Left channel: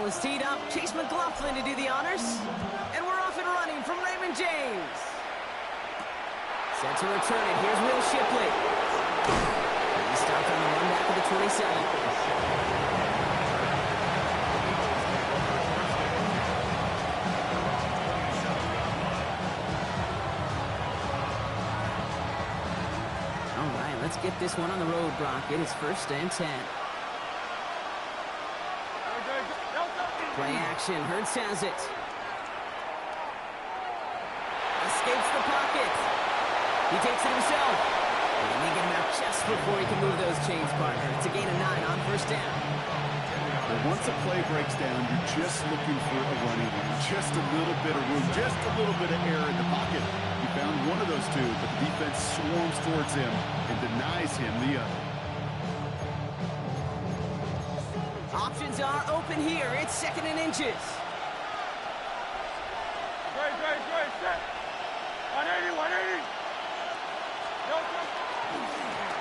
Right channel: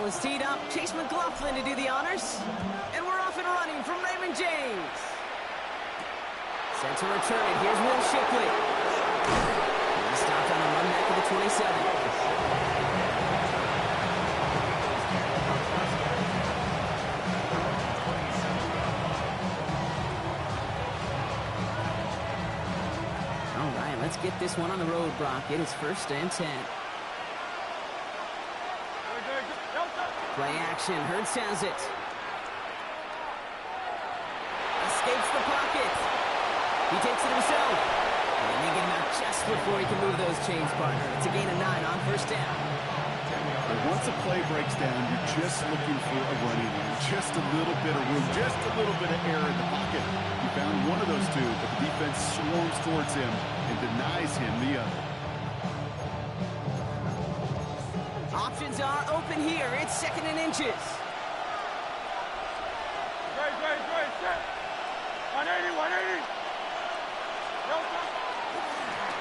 Ball is teed up. Chase McLaughlin to do the honors. And we're off and running from Raymond James. Set to return it. Here's Will Shipley. He stopped on the run back of the 27. All right, let's get this one on the road, Brock. It is 1st and 10. Play action. Hurts has it. Escapes the pocket. He takes it himself. And they get him out just before he can move those chains, partner. It's a gain of 9 on 1st down. Well, once a play breaks down, you're just looking for a running lane. Just a little bit of room, just a little bit of air in the pocket. He found one of those two, but the defense swarms towards him and denies him the other. Options are open here. It's 2nd and inches. Great, set. 180, 180.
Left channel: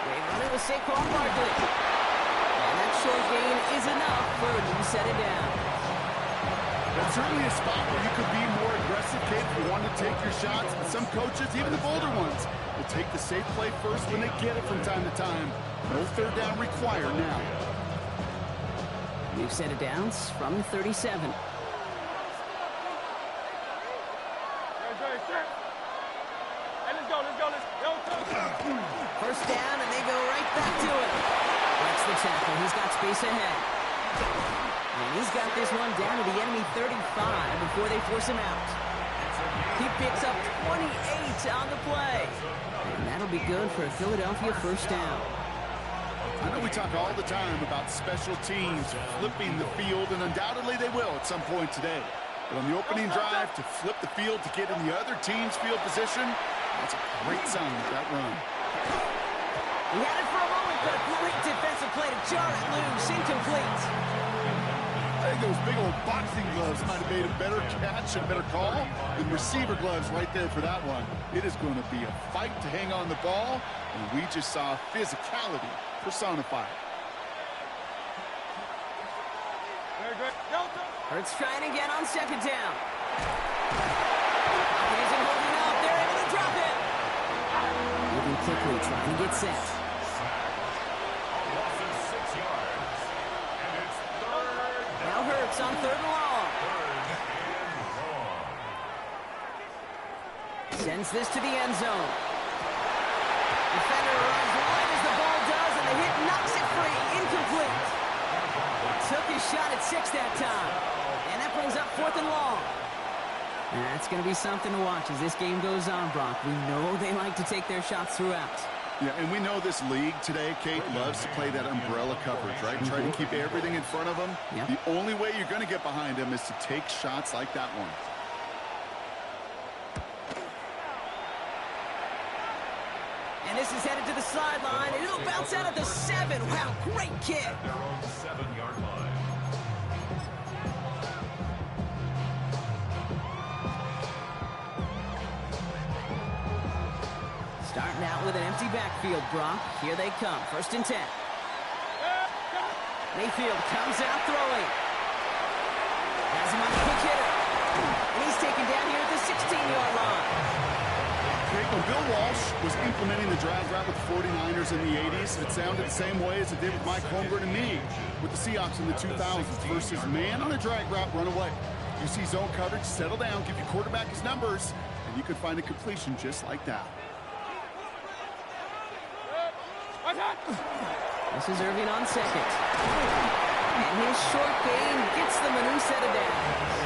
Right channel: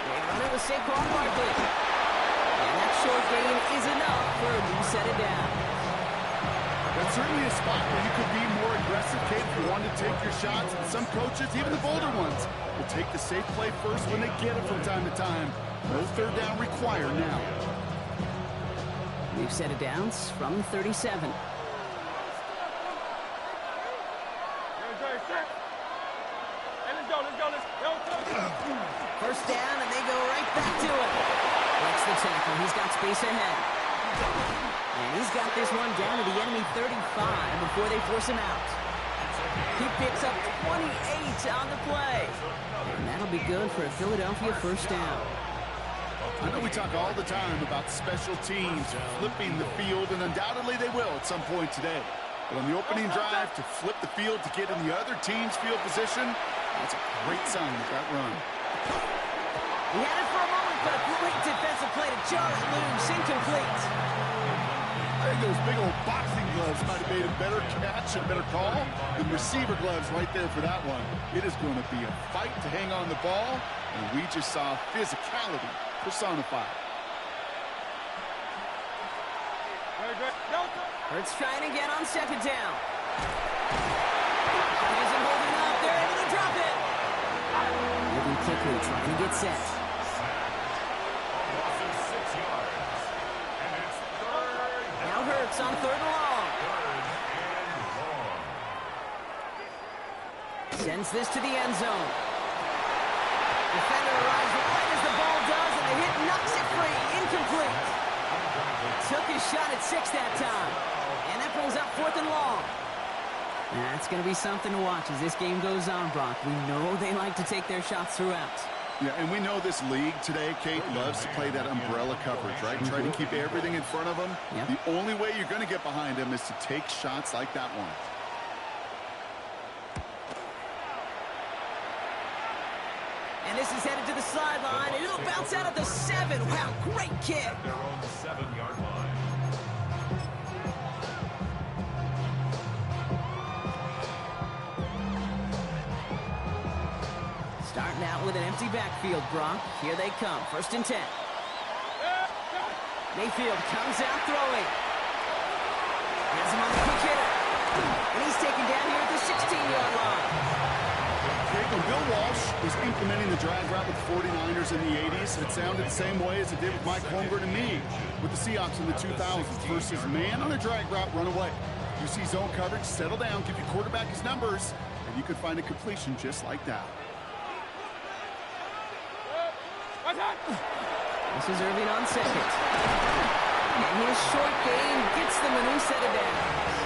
They run it with Saquon Barkley. And that short gain is enough for a new set of downs. That's certainly a spot where you could be more aggressive, Kate, if you wanted to take your shots. And some coaches, even the bolder ones, will take the safe play first when they get it from time to time. No 3rd down required now. New set of downs from the 37. First down, and they go right back to it. Breaks the tackle. He's got space ahead. And he's got this one down to the enemy 35 before they force him out. He picks up 28 on the play. And that'll be good for a Philadelphia 1st down. I know we talk all the time about special teams flipping the field, and undoubtedly they will at some point today. But on the opening drive, to flip the field to get in the other team's field position, that's a great sign with that run. He had it for a moment, but a great defensive play to jar it loose. Incomplete. I think those big old boxing gloves might have made a better catch and better call than receiver gloves right there for that one. It is going to be a fight to hang on the ball, and we just saw physicality personified. Hurts trying again on 2nd down. It isn't holding up. They're able to drop it. Moving quickly, trying to get set. Now Hurts on 3rd and long. Sends this to the end zone. Defender arrives right as the ball does, and the hit knocks it free. Incomplete. Took his shot at 6 that time. And that brings up 4th and long. That's going to be something to watch as this game goes on, Brock. We know they like to take their shots throughout. Yeah, and we know this league today, Kate, loves to play that umbrella coverage, right? Try to keep everything in front of them. Yep. The only way you're going to get behind them is to take shots like that one. And this is headed to the sideline, and it'll bounce out at the 7. Wow, great kick. Their own 7-yard line. Starting out with an empty backfield, Brock. Here they come. 1st and 10. Mayfield comes out throwing. Has him on the quick hitter. And he's taken down here at the 16-yard line. When Bill Walsh was implementing the drag route with the 49ers in the 80s, it sounded the same way as it did with Mike Holmgren and me with the Seahawks in the 2000s versus man on a drag route, run away. You see zone coverage, settle down, give your quarterback his numbers, and you could find a completion just like that. This is Irving on 2nd. And his short gain gets them a new set of downs.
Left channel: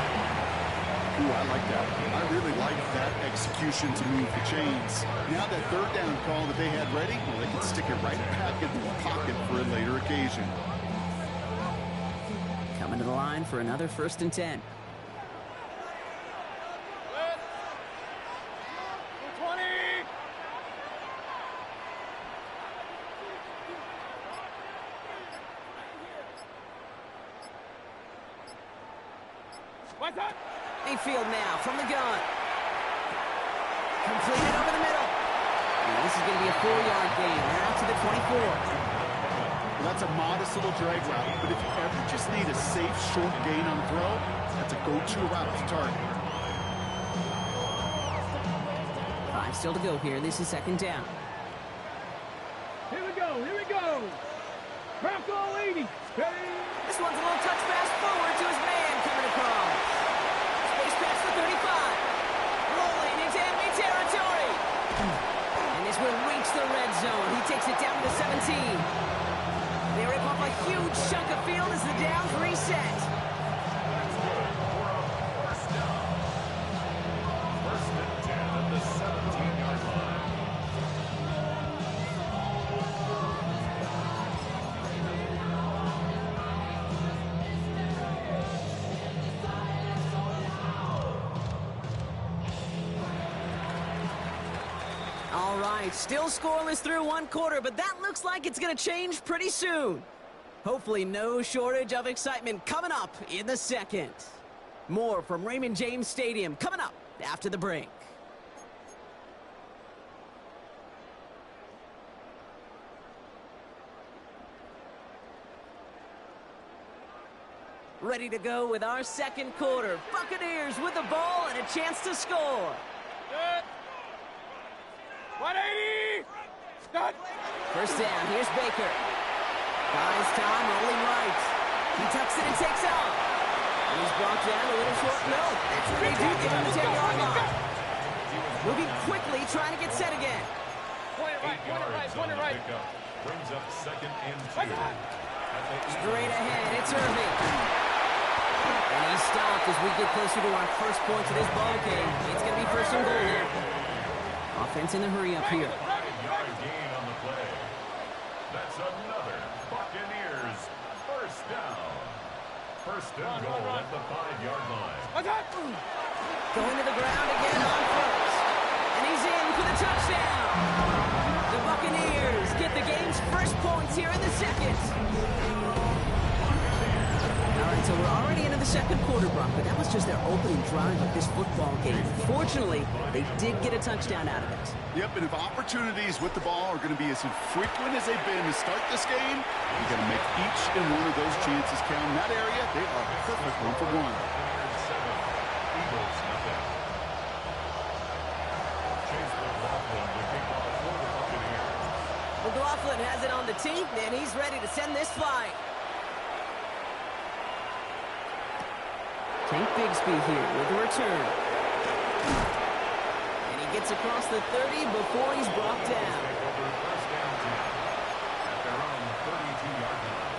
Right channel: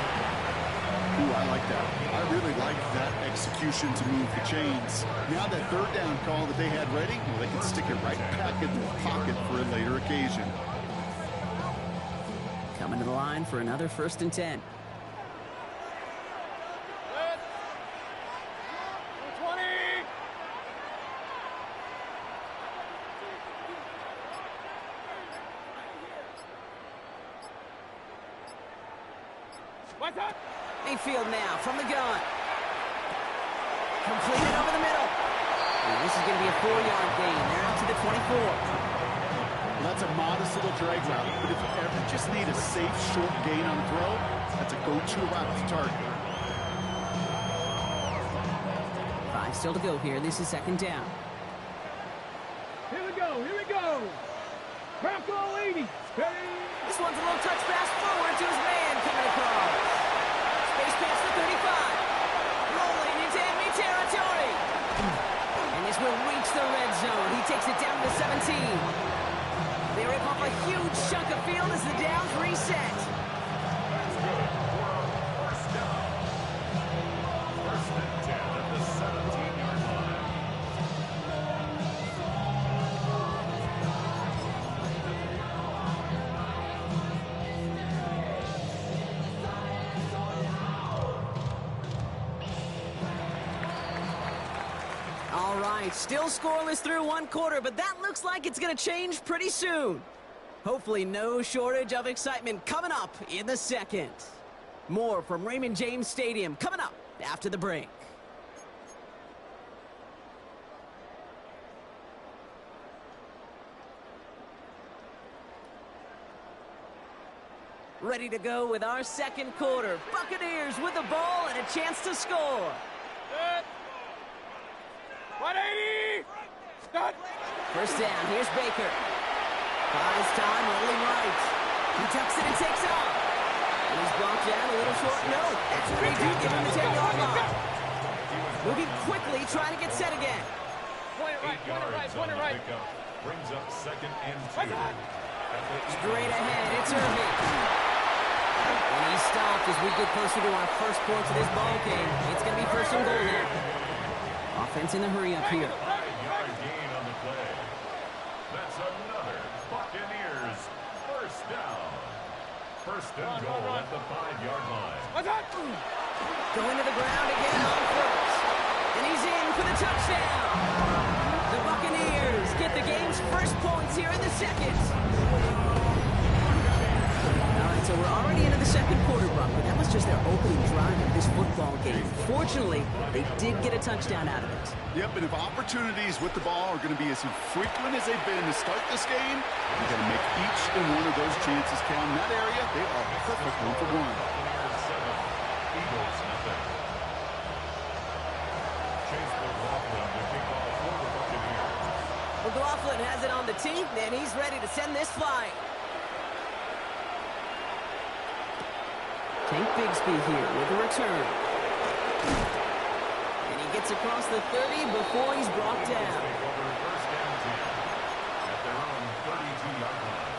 Ooh, I like that. I really like that execution to move the chains. Now that 3rd down call that they had ready, well, they can stick it right back into the pocket for a later occasion. Coming to the line for another 1st and 10. Mayfield now from the gun. Completed over the middle. And this is going to be a 4-yard gain. They're out to the 24. Well, that's a modest little drag route, but if you ever just need a safe, short gain on a throw, that's a go-to route to target. 5 still to go here. This is second down. Here we go, here we go. Bronco 80. This one's a little touch pass forward to his man coming across. Space pass to 35. Rolling into enemy territory. And this will reach the red zone. He takes it down to the 17. They rip off a huge chunk of field as the downs reset. That's good for a first down. First and 10 at the 17-yard line. All right, still scoreless through one quarter, but that looks like it's going to change pretty soon. Hopefully no shortage of excitement coming up in the second. More from Raymond James Stadium coming up after the break. Ready to go with our second quarter. Buccaneers with the ball and a chance to score. Good. 180. Good. First down, here's Baker. Buys time, rolling right. He tucks it and takes off. And he's brought down a little short. No, that's what they do, give him the 10-yard line. Moving quickly, trying to get set again. Point it right, 8 yards point it on the right. pickup. Brings up second and 2. At the Straight ahead, it's Irving. And he's stopped as we get closer to our first points of this ball game. It's going to be first and goal now. Offense in the hurry up here. 5-yard gain on the play. That's another Buccaneers first down. First and goal at the 5-yard line. Going to the ground again on first. And he's in for the touchdown. The Buccaneers get the game's first points here in the second. All right, so we're already into the second quarter, Brock, but that was just their opening drive of this football game. Fortunately, they did get a touchdown out of it. Yep, and if opportunities with the ball are going to be as infrequent as they've been to start this game, you got to make each and one of those chances count. In that area, they are perfect 1 for 1. Buccaneers 7, Eagles nothing. Chase McLaughlin to kick off for the Buccaneers. McLaughlin has it on the team, and he's ready to send this flying. Tank Bigsby here with the return. And he gets across the 30 before he's brought down. Take over first down 10 at their own 32-yard line.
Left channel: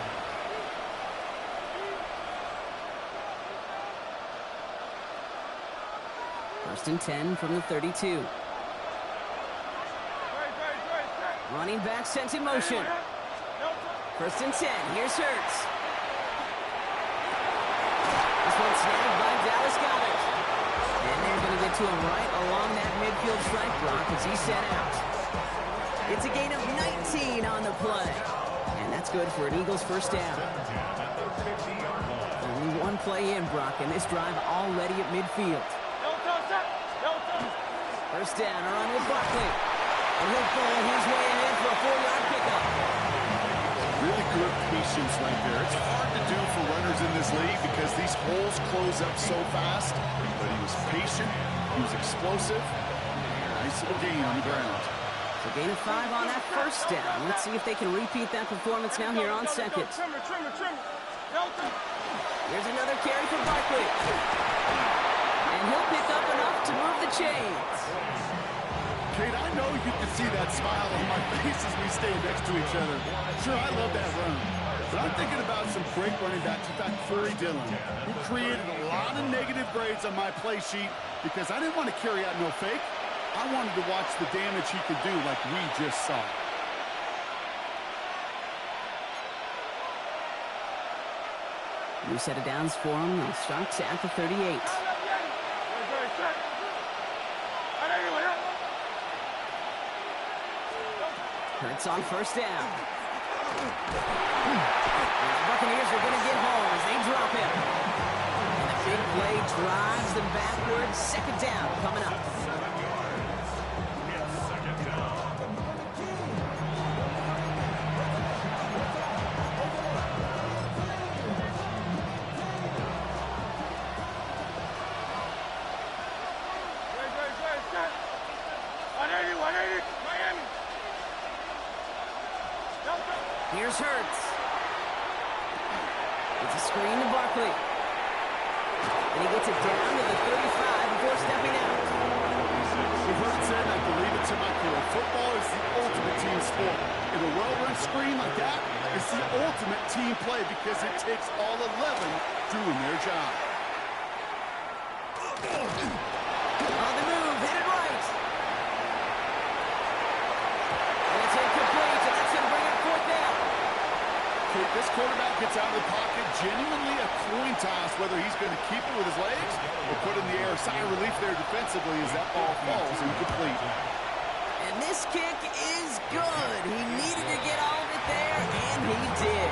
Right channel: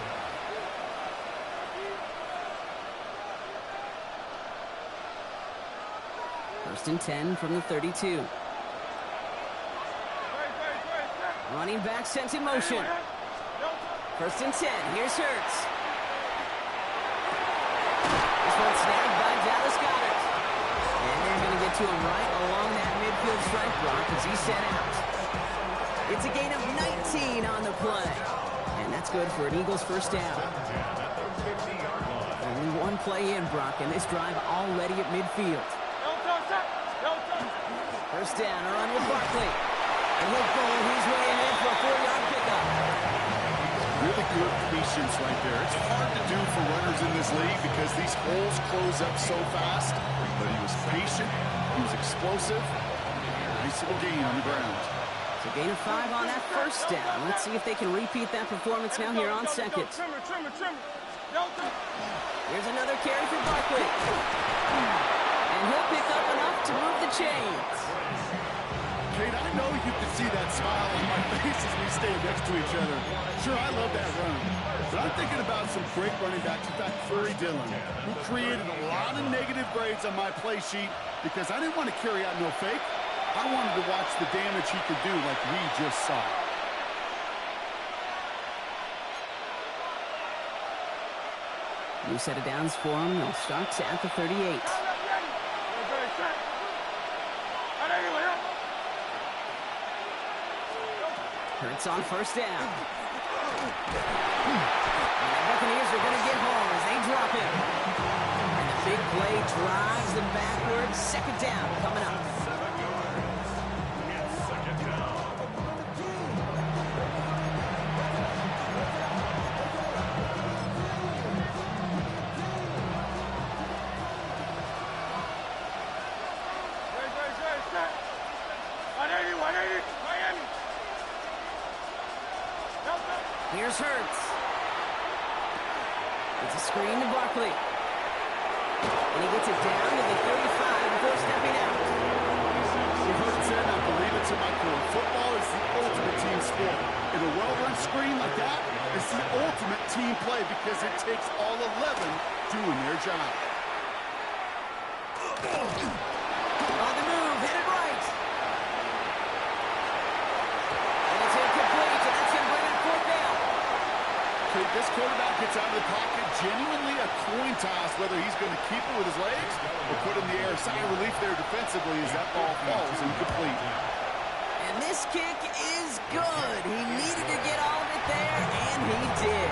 First and 10 from the 32. Running back sent in motion. First and 10. Here's Hurts. This one snagged by Dallas Goedert. And they're going to get to him right along that midfield strike block as he's sent out. It's a gain of 19 on the play. And that's good for an Eagles first down. Only one play in, Brock, and this drive already at midfield. First down, a run with Barkley. And he'll pull his way ahead for a 4-yard pickup. Really good patience right there. It's hard to do for runners in this league because these holes close up so fast. But he was patient. He was explosive. Nice little gain on the ground. So gain of 5 on that first down. Let's see if they can repeat that performance now here on second. Here's another carry for Barkley. And he'll pick up enough to move the chains. Kate, I know you can see that smile on my face as we stand next to each other. Sure, I love that run. But I'm thinking about some great running backs. In fact, Corey Dillon, who created a lot of negative grades on my play sheet because I didn't want to carry out no fake. I wanted to watch the damage he could do like we just saw. New set of downs for him. They'll start at the 38. Hurts on first down. And the Buccaneers are going to get home as they drop him. And the big play drives them backwards. Second down coming up. 7 yards. It's second down. Here's Hurts. It's a screen to Barkley. And he gets it down to the 35 before stepping out. You've heard it said, and I believe it to my core. Football is the ultimate team sport. In a well-run screen like that, it's the ultimate team play because it takes all 11 doing their job. On the move, hit it right. And it's incomplete, and that's going to bring it fourth down. Okay, this quarterback gets out of the pocket, genuinely a coin toss, whether he's going to keep it with his legs or put it in the air. Sigh of relief there defensively as that ball falls incomplete. And this kick is good. He needed to get all of it there, and he did.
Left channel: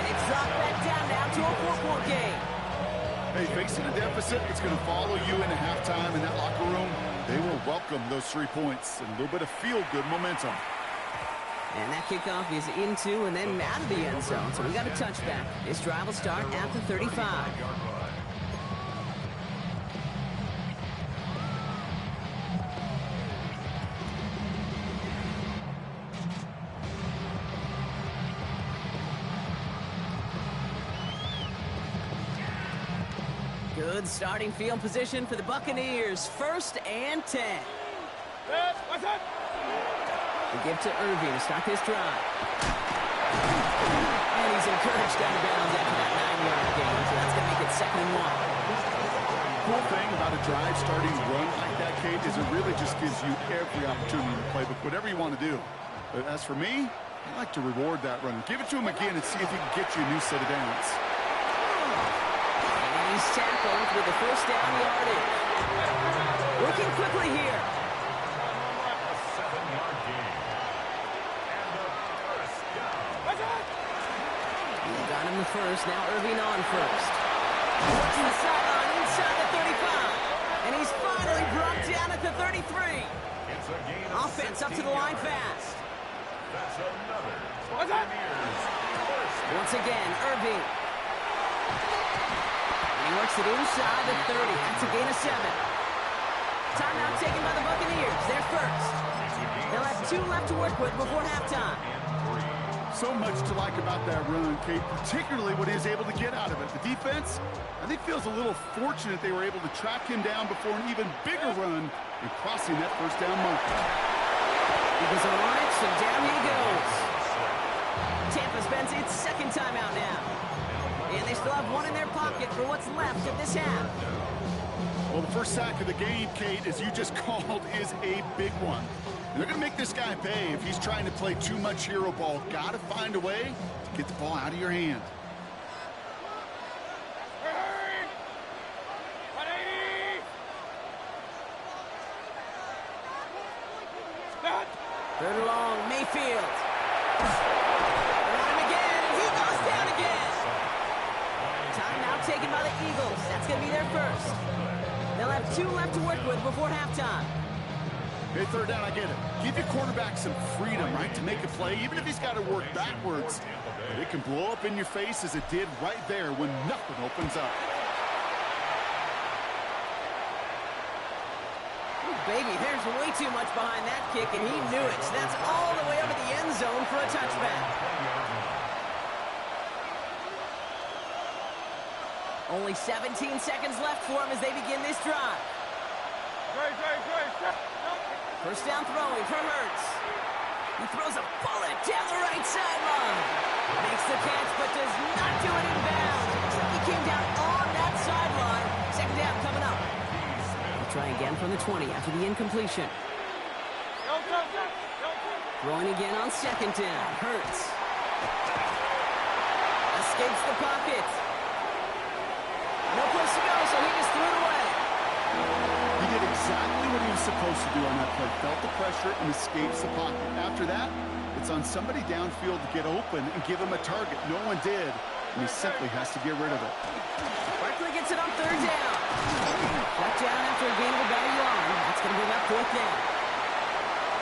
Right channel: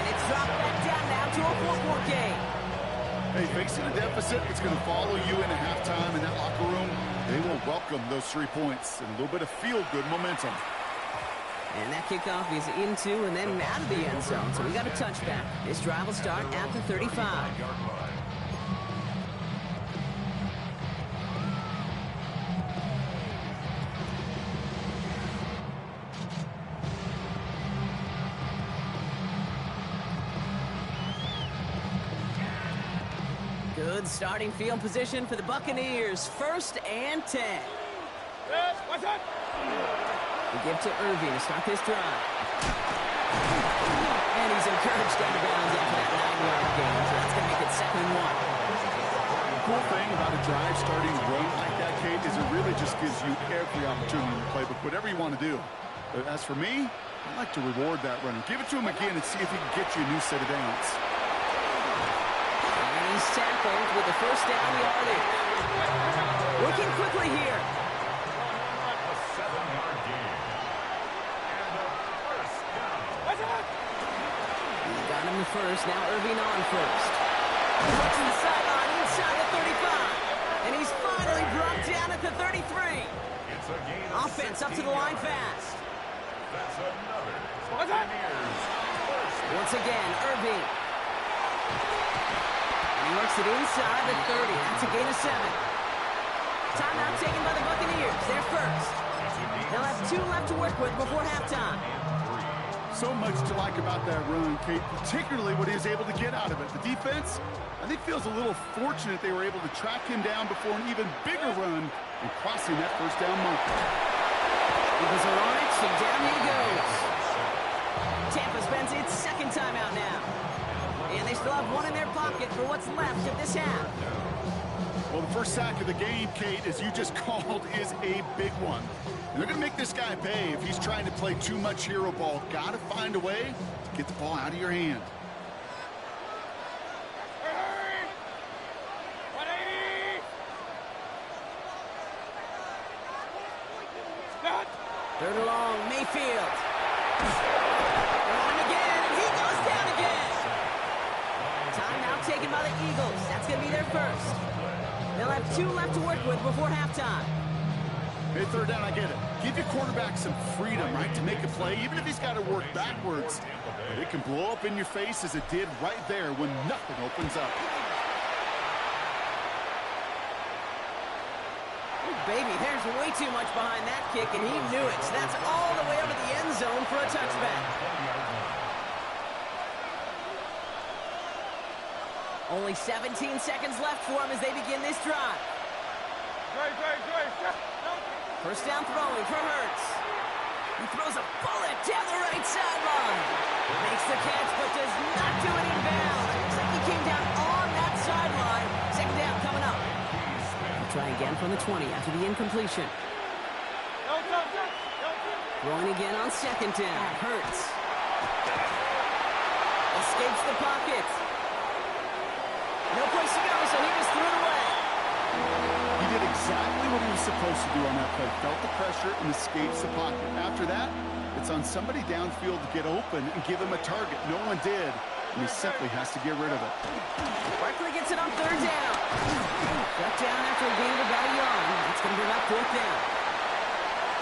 And it's dropped back down now to a 4-point game. Hey, facing a deficit that's going to follow you into halftime in that locker room, they will welcome those 3 points and a little bit of feel-good momentum. And that kickoff is into and then out of the end zone. So we got a touchback. This drive will start at the 35. Good starting field position for the Buccaneers. 1st and 10. What's up? We give to Irving to start this drive. And he's encouraged out of bounds after that 9-yard gain. So that's going to make it 2nd and 1. Cool thing about a drive starting run like that, Kate, is it really just gives you every opportunity in the playbook, whatever you want to do. But as for me, I like to reward that runner. Give it to him again and see if he can get you a new set of downs. And he's tackled with the 1st down yardage. Working quickly here. A 7-yard gain. And a first down. He got him the first. Now Irving on first. Works the sideline inside the 35. And he's finally brought down at the 33. It's a gain of Offense up to the line fast. That's another Buccaneers first down. Once again, Irving. And he works it inside the 30. That's a gain of 7. Timeout taken by the Buccaneers. They're first. They'll have 2 left to work with before halftime. So much to like about that run, Kate, particularly what he was able to get out of it. The defense, I think, feels a little fortunate they were able to track him down before an even bigger run and crossing that 1st down marker. Eagles are on it, so down he goes. Tampa spends its 2nd timeout now. And they still have 1 in their pocket for what's left of this half. Well, the first sack of the game, Kate, as you just called, is a big one. And they're going to make this guy pay if he's trying to play too much hero ball. Got to find a way to get the ball out of your hand. Hurry! 180! 3rd and long, Mayfield. They're on him again, and he goes down again. Timeout taken by the Eagles. That's going to be their first. They'll have 2 left to work with before halftime. Hey, 3rd down, I get it. Give your quarterback some freedom, right, to make a play, even if he's got to work backwards. But it can blow up in your face as it did right there when nothing opens up. Ooh, baby, there's way too much behind that kick, and he knew it. So that's all the way over the end zone for a touchback. Only 17 seconds left for him as they begin this drive. Great. 1st down throwing for Hurts. He throws a bullet down the right sideline. Makes the catch, but does not do it in bounds. It looks like he came down on that sideline. 2nd down coming up. We'll try again from the 20 after the incompletion. Throwing again on 2nd down. Hurts. Escapes the pocket. No place to go, so he just threw it away. He did exactly what he was supposed to do on that play. Felt the pressure and escapes the pocket. After that, it's on somebody downfield to get open and give him a target. No one did, and he simply has to get rid of it. Barkley gets it on 3rd down. Shut down after a gain of about a yard. That's going to bring up 4th down.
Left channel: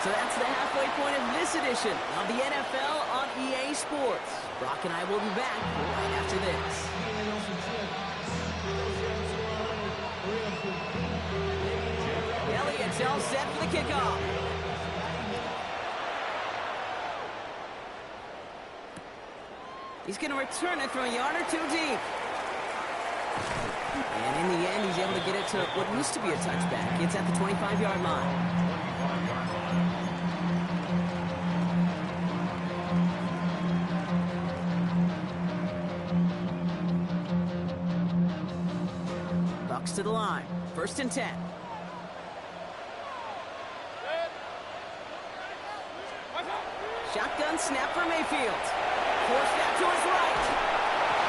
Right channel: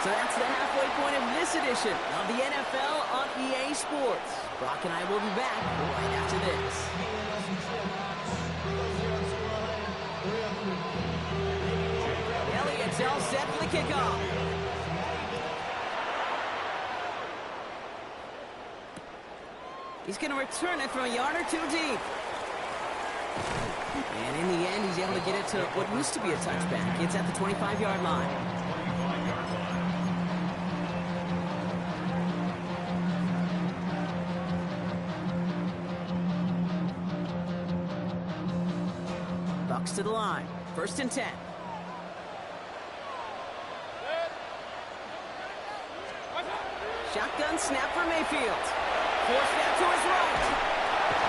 So that's the halfway point of this edition of the NFL on EA Sports. Brock and I will be back right after this. Elliott's all set for the kickoff. He's going to return it from a yard or two deep. And in the end, he's able to get it to what used to be a touchback. It's at the 25-yard line. 25-yard line. Bucks to the line. 1st and 10. Shotgun snap for Mayfield. Forced out to his right.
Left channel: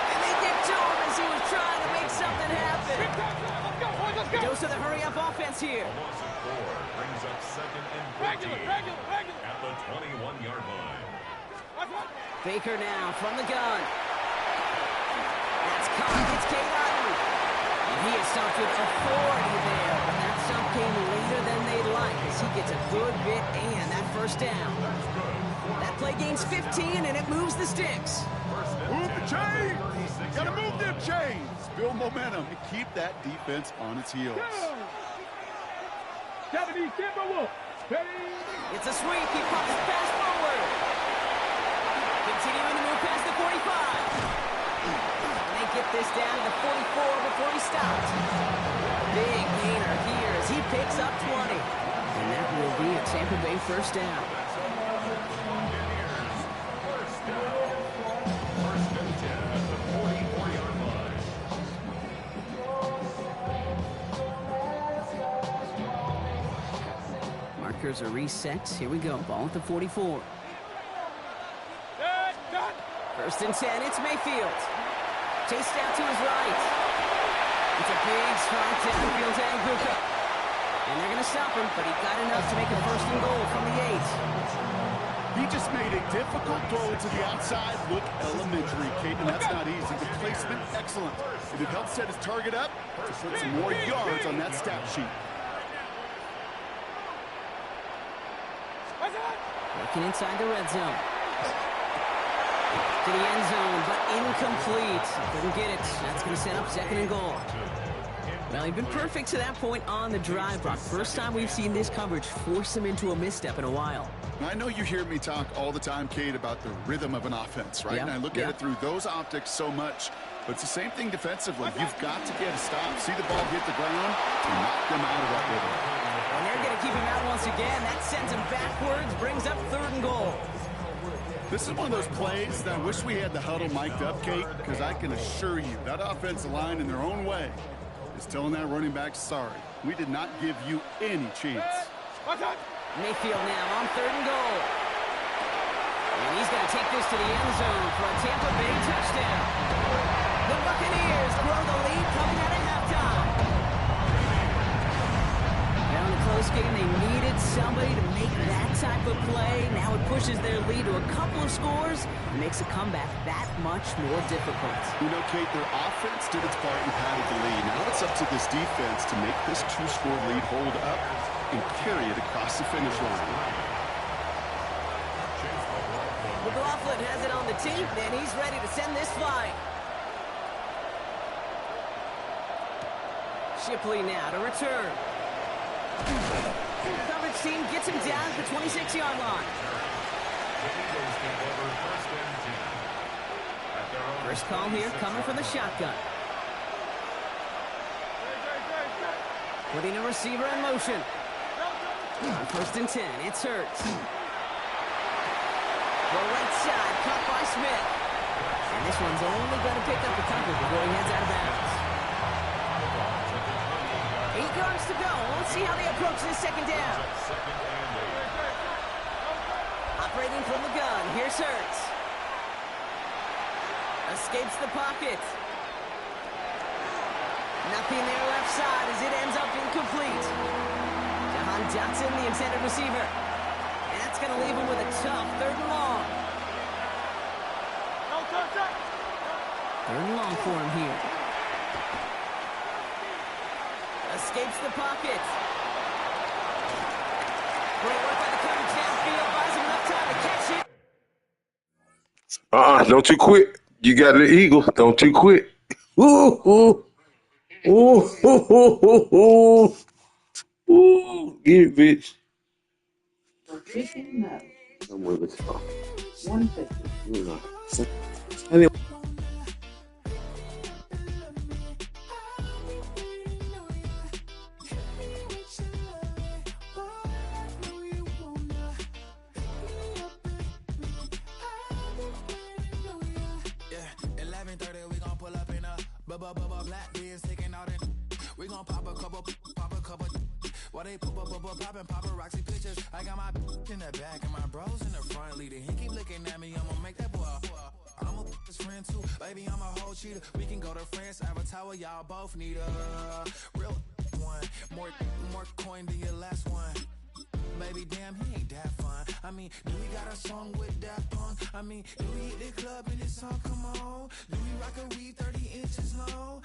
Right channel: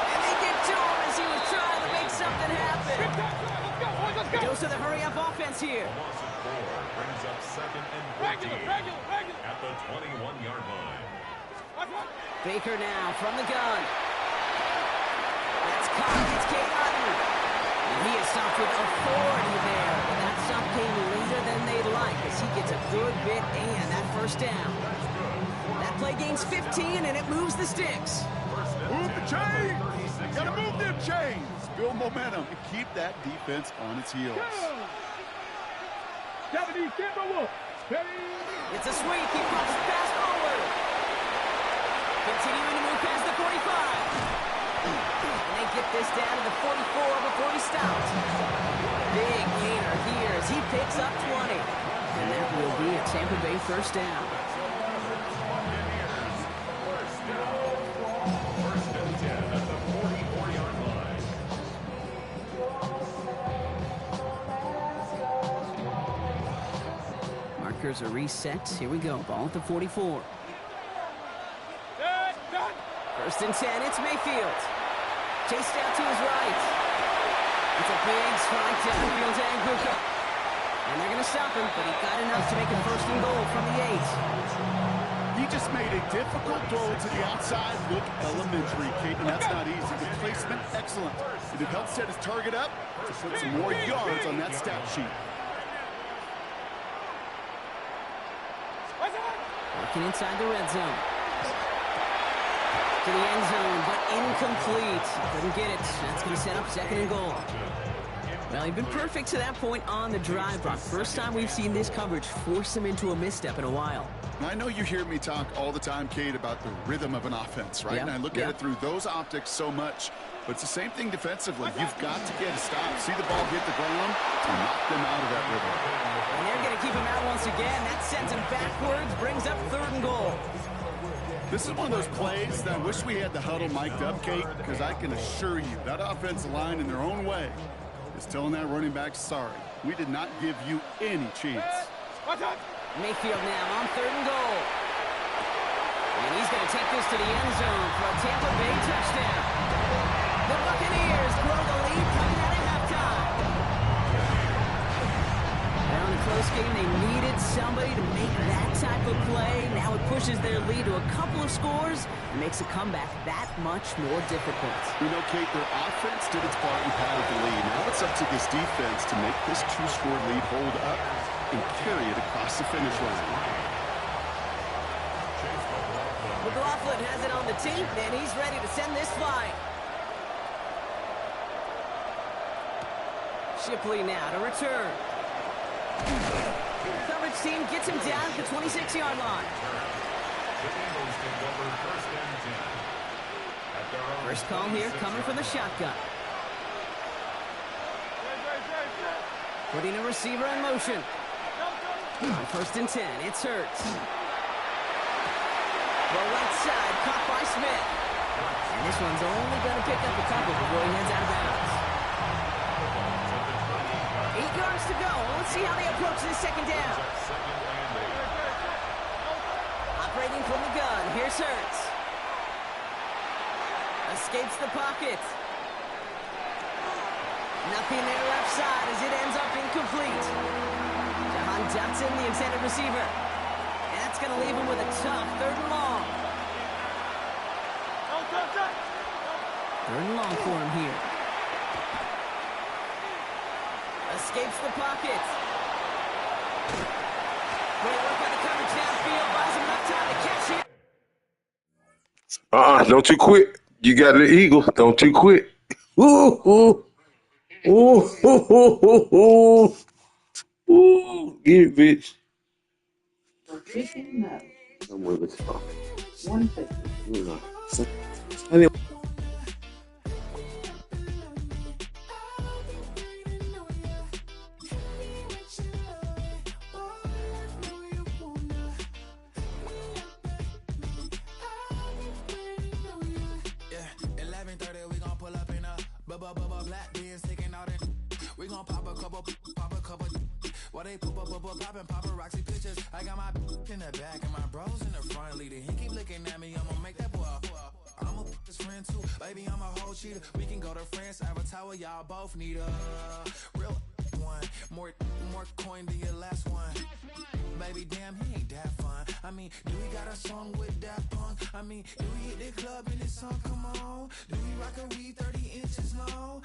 And they get to him as he was trying to make something happen. Let's go. Dose of the hurry-up offense here. A loss of 4 brings up 2nd and 14 at the 21-yard line. Baker now from the gun. That's caught. It's K. And he is stopped with authority there. But that stop came later than they'd like as he gets a good bit and that 1st down. That play gains 15 and it moves the sticks. Move the chains. Gotta move them chains. Build momentum and keep that defense on its heels. It's a sweep. He pops the pass forward. Continuing to move past the 45. And they get this down to the 44 before he stopped. Big gainer here as he picks up 20. And that will be a Tampa Bay 1st down. Buccaneers, 1st down. 1st and 10 at the 44-yard line. Markers are reset. Here we go. Ball at the 44. 1st and 10. It's Mayfield. Chased out to his right. It's a big strike downfield to Anguka. And they're going to stop him, but he got enough to make it 1st and goal from the 8. He just made a difficult throw to the outside look elementary, Kate, and that's not easy. The placement, excellent. And it helps set his target up to put some more yards on that stat sheet. Working inside the red zone. To the end zone, but incomplete. Couldn't get it. That's going to set up 2nd and goal. Well, he'd been perfect to that point on the drive, Brock. First time we've seen this coverage force him into a misstep in a while. I know you hear me talk all the time, Kate, about the rhythm of an offense, right? Yeah, And I look at it through those optics so much. But it's the same thing defensively. You've got to get a stop, see the ball hit the ground, and knock them out of that rhythm. And they're going to keep him out once again. That sends him backwards, brings up 3rd and goal. This is one of those plays that I wish we had the huddle mic'd up, Kate, because I can assure you that offensive line in their own way is telling that running back, sorry, we did not give you any chance. Mayfield now on 3rd and goal. And he's going to take this to the end zone for a Tampa Bay touchdown. The Buccaneers grow the lead coming out of halftime. Well, in a close game, they needed somebody to make that type of play. Now it pushes their lead to a couple of scores and makes a comeback that much more difficult. You know, Kate, their offense did its part and padded the lead. Now it's up to this defense to make this 2-score lead hold up and carry it across the finish line. McLaughlin has it on the tee, and he's ready to send this flying. Shipley now to return. Coverage team gets him down at the 26-yard line. The Eagles take over 1st and 10. At their own First call here coming from the shotgun. Putting a receiver in motion. On 1st and 10, it's Hurts. The right side, caught by Smith. And this one's only going to pick up a couple before he heads out of bounds. 8 yards to go. Let's see how they approach this 2nd down. Operating from the gun, here's Hurts. Escapes the pocket. Nothing there left side as it ends up incomplete. Jahan Dotson, the intended receiver. And that's going to leave him with a tough 3rd and long. 3rd and long for him here. Escapes the pocket. Great work by the coverage downfield. Buys him enough time to catch it. Don't you quit. You got the Eagle. Don't you quit. Ooh, ooh. Ooh, ooh, ooh, ooh, ooh. Get it, bitch. I'm with it. 150. Black beers taking all that. We gon' pop a couple. While they poppin' paparazzi pictures. I got my in the back and my bros in the front leading. He keep looking at me, I'ma make that boy. I'ma his friend too, baby, I'm a whole cheater. We can go to France, Avatar, y'all both need a real one. More coin than your last one. Baby, damn, he ain't that fun. I mean, do he got a song with that punk? I mean, do he hit the club in this song? Come on. Do he rock a weed 30 inches long?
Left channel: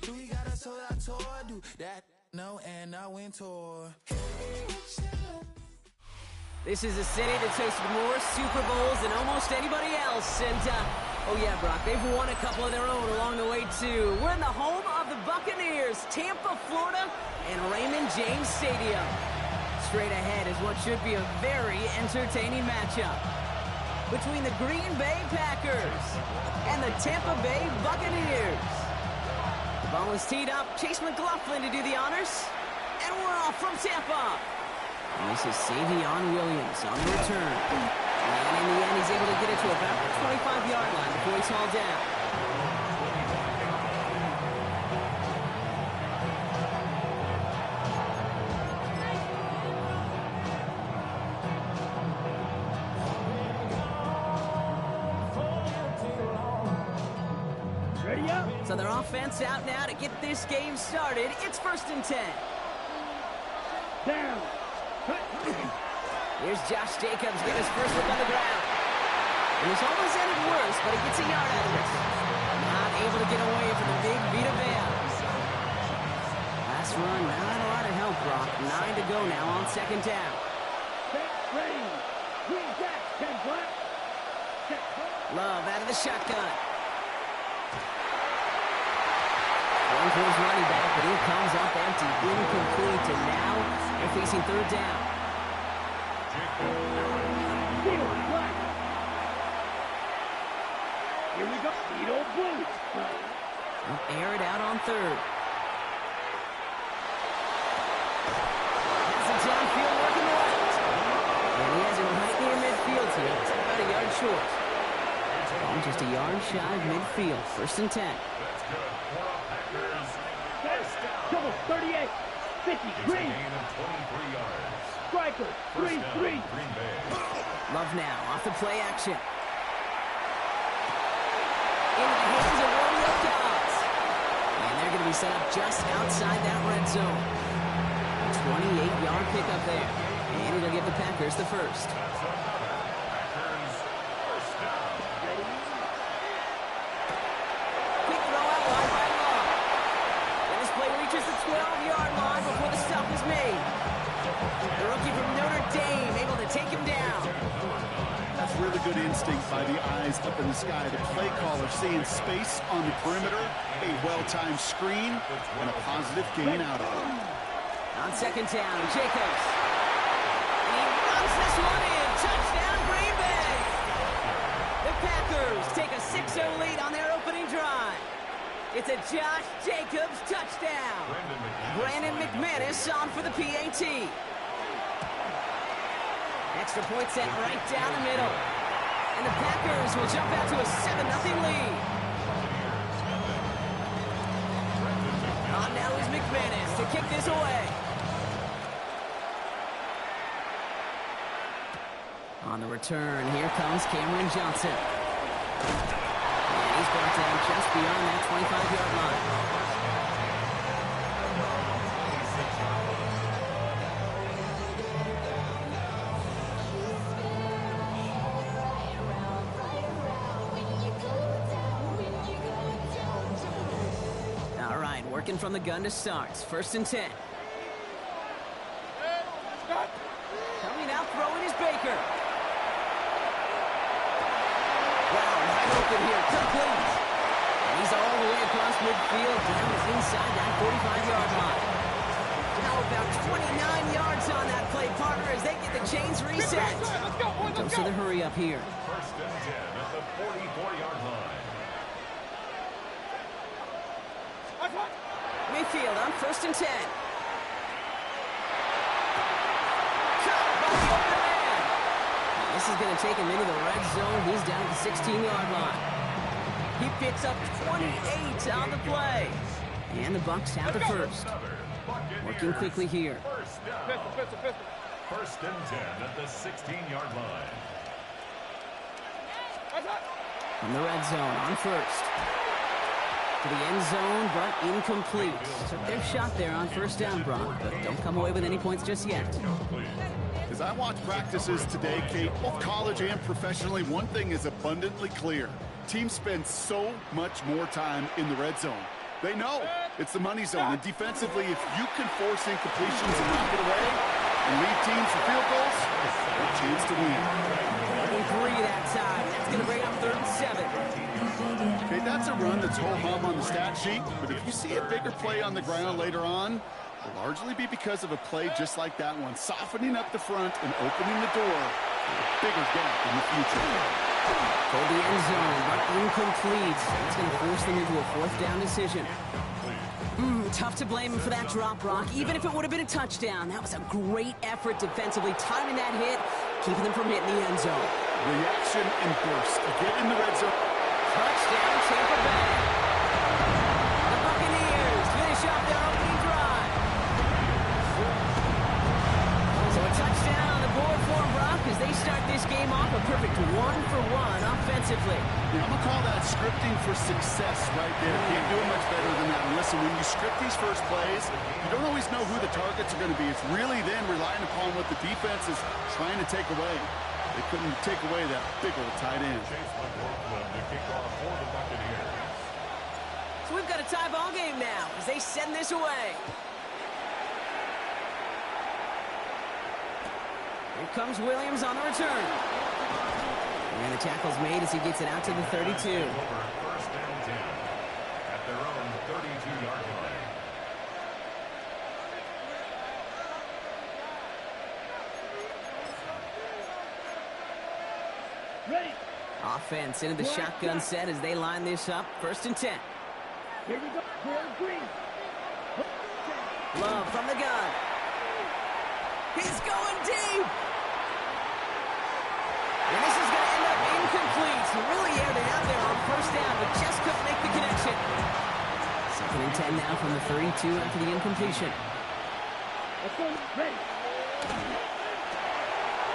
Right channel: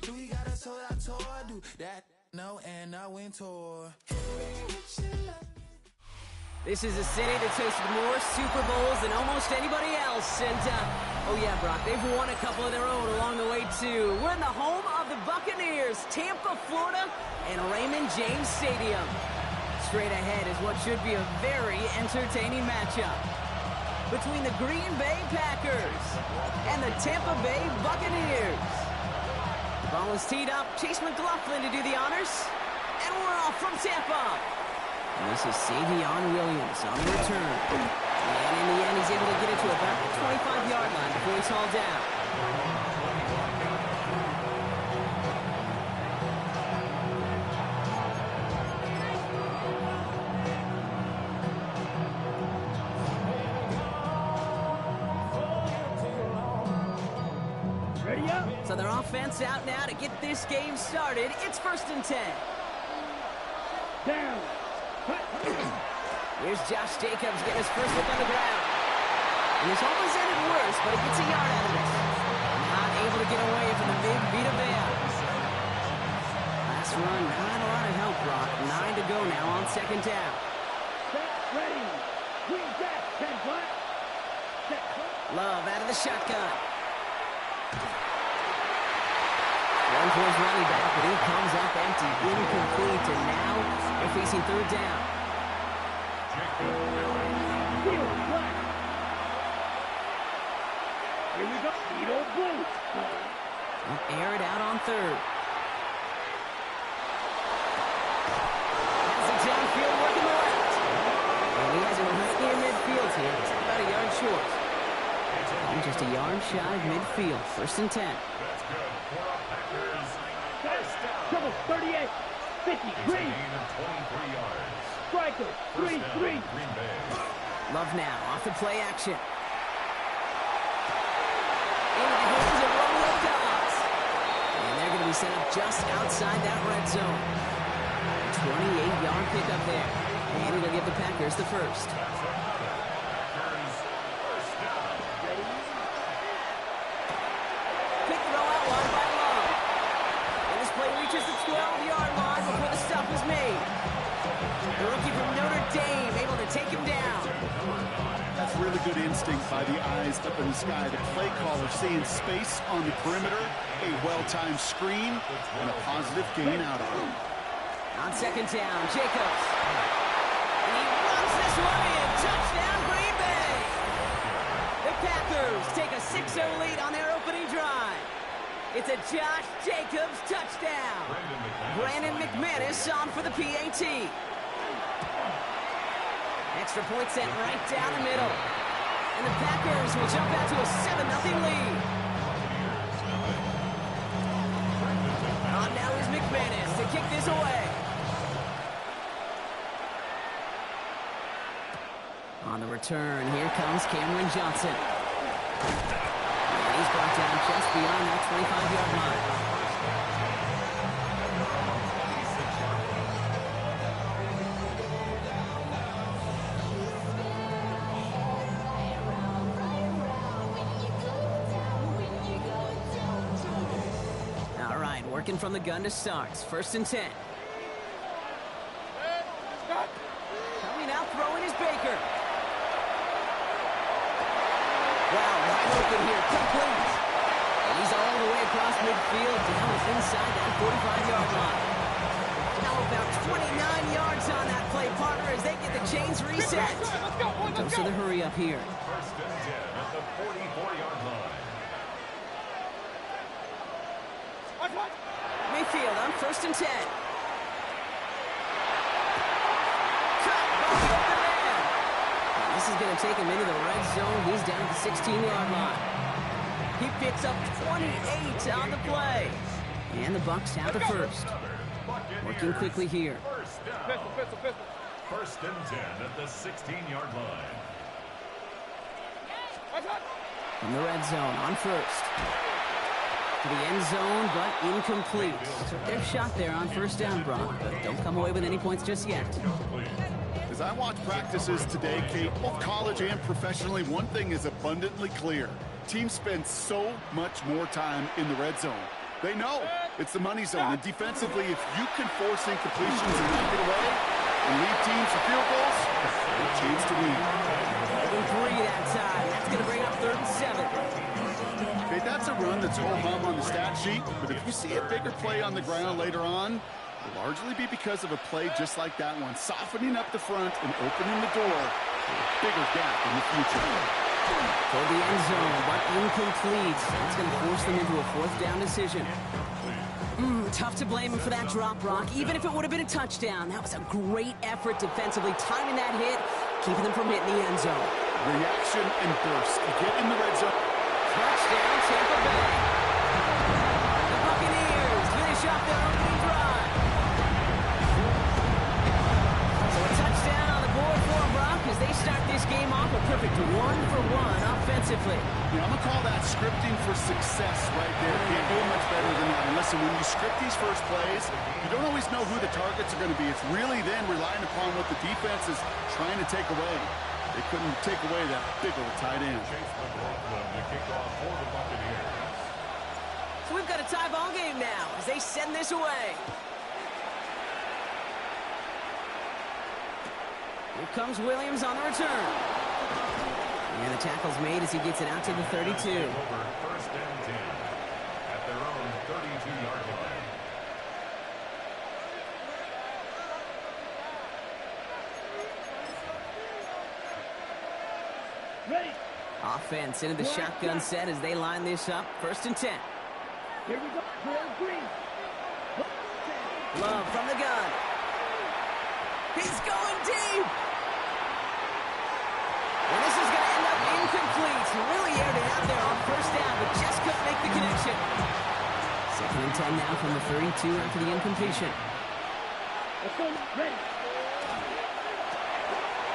Do he got a sold out tour? Do that? No, and I went tour. This is a city that's hosted more Super Bowls than almost anybody else. And, oh yeah, Brock, they've won a couple of their own along the way, too. We're in the home of the Buccaneers, Tampa, Florida, and Raymond James Stadium. Straight ahead is what should be a very entertaining matchup between the Green Bay Packers and the Tampa Bay Buccaneers. The ball is teed up. Chase McLaughlin to do the honors. And we're off from Tampa. And this is Savion Williams on the return. And in the end, he's able to get it to about the 25-yard line before he's hauled down. Ready up. So their offense out now to get this game started. It's 1st and 10. Down. Cut. Here's Josh Jacobs getting his first look on the ground. And this almost ended worse, but he gets a yard out of this. Not able to get away from the big Vita Vea. Last run, not a lot of help, Brock. 9 to go now on 2nd down. Set. Ready. Green back. 10 flat. Set. Love out of the shotgun. One for his running back, but he comes up empty, incomplete, and now they're facing 3rd down. Field flat. Here we go. Speedo blitz. They'll air it out on 3rd. Has it downfield working the left. And he has it right near midfield here. It's about a yard short. Oh, just a yard shy of midfield. 1st and 10. That's good for a Packers. First down. Double 38. 50. It's a Green. gain of 23 yards. Striker. First down, 3-3. Green Bay. Love now off the play action. Into the hands of Romeo Dobbs. And they're going to be set up just outside that red zone. A 28-yard pickup there. And it'll give the Packers the first. That's another Packers first down. Quick throw out wide by Love. And this play reaches the 12-yard line before the stop is made. The rookie from Notre Dame able to take him down. That's really good instinct by the eyes up in the sky. The play caller seeing space on the perimeter, a well-timed screen, and a positive gain out of it. On 2nd down, Jacobs. And he runs this one in. Touchdown, Green Bay. The Packers take a 6-0 lead on their opening drive. It's a Josh Jacobs touchdown. Brandon McManus on for the PAT. Extra point sent right down the middle. And the Packers will jump out to a 7-0 lead. On now is McManus to kick this away. On the return, here comes Cameron Johnson. And he's brought down just beyond that 25-yard line. All right, working from the gun to start. 1st and 10. Coming out throwing is Baker. Wow, wide open here, complete. And he's all the way across midfield, down inside that 45-yard line. Now about 29 yards on that play, partner, as they get the chains reset. Goes to the hurry up here. 1st and 10 at the 44-yard line. Mayfield on 1st and 10. Cut by the open man. And this is going to take him into the red zone. He's down at the 16-yard line. He picks up 28 on the play. And the Bucs have the first. Working quickly here. First down. First and 10 at the 16-yard line. From the red zone on first. To the end zone, but incomplete. Took their shot there on first down, Brock, but don't come away with any points just yet. As I watch practices today, Kate, both college and professionally, one thing is abundantly clear. Teams spend so much more time in the red zone. They know it's the money zone, and defensively, if you can force incompletions and knock it away and leave teams for field goals, a chance to win. Holding 3 that time. That's going to bring up 3rd and 7. Okay, that's a run that's ho-hum on the stat sheet, but if you see a bigger play on the ground later on, it'll largely be because of a play just like that one, softening up the front and opening the door for a bigger gap in the future. Toward the end zone, but incomplete. That's going to force them into a 4th down decision. Tough to blame him for that drop, Brock, even if it would have been a touchdown. That was a great effort defensively, timing that hit, keeping them from hitting the end zone. Reaction and burst. You get in the red zone. Touchdown, Tampa Bay. The Buccaneers finish off their opening drive. So a touchdown on the board for them, Brock, as they start this game off a perfect 1-for-1 offensively. Yeah, I'm going to call that scripting for success right there. Can't do it much better than that. And listen, when you script these first plays, you don't always know who the targets are going to be. It's really then relying upon what the defense is trying to take away. They couldn't take away that big old tight end. So we've got a tie ball game now as they send this away. Here comes Williams on the return. And the tackle's made as he gets it out to the 32. First and 10 at their own 32-yard line. Ready. Offense into the shotgun set as they line this up. 1st and 10. Here we go. Green. Love from the gun. He's going deep. And this is going to end up incomplete. Really aired it out there on first down, but just couldn't make the connection. 2nd and 10 now from the 32 after the incompletion. Let's go. Ready.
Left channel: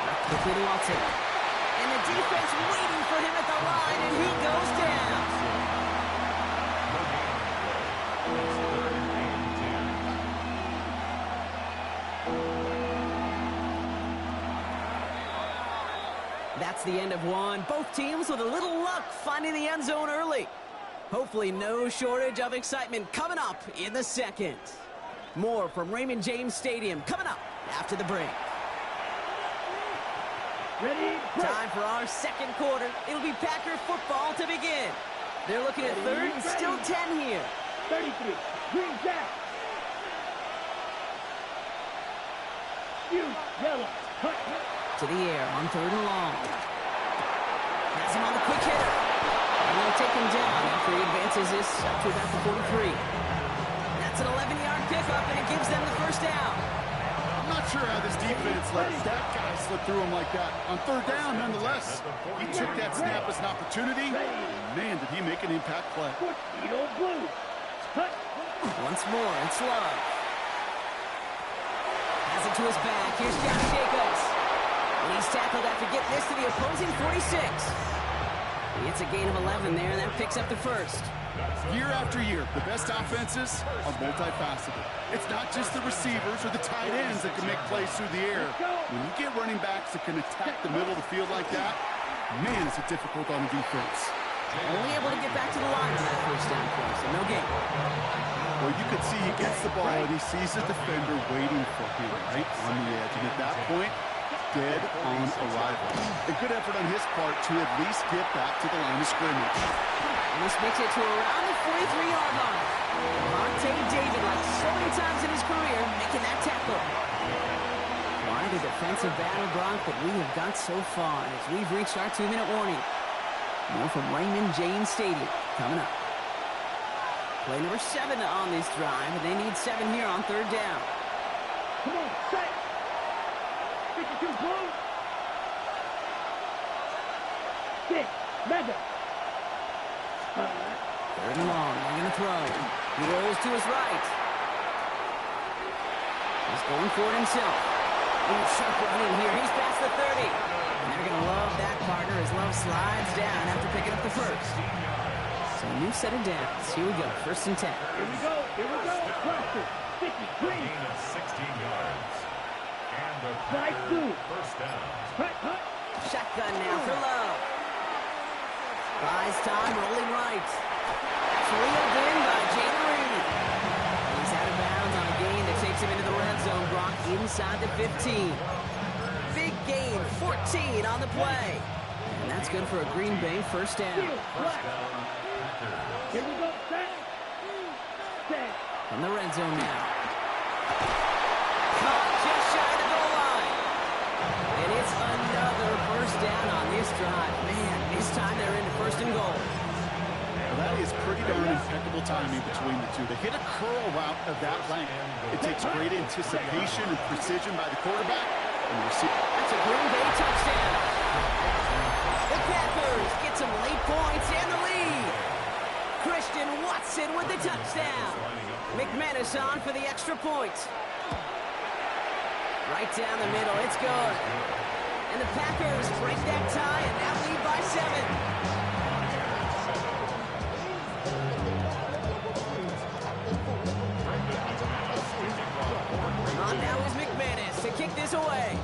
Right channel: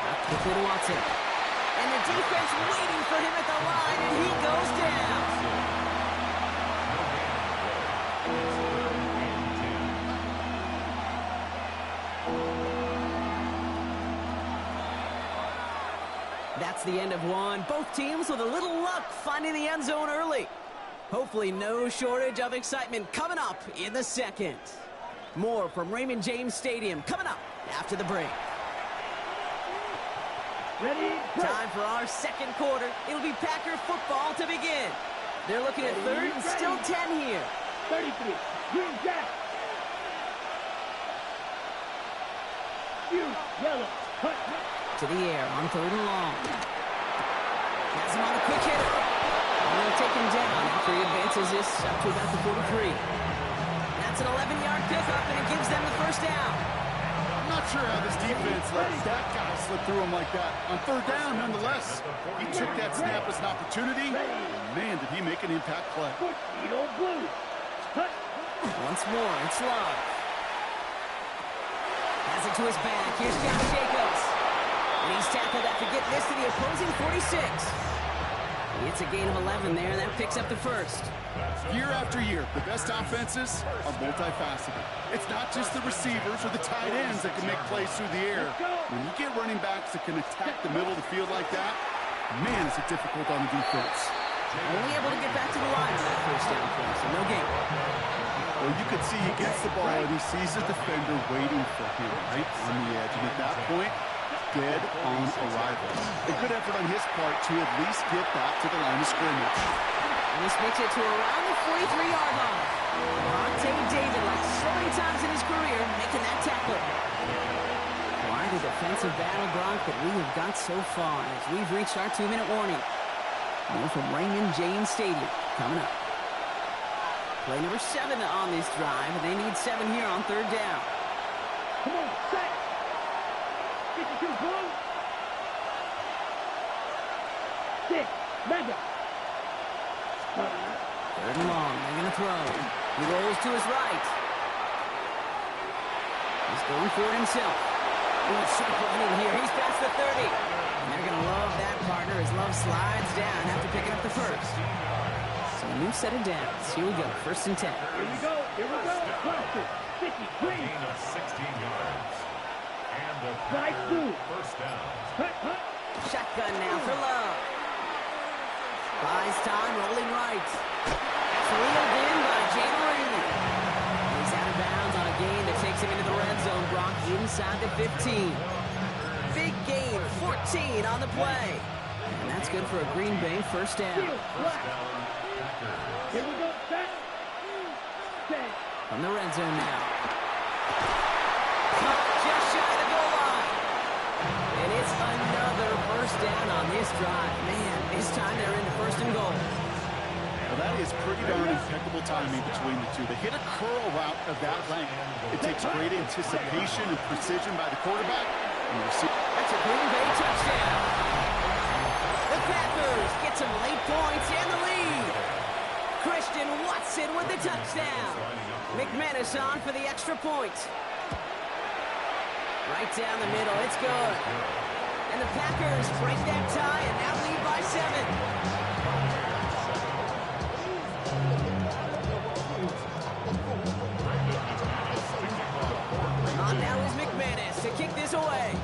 Back quickly to Watson. And the defense waiting for him at the line, and he goes down. It's 3rd and 10. That's the end of one. Both teams with a little luck finding the end zone early. Hopefully no shortage of excitement coming up in the 2nd. More from Raymond James Stadium coming up after the break. Ready. Time for our 2nd quarter. It'll be Packer football to begin. They're looking at 3rd and still 10 here. 33. Green Jack. Yellow. Cut. To the air on 3rd and long. Has him on the quick hitter. And they'll take him down after he advances this up to about the 43. That's an 11-yard pickup, and it gives them the 1st down. I'm not sure how this defense let that guy slip through him like that. On 3rd down, nonetheless, he took that snap as an opportunity. Man, did he make an impact play. Blue. Cut. Once more, it's Love. Has it to his back. Here's Josh Jacobs. And he's tackled after getting this to the opposing 46. It's a gain of 11 there, and that picks up the 1st. Year after year, the best offenses are multifaceted. It's not just the receivers or the tight ends that can make plays through the air. When you get running backs that can attack the middle of the field like that, man, is it difficult on the defense. Only able to get back to the line on that 1st down play, so no gain. Well, you could see he gets the ball and he sees a defender waiting for him right on the edge. And at that point, dead on arrival. A good effort on his part to at least get back to the line of scrimmage. And this makes it to around the 43-yard line. Vontae David, like so many times in his career, making that tackle. Quite a defensive battle, Brock, that we have got so far as we've reached our 2-minute warning. More from Raymond James Stadium coming up. Play number 7 on this drive, and they need 7 here on 3rd down. Come on, set. 52 blue. 6. Mega. Third and long. They're going to throw. He rolls to his right. He's going for it himself. Ooh, sharp run in here. He's past the 30. And they're going to love that partner as Love slides down after picking up the first. So a new set of downs. Here we go. First and 10. Here we go. Here we go. Cluster. Sticky. Green. Gain of 16 yards. And the Strike Packers two. first down. Hut, hut. Shotgun now for Love. Buys time, rolling right. That's reeled in by Jalen Reed. And he's out of bounds on a gain that takes him into the red zone. Brock inside the 15. Big gain, 14 on the play. And that's good for a Green Bay first down. First down, Packers. Here we go. Set. Set. From the red zone now. Caught just shy of the goal line. And it's another first down on this drive. Man, this time they're into first and goal. Well, that is pretty darn impeccable timing between the two. They hit a curl route of that length. It takes great anticipation and precision by the quarterback. And That's a Green Bay touchdown. The Packers get some late points and the lead. Christian Watson with the touchdown. McManus on for the extra point. Right down the middle, it's good. And the Packers break that tie and now lead by 7. On now is McManus to kick this away.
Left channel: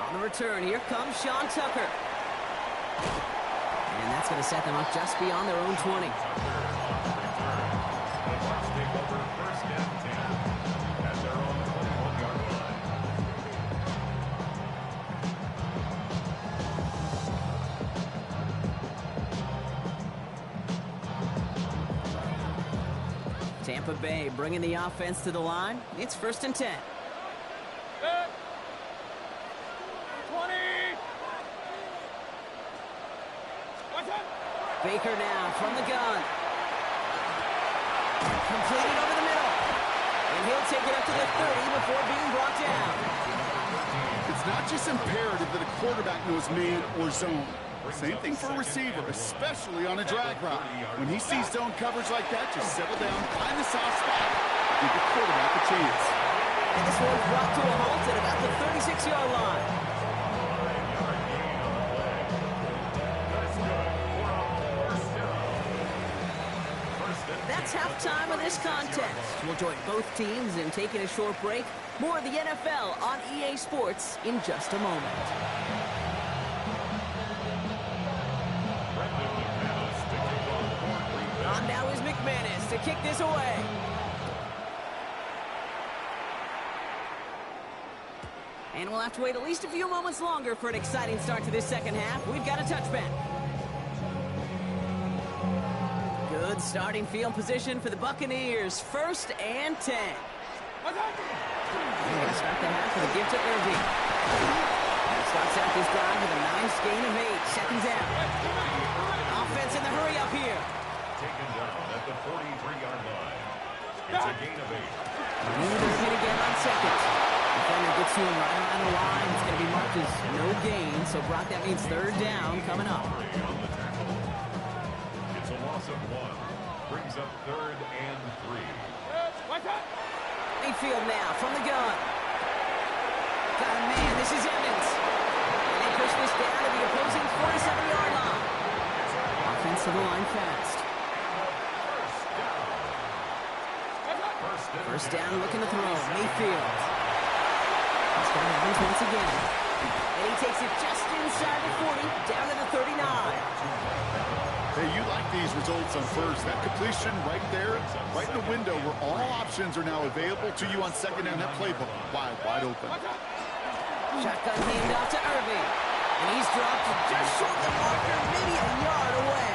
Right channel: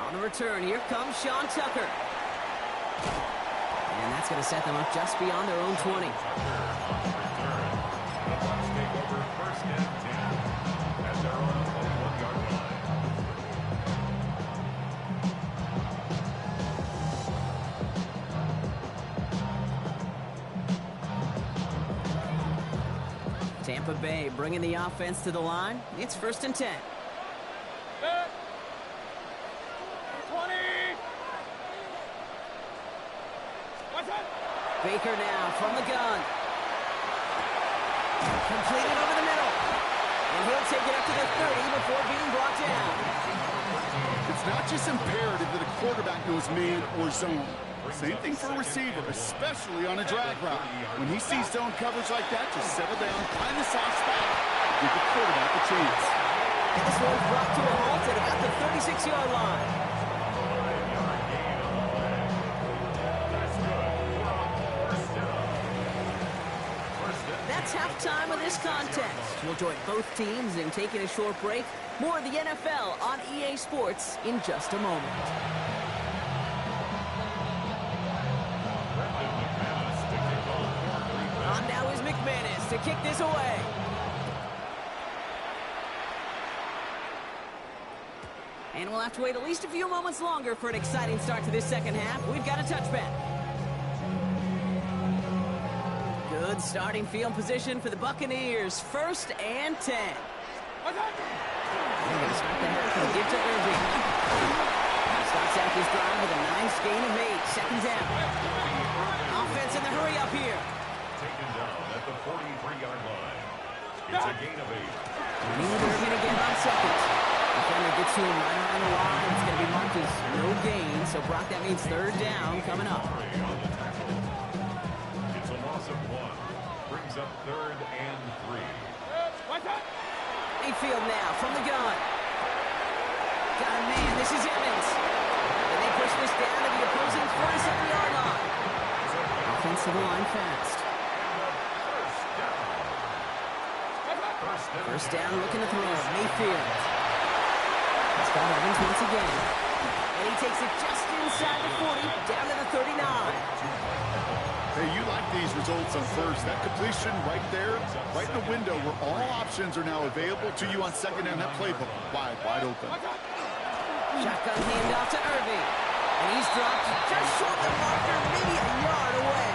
On the return, here comes Sean Tucker. And that's going to set them up just beyond their own 20. The Bucs take over first and 10 at their own 21-yard line. Tampa Bay bringing the offense to the line. It's first and 10. 20. Baker now from the gun. Completed over the middle. And he'll take it up to the 30 before being brought down. It's not just imperative that a quarterback knows man or zone. Same thing for a receiver, especially on a drag route. When he sees zone coverage like that, just settle down, find the soft spot, give the quarterback a chance. And this one's brought to a halt at about the 36-yard line. 5-yard gain on the play. That's good for a first down. First and That's halftime of this contest. We'll join both teams in taking a short break. More of the NFL on EA Sports in just a moment. On now is McManus to kick this away. And we'll have to wait at least a few moments longer for an exciting start to this second half. We've got a touchback. Good starting field position for the Buccaneers. First and 10. They're going to start the half with a give to Irving. He starts out this drive with a nice gain of 8. Second down. Offense in the hurry up here. taken down at the 43-yard line. It's a gain of 8. Irving again on second. Defender gets to him right around the line. It's going to be marked as no gain. So, Brock, that means third down coming up. On the tackle. It's a loss of 1. Brings up third and 3. Mayfield now from the gun. Got a man. This is Evans. And they push this down to the opposing 47-yard line. Offense to the line fast. First down looking to throw. Mayfield. He's got Evans once again. And he takes it just inside the 40, down to the 39. Hey, you like these results on first. That completion right there, right in the window where all options are now available to you on second down. That playbook wide open. Shotgun handoff to Irving. And he's dropped just short of the marker, maybe a yard away.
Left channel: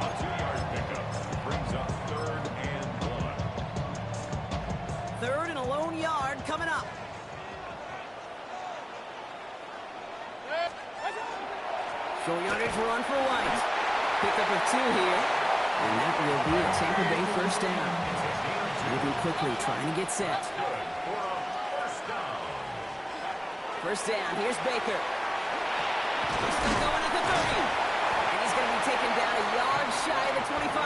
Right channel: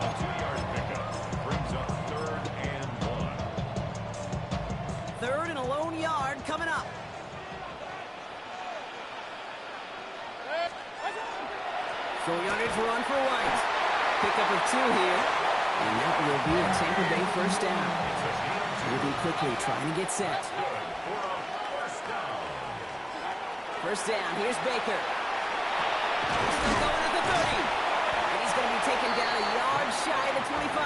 A 2-yard pickup brings up third and 1. Third and a lone yard coming up. Short yardage run for White. Pickup of 2 here. And that will be a Tampa Bay first down. Moving quickly, trying to get set. First down. Here's Baker. He's still going at the 30. And he's going to be taken down a yard shy of the 25.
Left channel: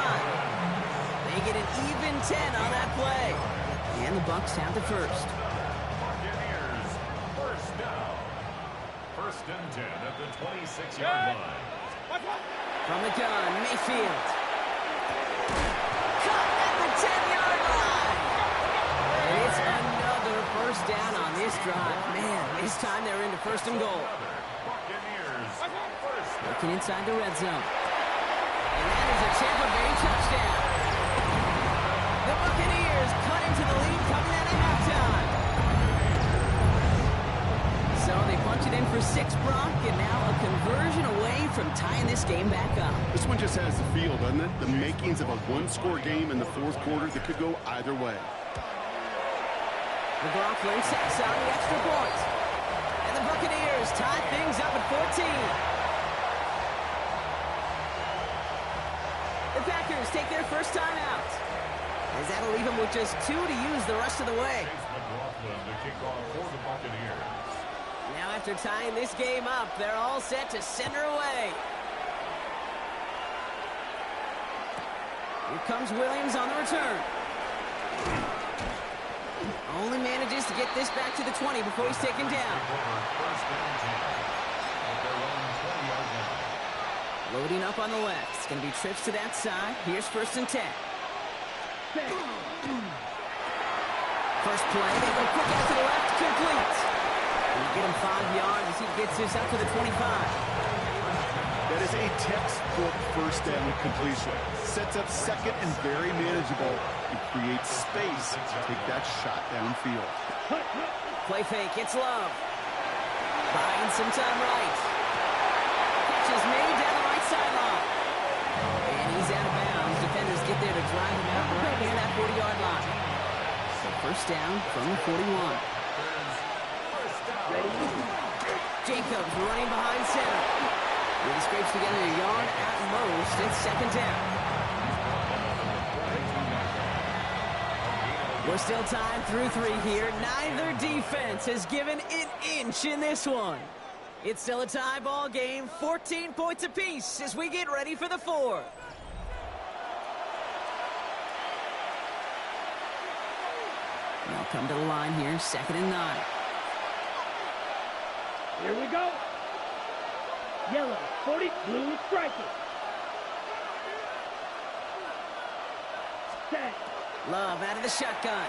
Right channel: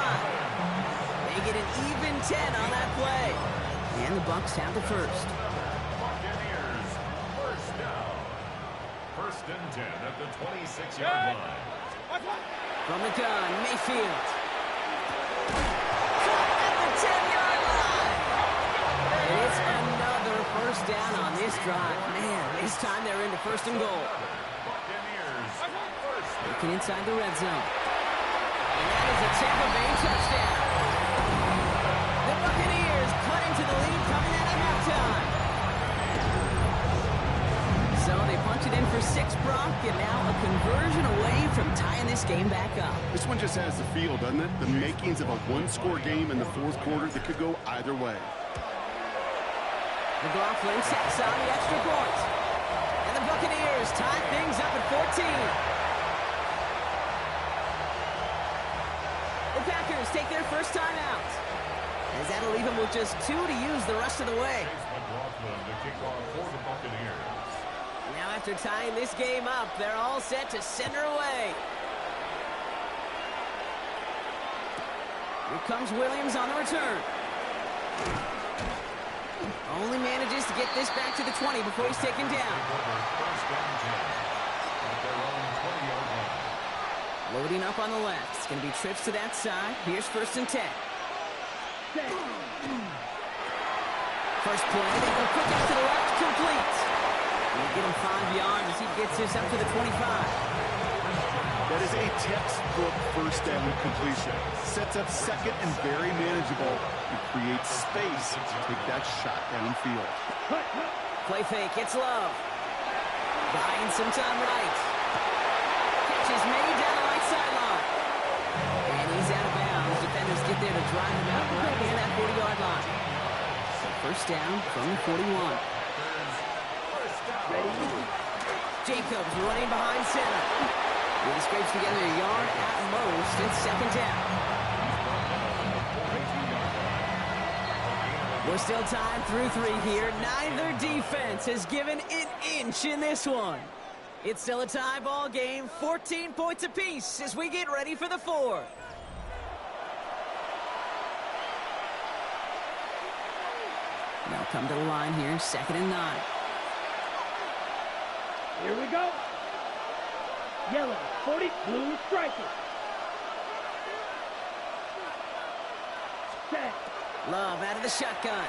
They get an even 10 on that play. And the Bucs have the first. Buccaneers, first down. First and 10 at the 26-yard line. From the gun, Mayfield. Caught at the 10-yard line. And it's another first down on this drive. Man, this time they're into first and goal. Buccaneers, first down. Looking inside the red zone. And that is a Tampa Bay touchdown. The Buccaneers cut into the lead coming out of halftime. So they punch it in for 6, Brock, and now a conversion away from tying this game back up. This one just has the feel, doesn't it? The makings of a one-score game in the fourth quarter that could go either way. McLaughlin checks on the extra point. And the Buccaneers tie things up at 14. The Packers take their first time out. As that'll leave them with just 2 to use the rest of the way. McLaughlin to kick off for the Buccaneers. Now after tying this game up, they're all set to send her away. Here comes Williams on the return. Only manages to get this back to the 20 before he's taken down. First and 10 at their own 20-yard line. Loading up on the left. It's going to be trips to that side. Here's first and 10. First play, they go quick out to the left, complete. And you get him 5 yards as he gets this up to the 25. That is a textbook first down completion. Sets up second and very manageable and creates space to take that shot downfield. Play fake, it's Love. Buying some time right. Catch is made down the right sideline. And he's out of bounds. Defenders get there to drive him out right near that 40-yard line. So first down from the 41. Jacobs running behind center. He scrapes together a yard at most. It's second down. We're still tied through 3 here. Neither defense has given an inch in this one. It's still a tie ball game. 14 points apiece as we get ready for the 4th. Now come to the line here. Second and 9. Here we go. Yellow, 40, blue, striker. Set. Love out of the shotgun.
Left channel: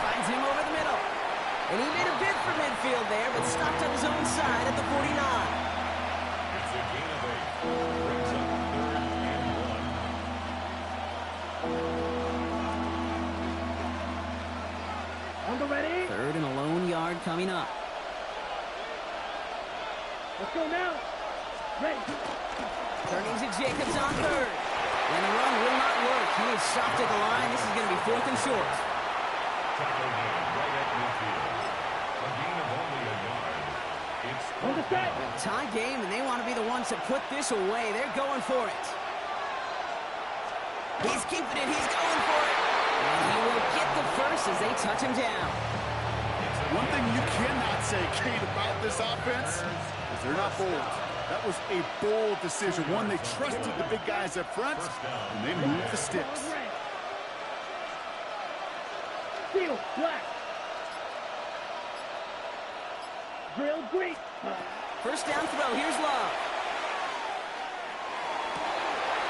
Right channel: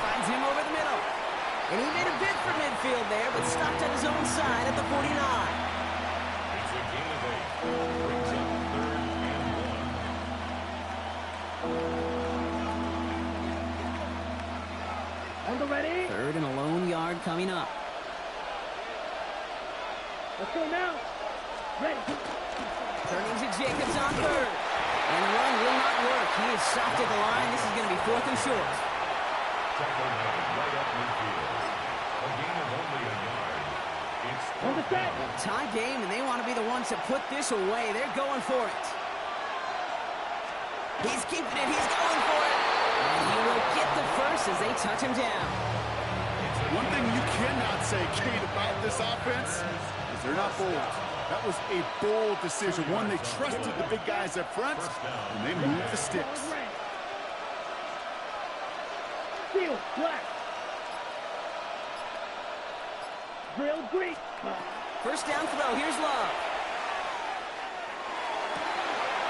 Finds him over the middle. And he made a bid for midfield there, but stopped on his own side at the 49. It's a gain of 8. Brings up 3rd and 1. On the ready. 3rd and a lone yard coming up. Let's go now. Ready. Turning to Jacobs on 3rd. And the run will not work. He is stopped at the line. This is going to be 4th and short. Tackle made right at midfield. A gain of only a yard. It's On the set. Tie game, and they want to be the ones to put this away. They're going for it. He's keeping it. He's going for it. And he will get the first as they touch him down. One thing you cannot say, Kate, about this offense is they're not bold. That was a bold decision. One, they trusted the big guys up front, and they moved the sticks. Steel, black. Drill, green. First down throw. Here's Love.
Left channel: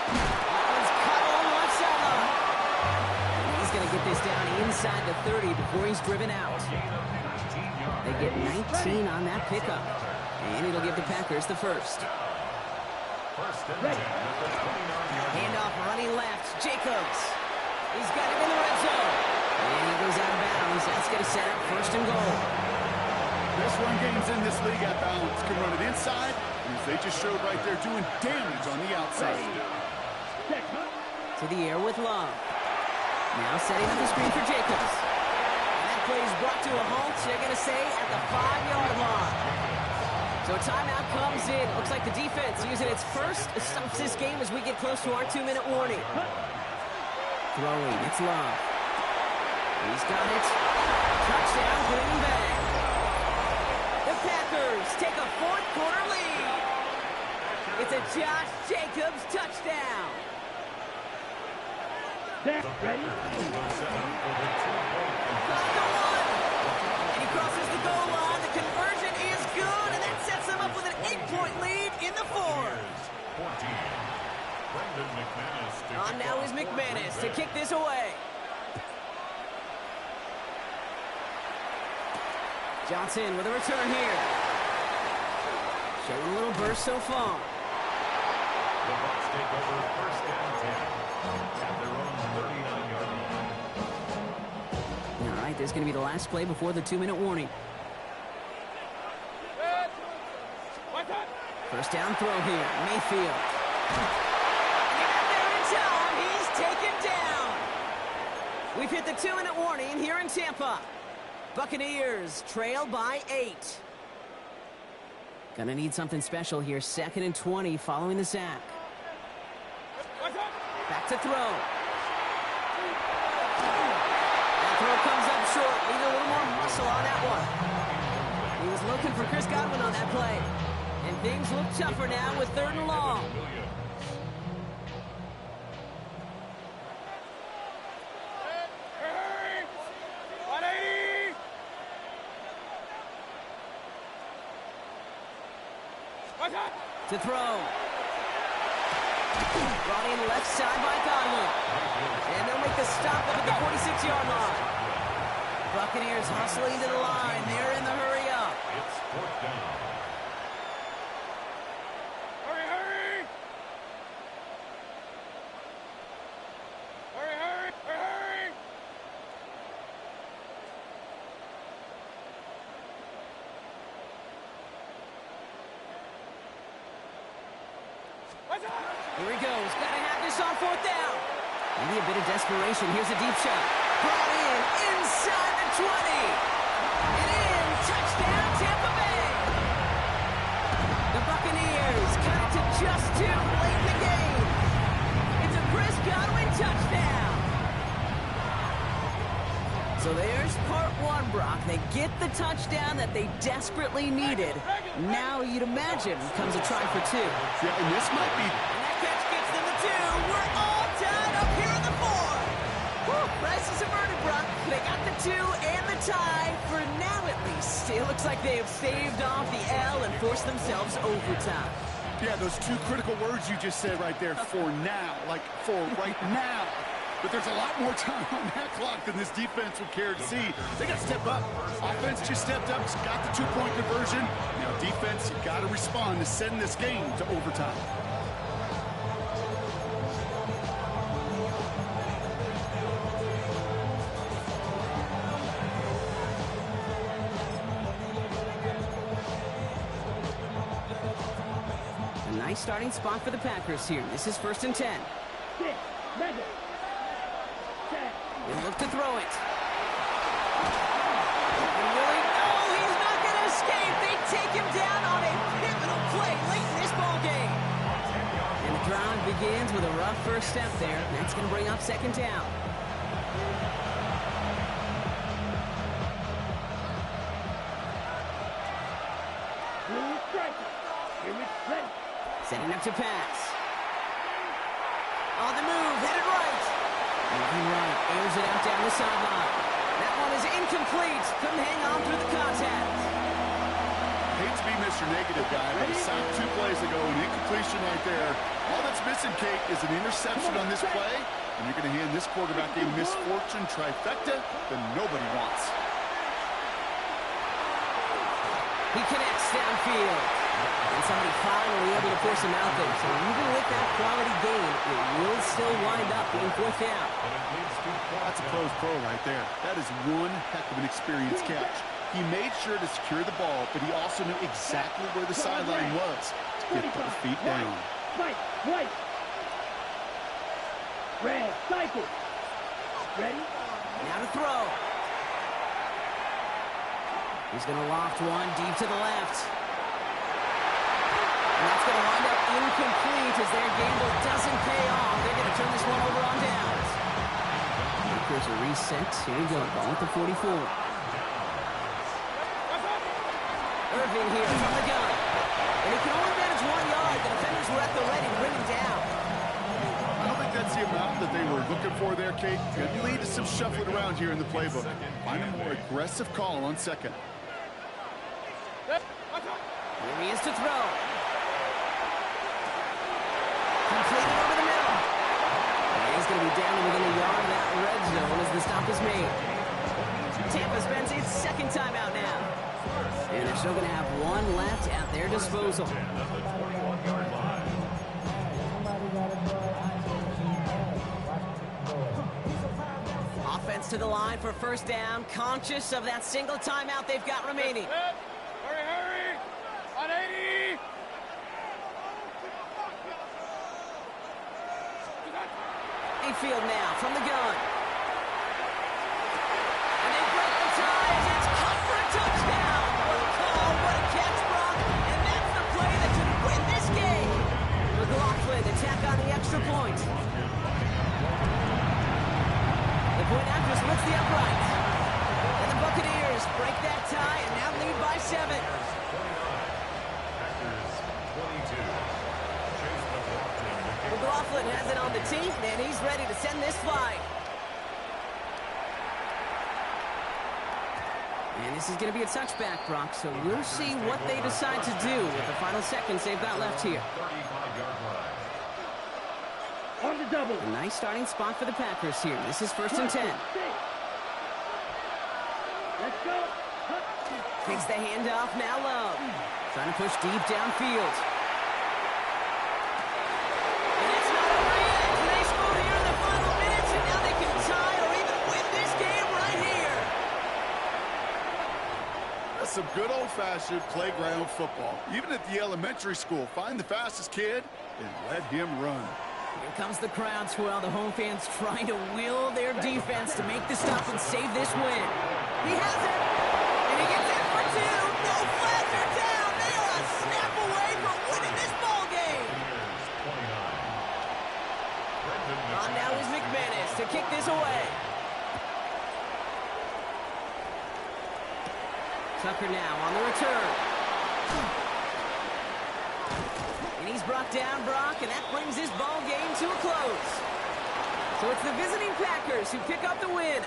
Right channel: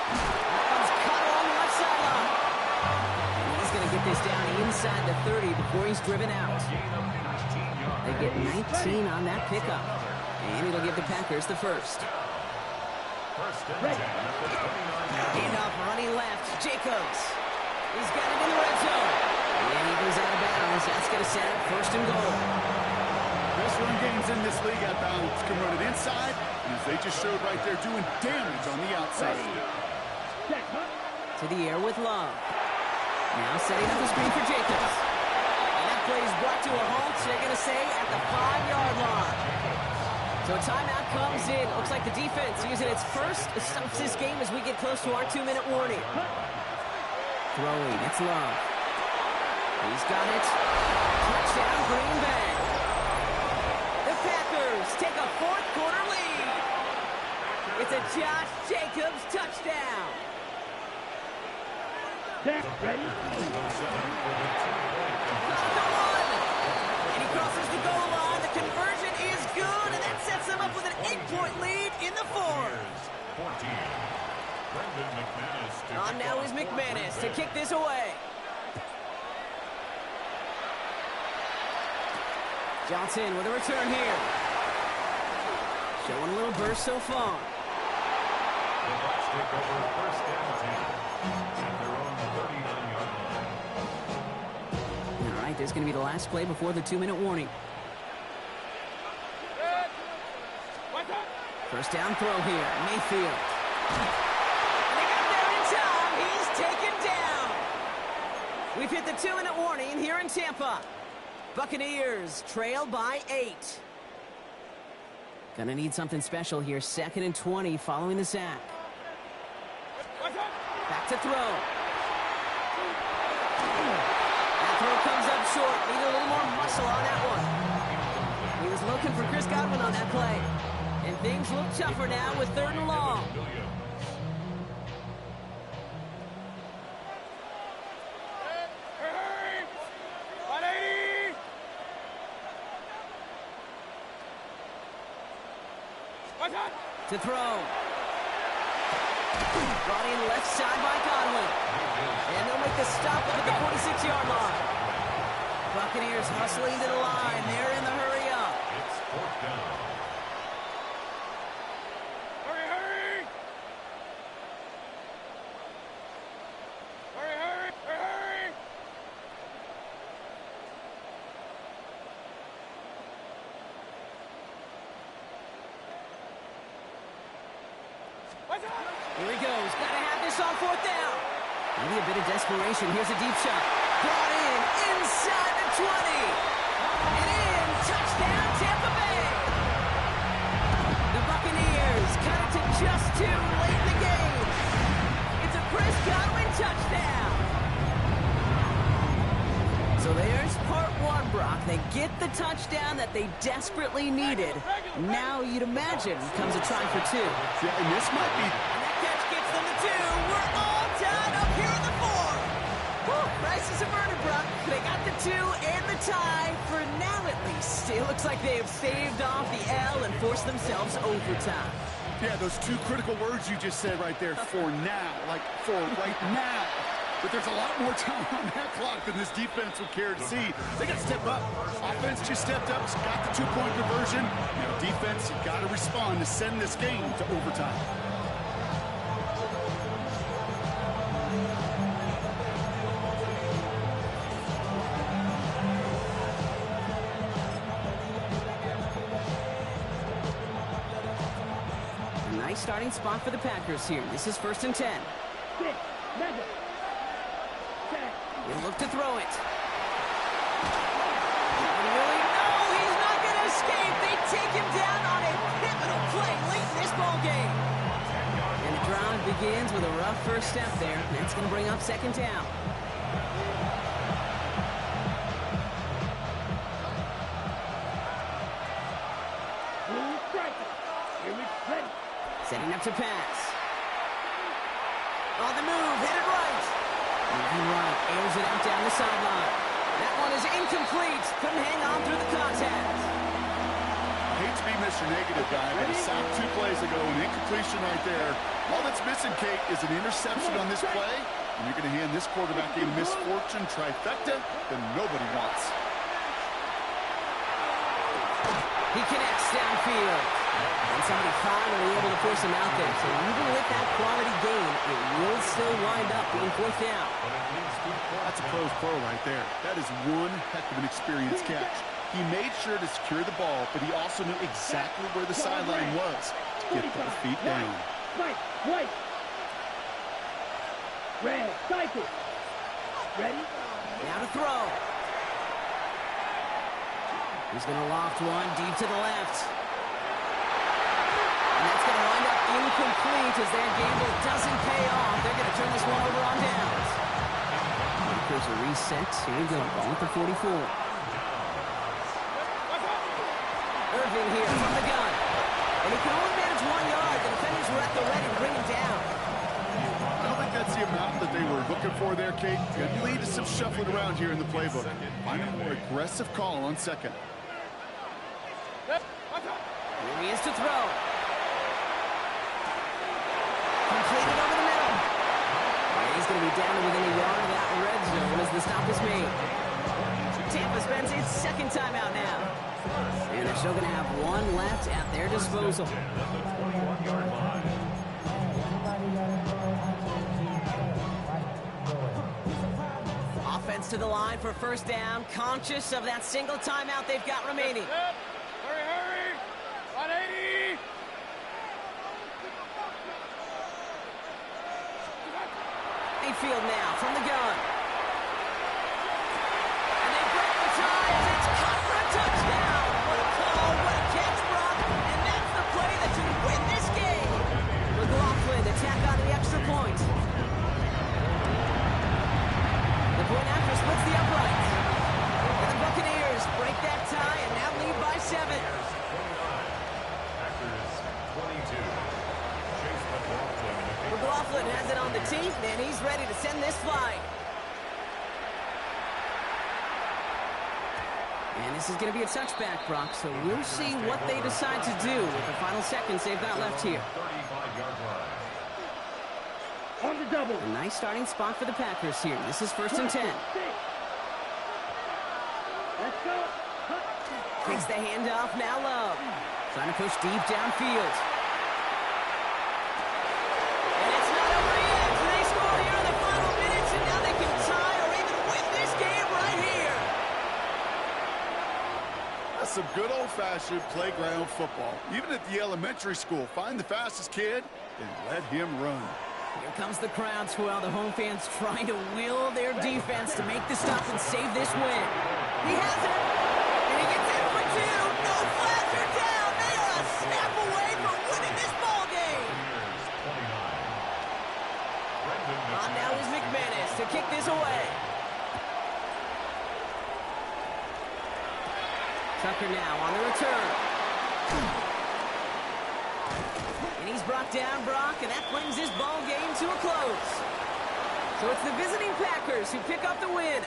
That one's cut along the left sideline. And he's going to get this down inside the 30 before he's driven out. They get 19 on that pickup. And it'll give the Packers the first. First and 10 at the 29-yard line. Handoff running left. Jacobs. He's got it in the red zone. And he goes out of bounds. That's going to set up first and goal. Best run games in this league at balance can run it inside, and as they just showed right there, doing damage on the outside. To the air with Love. Now setting up the screen for Jacobs. And that play is brought to a halt, they're going to say, at the 5-yard line. So a timeout comes in. Looks like the defense using its first stops this game as we get close to our 2-minute warning. Throwing, it's Love. He's got it. Touchdown, Green Bay. The Packers take a fourth-quarter lead. It's a Josh Jacobs touchdown. Ready? Got the one. And he crosses the goal line. The conversion is good, and that sets them up with an 8-point lead in the fourth. 14. Brendan McManus to On now is McManus to kick this away. Johnson with a return here. Showing a little burst so far. The Bucs take over first and 10 at their own 39-yard line. All right, there's going to be the last play before the 2-minute warning. First down throw here, Mayfield. And they got there in time. He's taken down. We've hit the 2-minute warning here in Tampa. Buccaneers trail by 8. Gonna need something special here. 2nd and 20 following the sack. Back to throw. That throw comes up short. Need a little more muscle on that one. He was looking for Chris Godwin on that play. And things look tougher now with 3rd and long. To throw. Brought in left side by Godwin. And they'll make the stop up at the 46-yard line. Buccaneers hustling to the line. They're in the hurry up. It's 4th down. Hurry! Here he goes. Got to have this on 4th down. Maybe a bit of desperation. Here's a deep shot. Brought in inside the 20. And in. Touchdown, Tampa Bay. The Buccaneers cut it to just 2 late in the game. It's a Chris Godwin touchdown. So there's part 1, Brock. They get the touchdown that they desperately needed. Now you'd imagine comes a try for 2. Yeah, and this might be... And that catch gets them to 2. We're all tied up here in the 4th. Whew, crisis averted, Brock. They got the 2 and the tie for now at least. It looks like they have staved off the L and forced themselves overtime. Yeah, those 2 critical words you just said right there, for now, like for right now. But there's a lot more time on that clock than this defense would care to see. They got to step up. Offense just stepped up, got the 2-point conversion. Now defense, you got to respond to send this game to overtime. A nice starting spot for the Packers here. This is 1st and 10. He'll look to throw it. Nobody really, no, he's not going to escape. They take him down on a pivotal play late in this ball game. And the drive begins with a rough first step there. That's going to bring up 2nd down. Setting up to pass. On the move, headed right. Moving right, airs it out down the sideline. That one is incomplete. Couldn't hang on through the contact. Hate to be Mr. Negative guy, but a sack 2 plays ago, an incompletion right there. All that's missing, Kate, is an interception on this play, and you're going to hand this quarterback a misfortune trifecta that nobody wants. He connects downfield. And somebody finally able to force him out there. So even with that quality gain, it will still wind up being 4th down. That's a pro's pro right there. That is one heck of an experienced catch. He made sure to secure the ball, but he also knew exactly where the sideline was to get both feet down. White. Red, cycle. Ready? Now to throw. He's going to loft one deep to the left. And that's going to wind up incomplete as their gamble doesn't pay off. They're going to turn this one over on downs. Packers are reset. Here we go. Ball at the 44. Irving here from the gun. And he can only manage 1 yard. The defenders were at the ready to bring him down. I don't think that's the amount that they were looking for there, Kate. Could lead to some shuffling around here in the playbook. Find a more aggressive caller on second. Here he is to throw. Completed over the middle. And he's going to be down to within a yard of that red zone as the stop is made. Tampa spends its second timeout now. And they're still going to have one left at their disposal. Offense to the line for first down, conscious of that single timeout they've got remaining. Hurry, hurry! 180! Mayfield now from the gun. And they break the tie as it's caught for a touchdown. What a call, what a catch, Brock. And that's the play that should win this game. McLaughlin to tack on the extra point. The point after splits the upright. And the Buccaneers break that tie and now lead by 7. Packers 22. Chase McLaughlin. McLaughlin has it on the tee, and he's ready to send this flying. And this is going to be a touchback, Brock, so we'll see what they decide to do with the final seconds they've got left here. 35-yard line. On the double. A nice starting spot for the Packers here. This is 1st and 10. Let's go. Takes the handoff, now Love. Trying to push deep downfield. And it's not over yet. They score here in the final minutes, and now they can tie or even win this game right here. That's some good old-fashioned playground football. Even at the elementary school, find the fastest kid and let him run. Here comes the crowd swell. The home fans trying to will their defense to make the stop and save this win. He has it, and he gets in for 2. No flags are down. They are a snap away from winning this ball game. On now is McManus to kick this away. Tucker now on the return. And he's brought down, Brock, and that brings this ball game to a close. So it's the visiting Packers who pick up the win.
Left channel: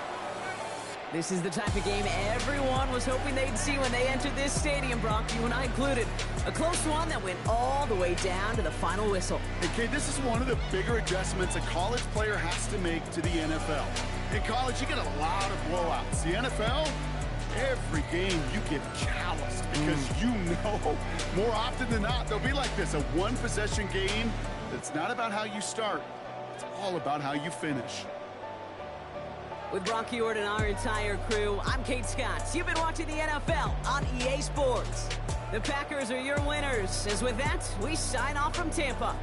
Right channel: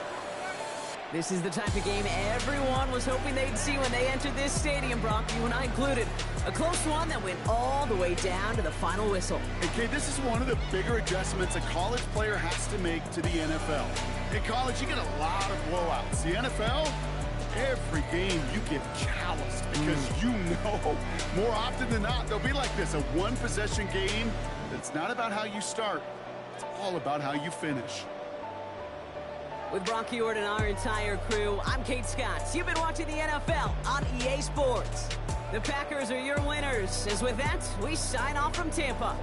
This is the type of game everyone was hoping they'd see when they entered this stadium, Brock, you and I included. A close one that went all the way down to the final whistle. Hey, Kate, this is one of the bigger adjustments a college player has to make to the NFL. In college, you get a lot of blowouts. The NFL, every game you get calloused because you know more often than not they'll be like this, a one-possession game that's not about how you start. It's all about how you finish. With Brock Heward and our entire crew, I'm Kate Scott. You've been watching the NFL on EA Sports. The Packers are your winners. As with that, we sign off from Tampa.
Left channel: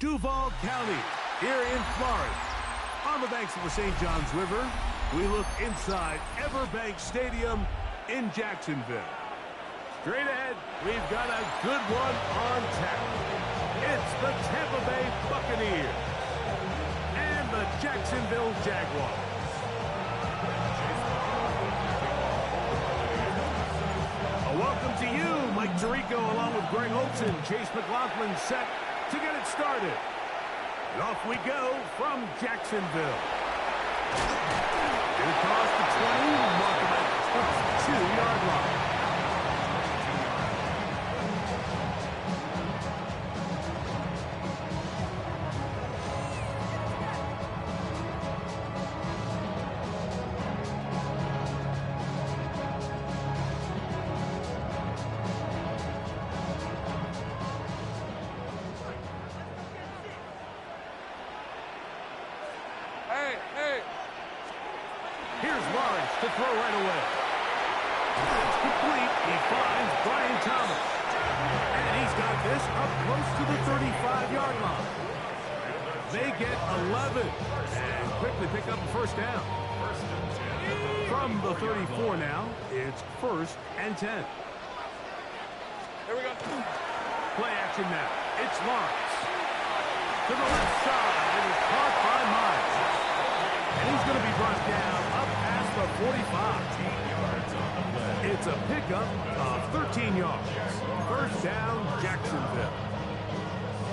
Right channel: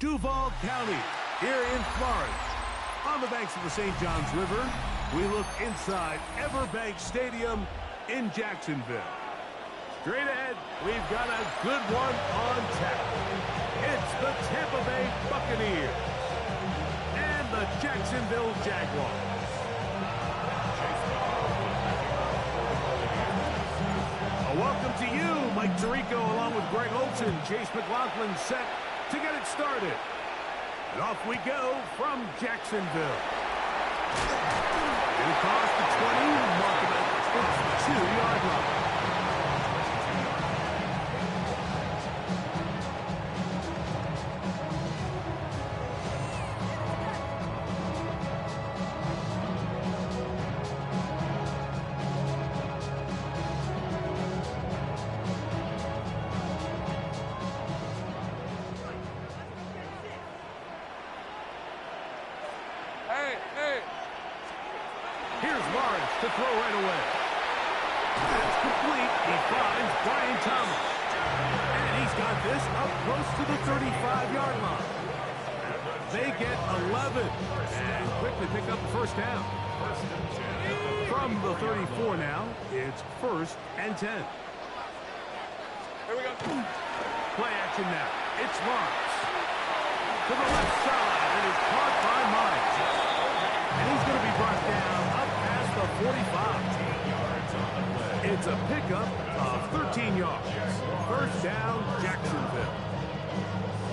Duval County, here in Florida. On the banks of the St. Johns River, we look inside Everbank Stadium in Jacksonville. Straight ahead, we've got a good one on tap. It's the Tampa Bay Buccaneers and the Jacksonville Jaguars. A welcome to you, Mike Tirico, along with Greg Olson. Chase McLaughlin set to get it started. And off we go from Jacksonville. Get across the 20, mark him at the 22-yard line. Here's Lawrence to throw right away. That's complete. He finds Brian Thomas. And he's got this up close to the 35-yard line. They get 11 and quickly pick up the first down. From the 34 now, it's 1st and 10. Here we go. Play action now. It's Lawrence. To the left side, it is caught by Myers. And he's going to be brought down up past the 45. It's a pickup of 13 yards. First down, Jacksonville.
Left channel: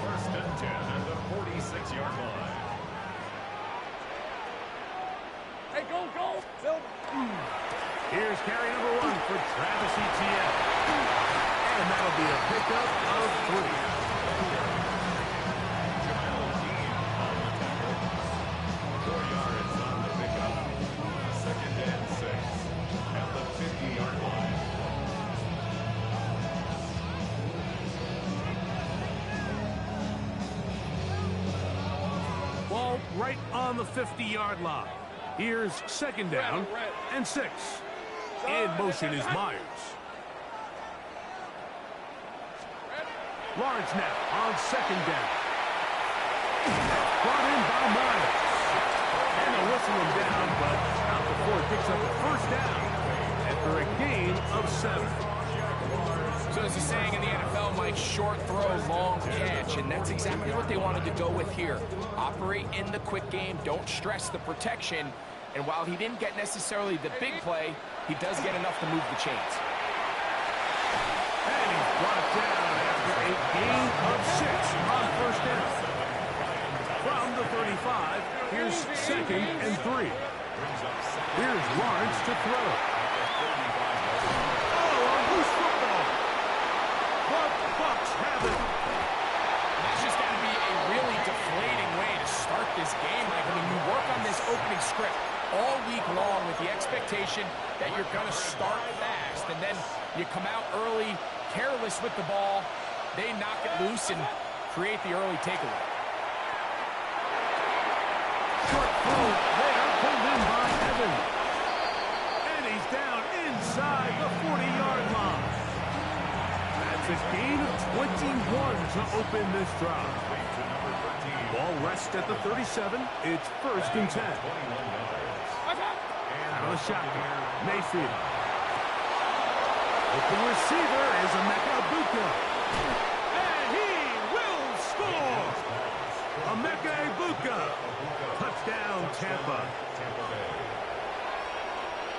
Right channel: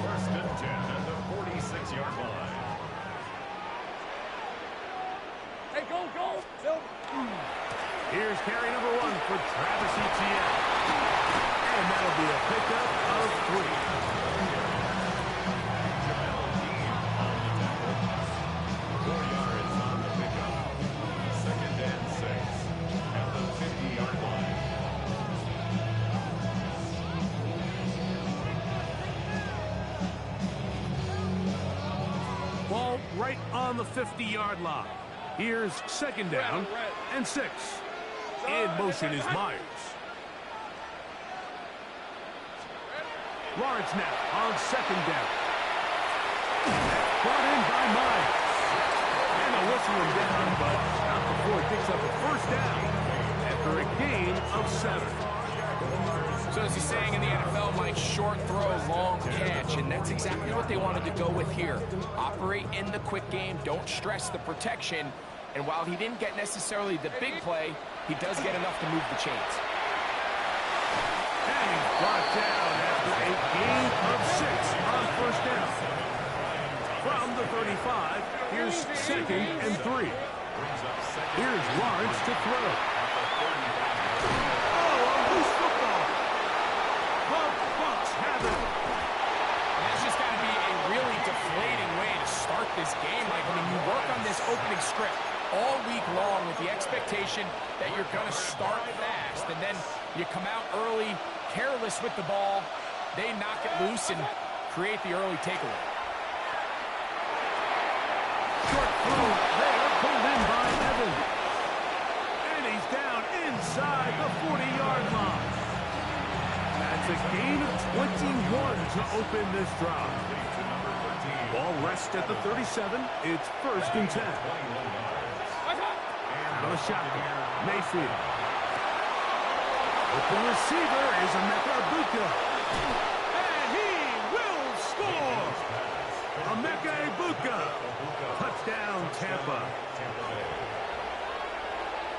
1st and 10 at the 46-yard line. Hey, go, Bill. Here's carry number 1 for Travis Etienne. And that'll be a pickup of 3. Ball right on the 50-yard line. Here's 2nd down and 6. In motion is Myers. Lawrence now on 2nd down. Brought in by Myers. And they'll whistle him down, but not before it picks up a first down after a gain of 7. So as he's saying in the NFL, Mike, short throw, long catch, and that's exactly what they wanted to go with here. Operate in the quick game, don't stress the protection, and while he didn't get necessarily the big play, he does get enough to move the chains. And he's brought down after a gain of 6 on first down. From the 35, here's 2nd and 3. Here's Lawrence to throw. Oh, a loose football. The Bucs have it. That's just got to be a really deflating way to start this game. Like, I mean, you work on this opening script all week long with the expectation that you're going to start fast, and then you come out early, careless with the ball. They knock it loose and create the early takeaway. Short throw there, pulled in by Evans. And he's down inside the 40-yard line. That's a gain of 21 to open this drive. Ball rests at the 37. It's 1st and 10. Out of the shotgun, Mayfield. Open receiver is Emeka Egbuka. And he will score! Emeka Egbuka. Touchdown, Tampa.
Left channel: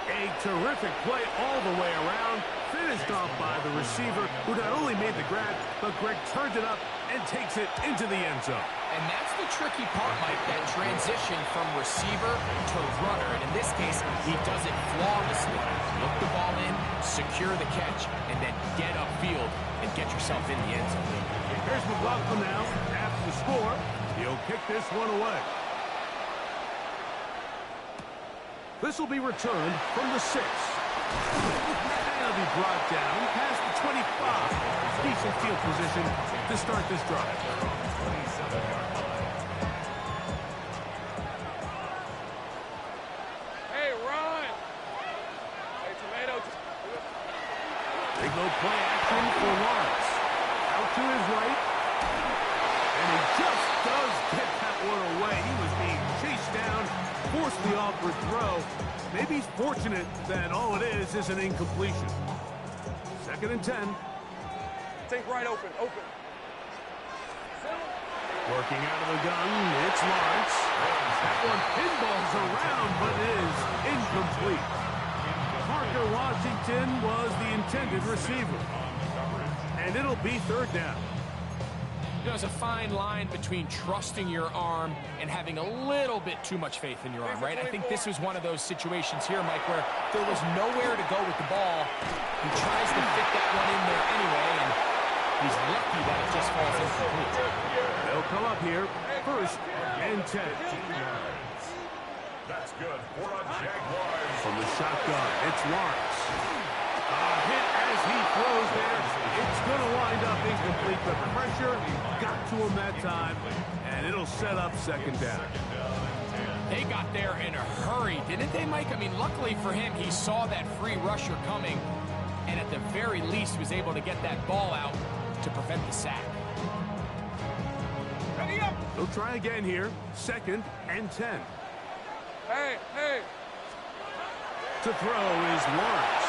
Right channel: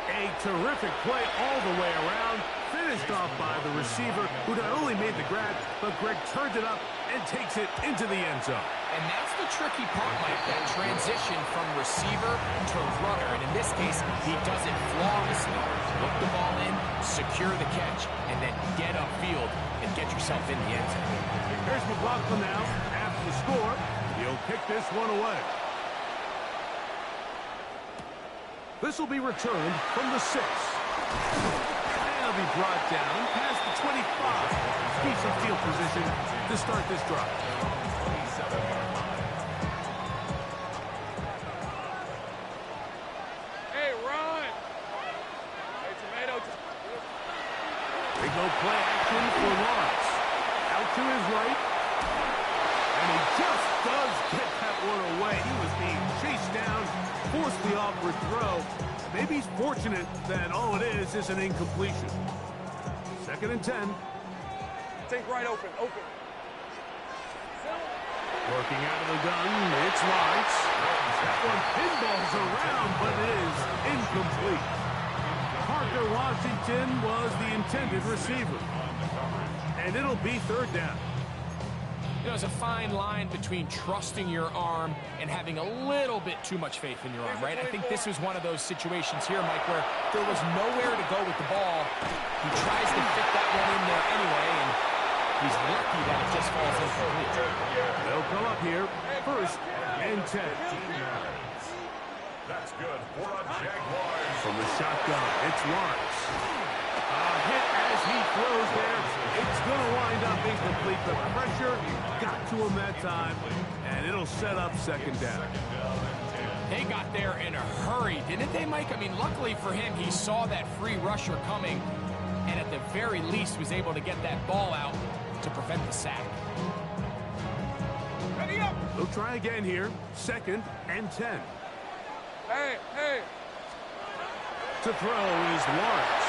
A terrific play all the way around. Finished off by the receiver, who not only made the grab, but Greg turns it up and takes it into the end zone. And that's the tricky part, Mike, that transition from receiver to runner. And in this case, he does it flawlessly. Look the ball in, secure the catch, and then get upfield and get yourself in the end zone. Here's McLaughlin now. After the score, he'll kick this one away. This will be returned from the 6. And he'll be brought down past the 25. Decent field position to start this drive. 27-yard line. Hey, run! Hey, tomato. Big no play action for Lawrence. Out to his right. And he just does get that one away. He was being chased down, forced the awkward throw. Maybe he's fortunate that all it is an incompletion. 2nd and 10. Take right open. Working out of the gun, it's Lawrence. That one pinballs around, but it is incomplete. Parker Washington was the intended receiver. And it'll be 3rd down. You know, there's a fine line between trusting your arm and having a little bit too much faith in your arm, right? I think this was one of those situations here, Mike, where there was nowhere to go with the ball. He tries to fit that one in there anyway, and he's lucky that it just falls incomplete. They'll come up here, 1st and 10. That's good for a Jaguars. From the shotgun, it's Lawrence. A hit as he throws there. It's going to wind up incomplete. The pressure got to him that time, and it'll set up 2nd down. They got there in a hurry, didn't they, Mike? I mean, luckily for him, he saw that free rusher coming, and at the very least was able to get that ball out to prevent the sack. Ready up. They'll try again here, 2nd and 10. Hey. To throw is Lawrence.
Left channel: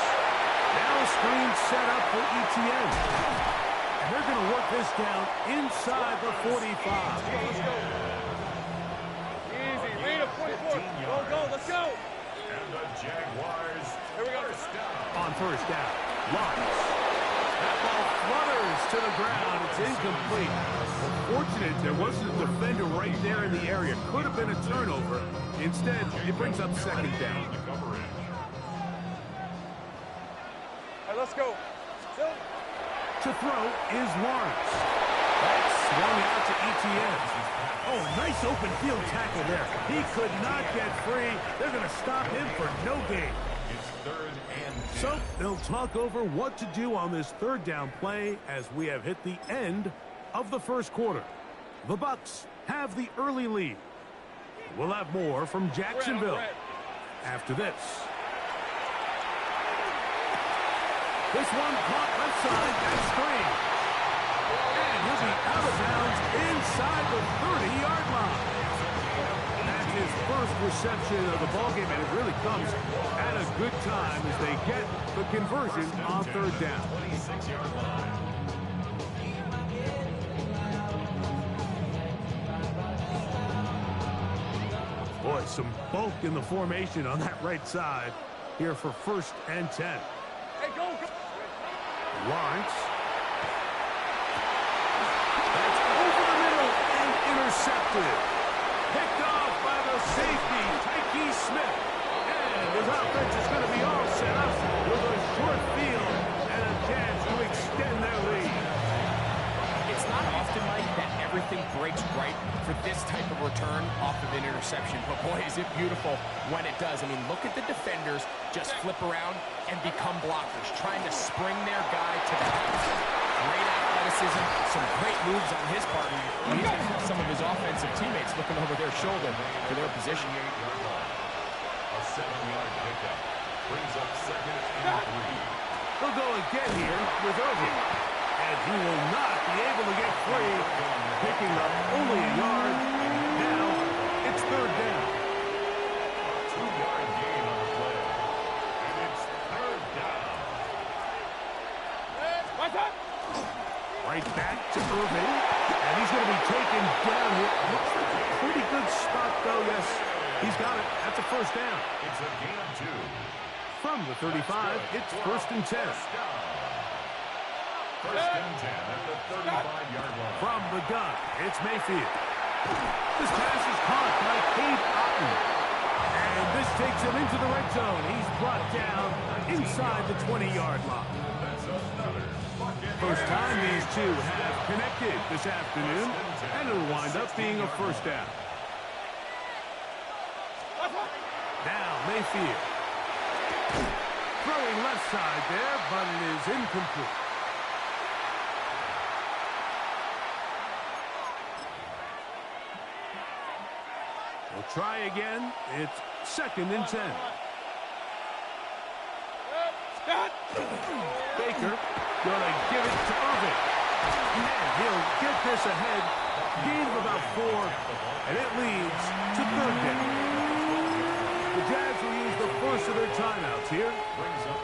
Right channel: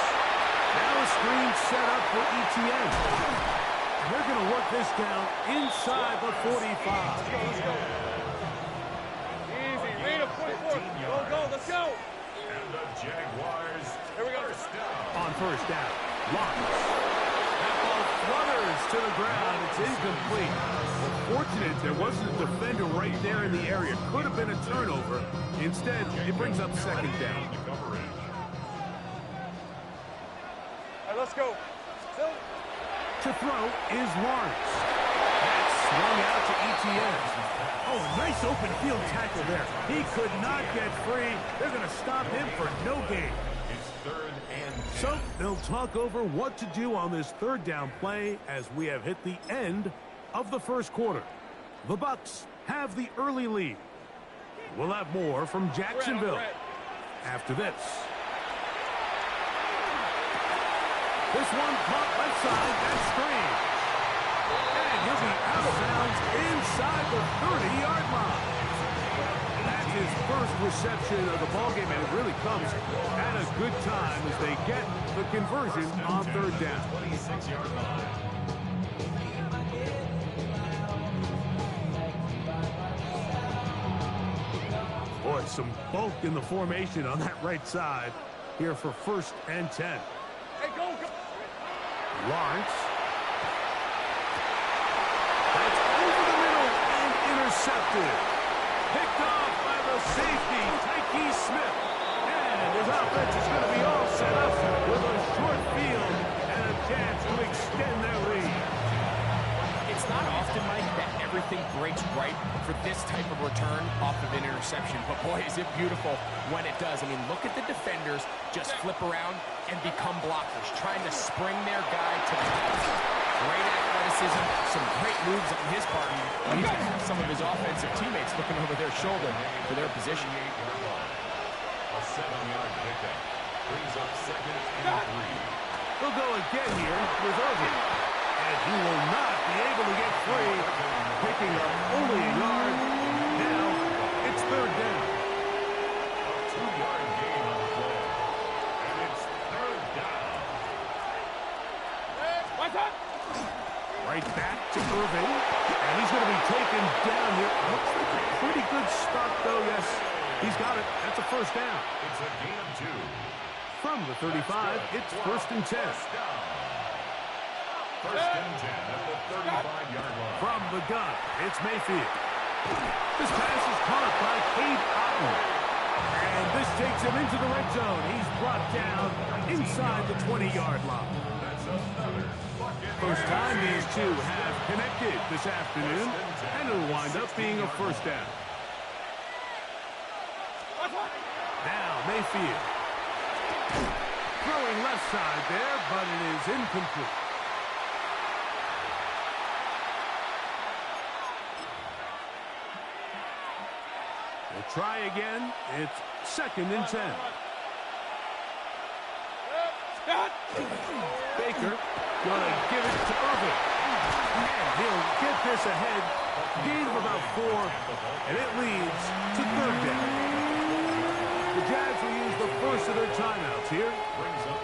Now a screen set up for ETN. And they're going to work this down inside the 45. Let's go. Easy. Read it. 44. Go. Let's go. And the Jaguars. Here we go. First down. On 1st down, Lawrence. That ball flutters to the ground. It's incomplete. Well, fortunate there wasn't a defender right there in the area. Could have been a turnover. Instead, it brings up 2nd down. All right, let's go. To throw is Lawrence. That's swung out to ETN. Oh, a nice open field tackle there. He could not get free. They're going to stop him for no gain. It's 3rd and 10. So they'll talk over what to do on this 3rd down play as we have hit the end of the 1st quarter. The Bucs have the early lead. We'll have more from Jacksonville after this. This one caught left side, that's screen. And he'll be out of bounds inside the 30-yard line. That's his first reception of the ballgame, and it really comes at a good time as they get the conversion on 3rd down. 26-yard line. Boy, some bulk in the formation on that right side here for 1st and 10. Hey, go. Lawrence. That's over the middle and intercepted. Picked off by the safety, Tyke Smith. And his offense is going to be all set up with a short field and a chance to extend their lead. It's not often, Mike, that everything breaks right for this type of return off of an interception. But, boy, is it beautiful when it does. I mean, look at the defenders just flip around and become blockers, trying to spring their guy to the house. Great athleticism, some great moves on his part. He's going to have some of his offensive teammates looking over their shoulder for their position. A 7-yard pickup brings up 2nd and 3. They'll go again here with Irving. And he will not be able to get free, picking up only a yard. Now it's 3rd down. A 2-yard gain on the play. And it's 3rd down. What's up? Right back to Irving. And he's going to be taken down here. Looks like a pretty good spot, though. Yes, he's got it. That's a 1st down. It's a gain of 2. From the 35, it's 1st and 10. First and 10 at the 35-yard line. From the gun, it's Mayfield. This pass is caught by Cade Otton. And this takes him into the red zone. He's brought down inside the 20-yard line. That's another bucket. First time these two have connected this afternoon, and it'll wind up being a 1st down. Now Mayfield. Throwing left side there, but it is incomplete. We'll try again. It's 2nd and 10. Baker gonna give it to Irving. And he'll get this ahead. Gain of about 4, and it leads to third down. The Jags will use the first of their timeouts here.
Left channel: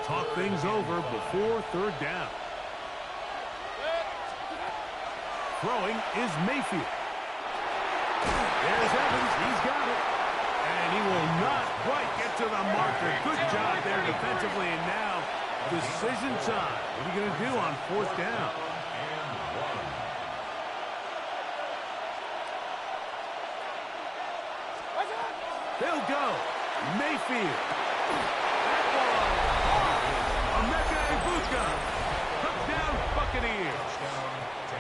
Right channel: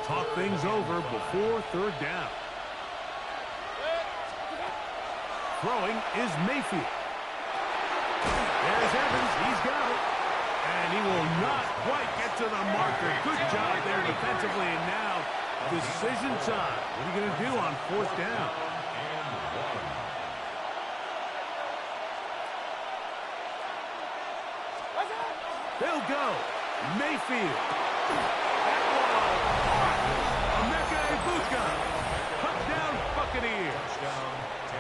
Talk things over before third down. Throwing is Mayfield. There's Evans. He's got it. And he will not quite get to the marker. Good job there defensively. And now, decision time. What are you going to do on fourth down? They'll go. Mayfield. That ball. Emeka Egbuka. Touchdown, Buccaneers.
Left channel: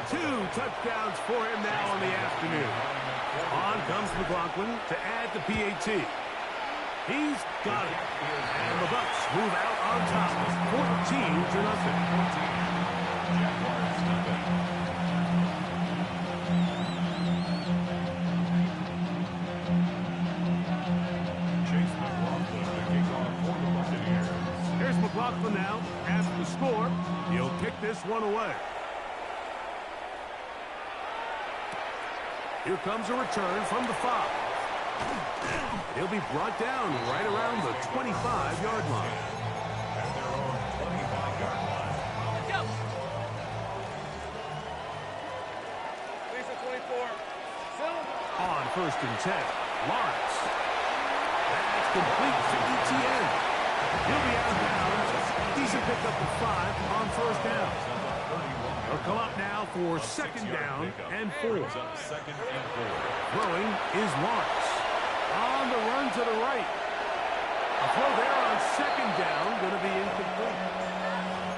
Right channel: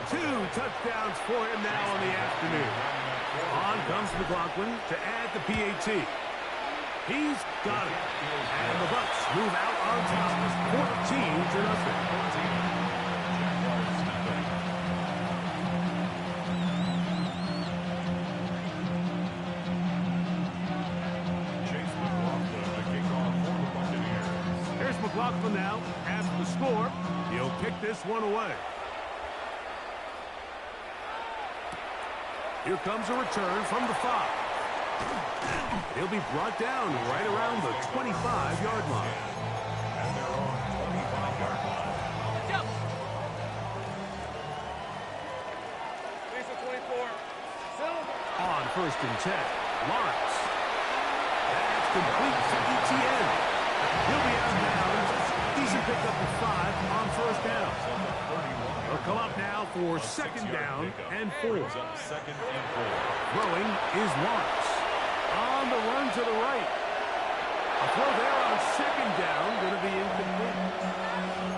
2 touchdowns for him now on the afternoon. On comes McLaughlin to add the PAT. He's got it. And the Bucs move out on top, 14-0. Here's McLaughlin now after the score. He'll kick this one away. Here comes a return from the 5. He'll be brought down right around the 25-yard line. At their own 25-yard line. Go! Lisa 24. On first and 10, Lawrence. That's complete to ETN. He'll be out of bounds. Decent pickup of 5 on first down. They'll come up now for second down and 4. Throwing is Lawrence. On the run to the right. A throw there on second down, going to be incomplete.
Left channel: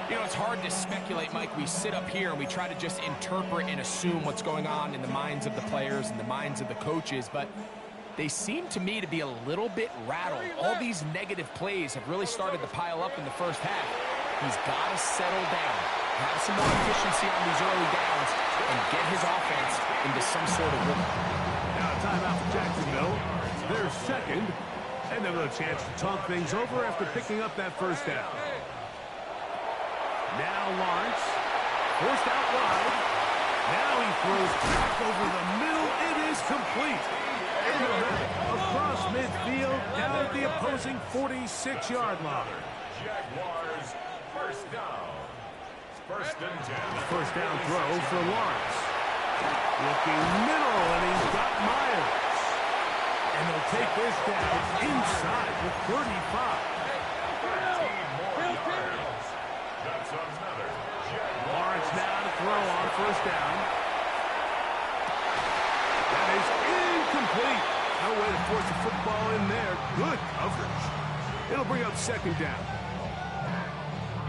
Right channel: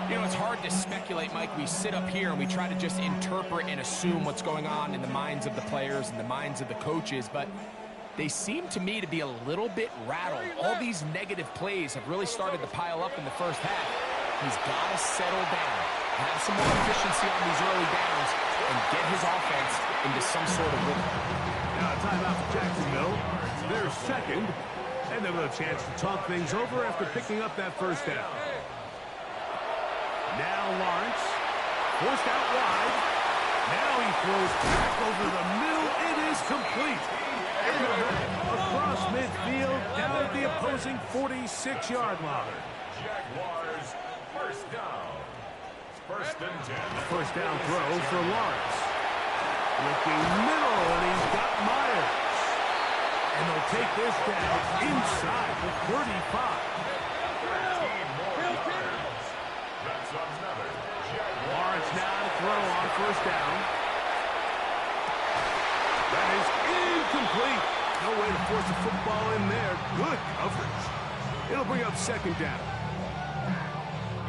You know, it's hard to speculate, Mike. We sit up here and we try to just interpret and assume what's going on in the minds of the players and the minds of the coaches, but they seem to me to be a little bit rattled. All these negative plays have really started to pile up in the first half. He's got to settle down, have some more efficiency on these early downs, and get his offense into some sort of rhythm. Now a timeout for Jacksonville. They're second, and they'll have a chance to talk things over after picking up that first down. Now Lawrence, forced out wide. Now he throws back over the middle. It is complete. Across midfield, down at the opposing 46-yard line. Jaguars, first down. First and 10. First down throw for Lawrence. Looking middle, and he's got Myers. And they'll take this down inside the 35. 15 more yards. That's another Jaguars. Lawrence now to throw on first down. That is incomplete. No way to force the football in there. Good coverage. It'll bring up second down.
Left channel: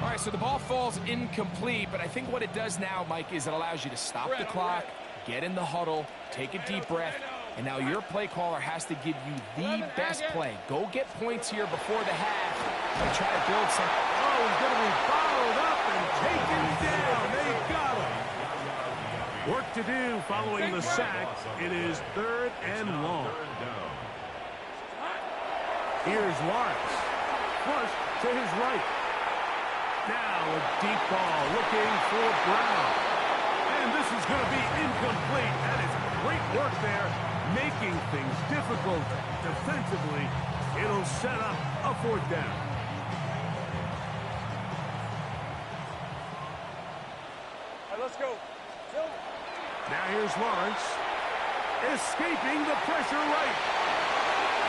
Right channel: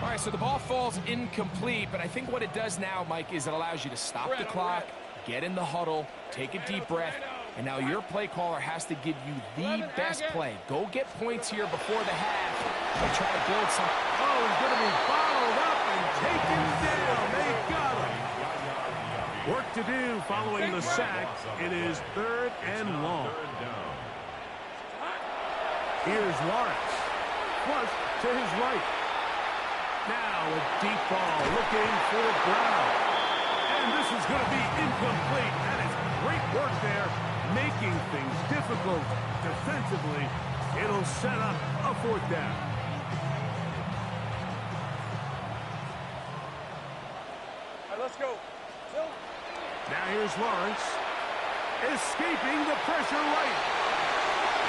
All right, so the ball falls incomplete, but I think what it does now, Mike, is it allows you to stop the clock, get in the huddle, take a deep breath, and now your play caller has to give you the best play. Go get points here before the half and try to build some. Oh, he's going to be followed up and taken down. They got him. Work to do following the sack. It is third and long. Here's Lawrence. Flush to his right. Now a deep ball looking for Brown. And this is going to be incomplete. That is great work there, making things difficult defensively. It'll set up a fourth down. All right, let's go. Now here's Lawrence, escaping the pressure right.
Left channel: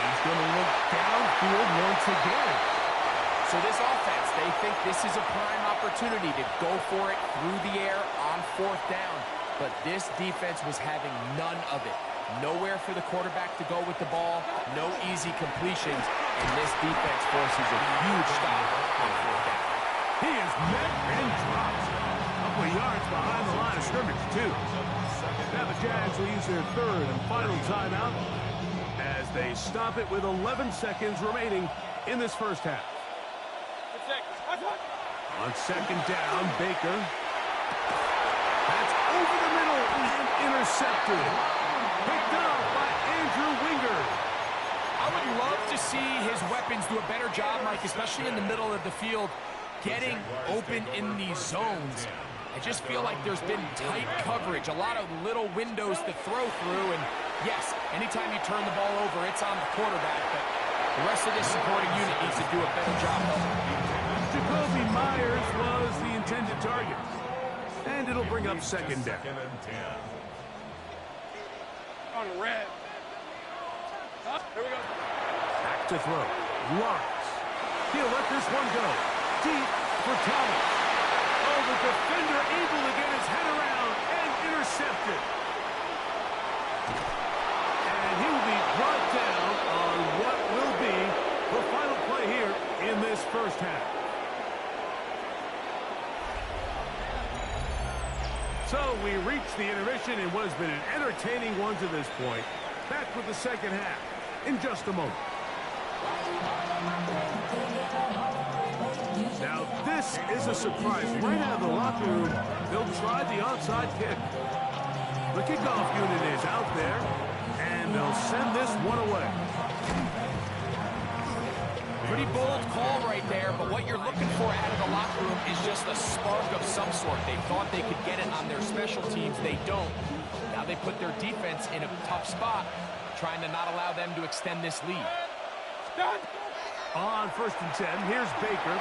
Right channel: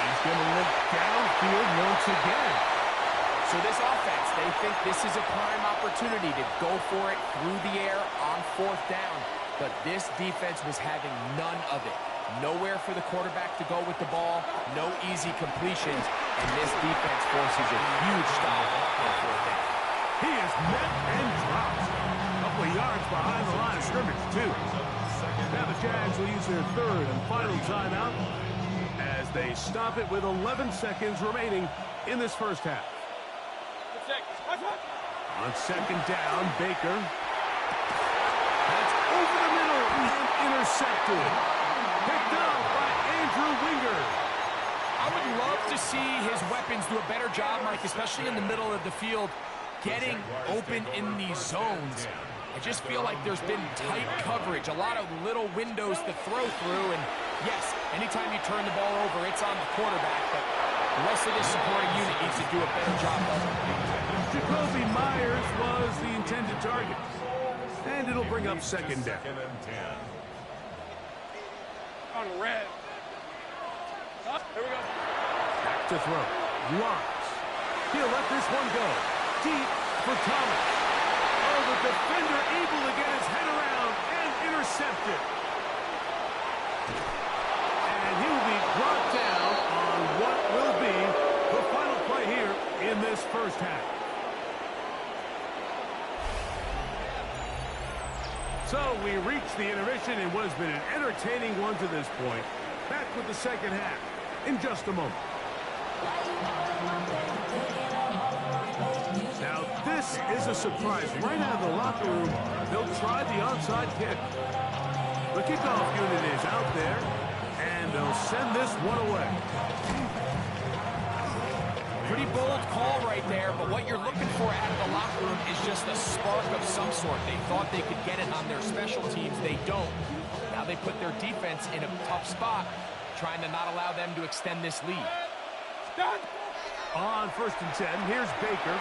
He's going to look downfield once again. So this offense, they think this is a prime opportunity to go for it through the air on fourth down. But this defense was having none of it. Nowhere for the quarterback to go with the ball, no easy completions, and this defense forces a huge stop on fourth down. He is met and dropped. A couple of yards behind the line of scrimmage, too. Now the Jags will use their third and final timeout as they stop it with 11 seconds remaining in this first half. On second down, Baker. That's over the middle and intercepted. Picked up by Andrew Wingard. I would love to see his weapons do a better job, Mike, especially in the middle of the field, getting open in these zones. I just feel like there's been tight coverage, a lot of little windows to throw through, and yes, anytime you turn the ball over, it's on the quarterback, but the rest of this supporting unit needs to do a better job helping. Jacoby Myers was the intended target. And it'll bring up second down. Second and 10. On the red. Up, here we go. Back to throw. Lawrence. He'll let this one go. Deep for Thomas. Oh, the defender able to get his head around and intercept it. And he will be brought down on what will be the final play here in this first half. So we reach the intermission in what has been an entertaining one to this point. Back with the second half in just a moment. Now this is a surprise. Right out of the locker room, they'll try the onside kick. The kickoff unit is out there, and they'll send this one away. Pretty bold call right there, but what you're looking for out of the locker room is just a spark of some sort. They thought they could get it on their special teams. They don't. Now they put their defense in a tough spot, trying to not allow them to extend this lead. Done. On 1st and 10, here's Baker.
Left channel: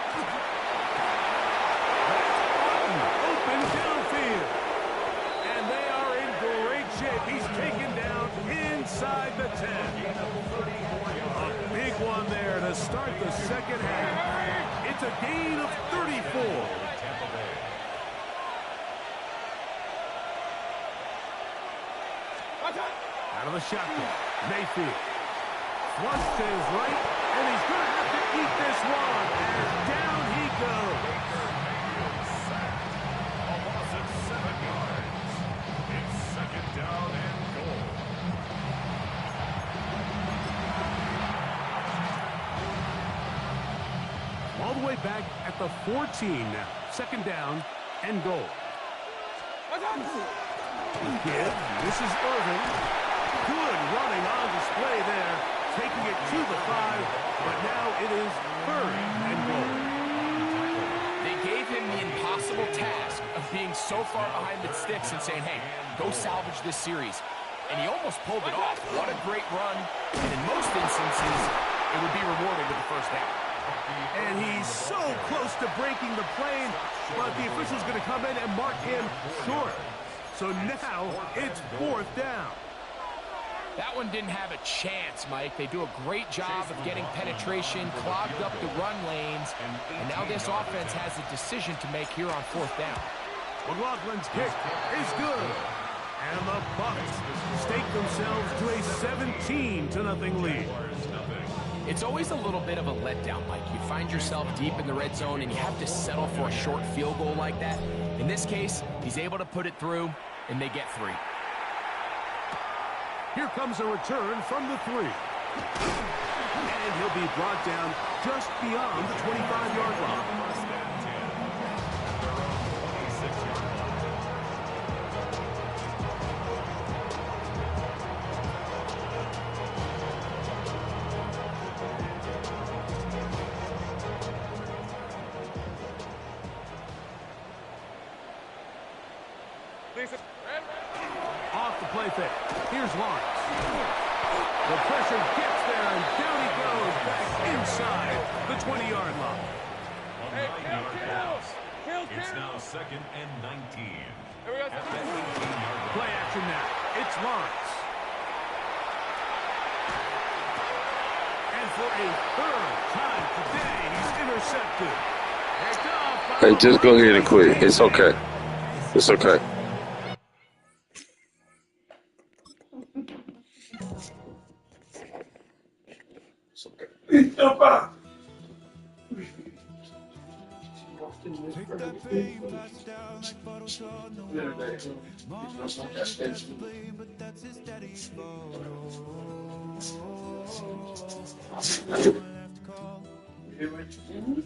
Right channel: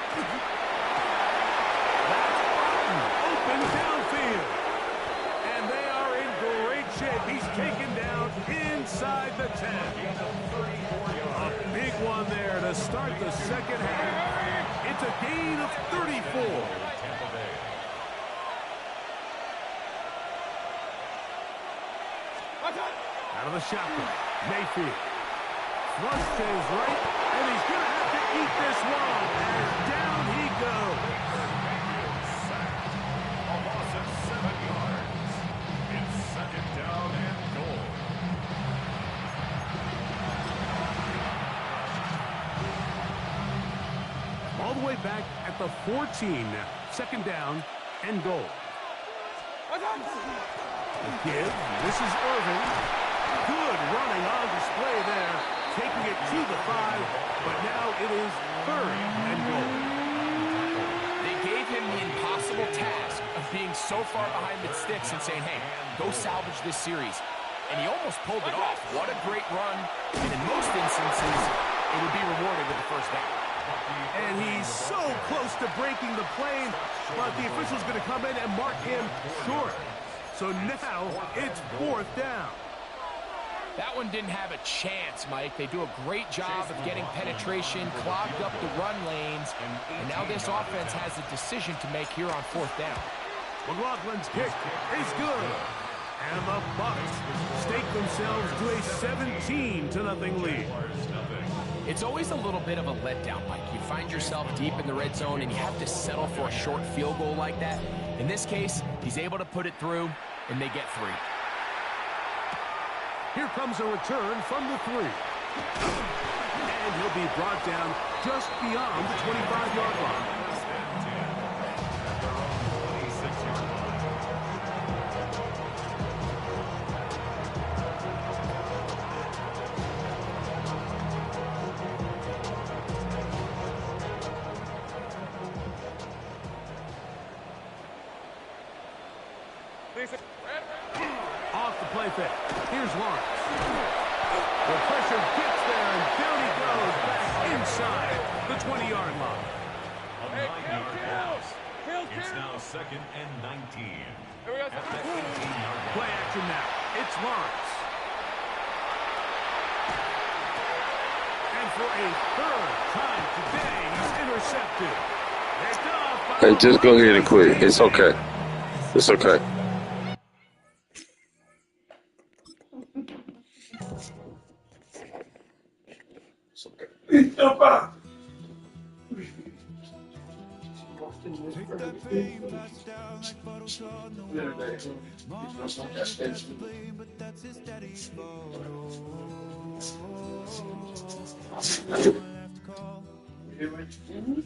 That's Otten, open downfield. And they are in great shape. He's taken down inside the 10. A big one there to start the second half. It's a gain of 34. Out of the shotgun, Mayfield. Flush to his right, and he's going to have to eat this one as down he goes. Sacked. A loss of 7 yards. It's second down and goal. All the way back at the 14 now. Second down and goal. Give. This is Irving. Good running on display there. Taking it to the 5, but now it is 3rd and goal. They gave him the impossible task of being so far behind the sticks and saying, hey, go salvage this series. And he almost pulled it off. What a great run. And in most instances, it would be rewarded with the first down. And he's so close to breaking the play, but the official's going to come in and mark him short. So now it's 4th down. That one didn't have a chance, Mike. They do a great job of getting penetration, clogged up the run lanes, and now this offense has a decision to make here on 4th down. McLaughlin's kick is good. And the Bucs stake themselves to a 17-0 lead. It's always a little bit of a letdown, Mike. You find yourself deep in the red zone, and you have to settle for a short field goal like that. In this case, he's able to put it through, and they get 3. Here comes a return from the 3. And he'll be brought down just beyond the 25-yard line. First and 10 at their own 26-yard line. Off the play fake. Here's Lawrence. The pressure gets there, and down he goes back inside the 20-yard line. A 9-yard loss. It's now 2nd and 19 at the 18-yard line. Play action now. It's Lawrence. And for a 3rd time today, he's intercepted. Picked off by Hey, just go ahead and quit. It's okay. It's okay. Take that pain, pass down like photos on the wall. Mama said that's the blame, but that's his daddy's photo. Someone have to call. You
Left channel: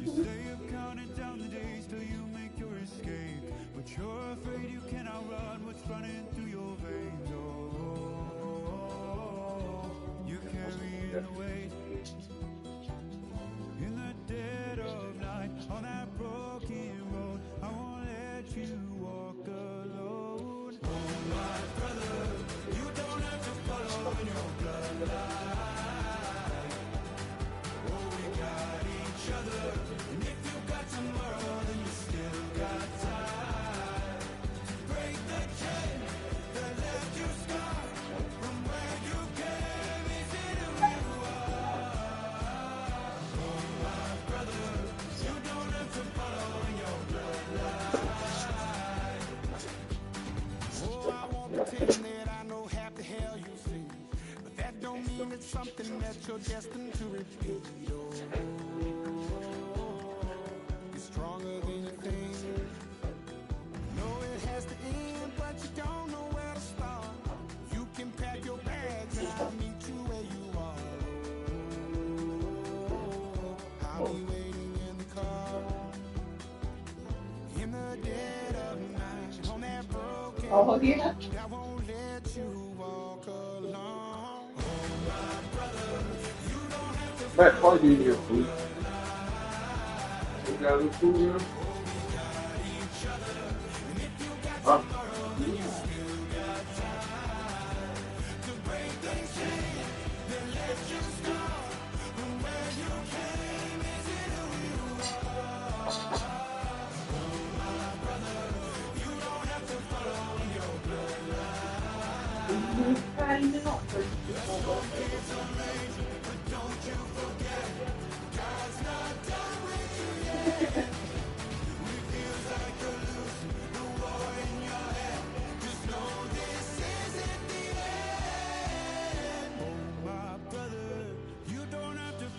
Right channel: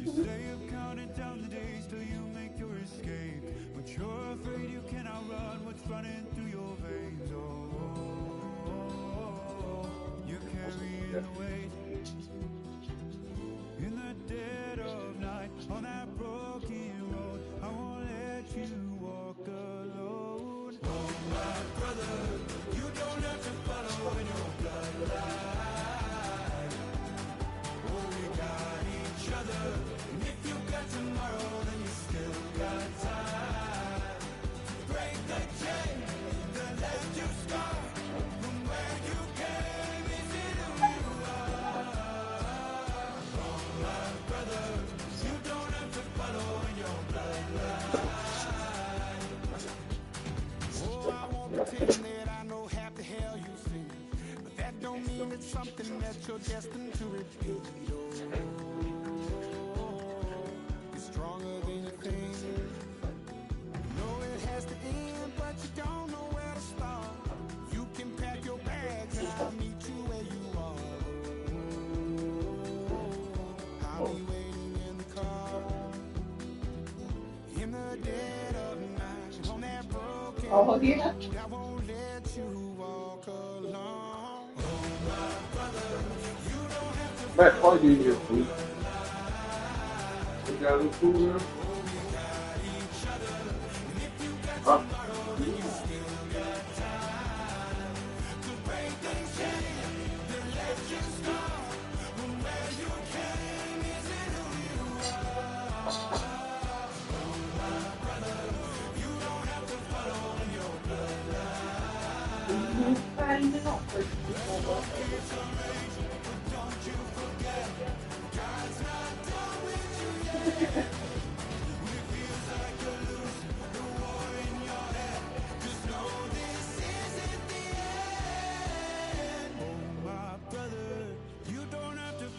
say you're counting down the days till you make your escape, but you're afraid you can outrun what's running through your veins. Oh, you're carrying the weight in the dead of night on that broken road. I won't let you walk. you're destined to repeat. You're stronger than you think. You know it has to end, but you don't know where to start. You can pack your bags and I'll meet you where you are. I'll be waiting in the car in the dead of night on that broken road that won't let you walk alone. Oh, my brother, you don't have to Matt, why do you get food? You got any food here? Huh?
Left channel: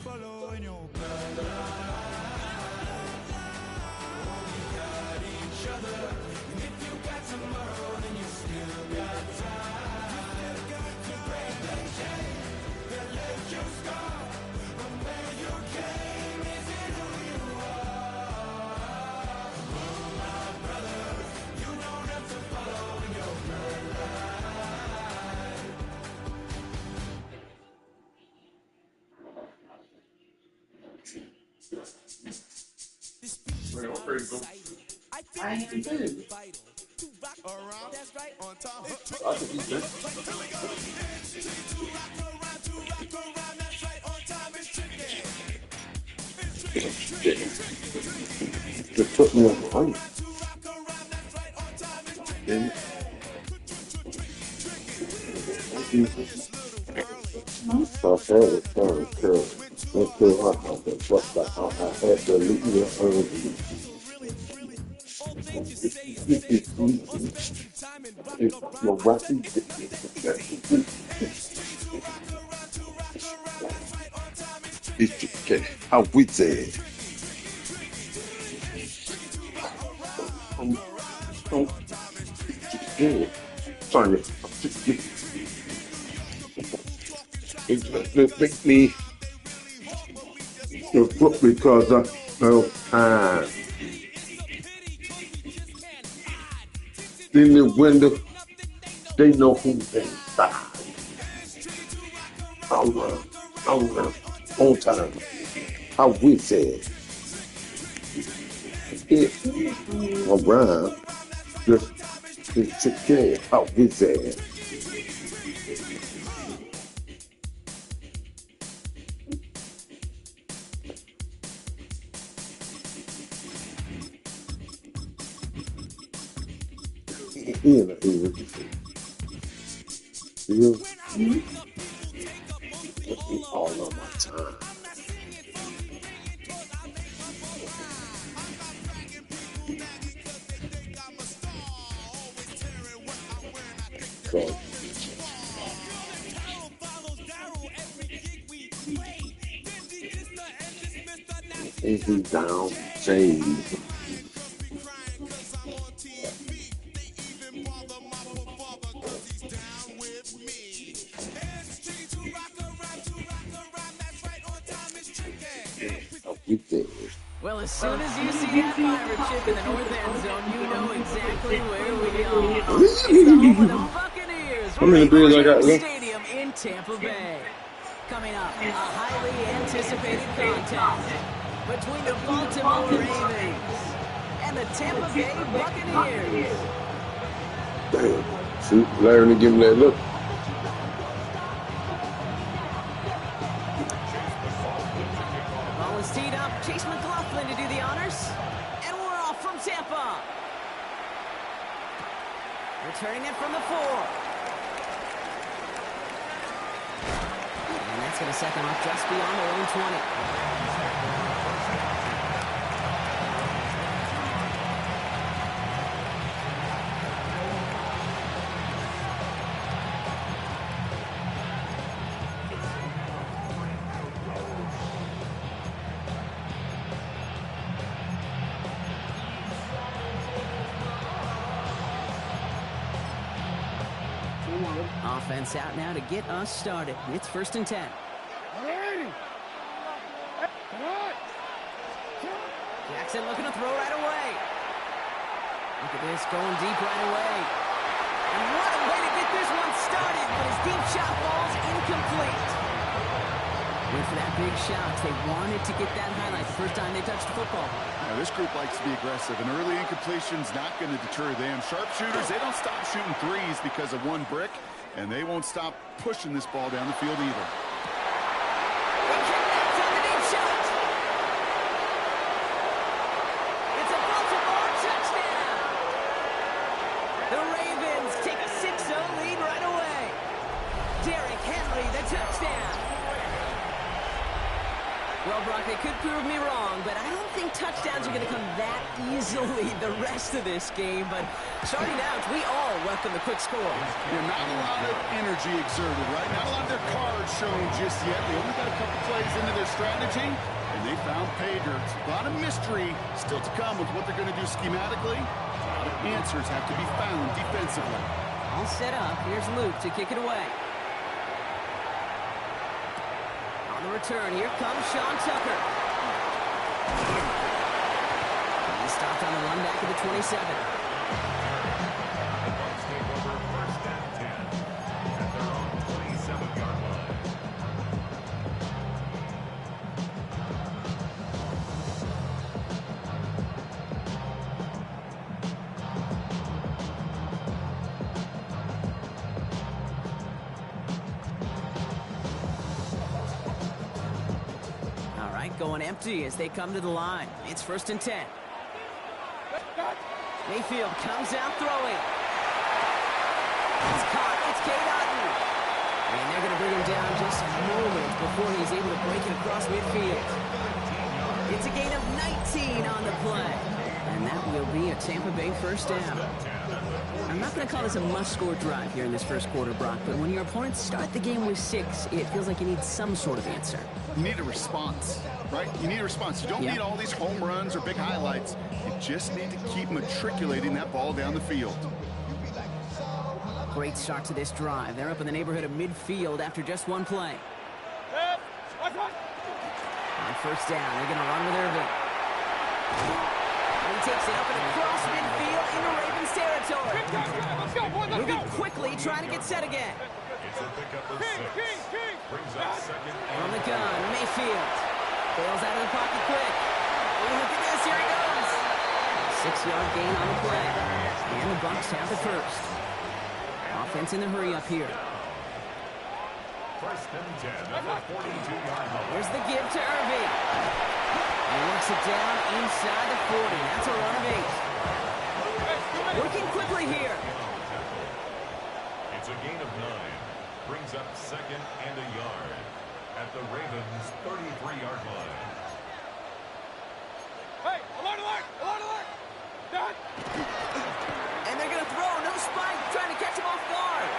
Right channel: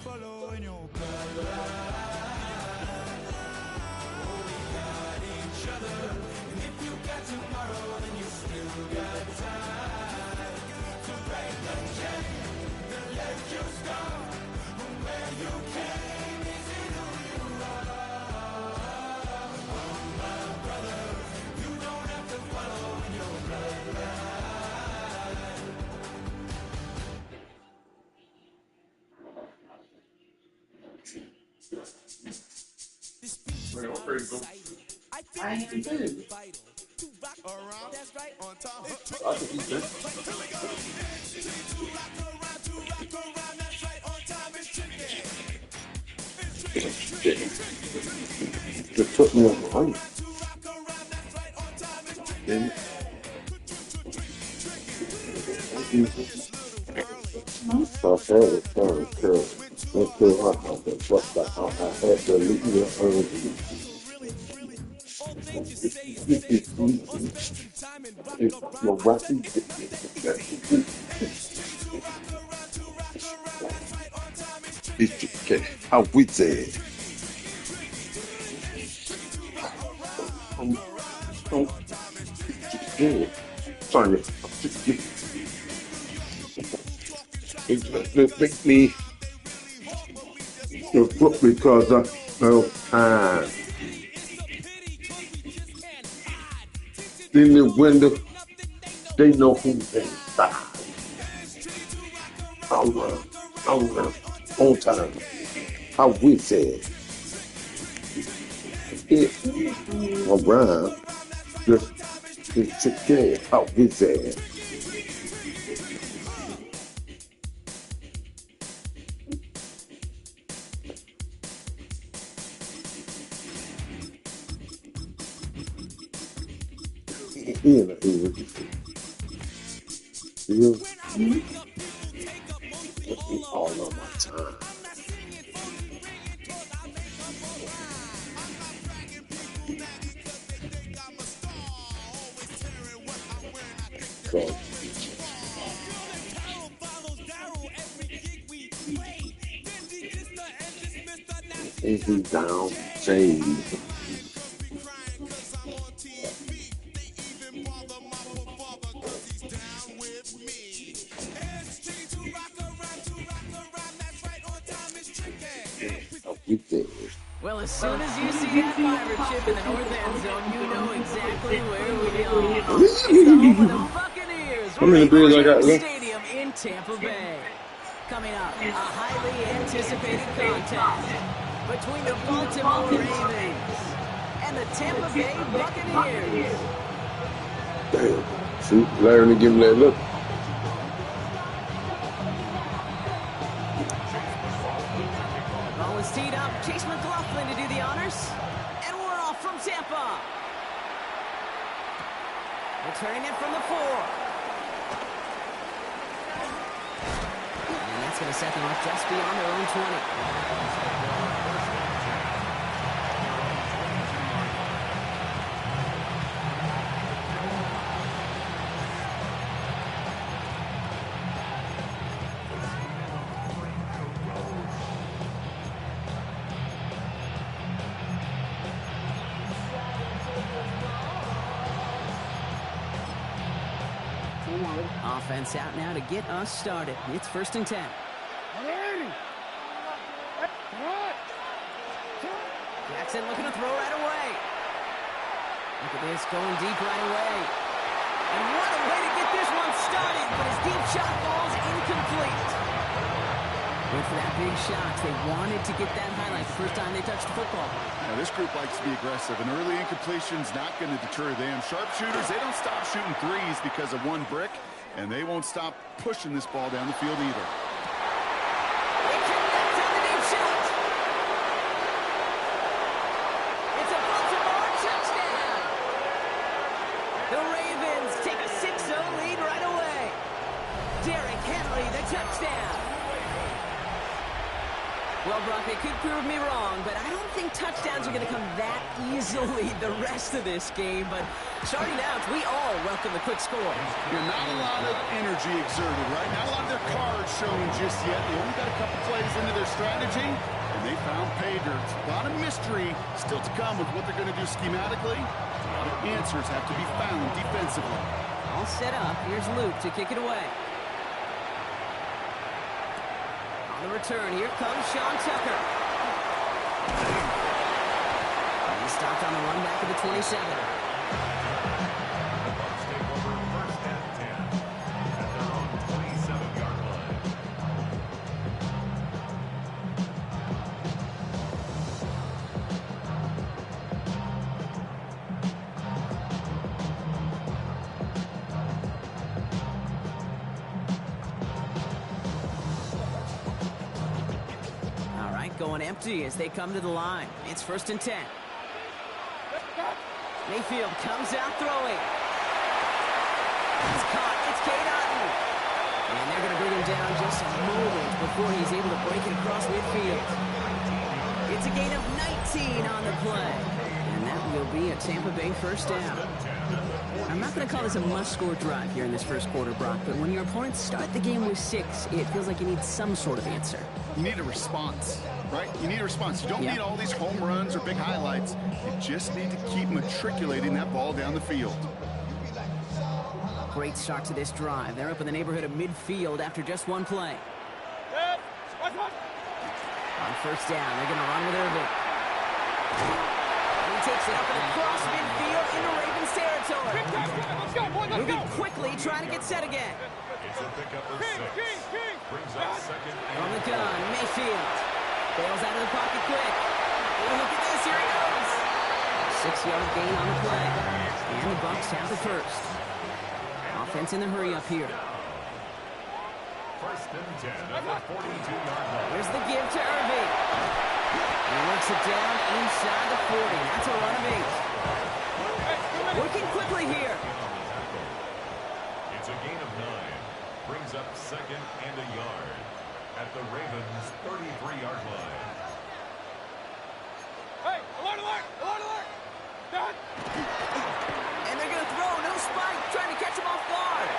Follow in your blood. And if you got tomorrow, then you still got time. You still got to break the chain that left your scar. From where you came, is it who you are? Oh, my brother, you don't have to follow in your bloodline. I ain't do. I think he's good. Just put me on the line. So I said it's very cool. Let's do hot something. What's that? I had to leave you early. You're rapping. Okay, how we say it. Sorry. It makes me because of time. In the window, they know who they are. On time. How we say it. Around. Just take care. How we say it. All of my time. So, easy down, save. Well, as soon as you see that pirate ship in the north end zone, you know exactly where we are. It's the home of the Buccaneers, Raymond Stadium in Tampa Bay. Coming up, a highly anticipated contest between the Baltimore Ravens and the Tampa Bay Buccaneers. Damn. See, Larry give him that look. Ball is teed up. Chase McLaughlin to do the honors. And we're off from Tampa. Returning it from the 4. And that's going to set them up just beyond their own 20. Offense out now to get us started. It's 1st and 10. Jackson looking to throw right away. Look at this, going deep right away. And what a way to get this one started, but his deep shot falls incomplete. Went for that big shot. They wanted to get that highlight the first time they touched the football. Now, this group likes to be aggressive, and early incompletion's not going to deter them. Sharpshooters, they don't stop shooting threes because of one brick, and they won't stop pushing this ball down the field either. They connect on the deep shot. It's a Baltimore touchdown. The Ravens take a 6-0 lead right away. Derrick Henry, the touchdown. Well, Brock, they could prove me wrong, but I don't think touchdowns are going to come that easily the rest of this game. But starting out, we all welcome the quick score. Yeah, not a lot of energy exerted, right? Not a lot of their cards showing just yet. They only got a couple plays into their strategy, and they found pay dirt. A lot of mystery still to come with what they're going to do schematically. A lot of answers have to be found defensively. All set up. Here's Luke to kick it away. On the return, here comes Sean Tucker. He's stopped on the run back at the 27. The Bucs take over 1st and 10 at their own 27-yard line. Going empty as they come to the line. It's 1st and 10. Mayfield comes out throwing. He's caught. It's Cade Otton. And they're going to bring him down just a moment before he's able to break it across midfield. It's a gain of 19 on the play. And that will be a Tampa Bay 1st down. I'm not going to call this a must-score drive here in this first quarter, Brock, but when your opponents start the game with 6, it feels like you need some sort of answer. You need a response, right? You need a response. You don't need all these home runs or big highlights. You just need to keep matriculating that ball down the field. Great start to this drive. They're up in the neighborhood of midfield after just one play. On 1st down, they're going to run with Irving. And he takes it up and across midfield into Ravens territory. Let's go, boy, let's Moving go. quickly, trying to get set again. It's a pickup of 6. Brings up 2nd From the and gun, Mayfield. Bails out of the pocket quick. Oh, look at this, here he goes. 6-yard gain on the play. And the Bucs have the first. Offense in the hurry up here. 1st and 10 at the 42-yard line. Here's the give to Irving. He works it down inside the 40. That's a run of 8. Working quickly here. It's a gain of 9. Brings up 2nd and a yard at the Ravens' 33-yard line. Hey, alert, alert, alert, alert. Done. And they're going to throw. No spike. Trying to catch him off guard.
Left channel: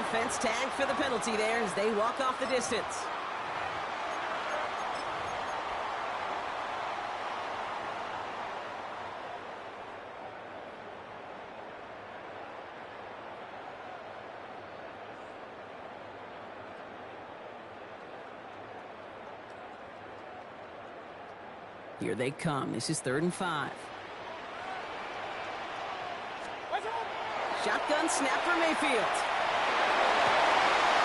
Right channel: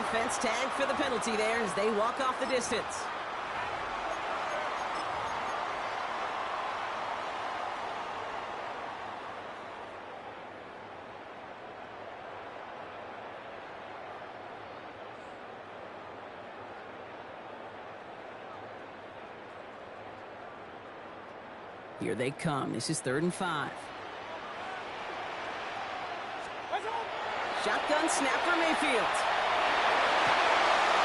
Offense tagged for the penalty there as they walk off the distance. Here they come. This is 3rd and 5. Shotgun snap for Mayfield.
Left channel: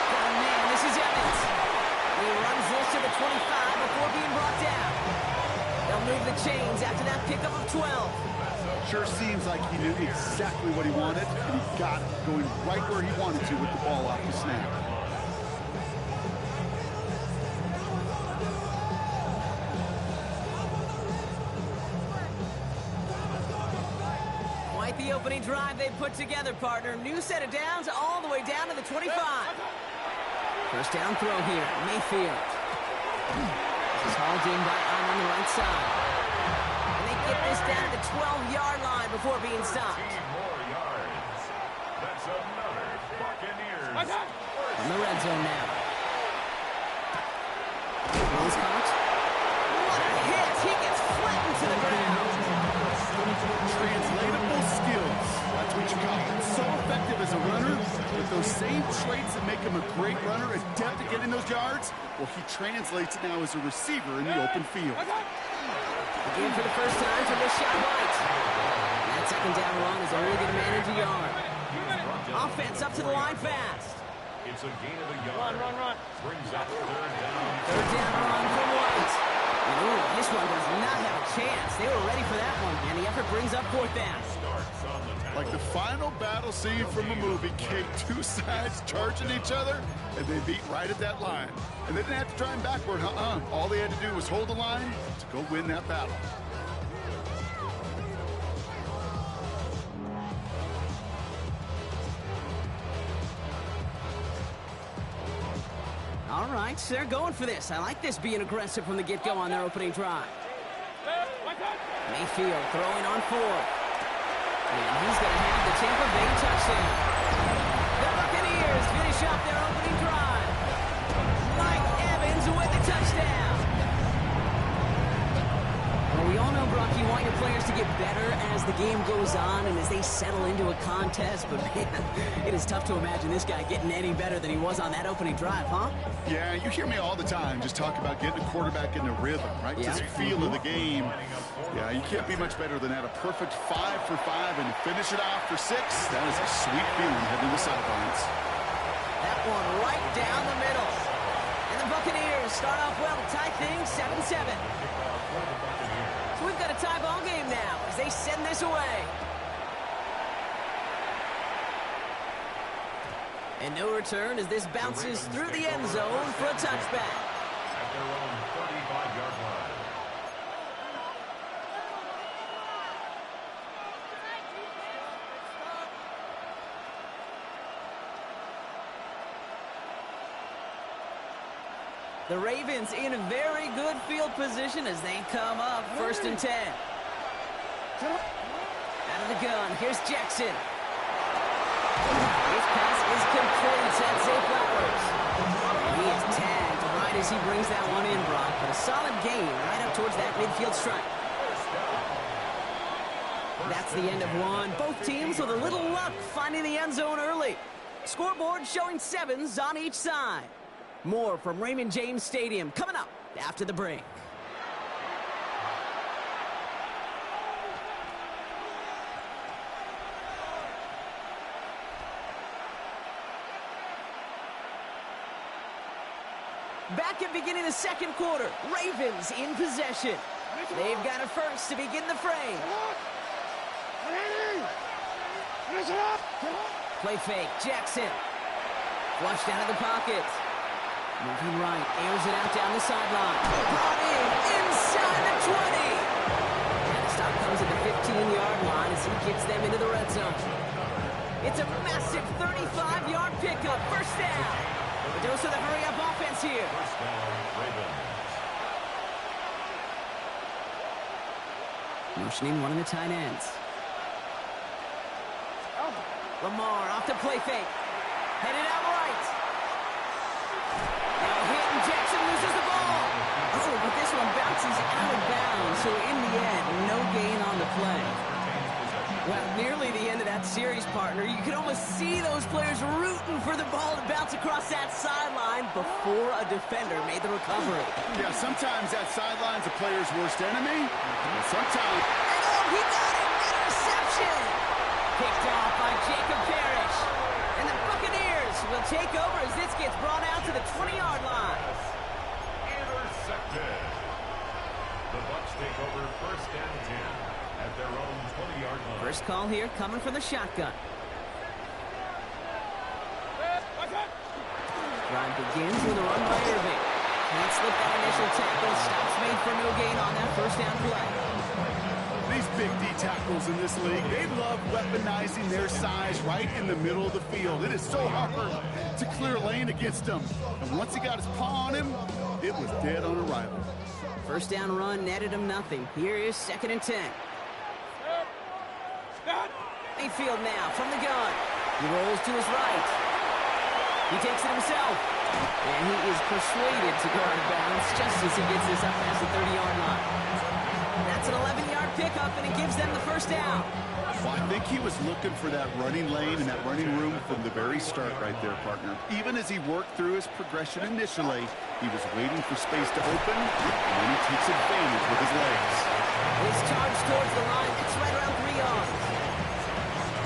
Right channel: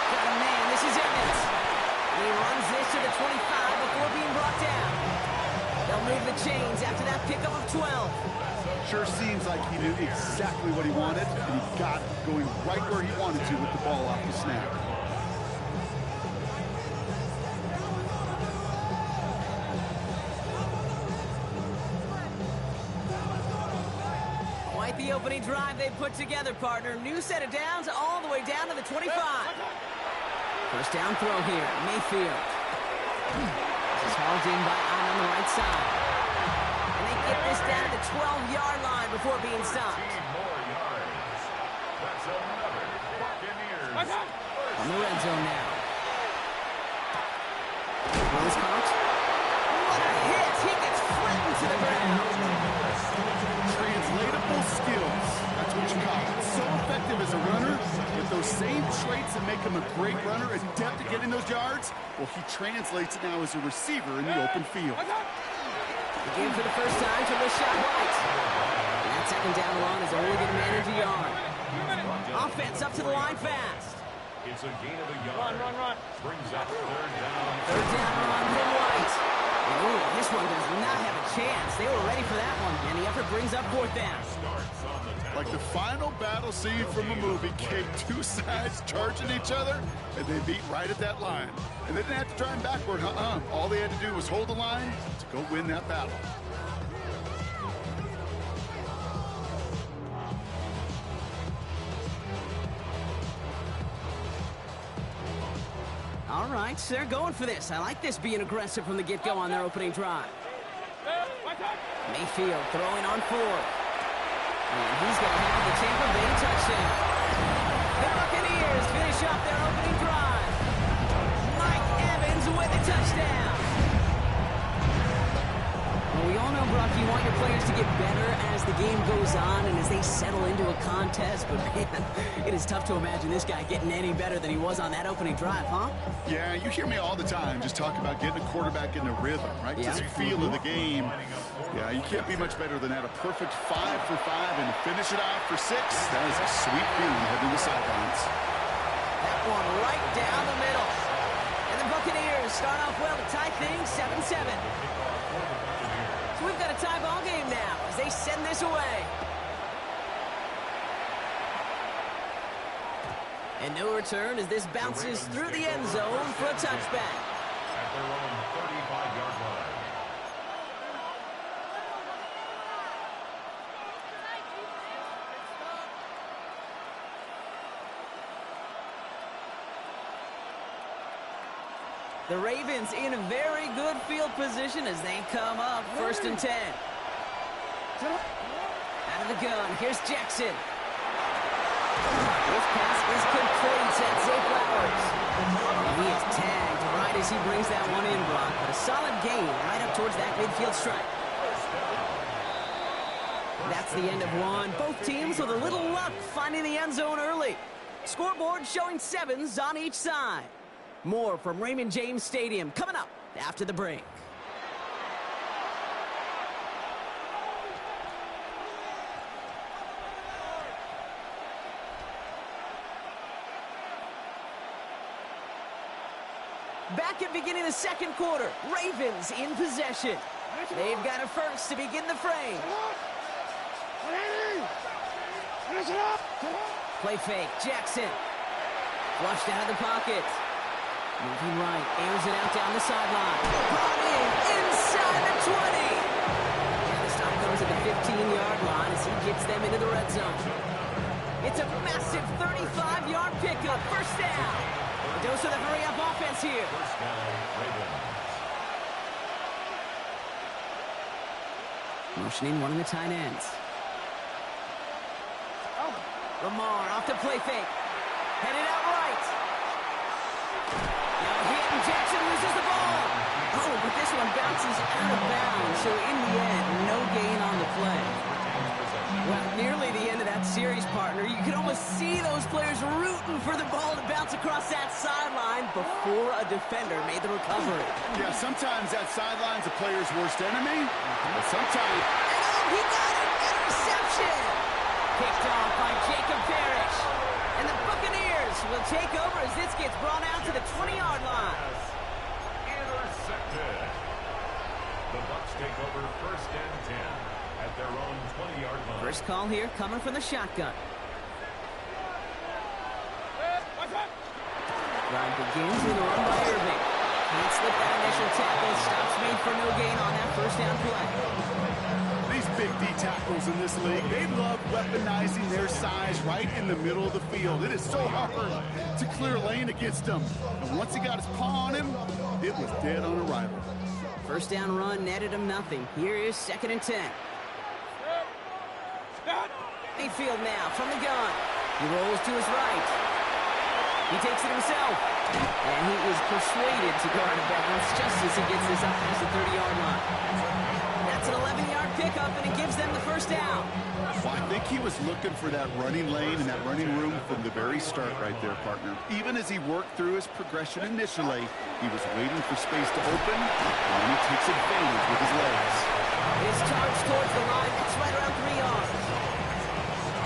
Got a man. This is Evans. He runs this to the 25 before being brought down. They'll move the chains after that pickup of 12. Sure seems like he knew exactly what he wanted, and he got it, going right where he wanted to with the ball off the snap. Quite the opening drive they put together, partner. New set of downs all the way down to the 25. 1st down throw here, Mayfield. This is hauled in by Otton on the right side. And they get this down to the 12-yard line before being stopped. 15 more yards. That's another Buccaneers. From the red zone now. Throws caught. What a hit! He gets flattened to the ground. Translatable skills. That's what you call it. So effective as a runner, with those same traits that make him a great runner, adept at getting those yards, well, he translates it now as a receiver in the open field. Again for the first time to Rashad White. And that second down run is only going to manage a yard. Offense up to the line fast. It's a gain of a yard. Run. Brings up third down. Third down run from White. And ooh, this one does not have a chance. They were ready for that one, and the effort brings up fourth down. Like the final battle scene from a movie, Kate, two sides charging each other, and they beat right at that line. And they didn't have to drive backward, All they had to do was hold the line to go win that battle. All right, so they're going for this. I like this being aggressive from the get-go on their opening drive. Mayfield throwing on fourth. And he's going to have the Tampa Bay touchdown. The Buccaneers finish off their opening drive. Mike Evans with the touchdown. Well, we all know, Brock, you want your players to get better as the game goes on and as they settle into a contest. But, man, it is tough to imagine this guy getting any better than he was on that opening drive, huh? Yeah, you hear me all the time just talk about getting a quarterback in the rhythm, right? Yeah. Just the feel of the game. Yeah, you can't be much better than that. A perfect 5 for 5 and to finish it off for 6. That is a sweet feeling heading to the sidelines. That one right down the middle. And the Buccaneers start off well to tie things 7-7. So we've got a tie ball game now as they send this away. And no return as this bounces through the end zone for a touchback. At their own 35-yard line. The Ravens in a very good field position as they come up 1st and 10. Out of the gun, here's Jackson. His pass is complete at Zay Flowers. And he is tagged right as he brings that one in, Brock. But a solid gain right up towards that midfield stripe. That's the end of one. Both teams with a little luck finding the end zone early. Scoreboard showing 7s on each side. More from Raymond James Stadium coming up after the break. Back at beginning of the second quarter, Ravens in possession. They've got a first to begin the frame. Play fake, Jackson. Flushed out of the pocket. Moving right, airs it out down the sideline. Brought in inside the 20. And the stop comes at the 15-yard line as he gets them into the red zone. It's a massive 35-yard pickup. First down. A dose of the hurry-up offense here. First down, Ravens. Motioning one of the tight ends. Lamar off the play fake. Headed out right. Now hit and Jackson loses the ball. Oh, but this one bounces out of bounds. So in the end, no gain on the play. Well, nearly the end of that series, partner. You could almost see those players rooting for the ball to bounce across that sideline before a defender made the recovery. Yeah, sometimes that sideline's a player's worst enemy, but sometimes... And oh, he got it! Interception! Picked off by Jacob Parrish. And the Buccaneers will take over as this gets brought out to the 20-yard line. Intercepted. The Bucs take over 1st and 10 at their own 20-yard line. First call here coming from the shotgun. Drive begins with a run by Irving. Can't slip that initial tackle. Stops made for no gain on that first down play. These big D tackles in this league, they love weaponizing their size right in the middle of the field. It is so hard to clear lane against them. And once he got his paw on him, it was dead on arrival. First down run netted him nothing. Here is 2nd and 10. Mayfield now from the gun. He rolls to his right. He takes it himself. And he is persuaded to go out of bounds just as he gets this up past the 30-yard line. That's an 11-yard pickup, and it gives them the first down. Well, I think he was looking for that running lane and that running room from the very start right there, partner. Even as he worked through his progression initially, he was waiting for space to open, and then he takes advantage with his legs. His charge towards the line, it's right around 3 yards.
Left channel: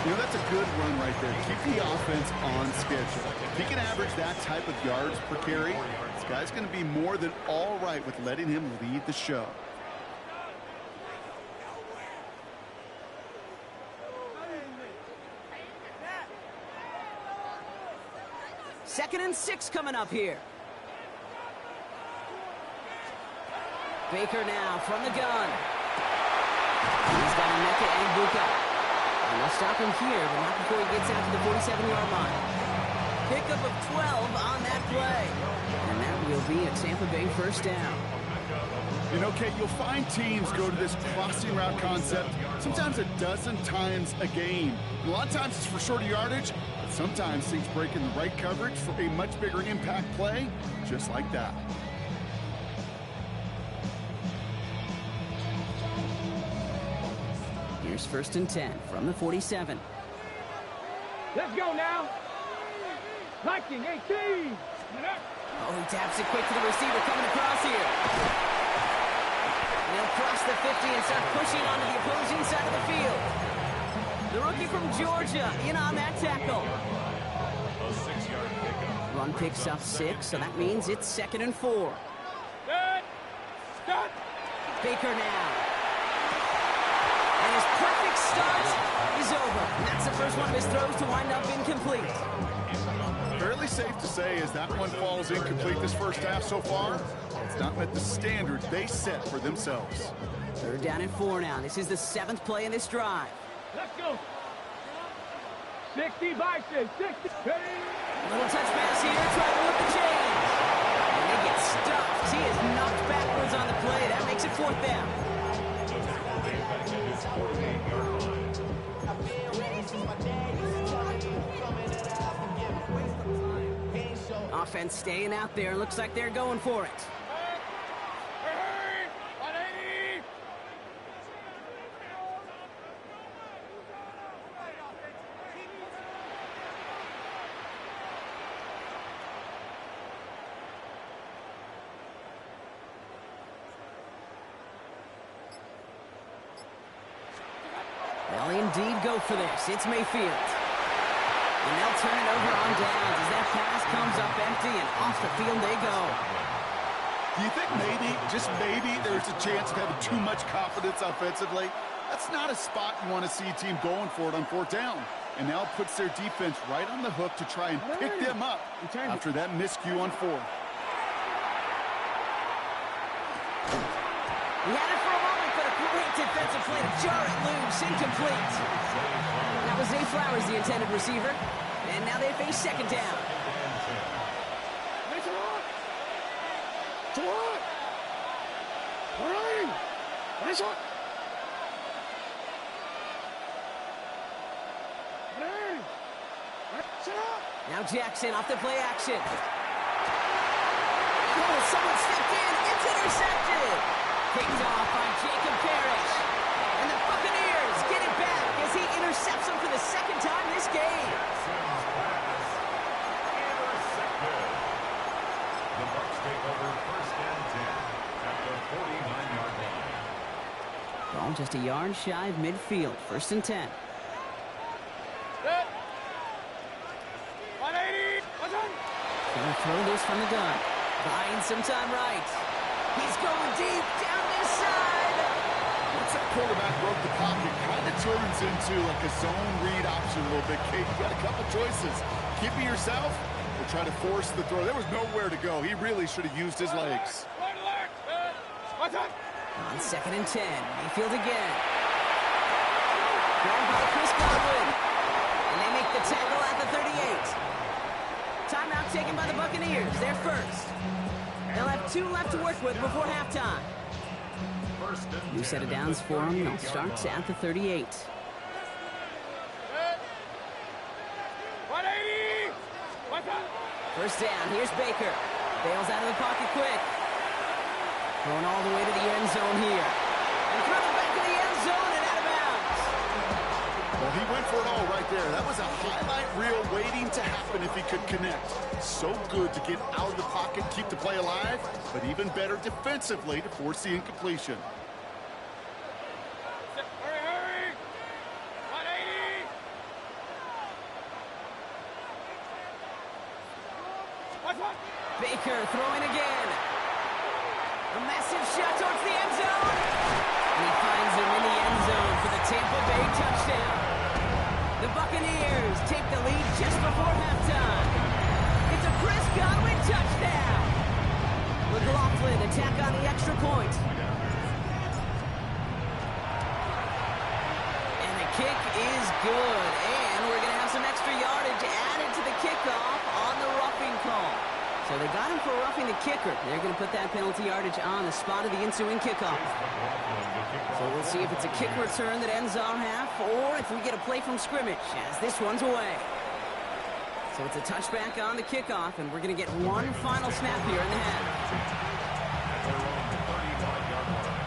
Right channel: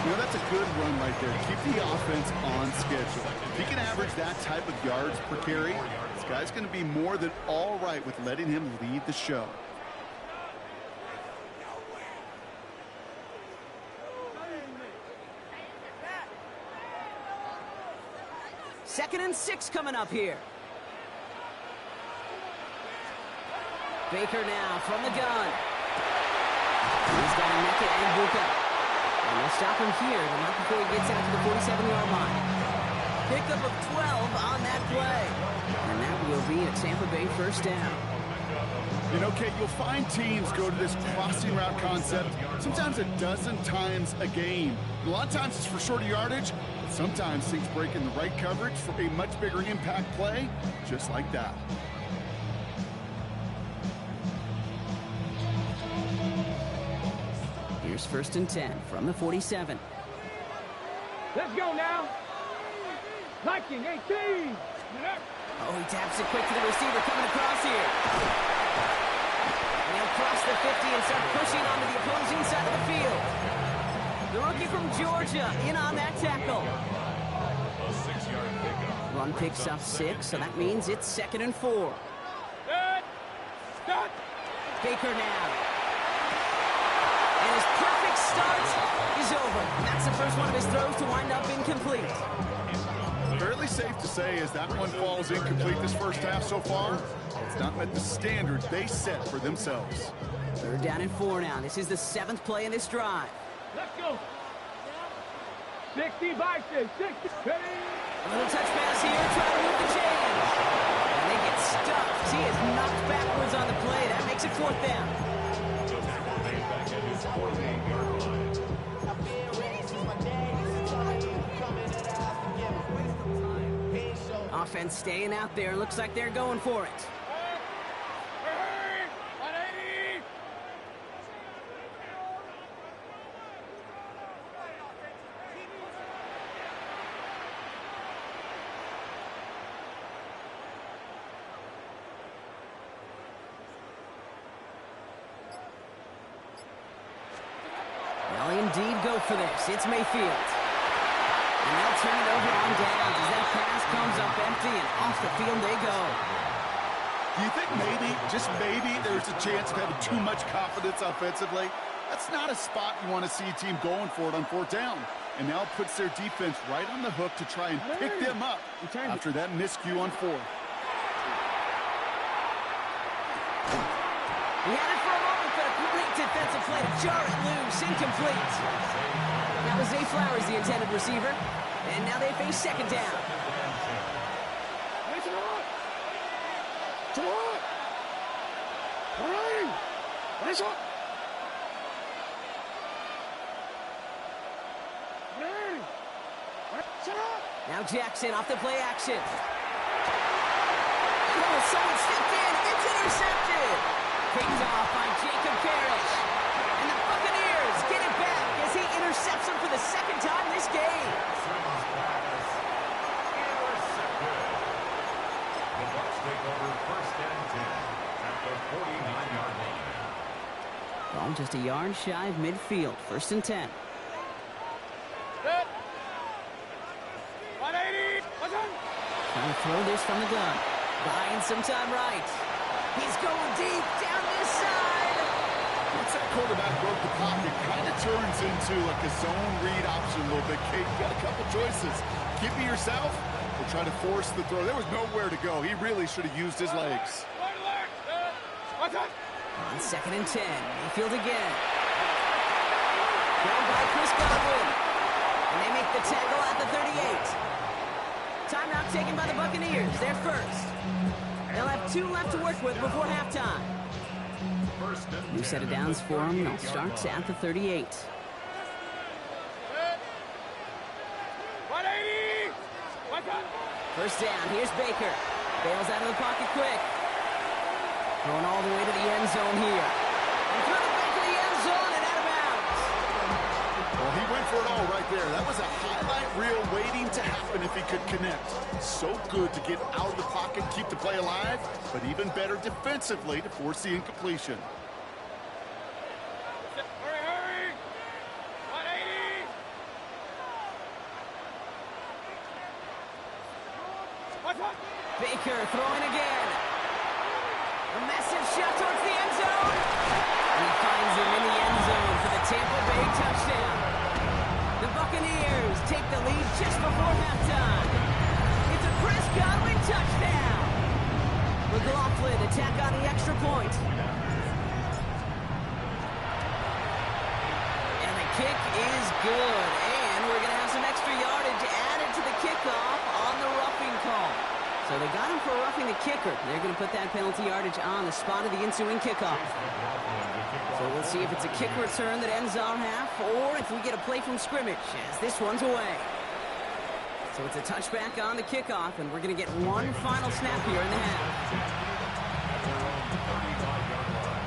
You know, that's a good run right there. Keep the offense on schedule. If he can average that type of yards per carry, this guy's going to be more than all right with letting him lead the show. Second and 6 coming up here. Baker now from the gun. He's got Emeka and Buka. And they'll stop him here, but not before he gets out to the 47-yard line. Pickup of 12 on that play. And that will be a Tampa Bay first down. You know, Kate, you'll find teams go to this crossing route concept sometimes a dozen times a game. A lot of times it's for shorter yardage, but sometimes things break in the right coverage for a much bigger impact play, just like that. Here's first and 10 from the 47. Let's go now. Viking 18. Oh, he taps it quick to the receiver coming across here. And he'll cross the 50 and start pushing onto the opposing side of the field. The rookie from Georgia in on that tackle. A 6-yard pickup. Run picks up 6, so that means it's second and 4. Start. Baker now. And his perfect start is over. And that's the first one of his throws to wind up incomplete. Fairly safe to say as that one falls incomplete this first half so far, it's not met the standard they set for themselves. Third down and 4 now. This is the 7th play in this drive. Let's go. 60 Bison. 60. A little touch pass here, trying to move the chains. And they get stuffed. He is knocked backwards on the play. That makes it 4th down. Back at his 48-yard line. Offense staying out there. Looks like they're going for it. They'll indeed go for this. It's Mayfield. And they'll turn it over on downs as that pass comes up empty and off the field they go. Do you think maybe, just maybe, there's a chance of having too much confidence offensively? That's not a spot you want to see a team going for it on 4th down. And now it puts their defense right on the hook to try and pick them up after that miscue on 4th. He had it for a moment, but a great defensive play to jar it loose. Incomplete. That was Zay Flowers, the intended receiver. And now they face second down. Now Jackson off the play action. Oh, someone stepped in. It's intercepted. Picked off by Jacob Parrish. And the Buccaneers get it back as he intercepts him for the 2nd time this game. Jackson's pass intercepted. The Bucs take over first and 10 at the 49-yard line. Ball just a yard shy of midfield. First and 10. 180. What's on? Trying to throw this from the gun. Buying some time right. He's going deep down this side. Once that quarterback broke the pocket, kind of turns into like a zone read option a little bit. Kate, you got a couple choices. Keep it yourself or try to force the throw. There was nowhere to go. He really should have used his legs. What's on? On 2nd and 10. Mayfield again. Thrown by Chris Godwin. And they make the tackle at the 38. Timeout taken by the Buccaneers. They're first. They'll have 2 left to work with before halftime. New set of downs for them. They'll start at the 38. 180. What's on? First down. Here's Baker. Bails out of the pocket quick. Going all the way to the end zone here. And through the back of the end zone and out of bounds. Well, he went for it all right there. That was a highlight reel waiting to happen if he could connect. So good to get out of the pocket, keep the play alive, but even better defensively to force the incompletion. Hurry! 180! Baker throwing again. A massive shot towards the end zone. And he finds him in the end zone for the Tampa Bay touchdown. The Buccaneers take the lead just before halftime. It's a Chris Godwin touchdown. McLaughlin attack on the extra point. And the kick is good. And we're going to have some extra yardage added to the kickoff on the roughing call. So they got him for roughing the kicker. They're going to put that penalty yardage on the spot of the ensuing kickoff. So we'll see if it's a kick return that ends our half or if we get a play from scrimmage as this one's away. So it's a touchback on the kickoff, and we're going to get one final snap here in the half. At their own 35-yard line.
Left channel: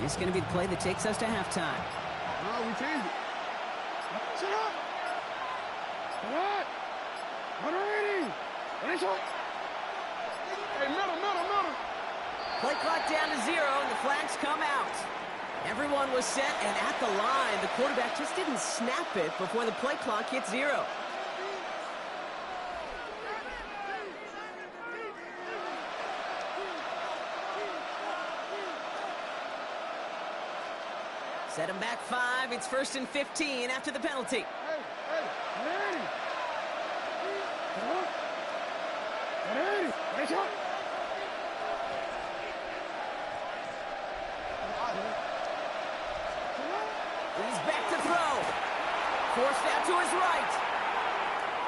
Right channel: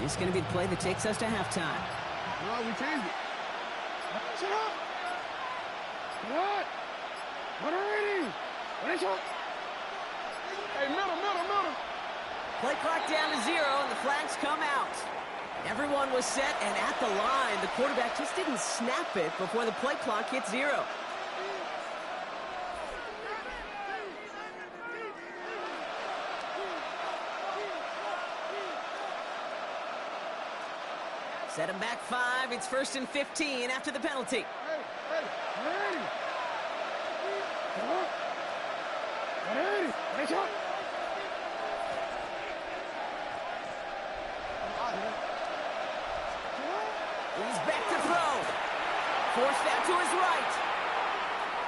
It's going to be the play that takes us to halftime. No, we changed it. Shut up! Shut up! 180! What is it? Hey, middle! Play clock down to 0, and the flags come out. Everyone was set and at the line. The quarterback just didn't snap it before the play clock hit 0. Set him back 5. It's 1st and 15 after the penalty. Hey! 180! What? 180! What is it? He's back to throw. Forced out to his right.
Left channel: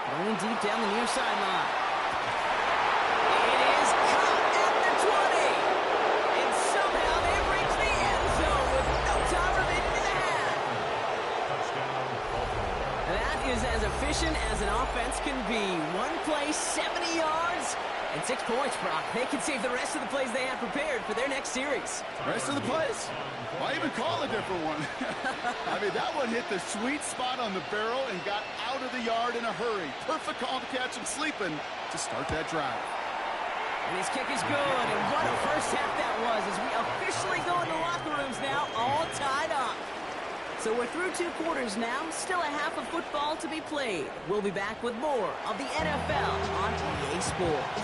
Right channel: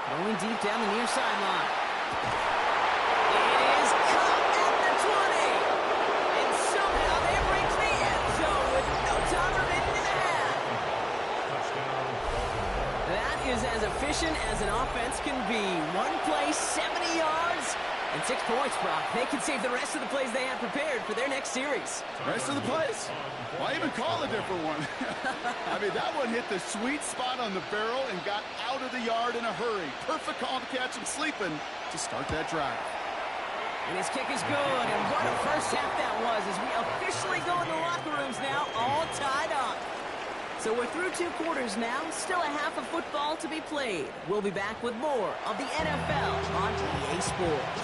Throwing deep down the near sideline. It is caught at the 20. And somehow they've reached the end zone with no time remaining in the half. Touchdown, Baltimore. That is as efficient as an offense can be. One play, 70 yards, and 6 points, Brock. They can save the rest of the plays they have prepared for their next series. Rest of the plays? Why even call a different one? I mean, that one hit the sweet spot on the barrel and got out of the yard in a hurry. Perfect call to catch him sleeping to start that drive. And his kick is good, and what a first half that was as we officially go into locker rooms now, all tied up. So we're through 2 quarters now, still a half of football to be played. We'll be back with more of the NFL on EA Sports.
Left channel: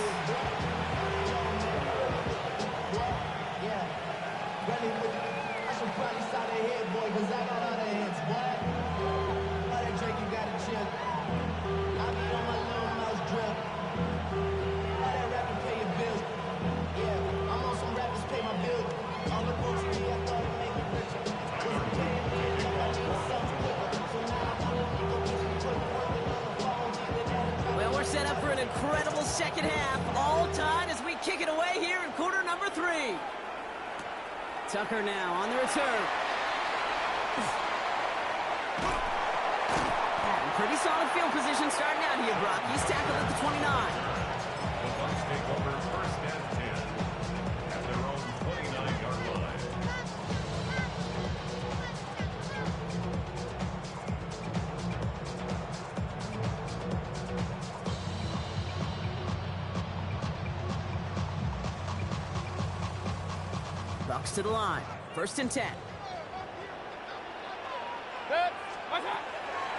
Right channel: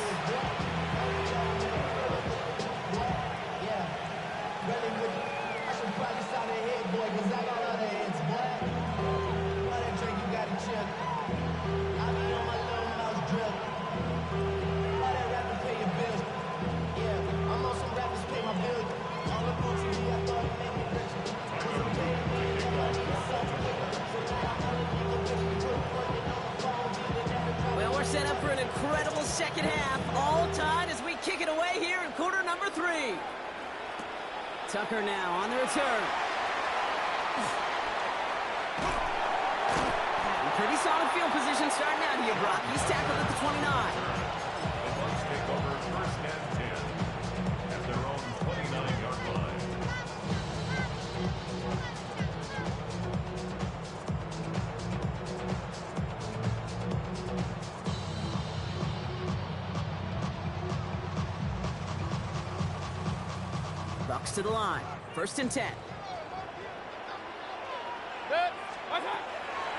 Yeah, really with you. I should probably sign a head, boy, because I got other heads, boy. All that drink, you got to chill. I be on my little mouse drip. All that rapping, pay your bills. Yeah, I'm on some rappers, pay my bills. All the on TV, I thought it made me richer. Wasn't paying me enough, I needed something quicker. So now I'm on a legal mission, working on the phone, either that or driving. Well, we're set up for an incredible second half, all tied as we kick it away here in quarter number 3. Tucker now on the return. And pretty solid field position starting out here, Brock. He's tackled at the 29. The Bucs take over 1st and 10 at their own 29-yard line. Bucs to the line. 1st and 10.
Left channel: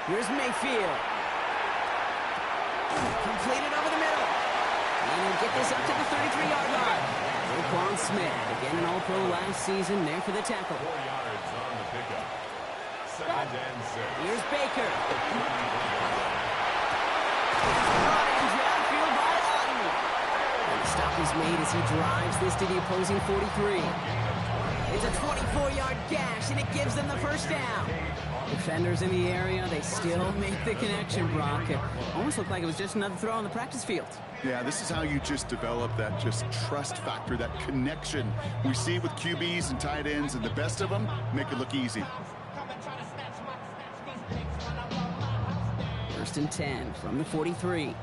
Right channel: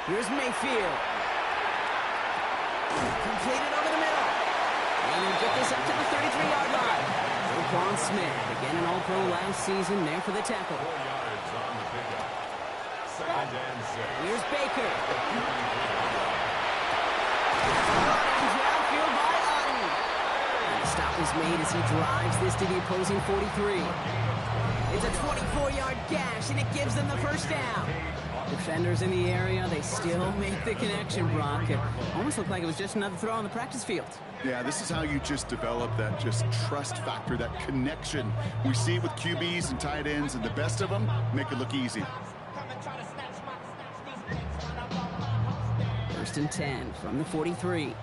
Here's Mayfield. Completed over the middle. And he'll get this up to the 33-yard line. Roquan Smith, again an All-Pro last season, there for the tackle. 4 yards on the pickup. 2nd and 6. Here's Baker. 33-yard line. Running downfield by Otten. And the Stop is made as he drives this to the opposing 43. It's a 24-yard gash, and it gives them the first down. Defenders in the area, they still make the connection, Brock. It almost looked like it was just another throw on the practice field. Yeah, this is how you just develop that just trust factor, that connection. We see it with QBs and tight ends, and the best of them make it look easy. 1st and 10 from the 43.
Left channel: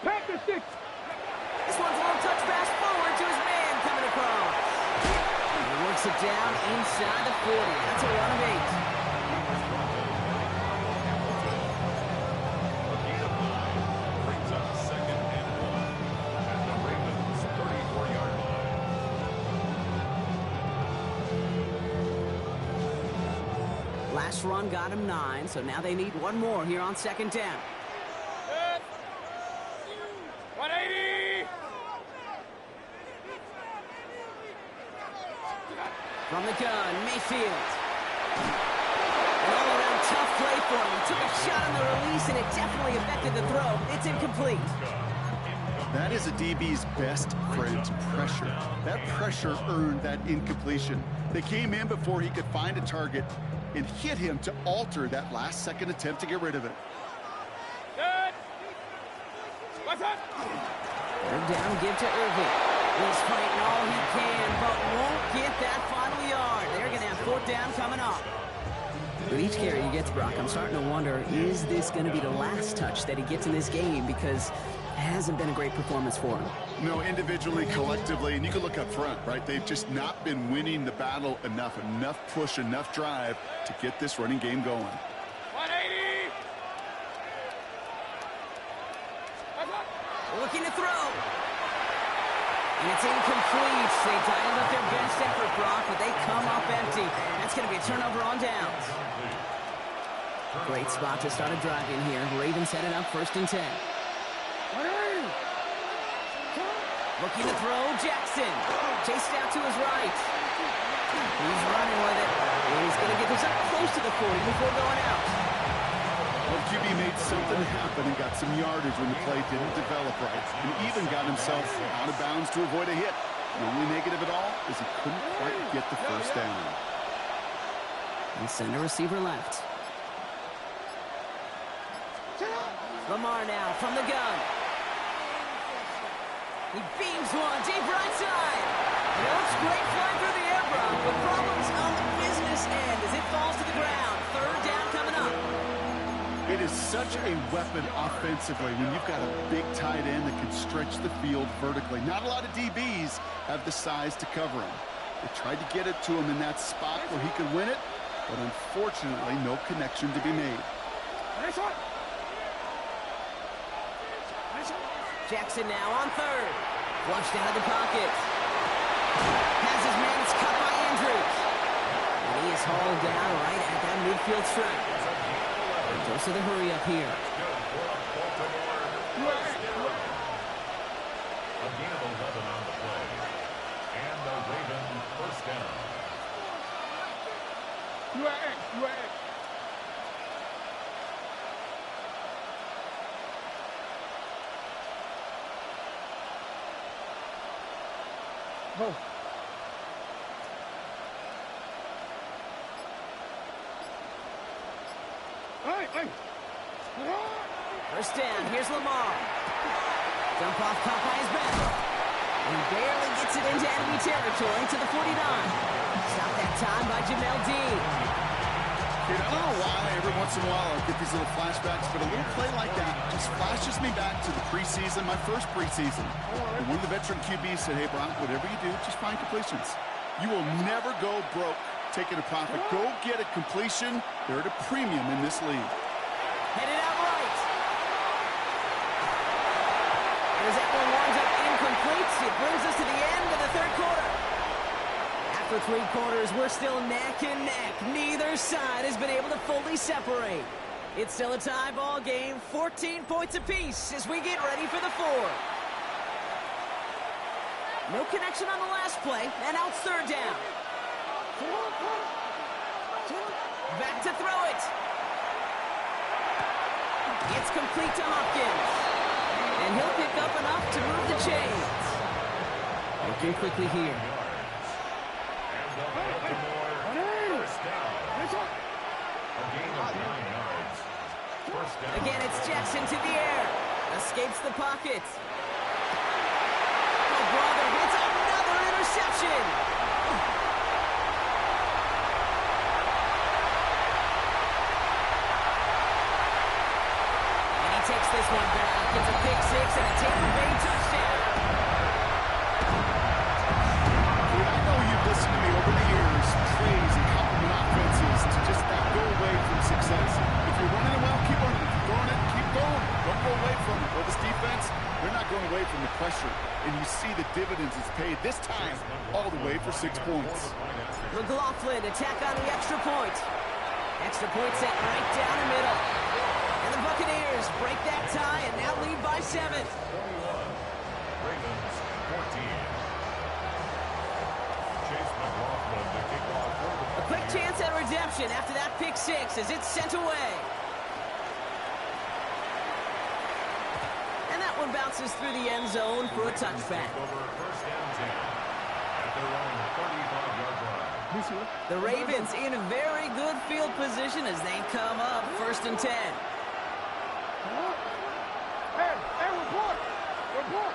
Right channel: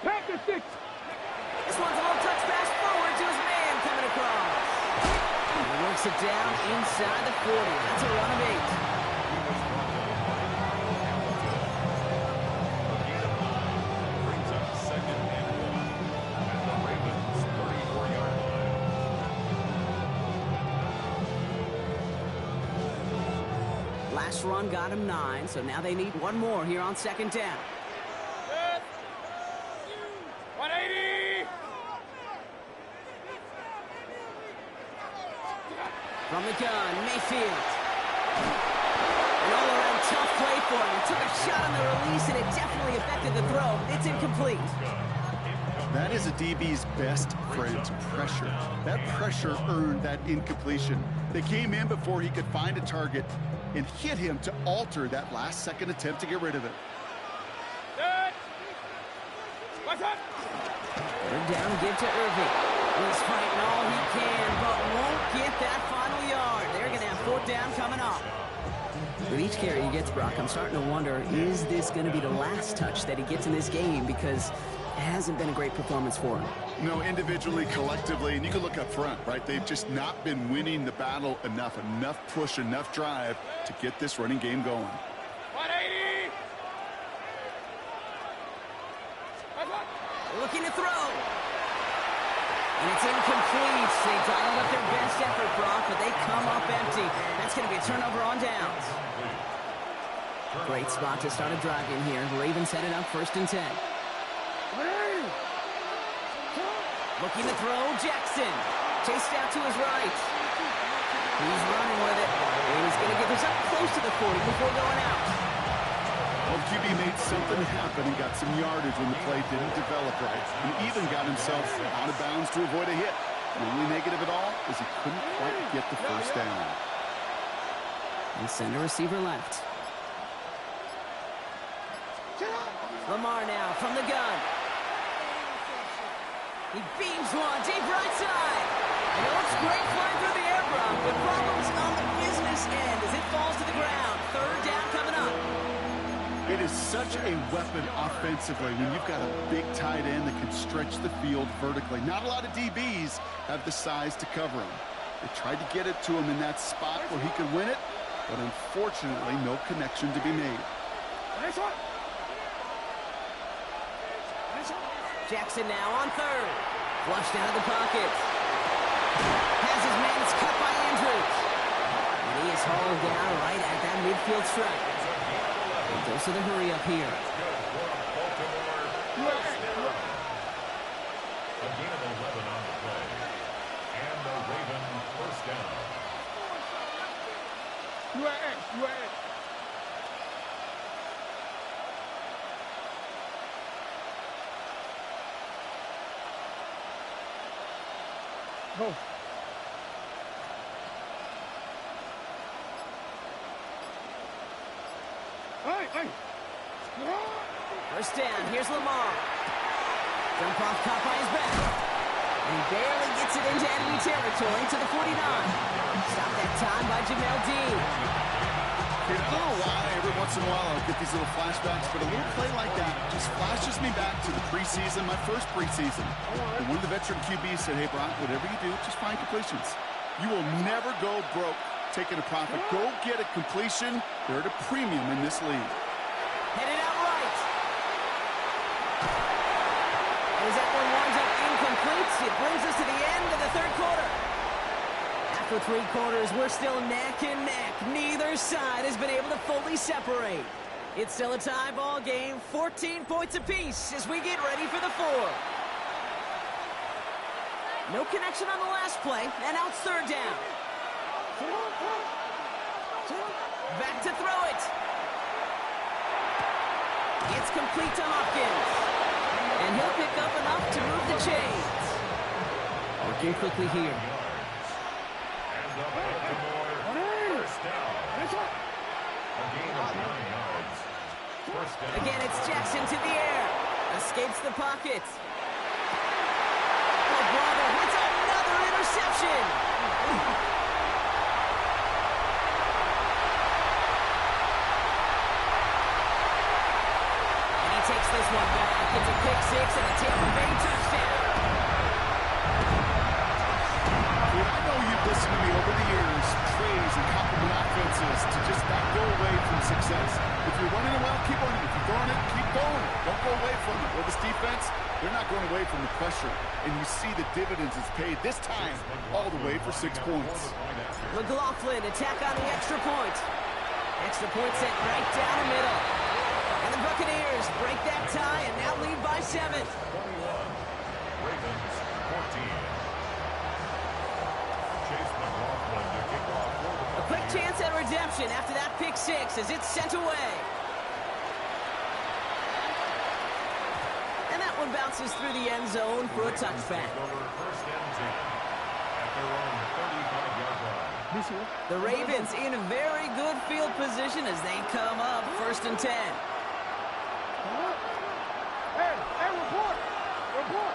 Pack the six. This one's a little touch pass forward to his man coming across. And he works it down inside the 40. That's a run of 8. Brings up 2nd and 1 at the Ravens' 34-yard line. Last run got him 9, so now they need one more here on 2nd down. 180. From the gun, Mayfield. An all-around tough play for him. He took a shot on the release, and it definitely affected the throw. It's incomplete. That is a DB's best friend, pressure. That pressure earned that incompletion. They came in before he could find a target and hit him to alter that last-second attempt to get rid of it. Third down, give to Irving. He's fighting all he can, but won't get that final yard. They're going to have 4th down coming up. With each carry he gets, Brock, I'm starting to wonder, is this going to be the last touch that he gets in this game? Because it hasn't been a great performance for him. No, individually, collectively, and you can look up front, right? They've just not been winning the battle enough push, enough drive to get this running game going. 180. Looking to throw. And it's incomplete. They dialed up their best effort, Brock, but they come up empty. That's going to be a turnover on downs. Great spot to start a drive in here. Ravens headed up 1st and 10. Looking to throw, Jackson. Chased out to his right. He's running with it. And he's going to get this up close to the 40 before going out. Well, QB made something happen and got some yardage when the play didn't develop right, and even got himself out of bounds to avoid a hit. The only negative at all is he couldn't quite get the first down. And send a receiver left. Lamar now from the gun. He beams one deep right side. And it looks great flying through the air, Brock, but problems on the business end as it falls to the ground. 3rd down coming up. It is such a weapon offensively when you've got a big tight end that can stretch the field vertically. Not a lot of DBs have the size to cover him. They tried to get it to him in that spot where he could win it, but unfortunately, no connection to be made. Jackson now on 3rd. Flushed out of the pocket. Has his man. It's cut by Andrews. And he is hauled down right at that midfield stripe. And goes to the hurry up here. A gain of 11 on the play. And the Ravens 1st down. Oh. Hey. 1st down. Here's Lamar. Jump off, caught by his back. And he barely gets it into enemy territory to the 49. Stop that time by Jamel Dean. Dude, I don't know why every once in a while I'll get these little flashbacks, but a little play like that just flashes me back to the preseason, my first preseason. And one of the veteran QBs said, hey, Brock, whatever you do, just find completions. You will never go broke taking a profit. Go get a completion. They're at a premium in this league. Headed out right. And as that one winds up incomplete, it brings us to the end of the 3rd quarter. After 3 quarters, we're still neck and neck. Neither side has been able to fully separate. It's still a tie ball game, 14 points apiece as we get ready for the 4th. No connection on the last play, and out 3rd down. Back to throw it. It's complete to Hopkins. And he'll pick up enough to move the chains. Working quickly here. And up to more. First down. A gain of 9 yards. First down. Again, it's Jackson to the air. Escapes the pocket. Oh, brother, it's another interception. And he takes this one back. It's a pick six and a Tampa Bay touchdown. Dude, I know you've listened to me over the years, praise and compliment offenses to just not go away from success. If you're running it well, keep running. If you're throwing it, keep going. Don't go away from it. Well, this defense, they're not going away from the pressure. And you see the dividends it's paid this time all the way for 6 points. McLaughlin attack on the extra point. Extra point set right down the middle. And the Buccaneers break that tie and now lead by 7. 21. Ravens 14. Chase McLaughlin to kick off for the A quick chance at redemption after that pick six as it's sent away. And that one bounces through the end zone for a touchback. Over first and 10 at their own 35-yard line. The Ravens in a very good field position as they come up first and 10. Hey, report! Report!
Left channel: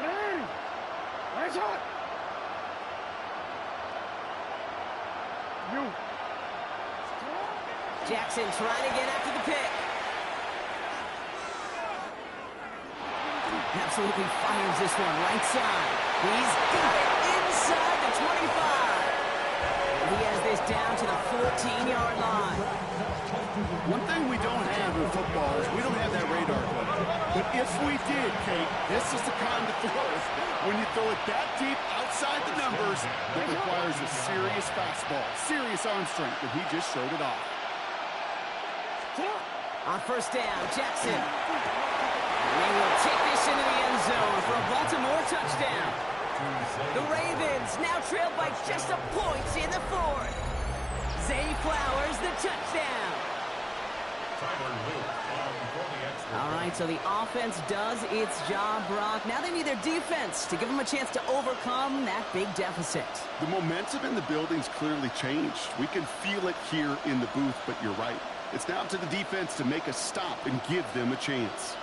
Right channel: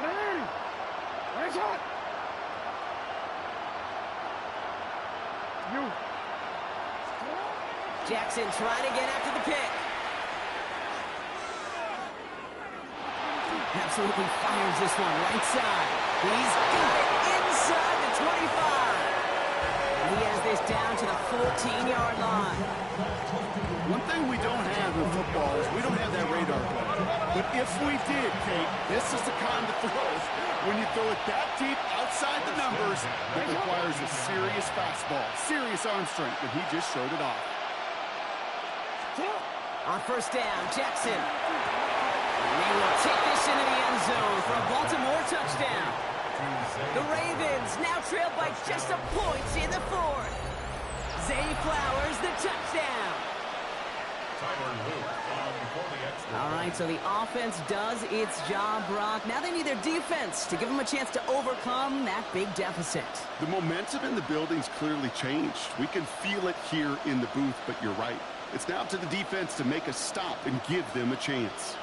Hey! Nice shot! You! Jackson trying to get after the pick. Absolutely fires this one right side. He's got it inside the 25. And he has this down to the 14-yard line. One thing we don't have in football is we don't have that radar gun. But if we did, Kate, this is the kind of throw. When you throw it that deep outside the numbers, it requires a serious fastball, serious arm strength, and he just showed it off. On first down, Jackson. And they will take this into the end zone for a Baltimore touchdown. The Ravens now trailed by just a point in the fourth. Zay Flowers, the touchdown. All right, so the offense does its job, Brock. Now they need their defense to give them a chance to overcome that big deficit. The momentum in the building's clearly changed. We can feel it here in the booth, but you're right. It's now up to the defense to make a stop and give them a chance.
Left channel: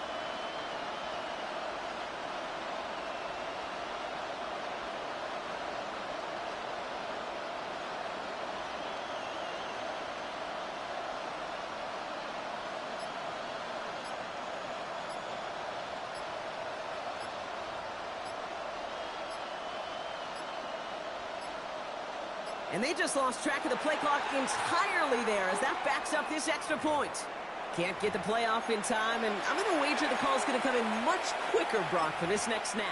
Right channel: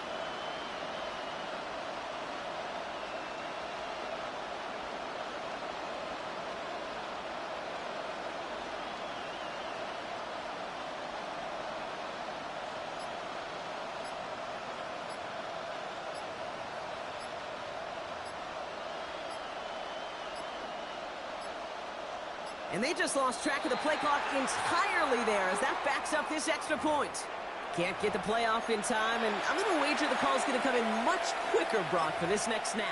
And they just lost track of the play clock entirely there as that backs up this extra point. Can't get the play off in time, and I'm going to wager the call's going to come in much quicker, Brock, for this next snap.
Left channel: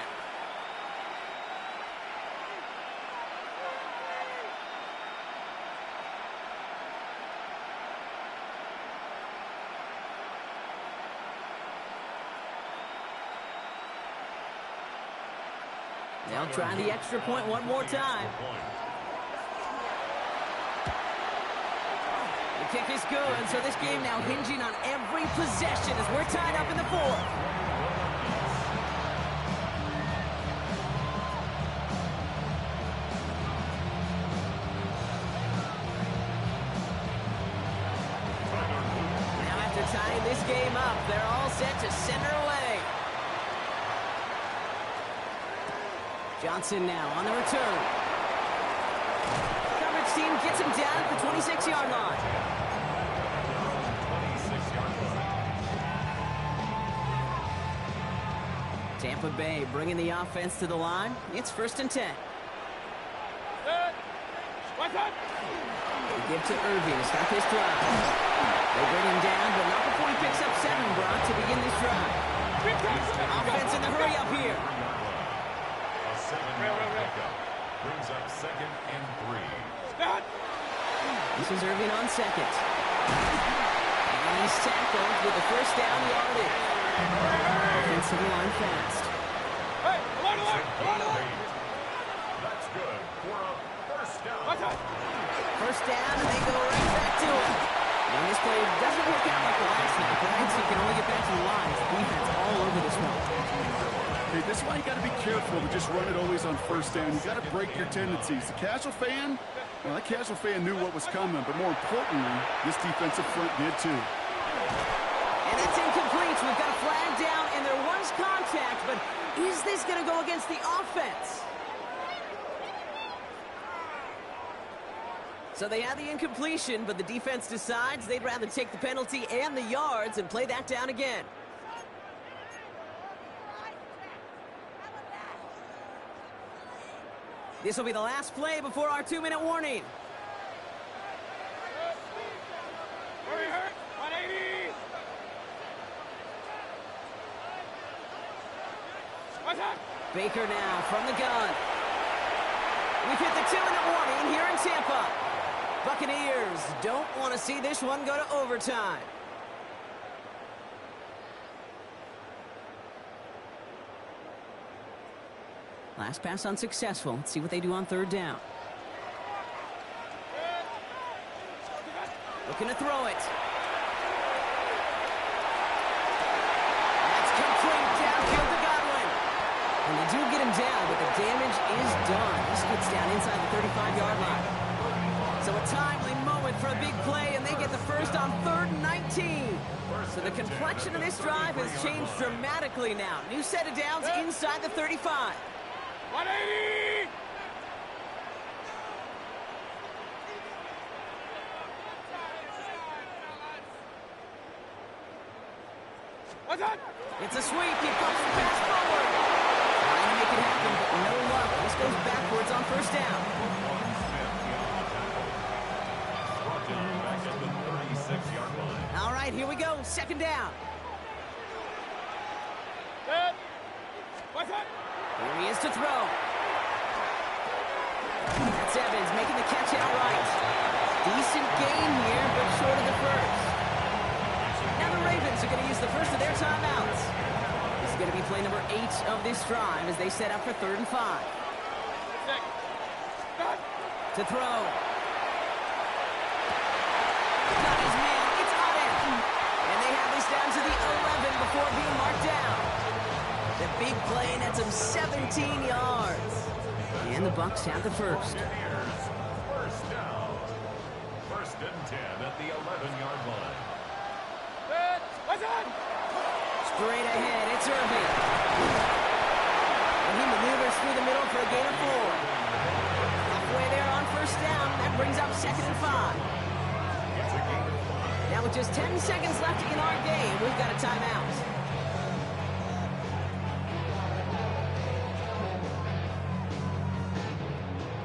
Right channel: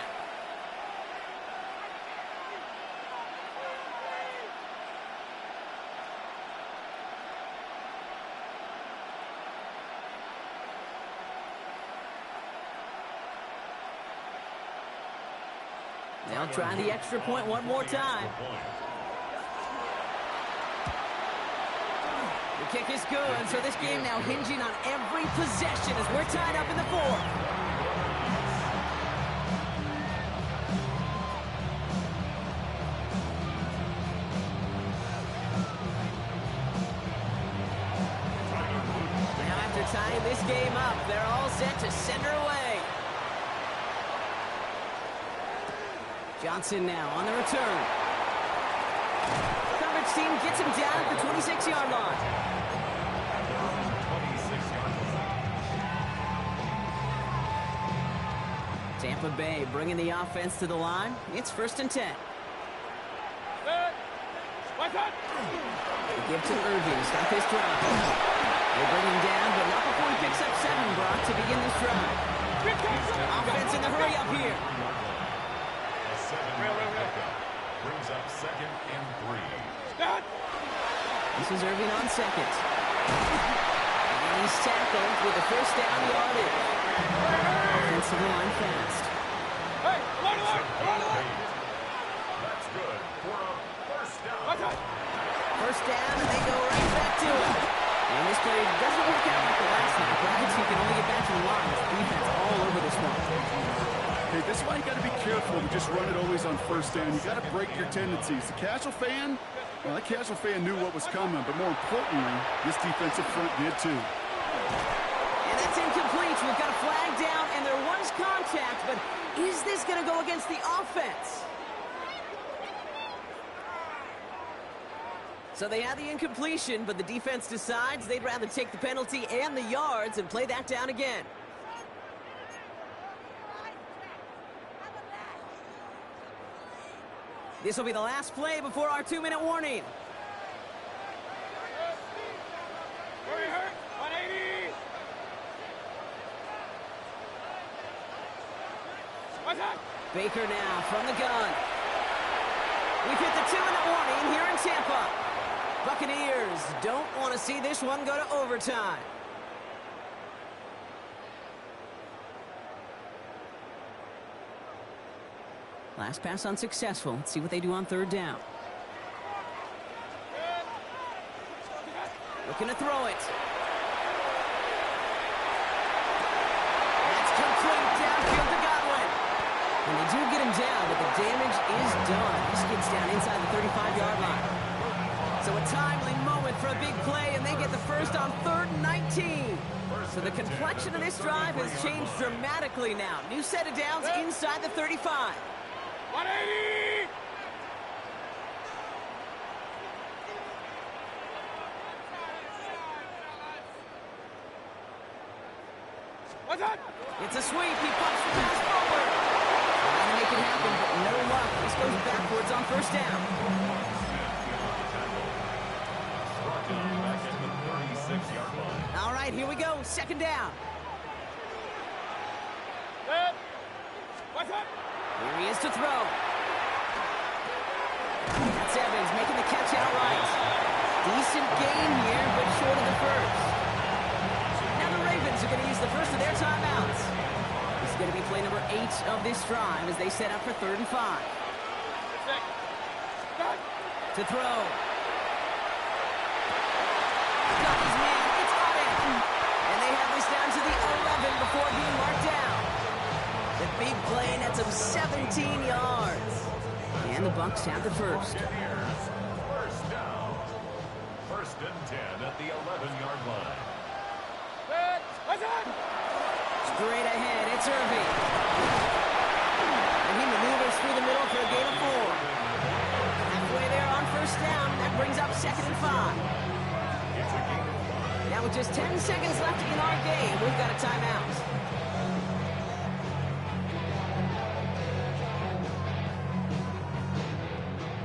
They'll try the extra point one more time. The kick is good, so this game now hinging on every possession as we're tied up in the fourth. Now after tying this game up, they're all set to send her away. Johnson now on the return. Coverage team gets him down at the 26-yard line. Tampa Bay bringing the offense to the line. It's first and 10. They give to Irving to start this drive. They bring him down, but not before he picks up 7, Brock, to begin this drive. Offense in the hurry up here. A 7-yard pickup brings up 2nd and 3. This is Irving on second. And he's tackled with the first down yardage. Offensive line fast. Hey, alert! That's good for a first down. First down, and they go right back to it. And this play doesn't work out like the last snap, right? So he can only get back to the line. Defense all over this one. Okay, this is why you got to be careful to just run it always on first down. You got to break your tendencies. The casual fan, well, that casual fan knew what was coming, but more importantly, this defensive front did too. And that's incomplete. We've got a flag down, and there was contact, but is this going to go against the offense? So they had the incompletion, but the defense decides they'd rather take the penalty and the yards and play that down again. This will be the last play before our 2-minute warning. Where he hurt? 180. What's that? Baker now from the gun. We've hit the 2-minute warning here in Tampa. Buccaneers don't want to see this one go to overtime. Last pass unsuccessful. Let's see what they do on third down. Looking to throw it. That's complete downfield to Godwin. And they do get him down, but the damage is done. This gets down inside the 35-yard line. So a timely moment for a big play, and they get the first on 3rd and 19. So the complexion of this drive has changed dramatically now. New set of downs inside the 35. 180. What's that? It's a sweep. He pops the pass forward. Trying to make it happen, but no luck. This goes backwards on first down. Back at the 36-yard line. All right, here we go. Second down. What's that? Here he is to throw. That's Evans making the catch outright. Decent gain here, but short of the first. Now the Ravens are going to use the first of their timeouts. This is going to be play number 8 of this drive as they set up for 3rd and 5. To throw. Got his man. It's Madden. And they have this down to the 11 before being marked down. The big play nets him 17 yards. And the Bucs have the first. First down. 1st and 10 at the 11-yard line. What's that? Straight ahead, it's Irving. And he maneuvers through the middle for a gain of 4. Halfway there on first down. That brings up 2nd and 5. Now with just 10 seconds left in our game, we've got a timeout.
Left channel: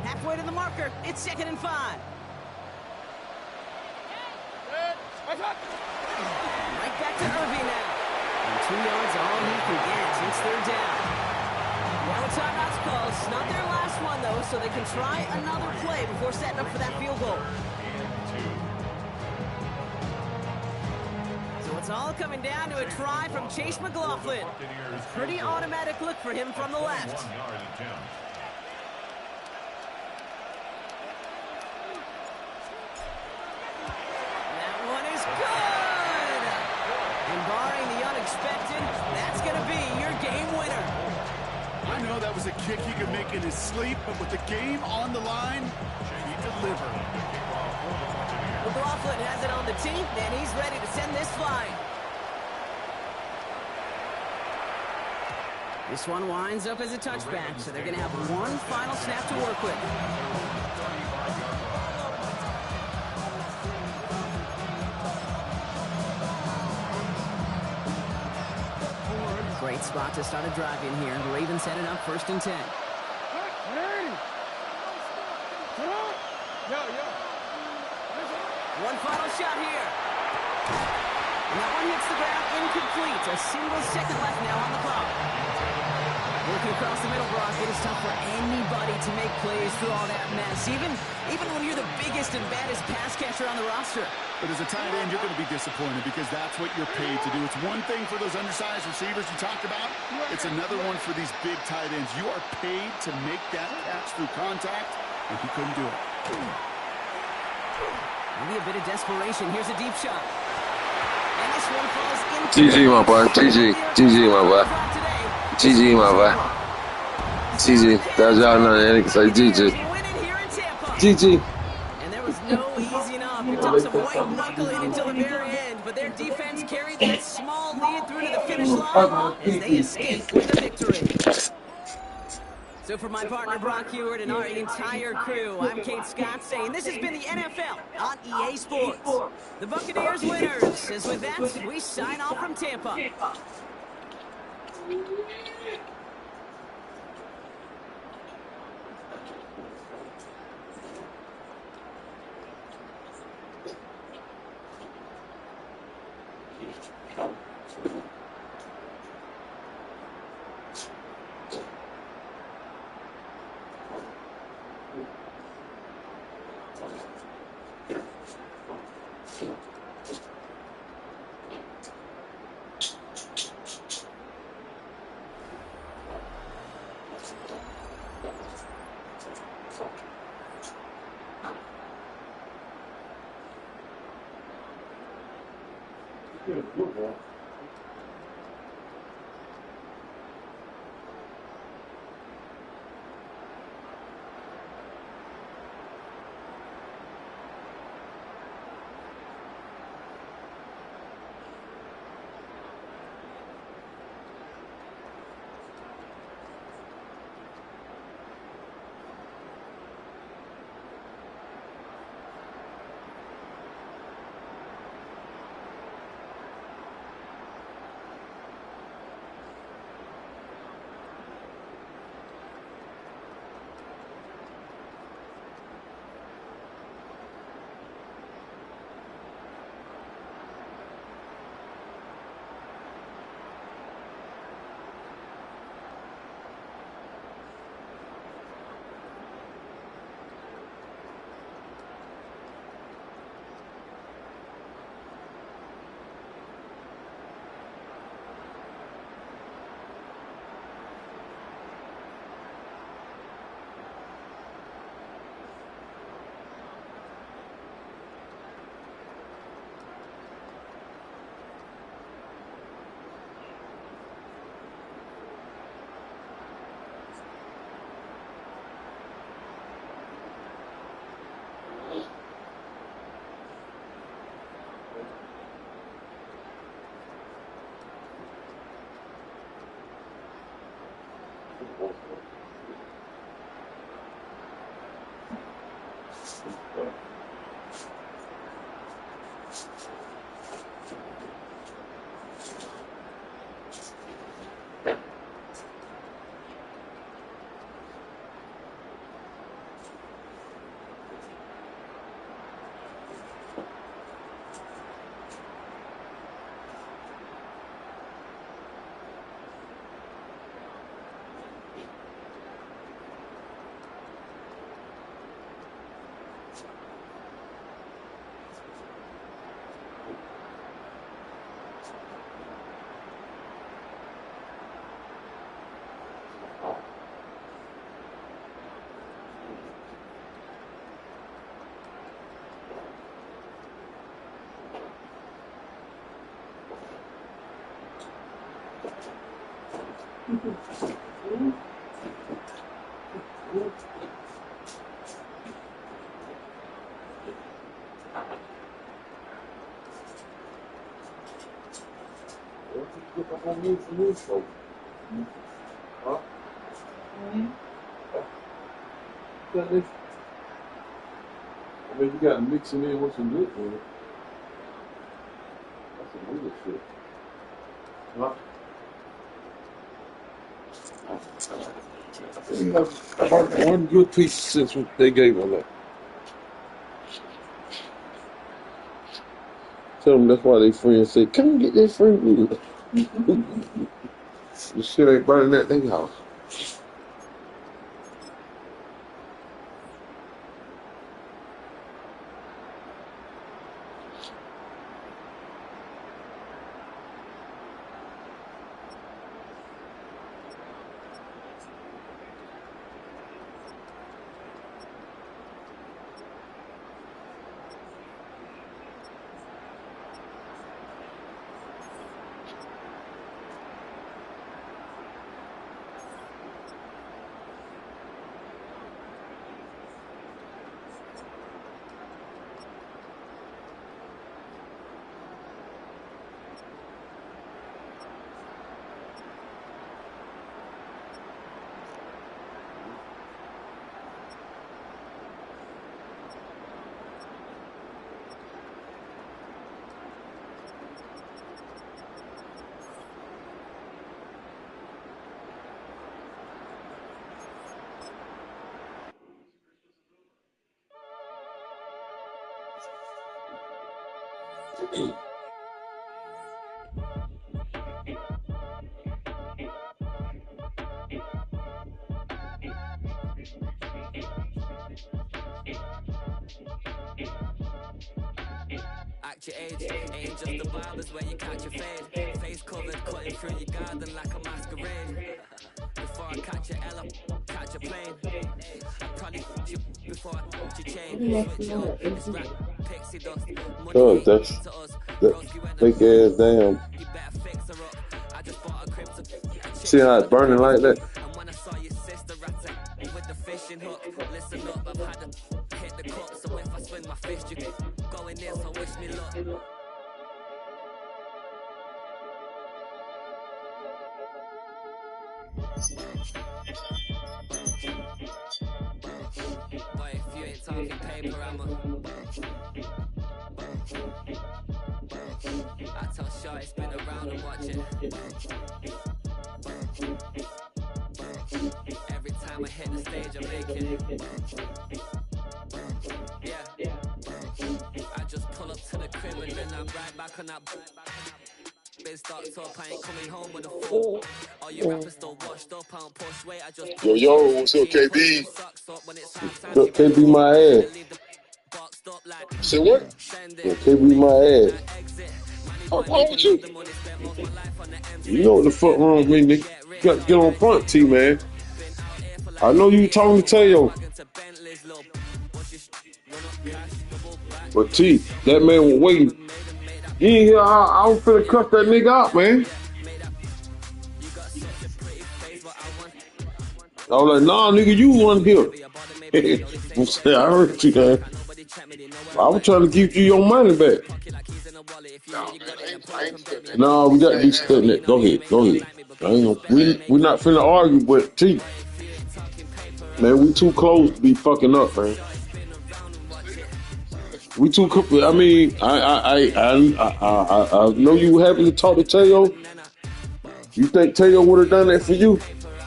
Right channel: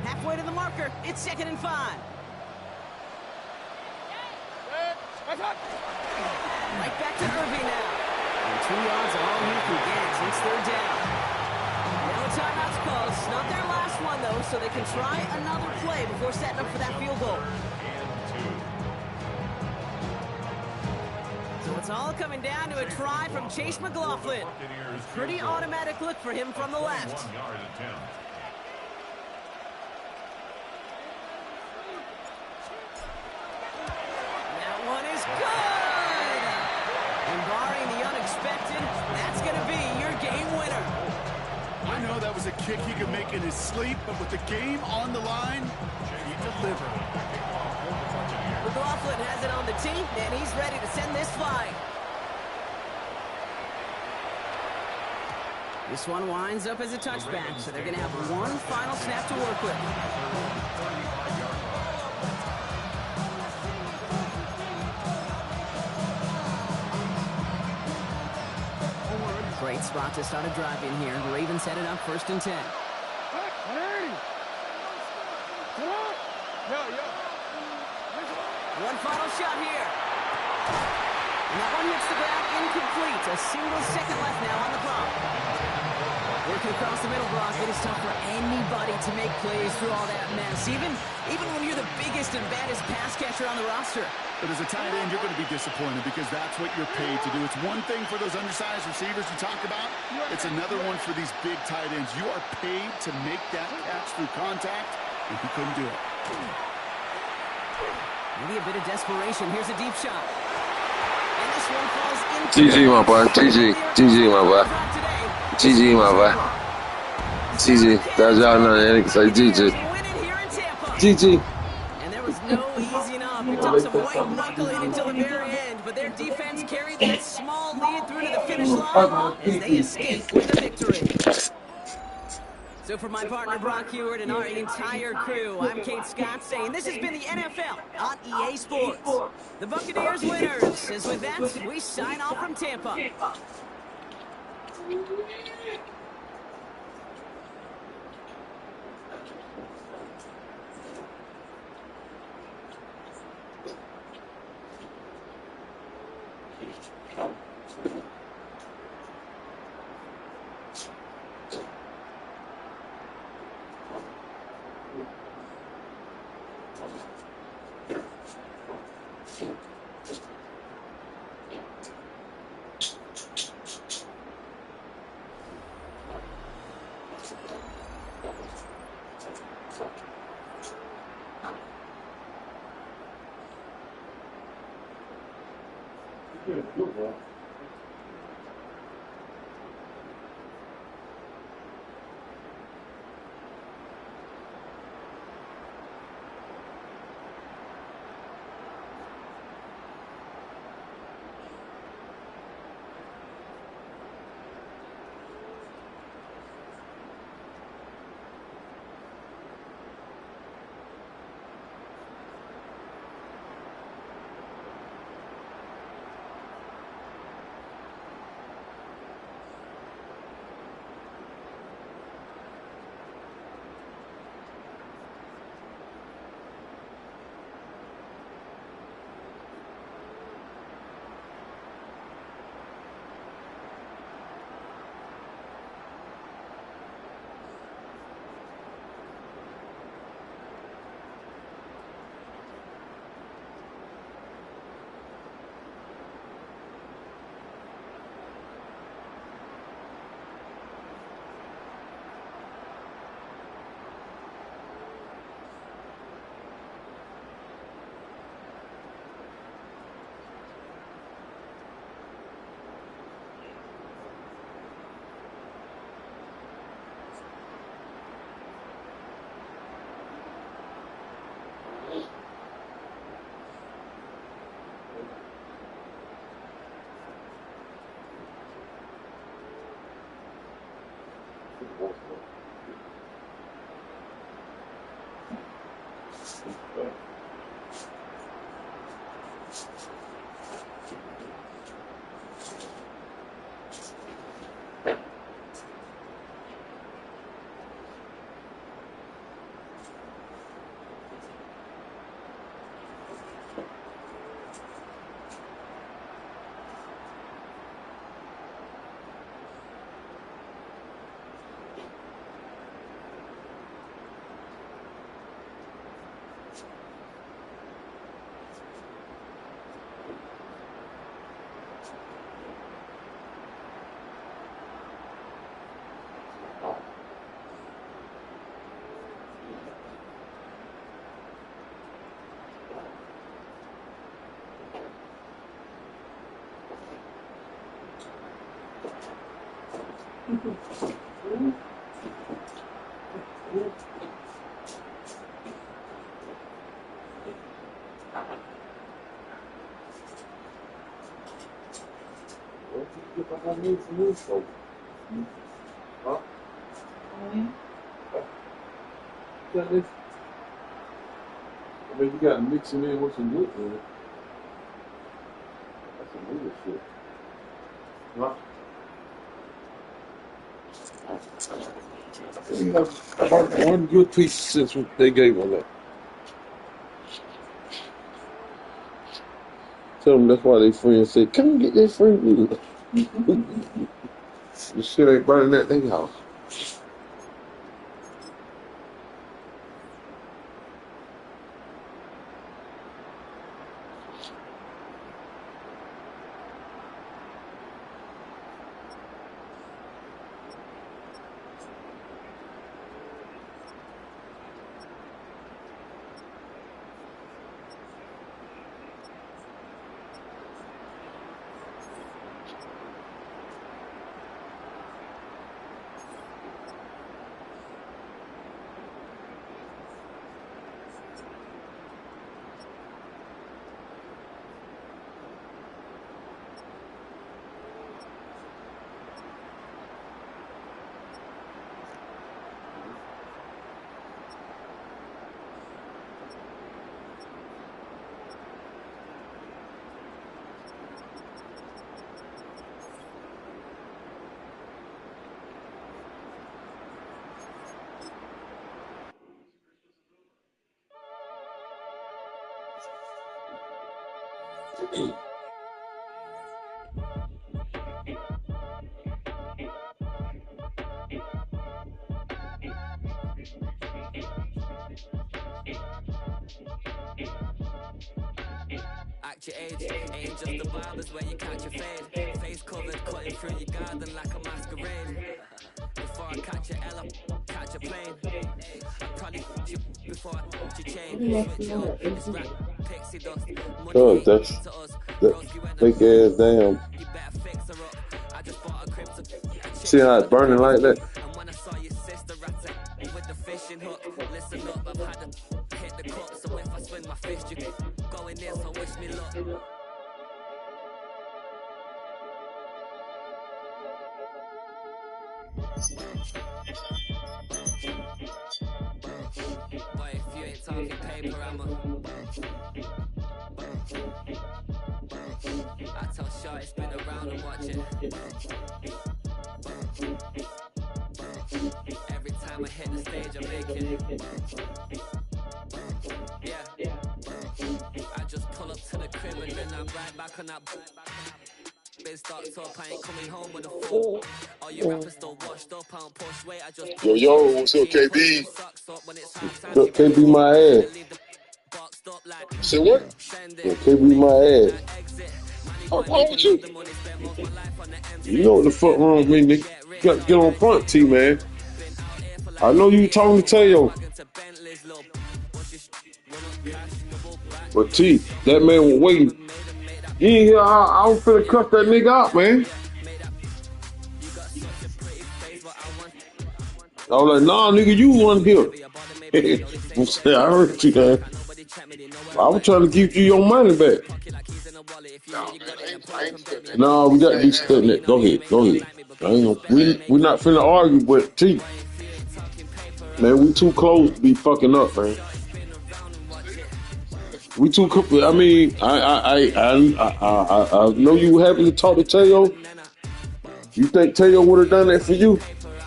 Halfway to the marker, it's 2nd and 5. Right back to Irving now. And 2 yards are all he can get. It's 3rd down. Now a timeout's called. It's not their last one, though, so they can try another play before setting up for that field goal. So it's all coming down to a try from Chase McLaughlin. A pretty automatic look for him from the left. That one is good! And barring the unexpected, that's going to be your game winner. I know that was a kick he could make in his sleep, but with the game on the line, he delivered. McLaughlin has it on the tee, and he's ready to send this flying. This one winds up as a touchback, so they're going to have one final snap to work with. Great spot to start a drive in here. The Ravens set it up 1st and 10. One final shot here. And that one hits the ground incomplete. A single second left now on the clock. Working across the middle, Brock, it is tough for anybody to make plays through all that mess, even when you're the biggest and baddest pass catcher on the roster. But as a tight end, you're going to be disappointed because that's what you're paid to do. It's one thing for those undersized receivers you talked about. It's another one for these big tight ends. You are paid to make that catch through contact, and he couldn't do it. Maybe a bit of desperation. Here's a deep shot. And this one falls into GG, my boy. GG. GG, my boy. GG, my boy. GG. That's y'all know that nigga say GG. GG. And there was no easing up. It took some white knuckling until the very end, but their defense carried that small lead through to the finish line as they escaped with the victory. So for my partner Brock Heward and our entire crew, I'm Kate Scott saying this has been the NFL on EA Sports. The Buccaneers winners, as with that, we sign off from Tampa. I mean, you got to mix them in with some good food. That's some weird shit. Huh? You have one good piece since they gave on that. Tell them that's why they friends say, come get that free food. The shit ain't burning at their house. Act your age, ain't just the barbers where you catch your fade. Face covered, cutting through your garden like a masquerade. Before I catch your Ella, catch a plane. I probably you before I your chain. Switch it up, it's rap, pixie dust. Money ain't that's to us. that fake ass damn. You better fix her up. I just bought a crib to See how it's burning like that? and when I saw your sister with the fishing hook, listen up, I've had to hit the cup. So if I swing my fist, you going in, so wish me luck. Boy, if you ain't talking paper, I'm a I tell Shaw spin around and watch it. Every time I hit the stage, I make it. Yeah. I just pull up to the crib and then I'm right back on that. Been stocked up, I ain't coming home with a full. All your rappers still washed up, I don't push weight, I just Yo, what's up, KB? What's up, KB my ass? Say what? Yeah, KB my ass. What's wrong with you? You know what the fuck wrong with me, nigga? You got to get on front, T, man. I know you talking to Teo. But T, that man was waiting. You ain't hear I was finna cut that nigga out, man. I was like, nah, nigga, you wasn't here. I heard you, man. I was trying to give you your money back. No, we got to be studying that. Go ahead. We're not finna argue, but T, man, we too close to be fucking up, man. We too. I mean, I know you were happy to talk to Teo. You think Teo would have done that for you?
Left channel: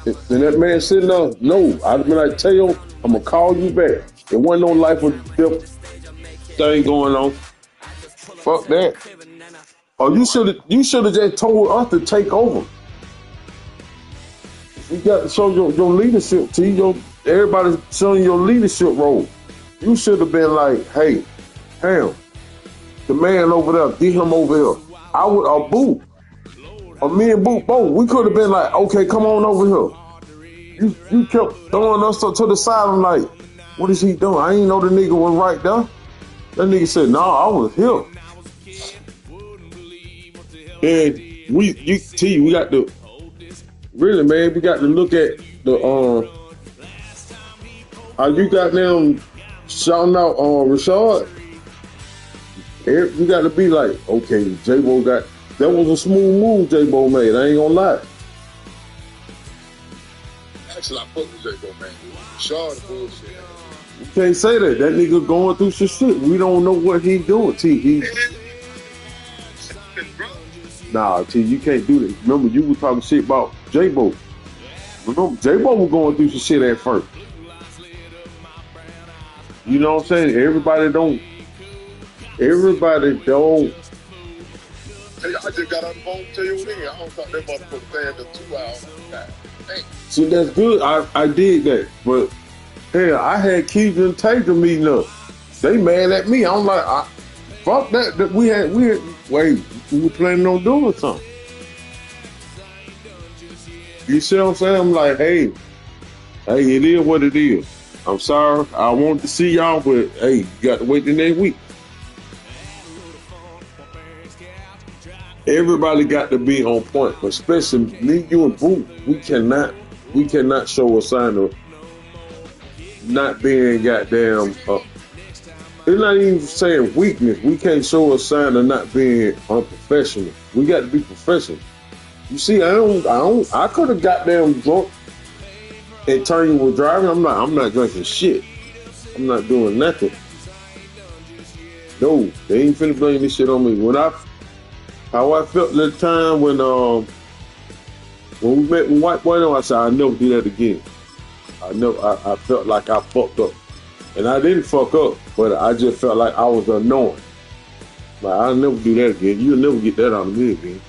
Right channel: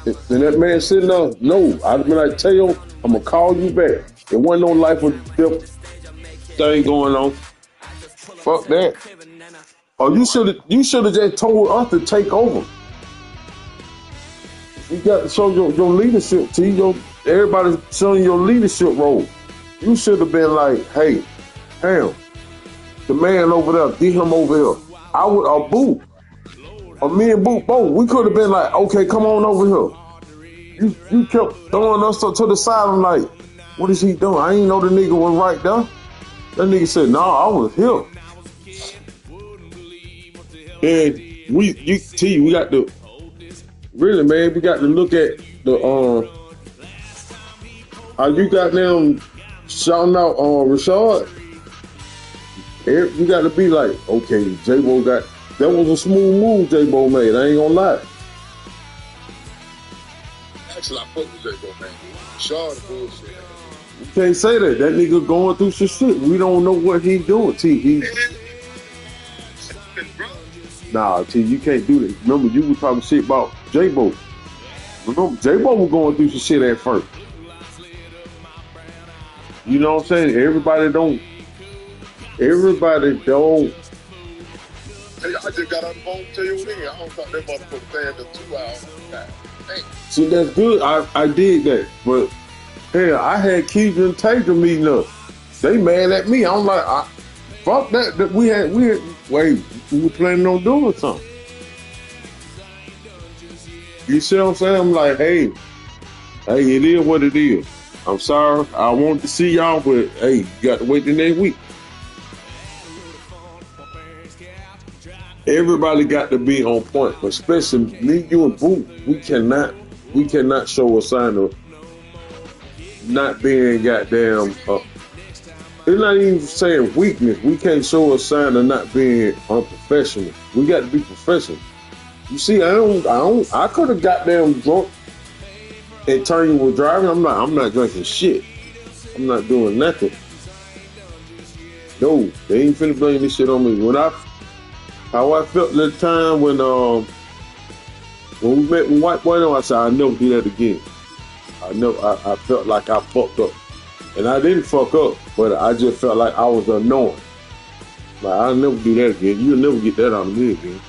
And that man sitting there, no. I'd be like, Teo, I'm gonna call you back. There wasn't no life or death thing going on. Fuck that. Oh, you should have just told us to take over. You got to show your leadership, T. Everybody's showing your leadership role. You should have been like, hey, damn, the man over there, get him over here. I would, or Boo, or me and Boo, both. We could have been like, okay, come on over here. You kept throwing us to the side. I'm like, what is he doing? I ain't know the nigga was right there. That nigga said, nah, I was here. And we got to, really, man, we got to look at the, how you got them shouting out Rashad. You got to be like, okay, J-Bo that was a smooth move J-Bo made. I ain't gonna lie. Actually, I fuck with J-Bo, man. Rashad bullshit. You can't say that. That nigga going through some shit. We don't know what he doing, T. Nah, T, you can't do that. Remember, you were talking shit about J-Bo. Remember, J-Bo was going through some shit at first. You know what I'm saying? Everybody don't. Hey, I just got on the phone to tell you again. I don't thought that motherfucker fanned the 2 hours. Hey. See, that's good. I did that. But, hell, I had Keith and Taker meeting up. They mad at me. I'm like, fuck that. We were planning on doing something. You see what I'm saying? I'm like, hey, it is what it is. I'm sorry. I wanted to see y'all, but, hey, you got to wait the next week. Everybody got to be on point, especially me, you, and Boo. We cannot show a sign of not being goddamn. It's not even saying weakness. We can't show a sign of not being unprofessional. We got to be professional. You see, I could have got damn drunk and turned you with driving. I'm not drinking shit. I'm not doing nothing. No, they ain't finna blame this shit on me. How I felt that time when we met with White Boy, I said, I'll never do that again. I felt like I fucked up. And I didn't fuck up, but I just felt like I was annoying. Like, I'll never do that again. You'll never get that out of me again.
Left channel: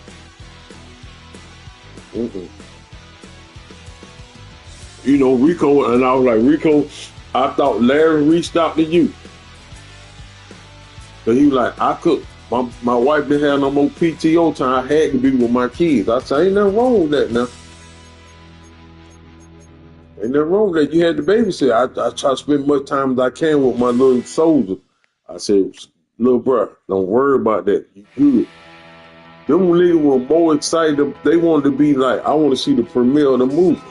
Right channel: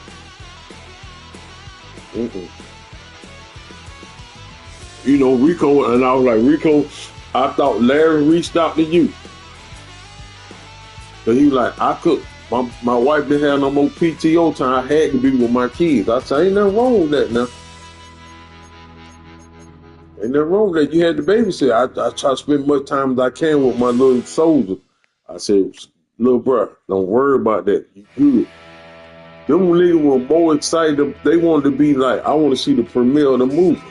You know, Rico, and I was like, Rico, I thought Larry reached out to you. But he was like, I could, my wife didn't have no more PTO time. I had to be with my kids. I said, ain't nothing wrong with that now. Ain't nothing wrong with that. You had to babysit. I try to spend as much time as I can with my little soldier. I said, little bro, don't worry about that. You good. Them niggas were more excited. They wanted to be like, I want to see the premiere of the movie.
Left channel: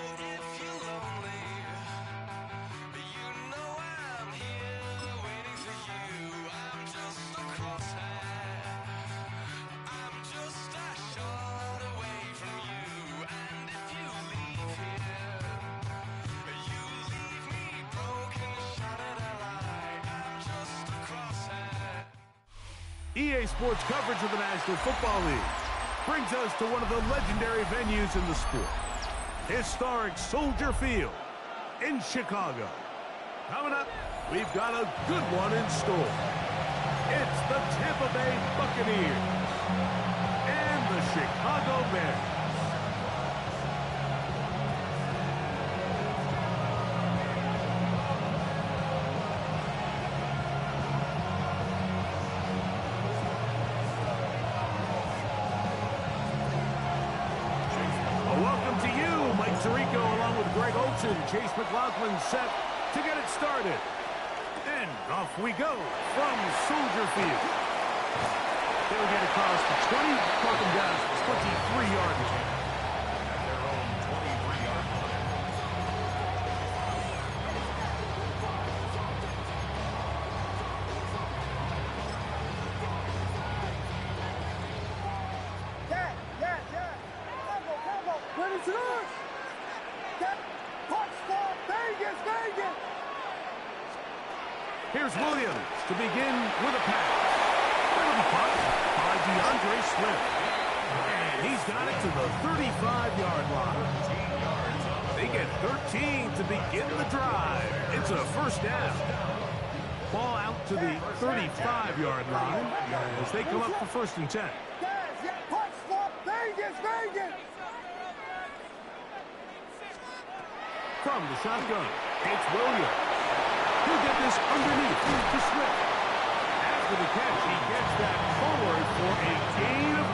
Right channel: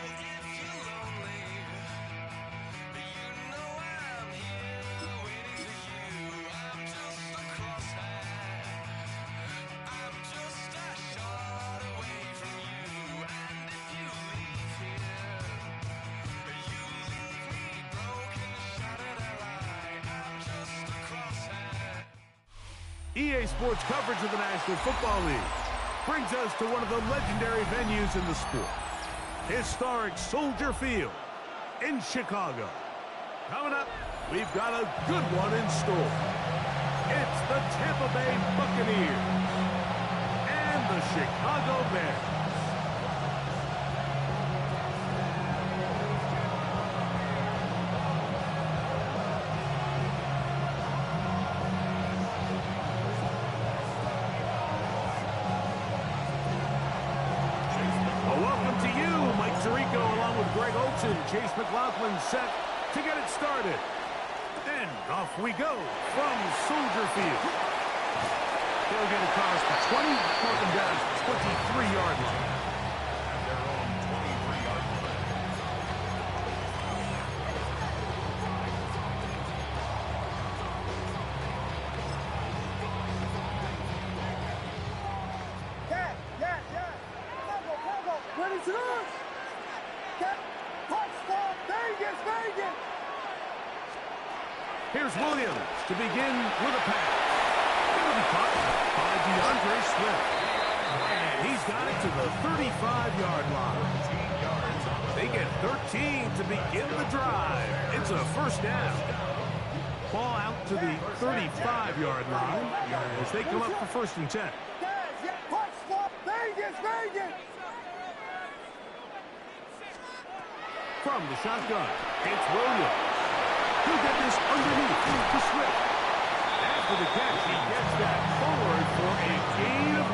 EA Sports coverage of the National Football League brings us to one of the legendary venues in the sport, historic Soldier Field in Chicago. Coming up, we've got a good one in store. It's the Tampa Bay Buccaneers and the Chicago Bears. Welcome to you, Mike Tirico, along with Greg Olson. Chase McLaughlin set to get it started. And off we go from Soldier Field. They'll get across the 20, mark them down to the 23-yard line. At their own 23-yard line. Here's Williams to begin with a pass. That'll be caught by DeAndre Swift. And he's got it to the 35-yard line. They get 13 to begin the drive. It's a first down. Ball out to the 35-yard line as they come up for 1st and 10. From the shotgun, it's Williams. He'll get this underneath to Swift. After the catch, he gets that forward for a gain of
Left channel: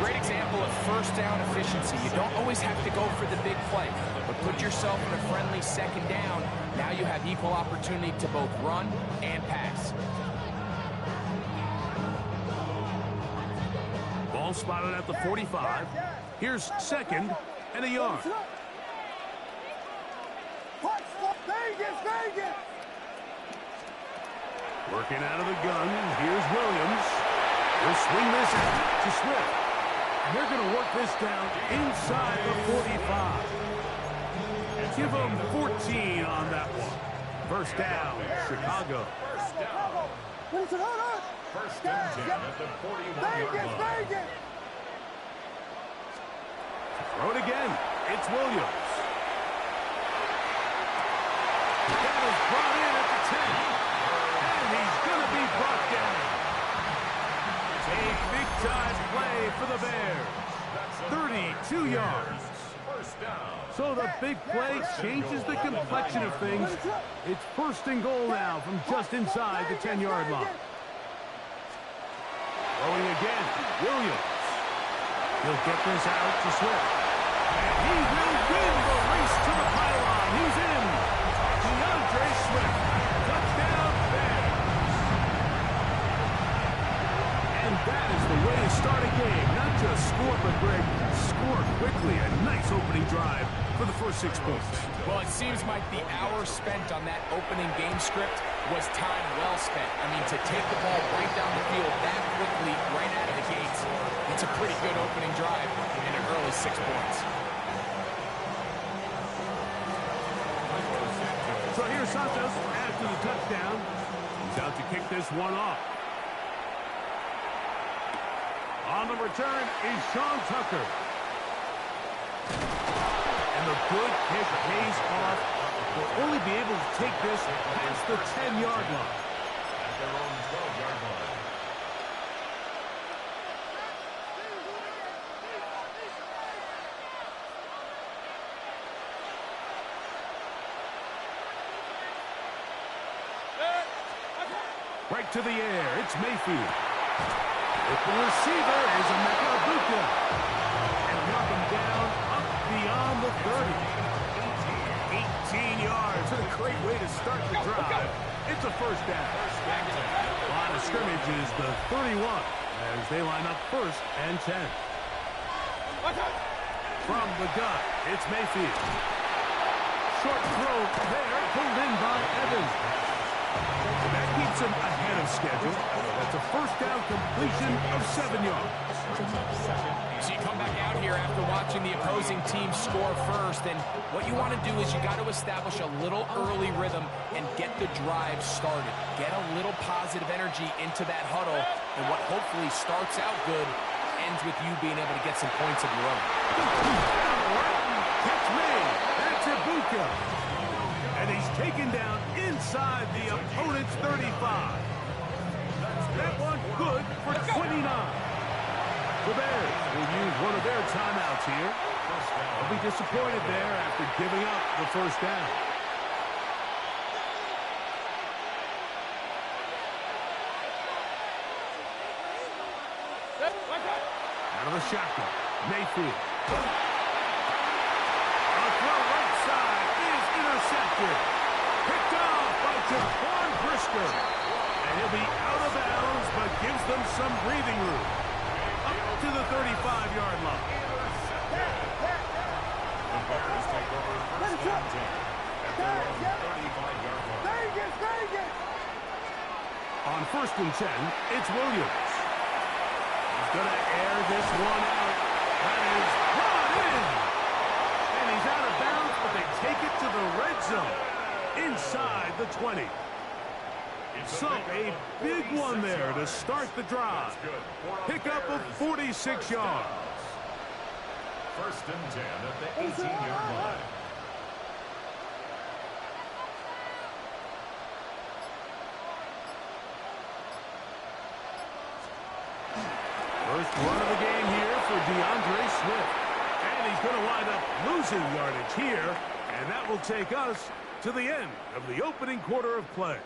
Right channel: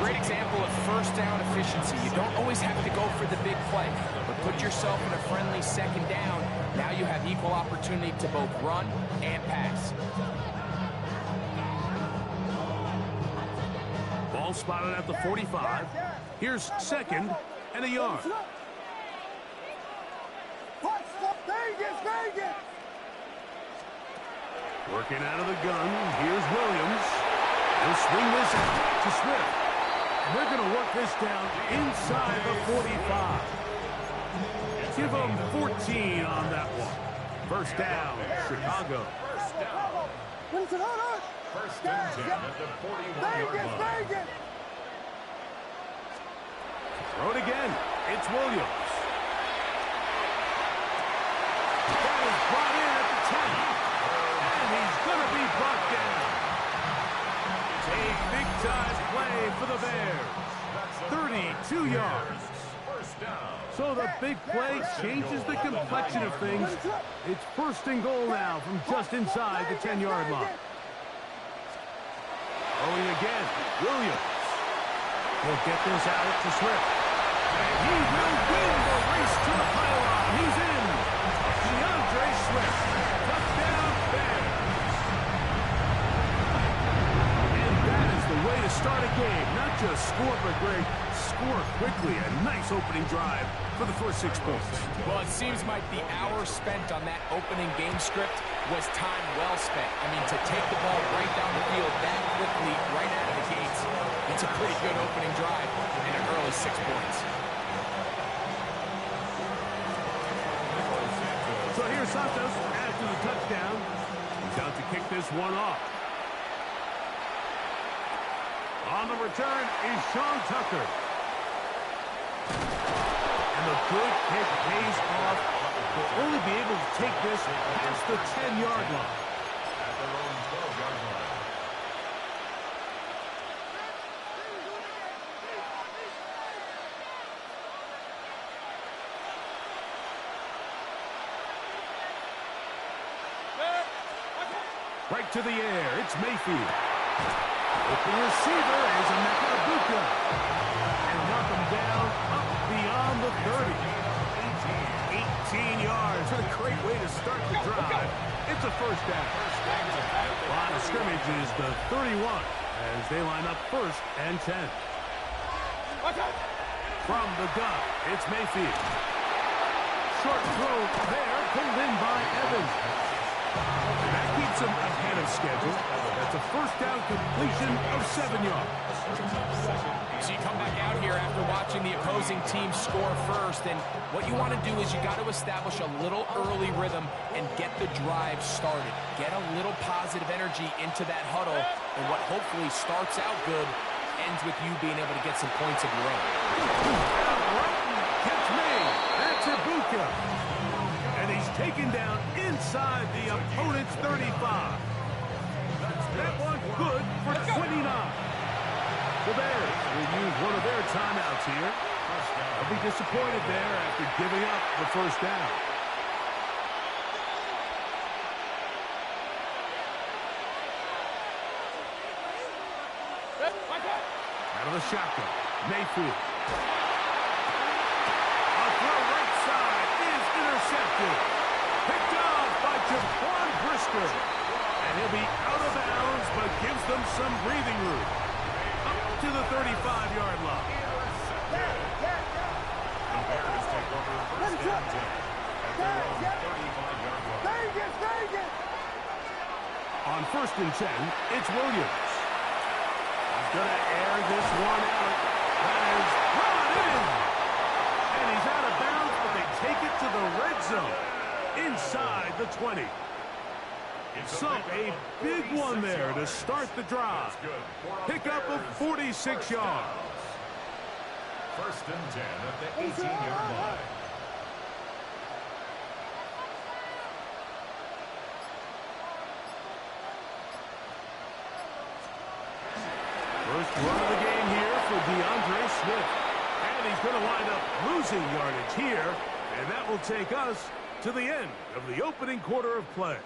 9. Great example of first down efficiency. You don't always have to go for the big play, but put yourself in a friendly second down. Now you have equal opportunity to both run and pass. Ball spotted at the 45. Here's 2nd and a yard. Working out of the gun, here's Williams. He'll swing this out to Swift. And they're going to work this down inside the 45. Give them 14 on that one. First down, Chicago. First down. First and 10 at the 41-yard line. Throw it again. It's Williams. That is brought in at the 10. And he's going to be brought down. A big-time play for the Bears. 32 yards. First down. So the big play changes the complexion of things. It's 1st and goal now from just inside the 10-yard line. Throwing again, Williams. He'll get this out to Swift. And he will win the race to the pylon. He's in. DeAndre Swift. Touchdown, Bears. And that is the way to start a game. Not just score, but, Greg, score quickly. A nice opening drive for the first 6 points. Well, it seems like the hour spent on that opening game script was time well spent. I mean, to take the ball right down the field that quickly, right out of the gates, it's a pretty good opening drive and an early 6 points. So here's Santos after the touchdown. He's out to kick this one off. On the return is Sean Tucker. And the good kick pays off. They'll only be able to take this past the 10-yard line. At their own 12-yard line. Right to the air. It's Mayfield. Open receiver is Emeka Ibuka. And knock him down up beyond the 30. 18 yards. What a great way to start the drive. It's a first down. Line of scrimmage is the 31 as they line up 1st and 10. From the gun, it's Mayfield. Short throw there, pulled in by Evans. That keeps him ahead of schedule. That's a first down completion of 7 yards. So you come back out here after watching the opposing team score first, and what you want to do is you got to establish a little early rhythm and get the drive started. Get a little positive energy into that huddle, and what hopefully starts out good ends with you being able to get some points of your own. Catch me. That's Ibuka. And he's taken down inside the opponent's 35. That one good for 29. The Bears will use one of their timeouts here. They'll be disappointed there after giving up the first down. Out of the shotgun, Mayfield. A throw right side is intercepted. Picked off by Jaquan Brisker. And he'll be out of bounds, but gives them some breathing room. Up to the 35-yard line. The Bears take over 1st and 10 at their own 35-yard line. On 1st and 10, it's Williams. He's going to air this one out. That is brought in. And he's out of bounds, but they take it to the red zone. Inside the 20. So a big one there to start the drive. Pick up of 46 yards. 1st and 10 at the 18-yard line. First run of the game here for DeAndre Swift. And he's going to wind up losing yardage here. And that will take us to the end of the opening quarter of play.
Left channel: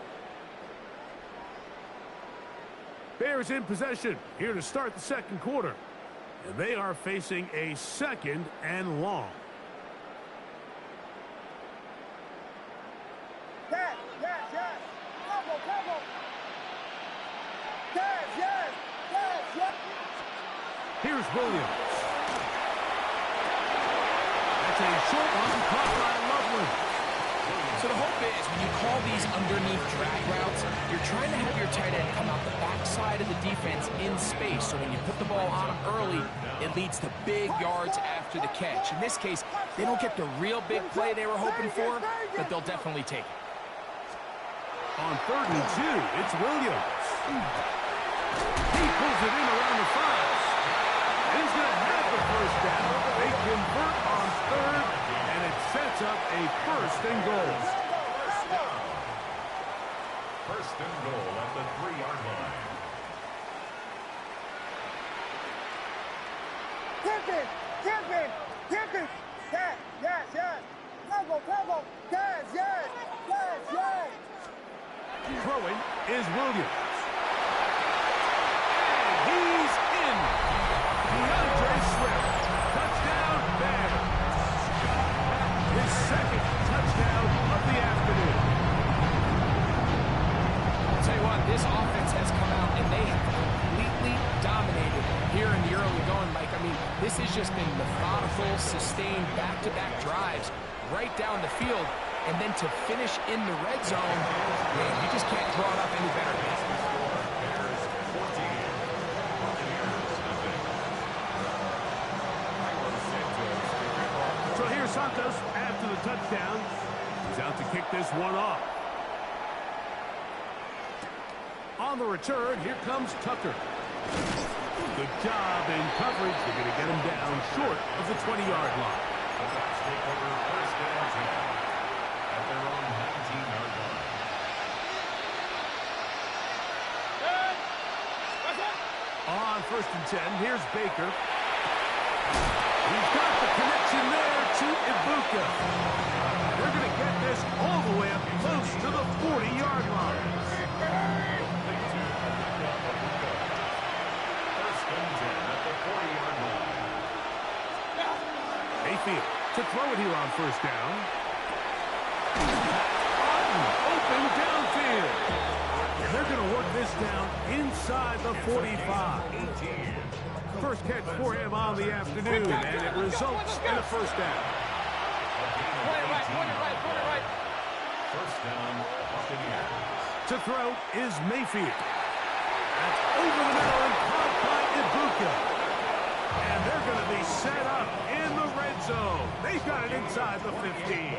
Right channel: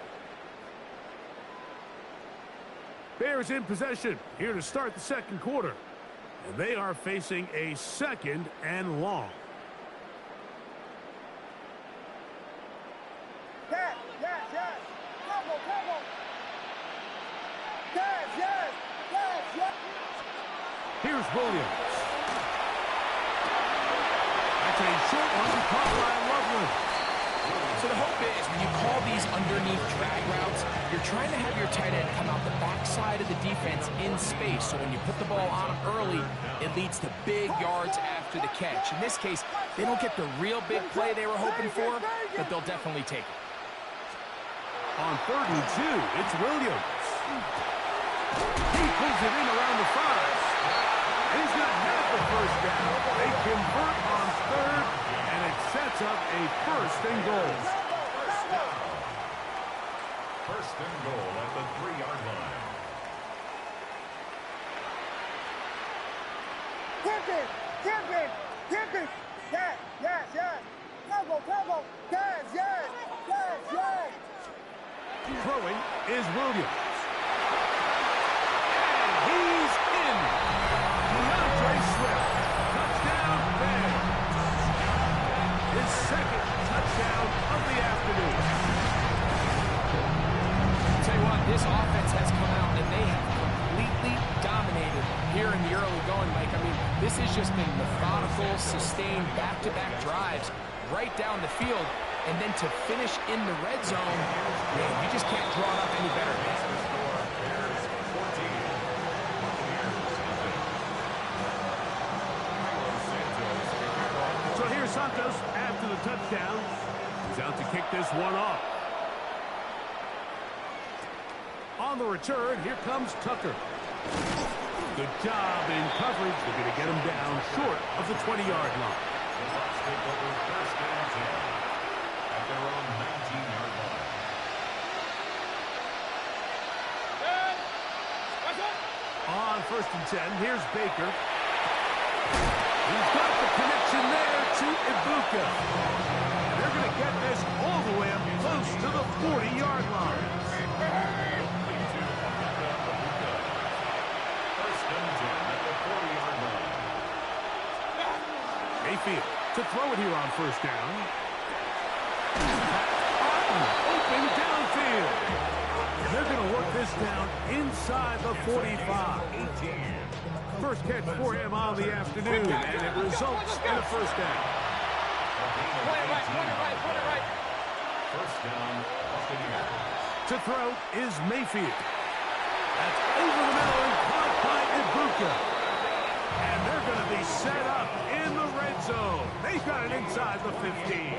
Bears in possession here to start the second quarter. And they are facing a 2nd and long. Yes, yes, yes. Cover, cover. Yes, yes, yes, yes. Here's Williams. That's a short one caught by Loveland. So the hope is when you call these underneath drag routes, you're trying to have your tight end come out the backside of the defense in space. So when you put the ball on him early, it leads to big yards after the catch. In this case, they don't get the real big play they were hoping for, but they'll definitely take it. On 3rd and 2, it's Williams. He pulls it in around the 5. And he's going to have the first down. They convert on 3rd, and it sets up a 1st and goal. 1st and goal at the 3-yard line. Tipping, tipping, tipping. Yes, yes, yes. Cover, cover. Yes, yes, yes, yes. Throwing is Williams. And he's in. DeAndre Swift. Touchdown Bears. That is 2nd touchdown of the afternoon. I'll tell you what, this offense has come out and they have completely dominated here in the early going, Mike. I mean, this has just been methodical, sustained, back-to-back drives right down the field. And then to finish in the red zone, man, you just can't draw it up any better. Bears 14. So here's Santos after the touchdown. He's out to kick this one off. On the return, here comes Tucker. Good job in coverage. They're going to get him down short of the 20-yard line. The Bucs take over 1st and 10 at their own 19-yard line. On 1st and 10, here's Baker. He's got the connection there to Ibuka. And they're going to get this all the way up close to the 40-yard line. and 10 at the 40-yard line. Mayfield to throw it here on first down. Open downfield. And they're going to work this down inside the 45. First catch for him on the afternoon, and it results in a first down. Point it right. First down, Buccaneers. To throw is Mayfield. That's over the middle and caught by Ibuka. And they're going to be set up in the red zone. They've got it inside the 15.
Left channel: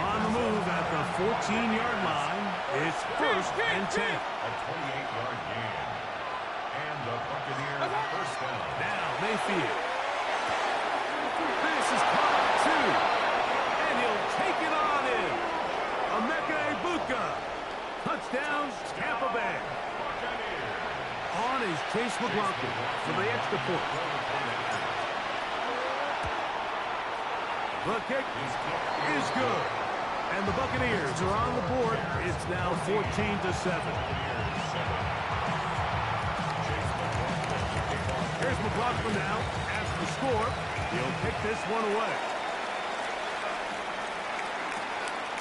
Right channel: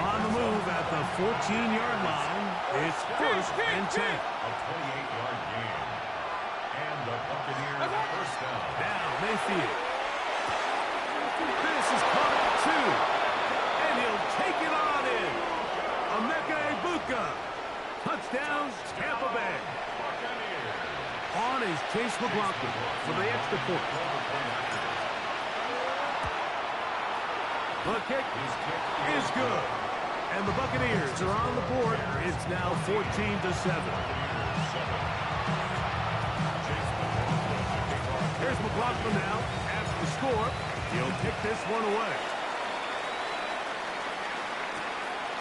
On the move at the 14-yard line, it's first and 10. A 28-yard gain. And the Buccaneers first down. Now Mayfield. This is caught at 2. And he'll take it on in. Emeka Ibuka. Touchdown, Tampa Bay. On is Chase McLaughlin for the extra point. The kick is good. And the Buccaneers are on the board. It's now 14-7. Here's McLaughlin now. After the score, he'll kick this one away.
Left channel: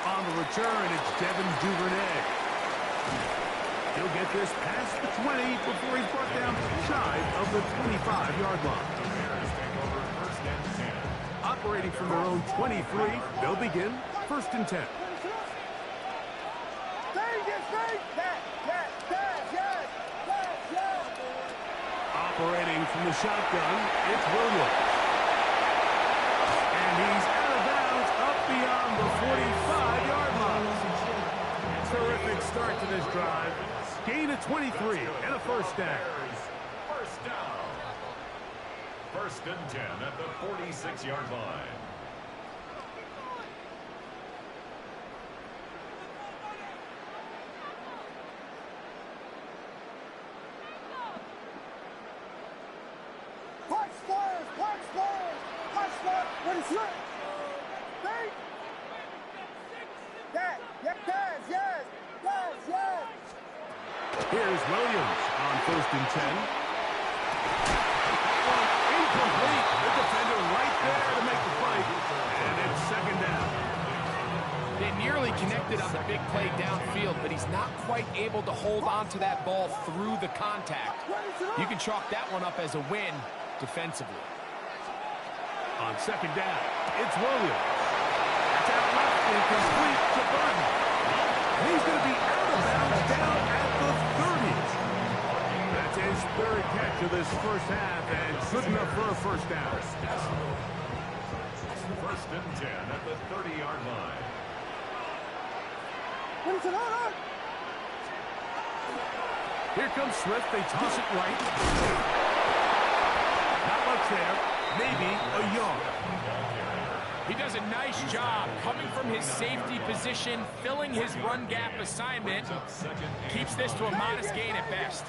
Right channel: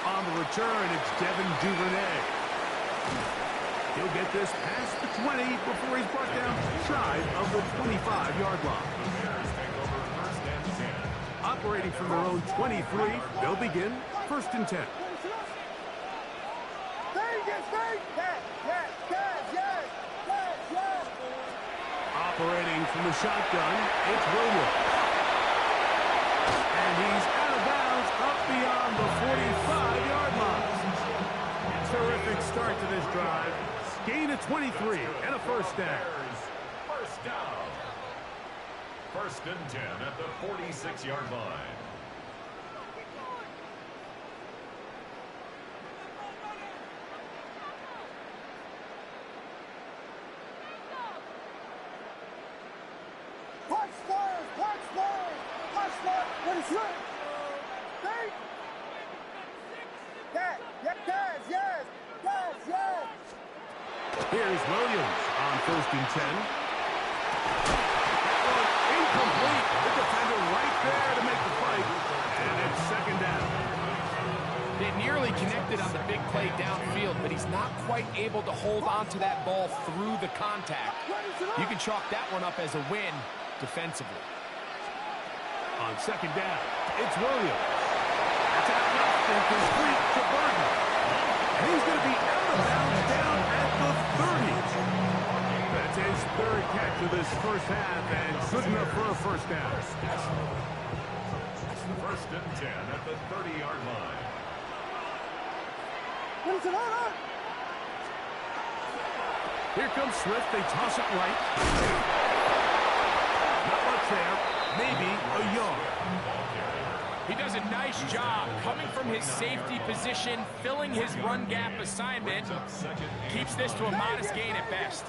On the return, it's Devin Duvernay. He'll get this past the 20 before he's brought down shy of the 25-yard line. The Bears take over first and 10. Operating from their own 23, they'll begin first and 10. Operating from the shotgun, it's Williams. And he's out of bounds up beyond the 45-yard line. Terrific start to this drive. Gain of 23 and a first down. First down. First and 10 at the 46-yard line. Here's Williams on first and 10. That one incomplete. The defender right there to make the play. And it's second down. They nearly connected on the big play downfield, but he's not quite able to hold on to that ball through the contact. You can chalk that one up as a win defensively. On second down, it's Williams. That's out left and complete to Burton. And he's going to be out of bounds down at the 30. That's his third catch of this first half, and good enough for a first down. First and 10 at the 30-yard line. Here comes Swift. They toss it right. Not much there. Maybe a yard. He does a nice job coming from his safety position, filling his run gap assignment. Keeps this to a modest gain at best.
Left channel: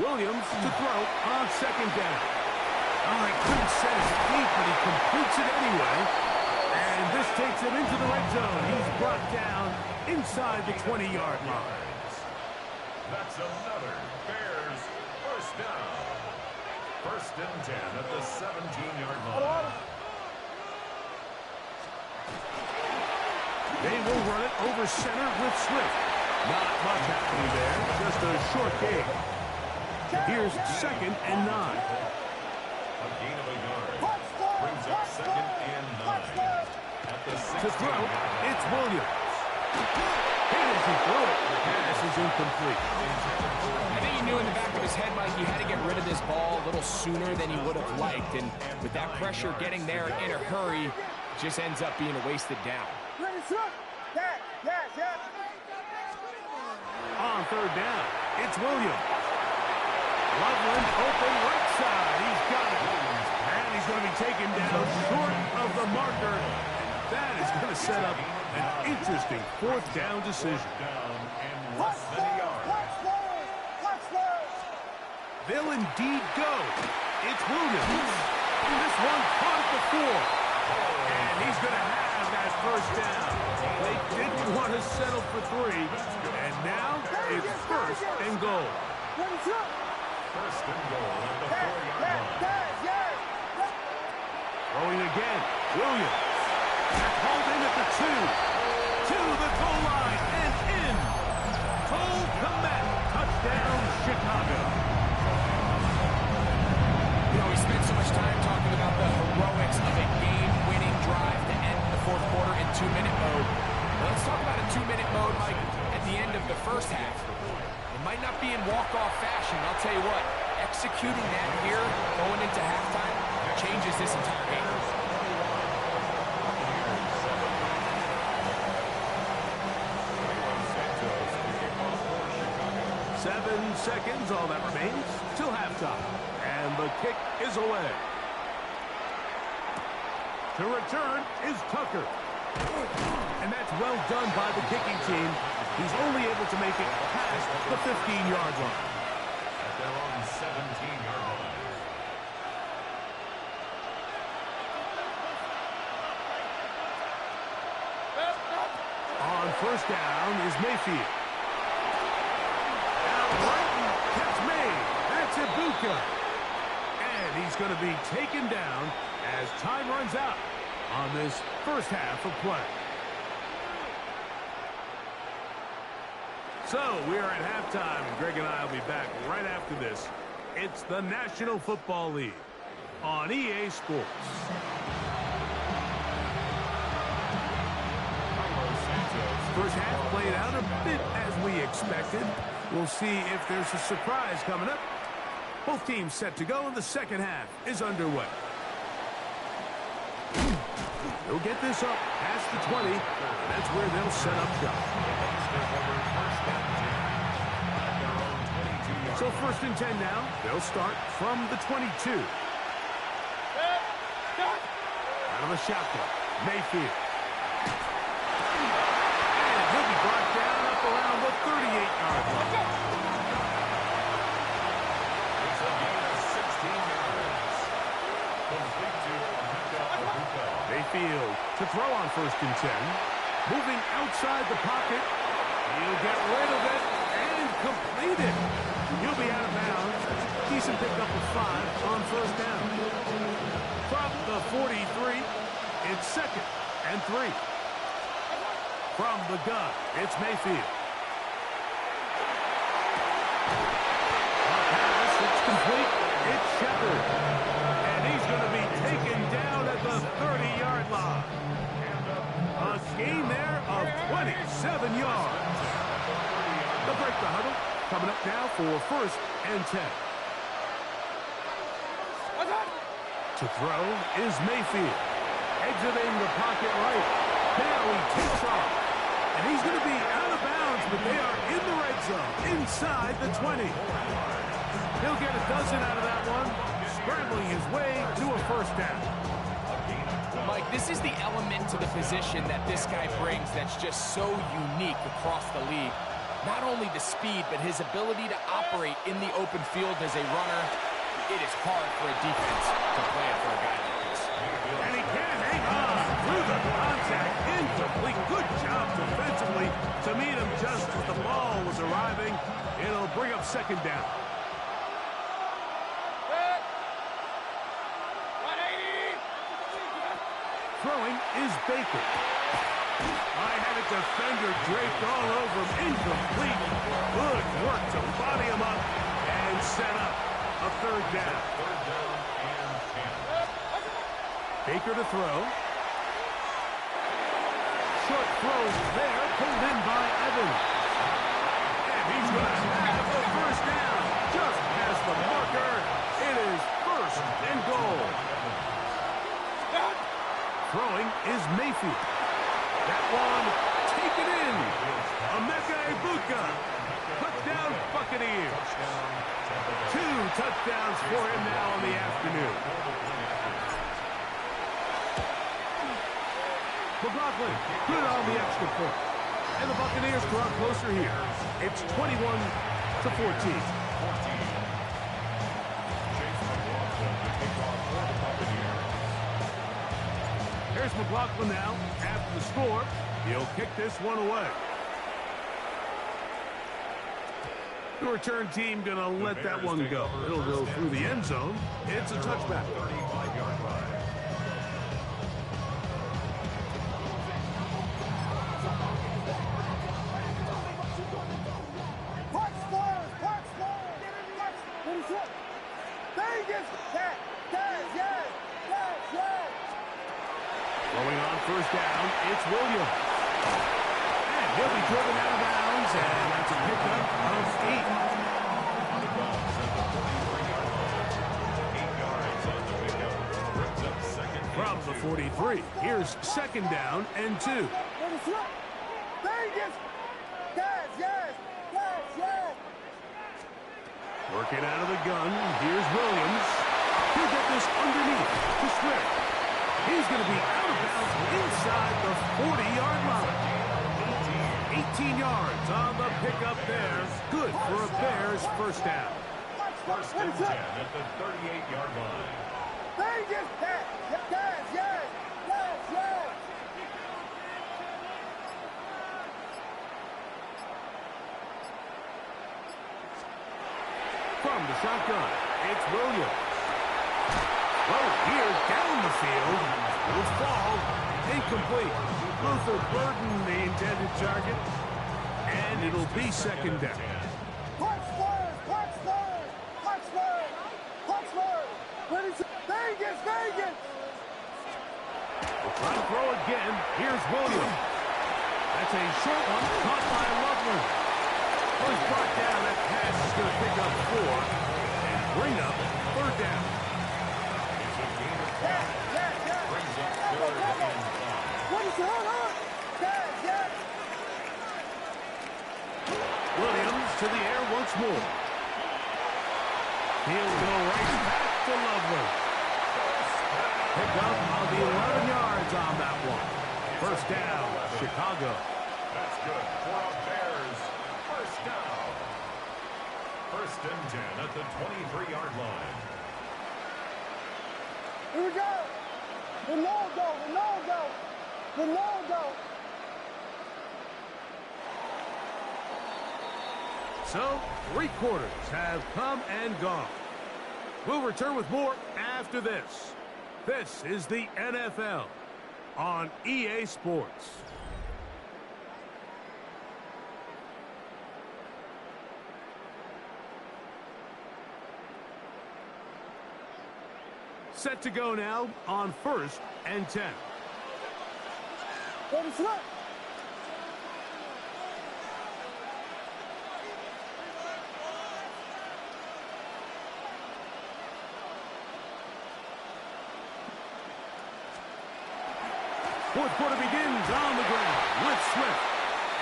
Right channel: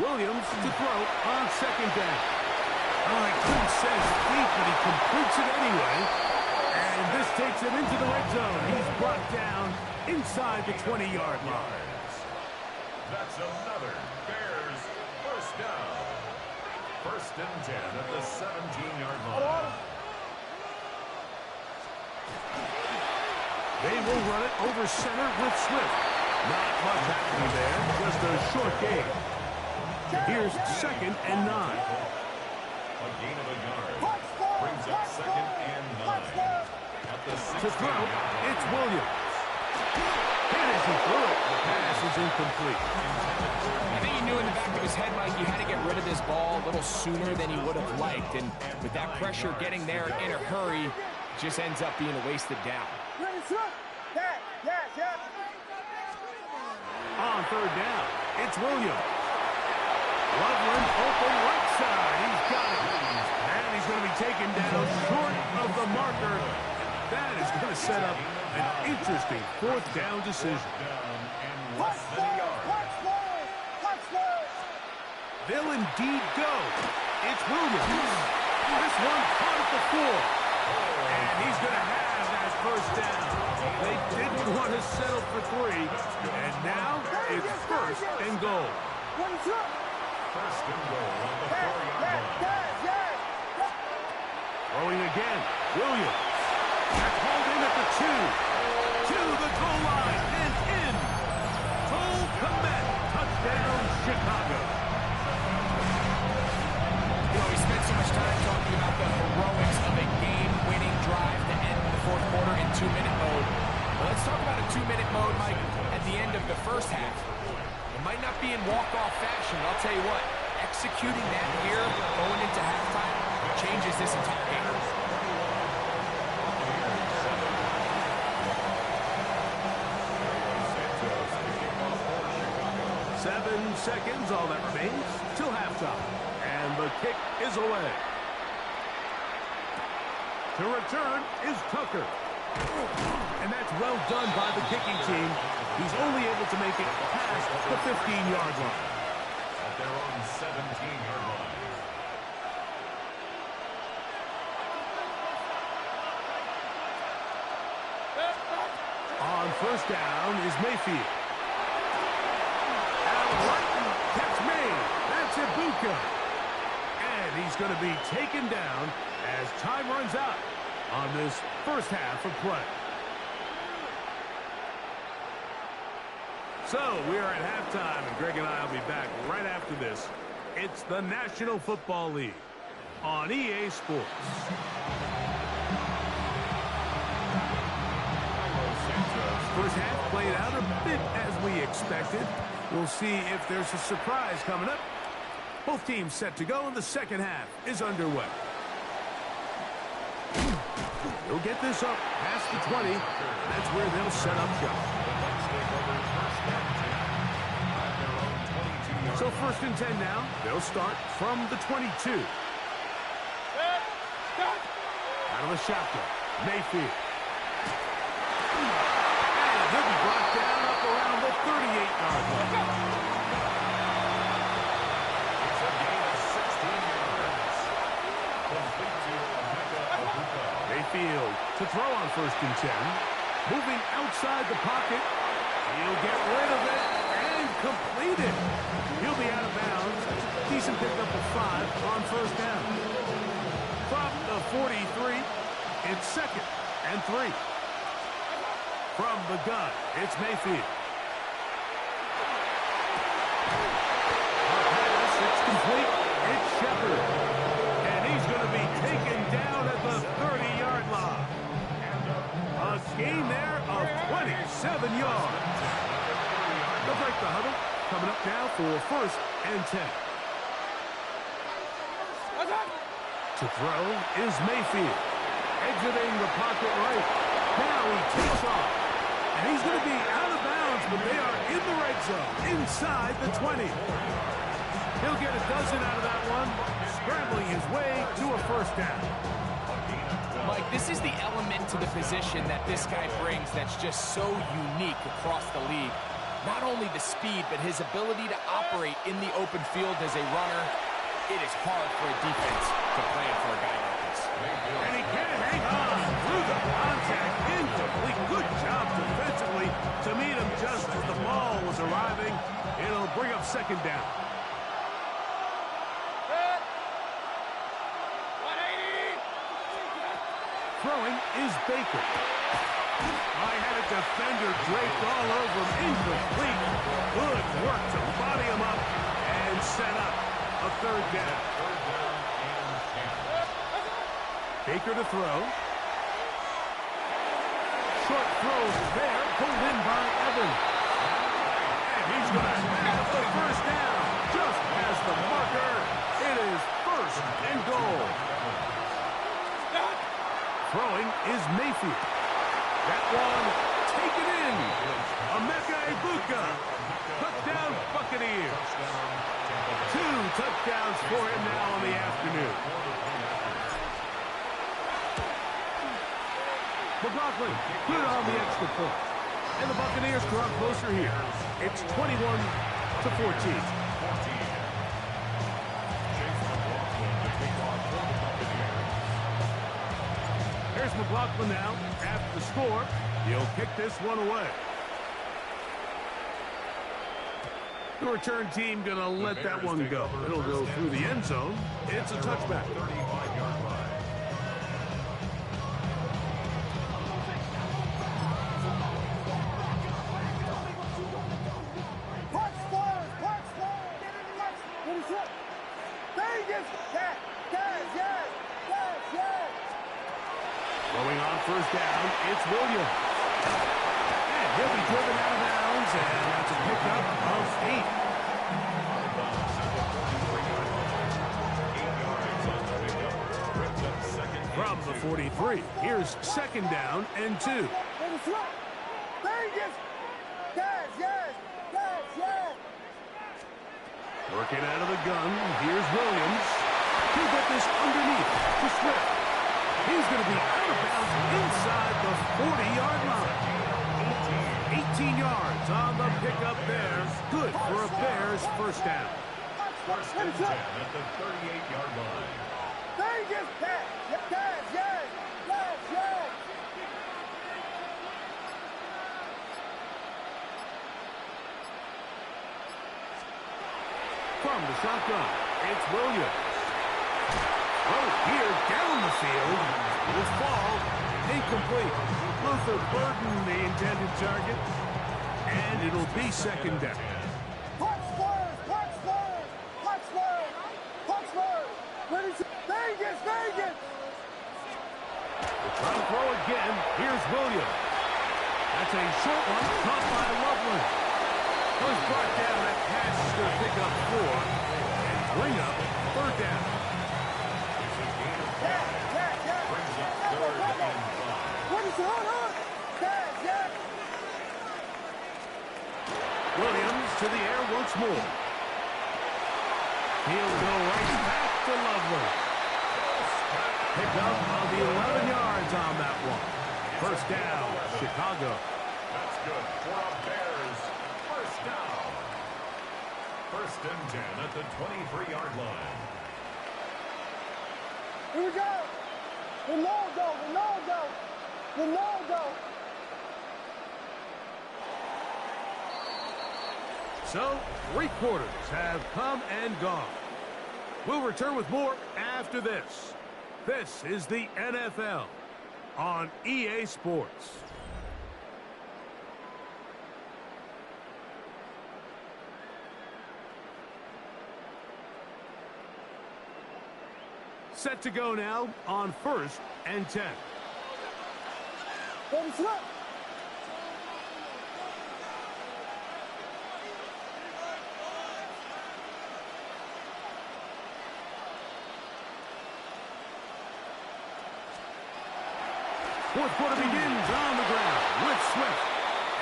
Williams to throw on second down. Oh, he couldn't set his feet, but he completes it anyway. And this takes him into the red zone. He's brought down inside the 20-yard line. That's another Bears first down. First and 10 at the 17-yard line. They will run it over center with Swift. Not much happening there. Just a short gain. Here's second and 9. A gain of a yard. Brings up second and 9. At the 16-yard To throw, it's Williams. And as he threw it, the pass is incomplete. I think he knew in the back of his head, Mike, he had to get rid of this ball a little sooner than he would have liked. And with that pressure getting there in a hurry, just ends up being a wasted down. On third down, it's Williams. Loveland open right side. He's got it. And he's going to be taken down short of the marker. And that is going to set up an interesting fourth down decision. down and less than a yard. They'll indeed go. It's Williams. This one caught at the 4. And he's going to have that first down. They didn't want to settle for 3. And now it's first and goal. First and goal at the 4-yard line. Throwing again. Williams. That's hauled in at the 2. To the goal line and in. Cole Kmet. Touchdown, Chicago. You know, we spent so much time talking about the heroics of a game-winning drive to end the fourth quarter in 2-minute mode. Well, let's talk about a 2-minute mode, Mike, at the end of the first half. It might not be in walk-off fashion, but I'll tell you what, executing that here going into halftime changes this entire game. 7 seconds, all that remains till halftime. And the kick is away. To return is Tucker. And that's well done by the kicking team. He's only able to make it past the 15-yard line. At their own 17-yard line. On first down is Mayfield. Out right, catch made. That's Ibuka. And he's going to be taken down as time runs out on this first half of play. So we are at halftime, and Greg and I will be back right after this. It's the National Football League on EA Sports. First half played out a bit as we expected. We'll see if there's a surprise coming up. Both teams set to go, and the second half is underway. They'll get this up past the 20, and that's where they'll set up shop. So first and 10 now. They'll start from the 22. Out of the shotgun, Mayfield. And he'll be brought down up around the 38-yard line. It's a gain of 16 yards. Complete to Ibuka. Mayfield to throw on first and 10. Moving outside the pocket. He'll get rid of it and complete it. He'll be out of bounds. Decent pickup of 5 on first down. From the 43, it's second and 3. From the gun, it's Mayfield. A pass, it's complete. It's Shepard. And he's going to be taken down at the 30-yard line. A gain there of 27 yards. They'll break the huddle. Coming up now for first and 10. To throw is Mayfield. Exiting the pocket right. Now he takes off. And he's going to be out of bounds, but they are in the red zone, inside the 20. He'll get a dozen out of that one, scrambling his way to a first down. Mike, this is the element to the position that this guy brings that's just so unique across the league. Not only the speed, but his ability to operate in the open field as a runner. It is hard for a defense to plan for a guy like this. And he can't hang on through the contact. Incomplete. Good job defensively to meet him just as the ball was arriving. It'll bring up second down. 180. Throwing is Baker. I had a defender draped all over him. Incomplete. Good work to body him up and set up a third down. Baker to throw. Short throws there, pulled in by Evans. And he's going to have the first down. Just past the marker. It is first and goal. Throwing is Mayfield. That one taken in. Emeka Ibuka. Touchdown Buccaneers. 2 touchdowns for him now on the afternoon. McLaughlin, good on the extra point. And the Buccaneers draw closer here. It's 21-14. Here's McLaughlin now. After the score, he'll kick this one away. The return team going to let that one go. It'll go through the end zone. It's a touchback. 35-yard line. Going on first down, it's Williams. And he'll be driven out of bounds, and that's a pickup of 8. On the bounce at the 43-yard line. 8 yards on the pickup. Brings up second From the 43, here's second down and 2. Working out of the gun, here's Williams. He'll get this underneath to Swift. He's going to be out of bounds inside the 40-yard line. 18 yards on the pickup there. Good for a Bears first down. First and 10 at the 38-yard line. From the shotgun, it's Williams. Throw here down the field. Will fall. Incomplete. Luther Burden, the intended target. And it'll be second down. We'll try to throw again. Here's Williams. That's a short one caught by Loveland. Well, he's brought down. That pass is going to pick up 4 and bring up third down. It's a gain of 5. Brings up third and 5. Williams to the air once more. He'll go right back to Loveland. Pick up on the 11 yards on that one. First down, Chicago. That's good for a Bears first down. First and 10 at the 23-yard line. Here we go. Ronaldo. So, 3 quarters have come and gone. We'll return with more after this. This is the NFL on EA Sports. Set to go now on first and 10. Fourth quarter begins on the ground with Swift.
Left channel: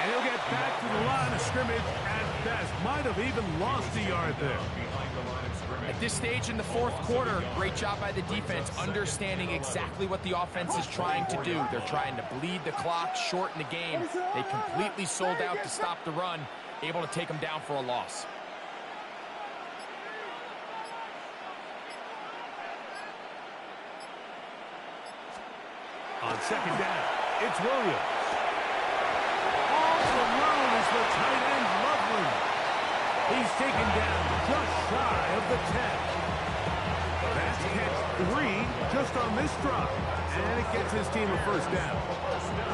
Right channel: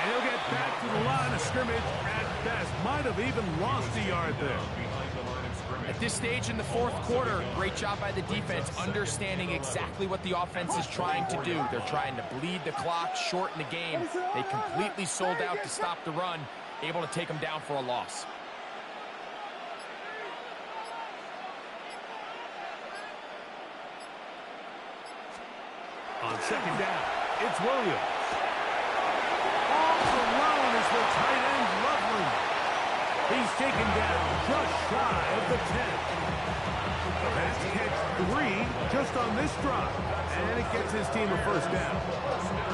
And he'll get back to the line of scrimmage at best. Might have even lost a yard there. At this stage in the fourth quarter, great job by the defense, understanding exactly what the offense is trying to do. They're trying to bleed the clock, shorten the game. They completely sold out to stop the run, able to take them down for a loss. On second down, it's Williams. All alone is the tight end, Loveland. He's taken down just shy of the 10. That's catch 3 just on this drive. And it gets his team a first down.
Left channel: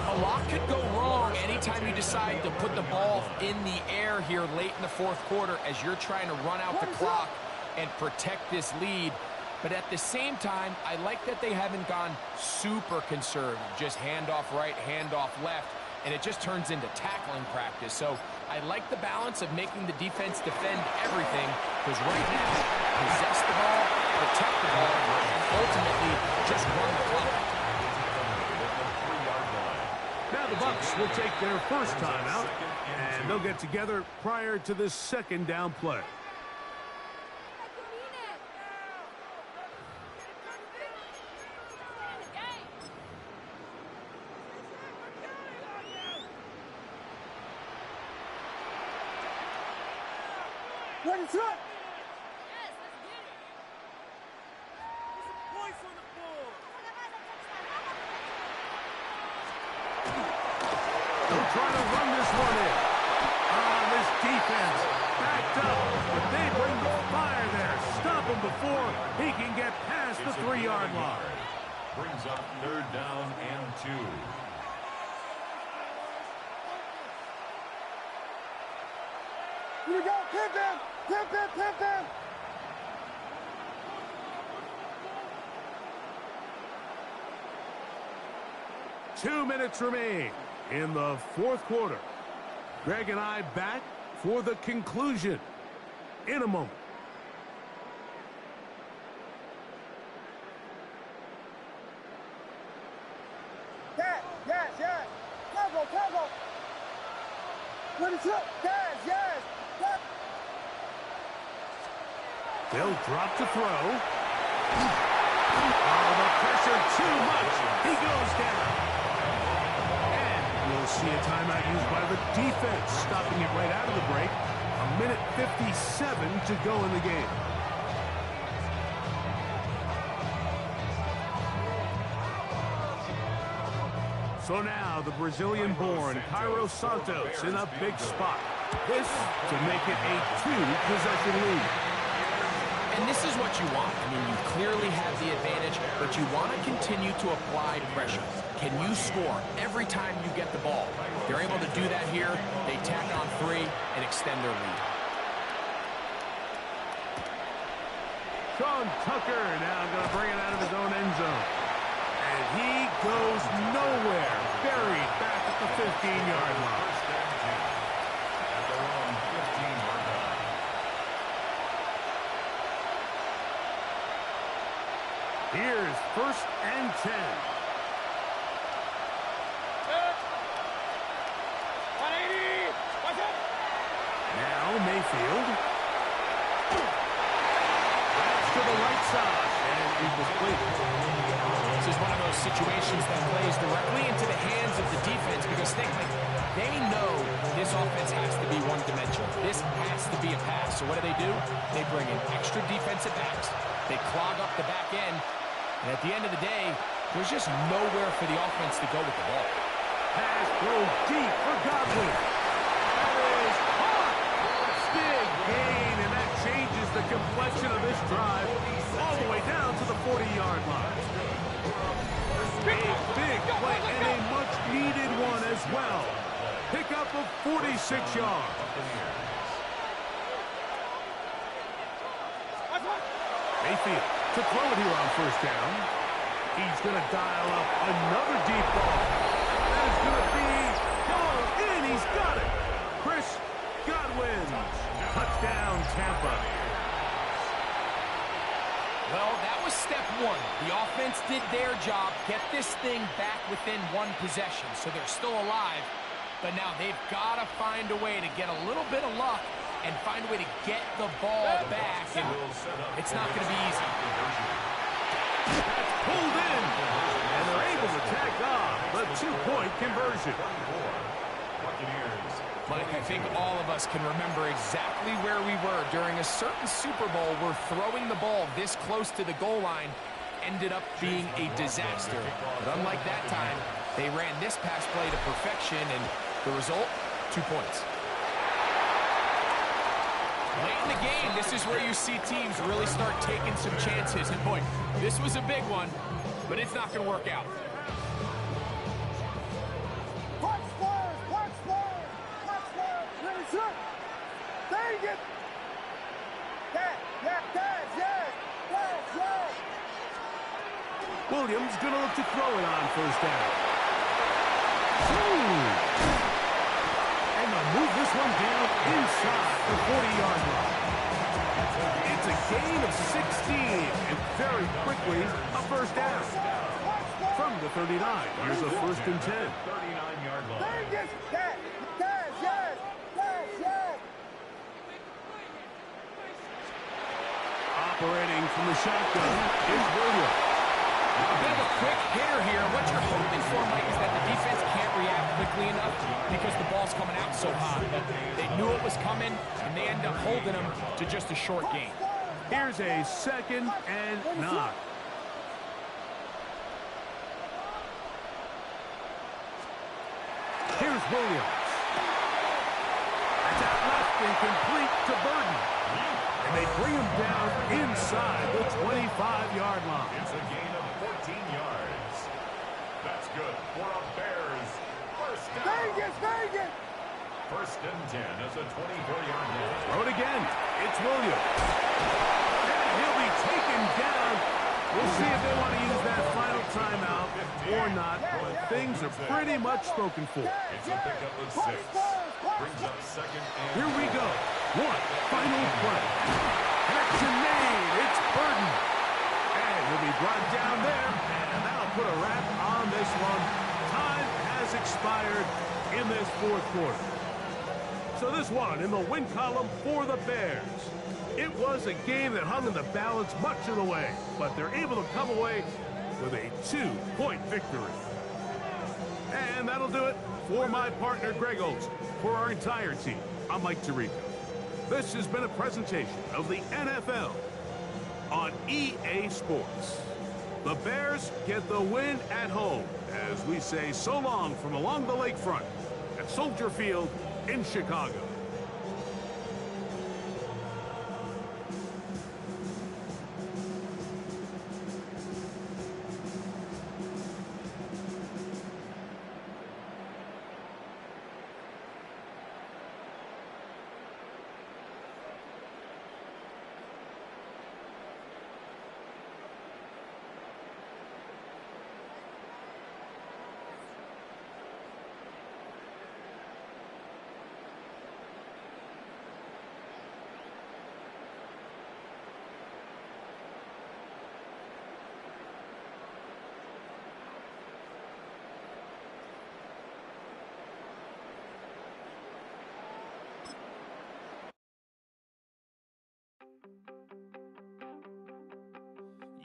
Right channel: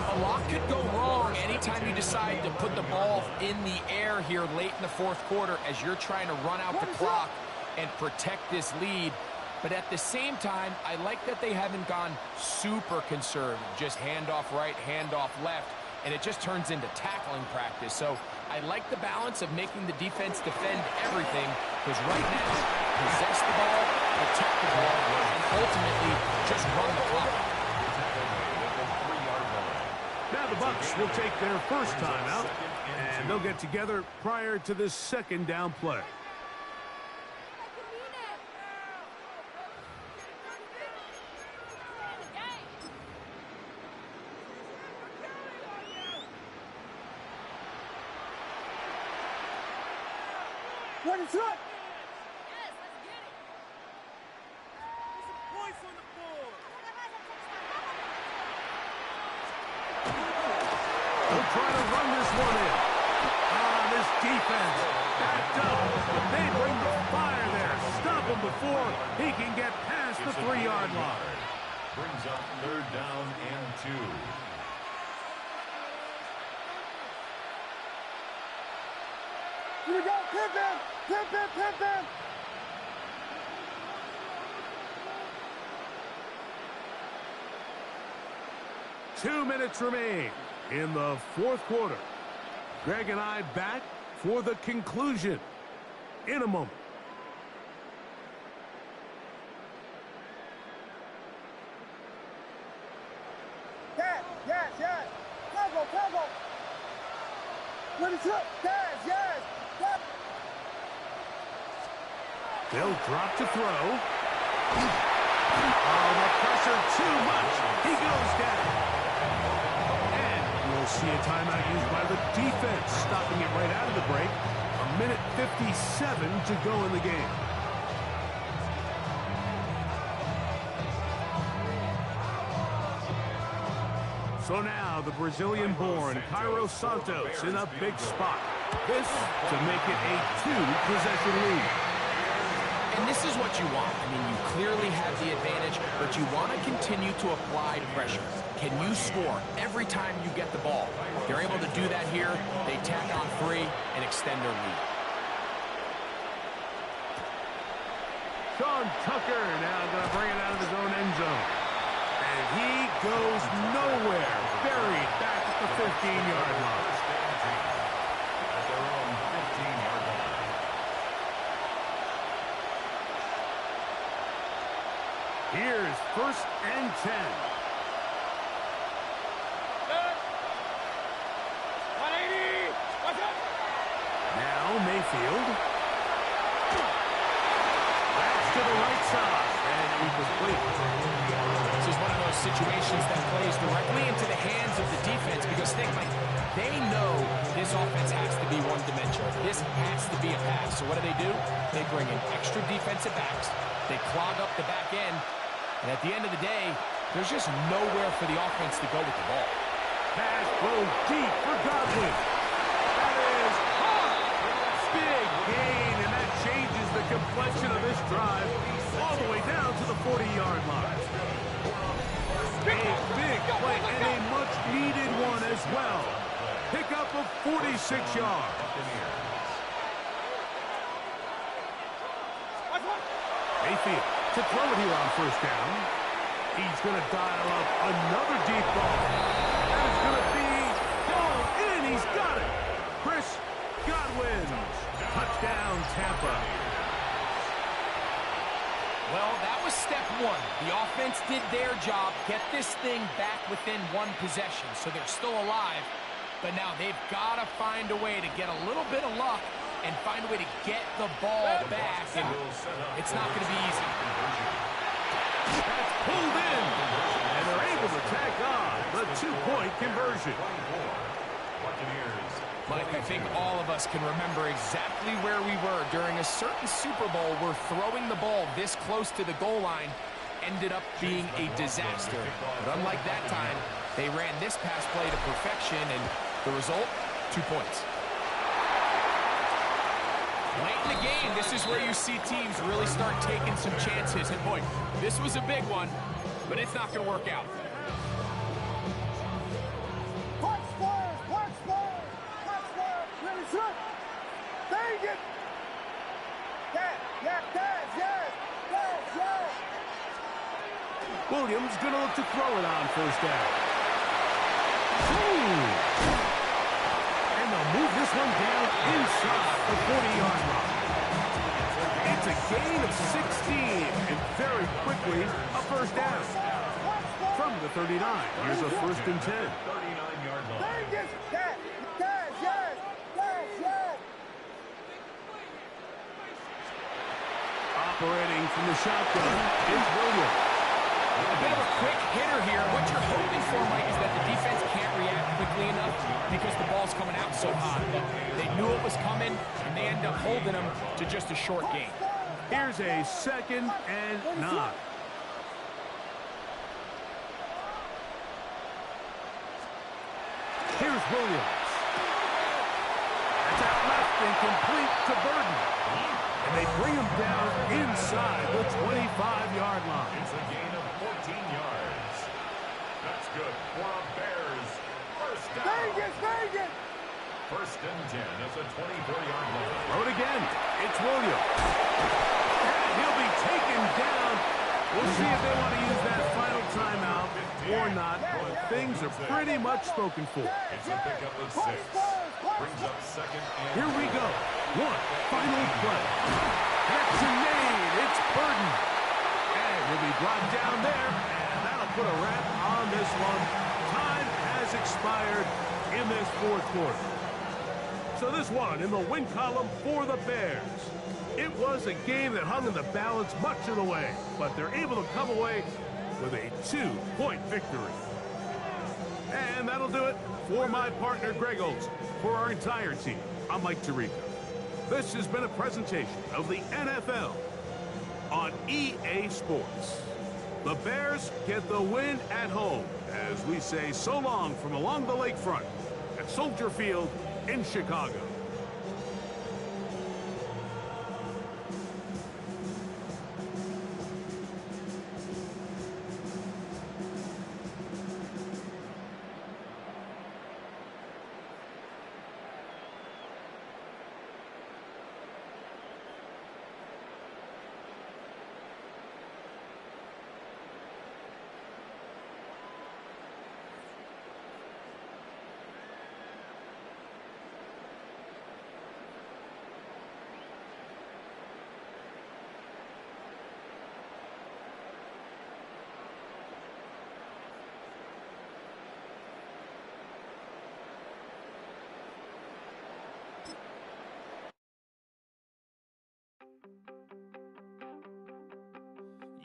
A lot could go wrong anytime you decide to put the ball in the air here late in the fourth quarter as you're trying to run out the clock and protect this lead. But at the same time, I like that they haven't gone super conservative. Just handoff right, handoff left, and it just turns into tackling practice. So I like the balance of making the defense defend everything, because right now, possess the ball, protect the ball, and ultimately just run the clock. Now the Bucs will take their first timeout, and they'll get together prior to this second down play. Ready, set. Yes, let's get it. Put some points on the board. trying to run this one in. This defense backed up, but they bring the fire there. Stop him before he can get past the 3-yard line. Brings up 3rd down and 2. Here we go, pimp him, pimp him, pimp him. Two minutes remain in the 4th quarter. Greg and I back for the conclusion in a moment. Yes, yes. Combo. Let it up. Yes. They'll drop to throw. Oh, the pressure too much. He goes down. And we'll see a timeout used by the defense, stopping it right out of the break. 1:57 to go in the game. So now the Brazilian-born Cairo Santos in a big spot. This to make it a 2-possession lead. And this is what you want. I mean, you clearly have the advantage, but you want to continue to apply pressure. Can you score every time you get the ball? They're able to do that here. They tack on 3 and extend their lead. Sean Tucker now going to bring it out of his own end zone. And he goes nowhere. Buried back at the 15-yard line. First down team at their own 15-yard line. Here's 1st and 10. 180. Watch it. Now Mayfield. That's to the right side. And incomplete. This is one of those situations that plays directly into the hands of the defense because they know this offense has to be one-dimensional. This has to be a pass. So what do? They bring in extra defensive backs. They clog up the back end. And at the end of the day, there's just nowhere for the offense to go with the ball. Pass throw deep for Godwin. That is hard. Big gain, and that changes the complexion of this drive all the way down to the 40-yard line. A big play and a much-needed one as well. Pick up of 46 yards. Mayfield to throw it here on 1st down. He's going to dial up another deep ball. That is going to be gone in. He's got it. Chris Godwin. Touchdown, Tampa. Well, that was step 1. The offense did their job, get this thing back within 1 possession, so they're still alive. But now they've got to find a way to get a little bit of luck and find a way to get the ball back, and it's not going to be easy. That's pulled in, and they're able to tack on the 2-point conversion. Mike, I think all of us can remember exactly where we were during a certain Super Bowl where throwing the ball this close to the goal line ended up being a disaster. But unlike that time, they ran this pass play to perfection, and the result, 2 points. Late in the game, this is where you see teams really start taking some chances. And boy, this was a big one, but it's not going to work out. Dang it! Yes! Williams going to look to throw it on 1st down. And they'll move this one down inside the 40-yard line. It's a gain of 16, and very quickly a 1st down. From the 39, here's a 1st and 10. 39-yard line. Yes! Operating from the shotgun is Williams. A bit of a quick hitter here. What you're hoping for, Mike, is that the defense can't react quickly enough because the ball's coming out so hot. They knew it was coming, and they end up holding them to just a short gain. Here's a 2nd and 9. Here's Williams. That's out left, incomplete to Burden. And they bring him down inside the 25-yard line. It's a gain of 14 yards. That's good for a Bears first down. Vegas! First and 10 at the 24-yard line. Throw it again. It's Williams. And he'll be taken down. We'll see if they want to use that final timeout or not, but things are pretty much spoken for. It's a pickup of 6. Brings up second and... Here we go. One final play. Connection made. It's Burden. And he'll be brought down there, and that'll put a wrap on this one. Time has expired in this fourth quarter. So this one in the win column for the Bears. It was a game that hung in the balance much of the way, but they're able to come away with a 2-point victory. And that'll do it for my partner, Greg Olson. For our entire team, I'm Mike Tirico. This has been a presentation of the NFL on EA Sports. The Bears get the win at home as we say so long from along the lakefront at Soldier Field in Chicago.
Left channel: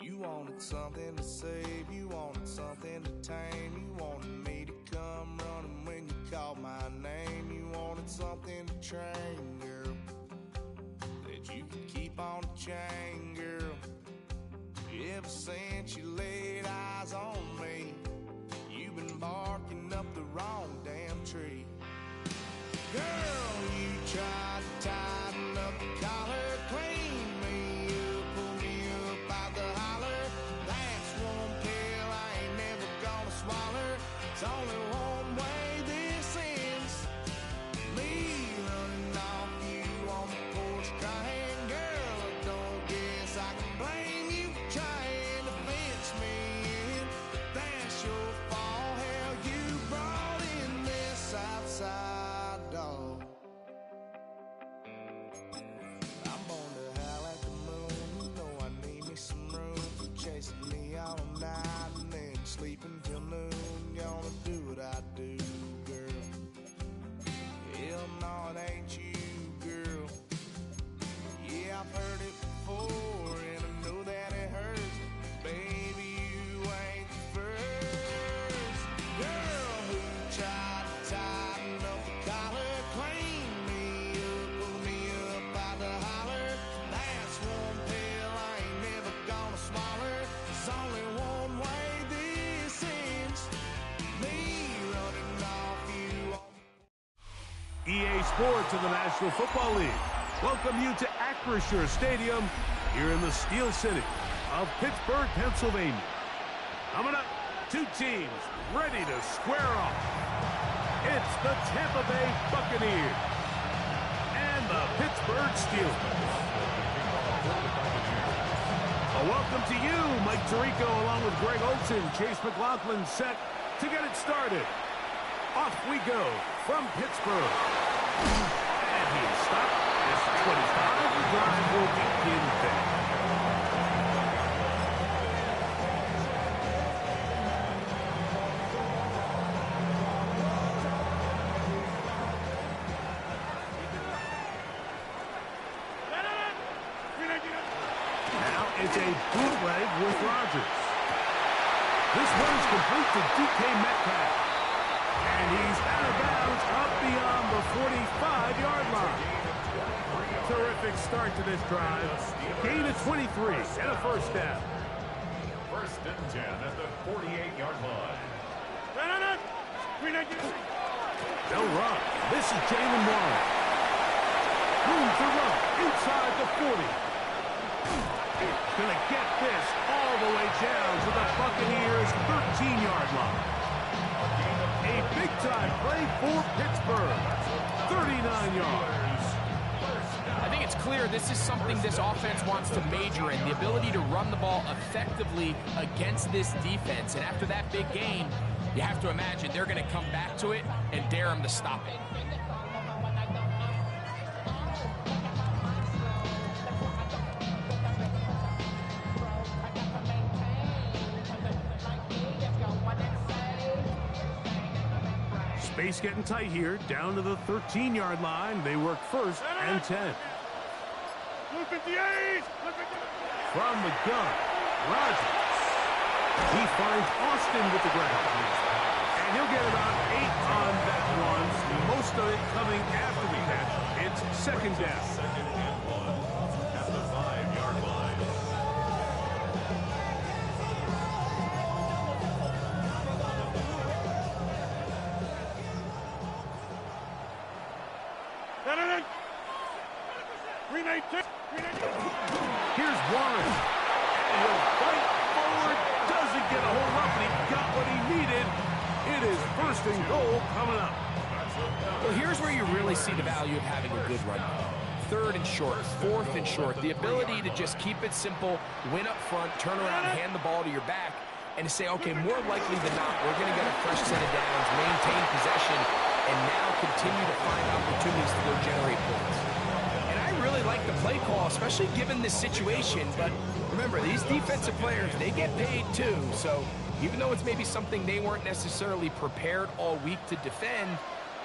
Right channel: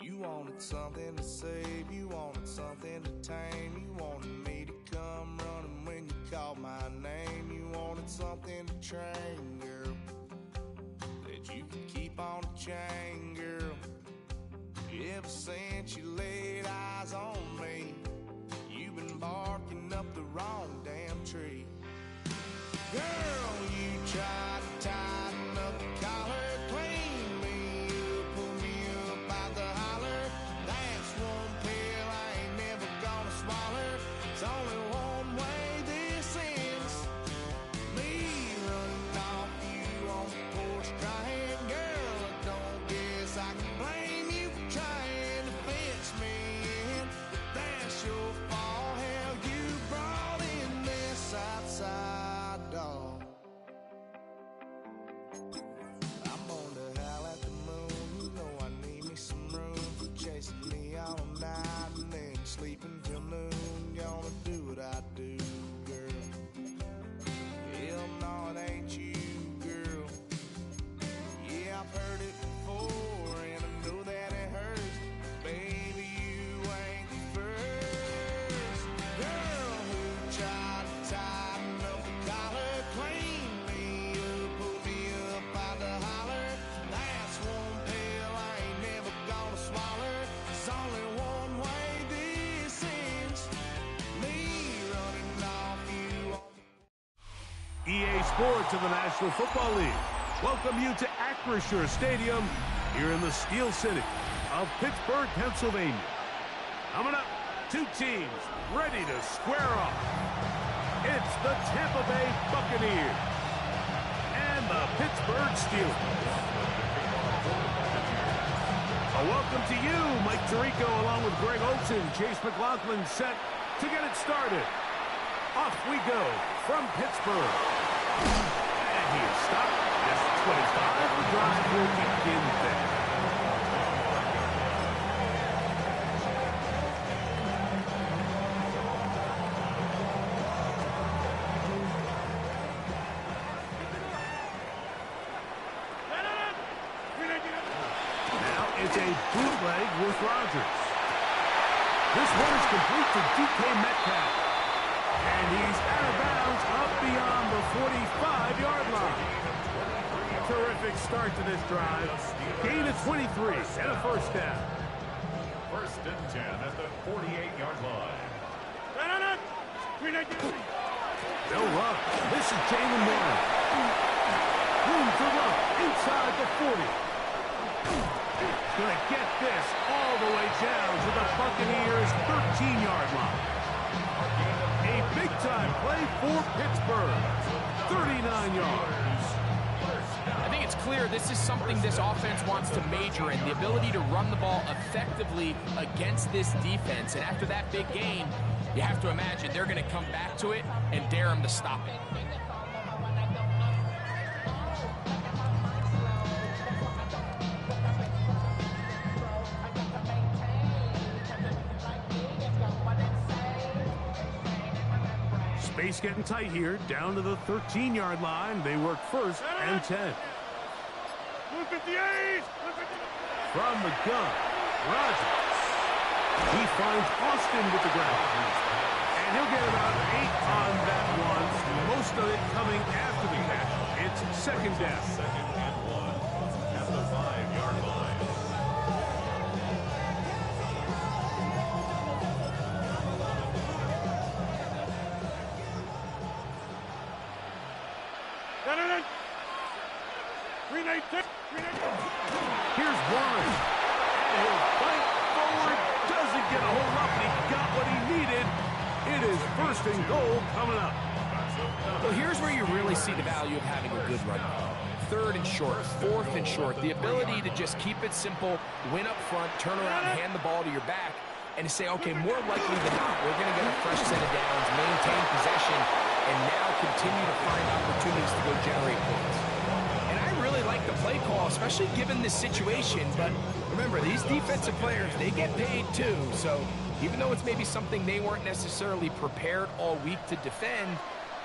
You wanted something to save, you wanted something to tame, you wanted me to come running when you called my name, you wanted something to train, girl, that you could keep on the chain, girl. Ever since you laid eyes on me, you've been barking up the wrong damn tree. Girl, you tried to tighten up the collar, clean me up, pull me up out the holler. That's one pill I ain't never gonna swallow. It's only one way this ends. Me running off you on the porch crying. Girl, I don't guess I can blame you for trying to fence me in. But that's your fault, hell, you brought in this outside dog. I'm born to howl at the moon. You know I need me some room for chasing me all night and then sleeping till noon. Gonna do what I do, girl. Hell no, it ain't you, girl. Yeah, I've heard it before and I know that it hurts. Baby, you ain't the first girl who tried to tighten up the collar, clean me up, pull me up out the holler. That's one pill I ain't never gonna swallow. There's only one way this ends. Me running off you on EA Sports in the National Football League welcome you to Acrisure Stadium here in the Steel City of Pittsburgh, Pennsylvania. Coming up, two teams ready to square off. It's the Tampa Bay Buccaneers and the Pittsburgh Steelers. A welcome to you, Mike Tirico, along with Greg Olson. Chase McLaughlin set to get it started. Off we go from Pittsburgh. And he is stopped. This 25, the drive will begin there. Now it's a bootleg with Rodgers. This one is complete to DK Metcalf. And he's out of bounds up beyond the 45-yard line. Terrific start to this drive. Gain of 23 and a first down. First and 10 at the 48-yard line. They'll run. This is Jalen Warren. Room to run inside the 40. He's going to get this all the way down to the Buccaneers' 13-yard line. A big-time play for Pittsburgh. 39 yards. I think it's clear this is something this offense wants to major in, the ability to run the ball effectively against this defense. And after that big gain, you have to imagine they're going to come back to it and dare them to stop it. Space getting tight here, down to the 13-yard line. They work first and 10. From the gun, Rodgers. He finds Austin with the ground. And he'll get about 8 on that one. Most of it coming after the catch. It's second down. Second and 1 at the 5-yard line. Here's Warren. And he'll fight forward. Doesn't get a whole lot, but he got what he needed. It is first and goal coming up. Well, here's where you really see the value of having a good run. Third and short, fourth and short. The ability to just keep it simple, win up front, turn around, hand the ball to your back, and to say, okay, more likely than not, we're going to get a fresh set of downs, maintain possession, and now continue to find opportunities to go generate points. And I really like the play call, especially given this situation. But remember, these defensive players, they get paid too. So even though it's maybe something they weren't necessarily prepared all week to defend,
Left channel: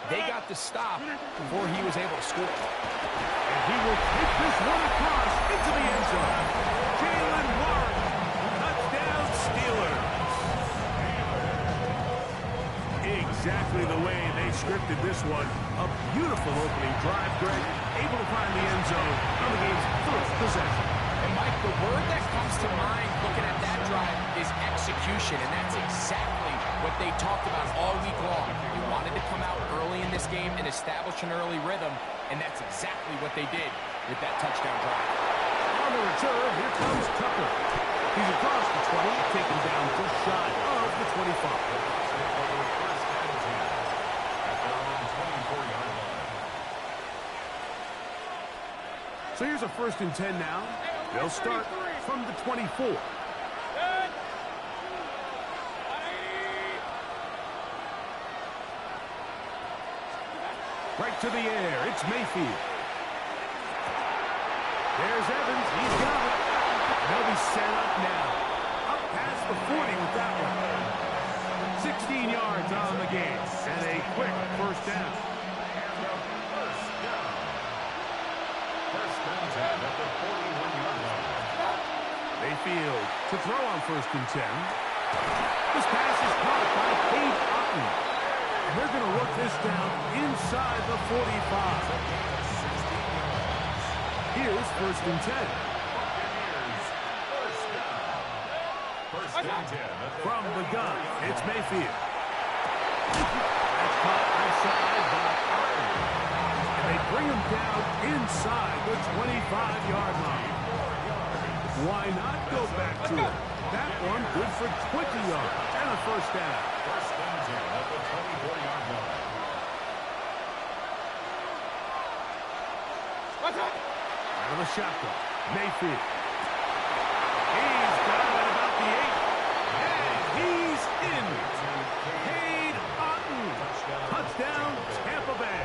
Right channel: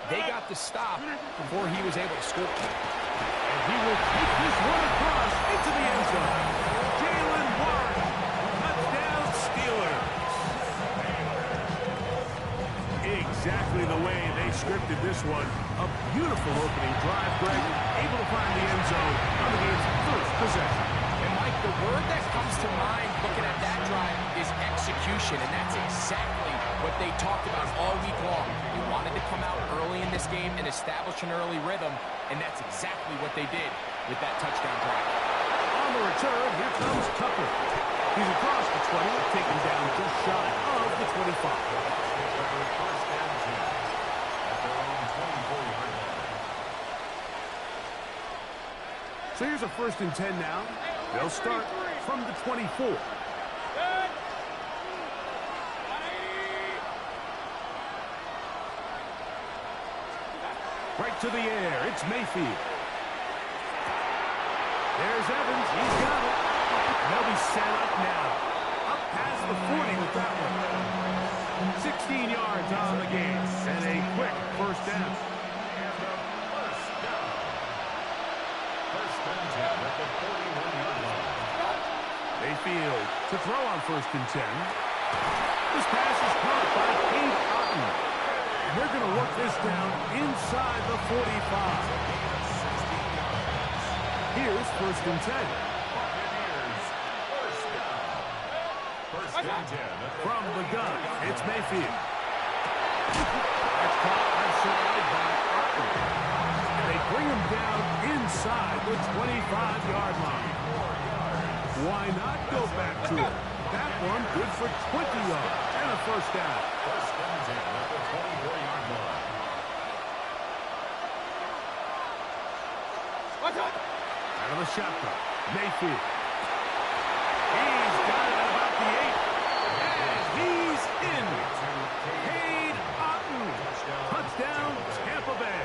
they got the stop before he was able to score. And he will take this one across into the end zone. Jalen Warren, touchdown Steelers. Exactly the way they scripted this one. A beautiful opening drive, Greg. Able to find the end zone on the game's first possession. And Mike, the word that comes to mind looking at that drive is execution, and that's exactly what they talked about all week long. They wanted to come out early in this game and establish an early rhythm, and that's exactly what they did with that touchdown drive. On the return, here comes Tucker. He's across the 20, taken down just shy of the 25. Over first and 10 at their own 24-yard line. So here's a first and 10 now. They'll start from the 24. Right to the air. It's Mayfield. There's Evans. He's got it. And they'll be set up now. Up past the 40 with that one. 16 yards on the game. And a quick first down. First and 10 at the 41-yard line. Mayfield to throw on first and 10. This pass is caught by Cade Otton. And they're going to work this down inside the 45. Here's first and 10. Buccaneers, first down. First and 10 at the From the gun, it's Mayfield. That's caught outside by Otton. And they bring him down inside the 25-yard line. Why not go back to it? That one good for 20 yards and a first down. First and 10 at the 24-yard line. Out of the shotgun, Mayfield. He's got it at about the 8. And he's in. Cade Otton. Touchdown, Tampa Bay.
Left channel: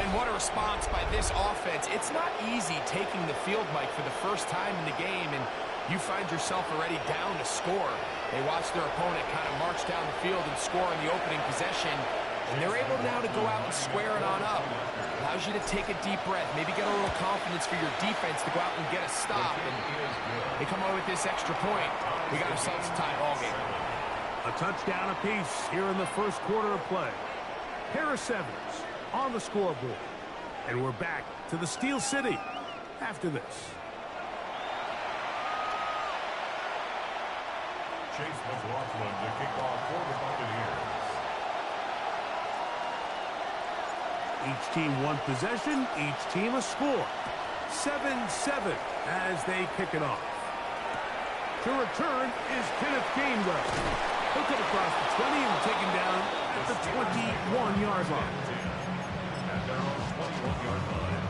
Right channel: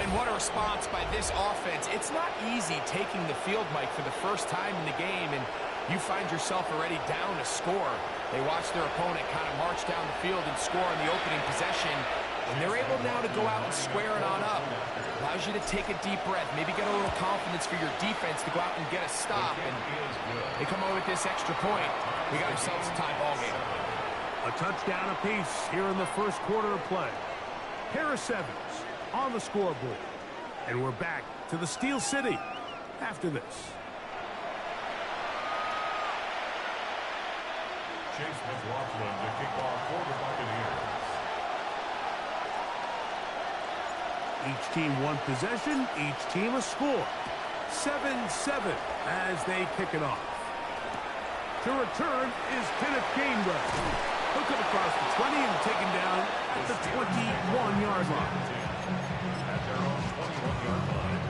And what a response by this offense. It's not easy taking the field, Mike, for the first time in the game, and you find yourself already down to score. They watch their opponent kind of march down the field and score on the opening possession, and they're able now to go out and square it on up. Allows you to take a deep breath, maybe get a little confidence for your defense to go out and get a stop, and they come away with this extra point. We got ourselves a tie ball game. A touchdown apiece here in the first quarter of play. Harris Evans on the scoreboard. And we're back to the Steel City after this. Chase McLaughlin to kick off for the Buccaneers. Each team one possession, each team a score. 7-7 as they kick it off. To return is Kenneth Gainwell. He'll come across the 20 and take him down at the 21-yard line. At their own 21-yard line.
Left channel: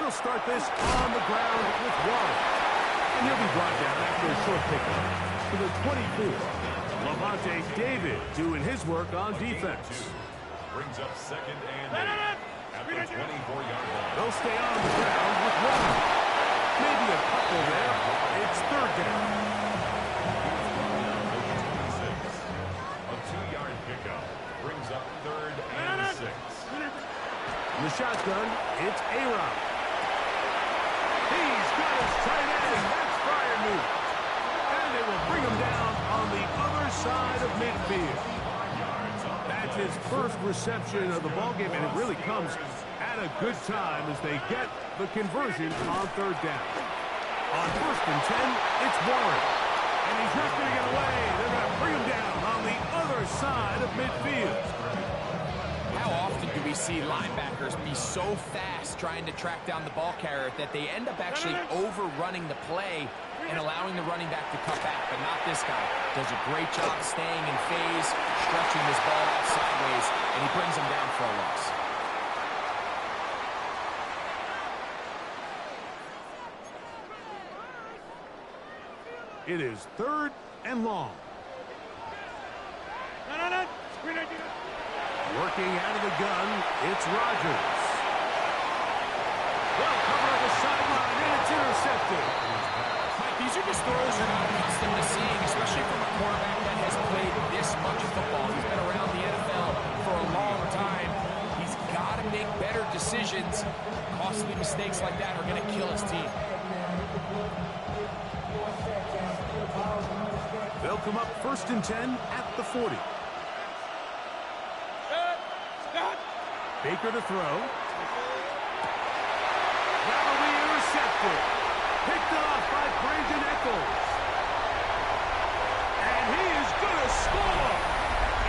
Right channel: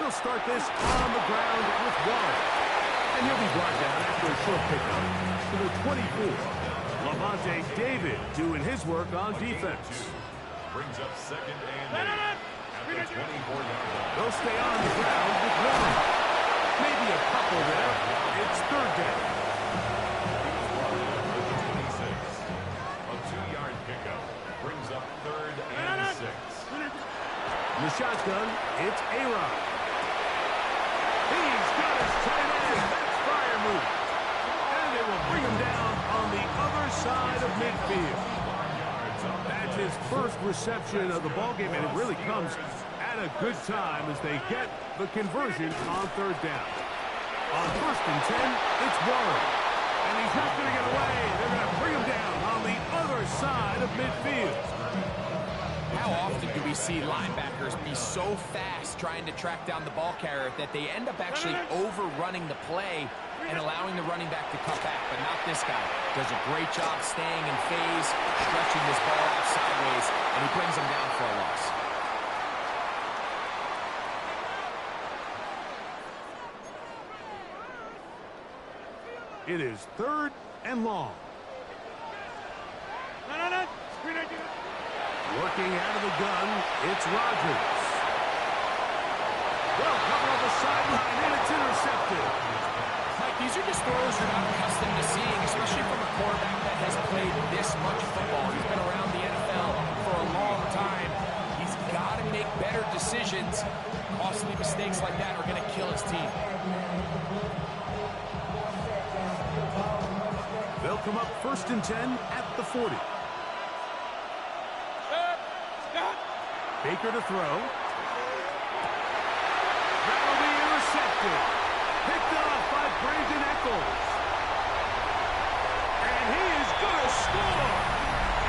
They'll start this on the ground with Warren. And he'll be brought down after a short pickup to the 24. Lavonte David doing his work on defense. Brings up 2nd and 8 at the 24-yard line. They'll stay on the ground with Warren. Maybe a couple there. It's 3rd down. He was brought down at the 26. A 2-yard pickup brings up 3rd and 6. In the shotgun, it's A-Rod. He's got his tight end. That's Freiermuth. And they will bring him down on the other side of midfield. That's his first reception of the ballgame, and it really comes at a good time as they get the conversion on 3rd down. On 1st and 10, it's Warren. And he's not going to get away. They're going to bring him down on the other side of midfield. How often do we see linebackers be so fast trying to track down the ball carrier that they end up actually overrunning the play and allowing the running back to cut back? But not this guy. Does a great job staying in phase, stretching this ball out sideways, and he brings him down for a loss. It is 3rd and long. Working out of the gun, it's Rodgers. Well covered on the sideline, and it's intercepted. Mike, these are just throws you're not accustomed to seeing, especially from a quarterback that has played this much football. He's been around the NFL for a long time. He's got to make better decisions. Costly mistakes like that are going to kill his team. They'll come up 1st and 10 at the 40. Baker to throw. That'll be intercepted. Picked off by Brandon Echols. And he is going to score.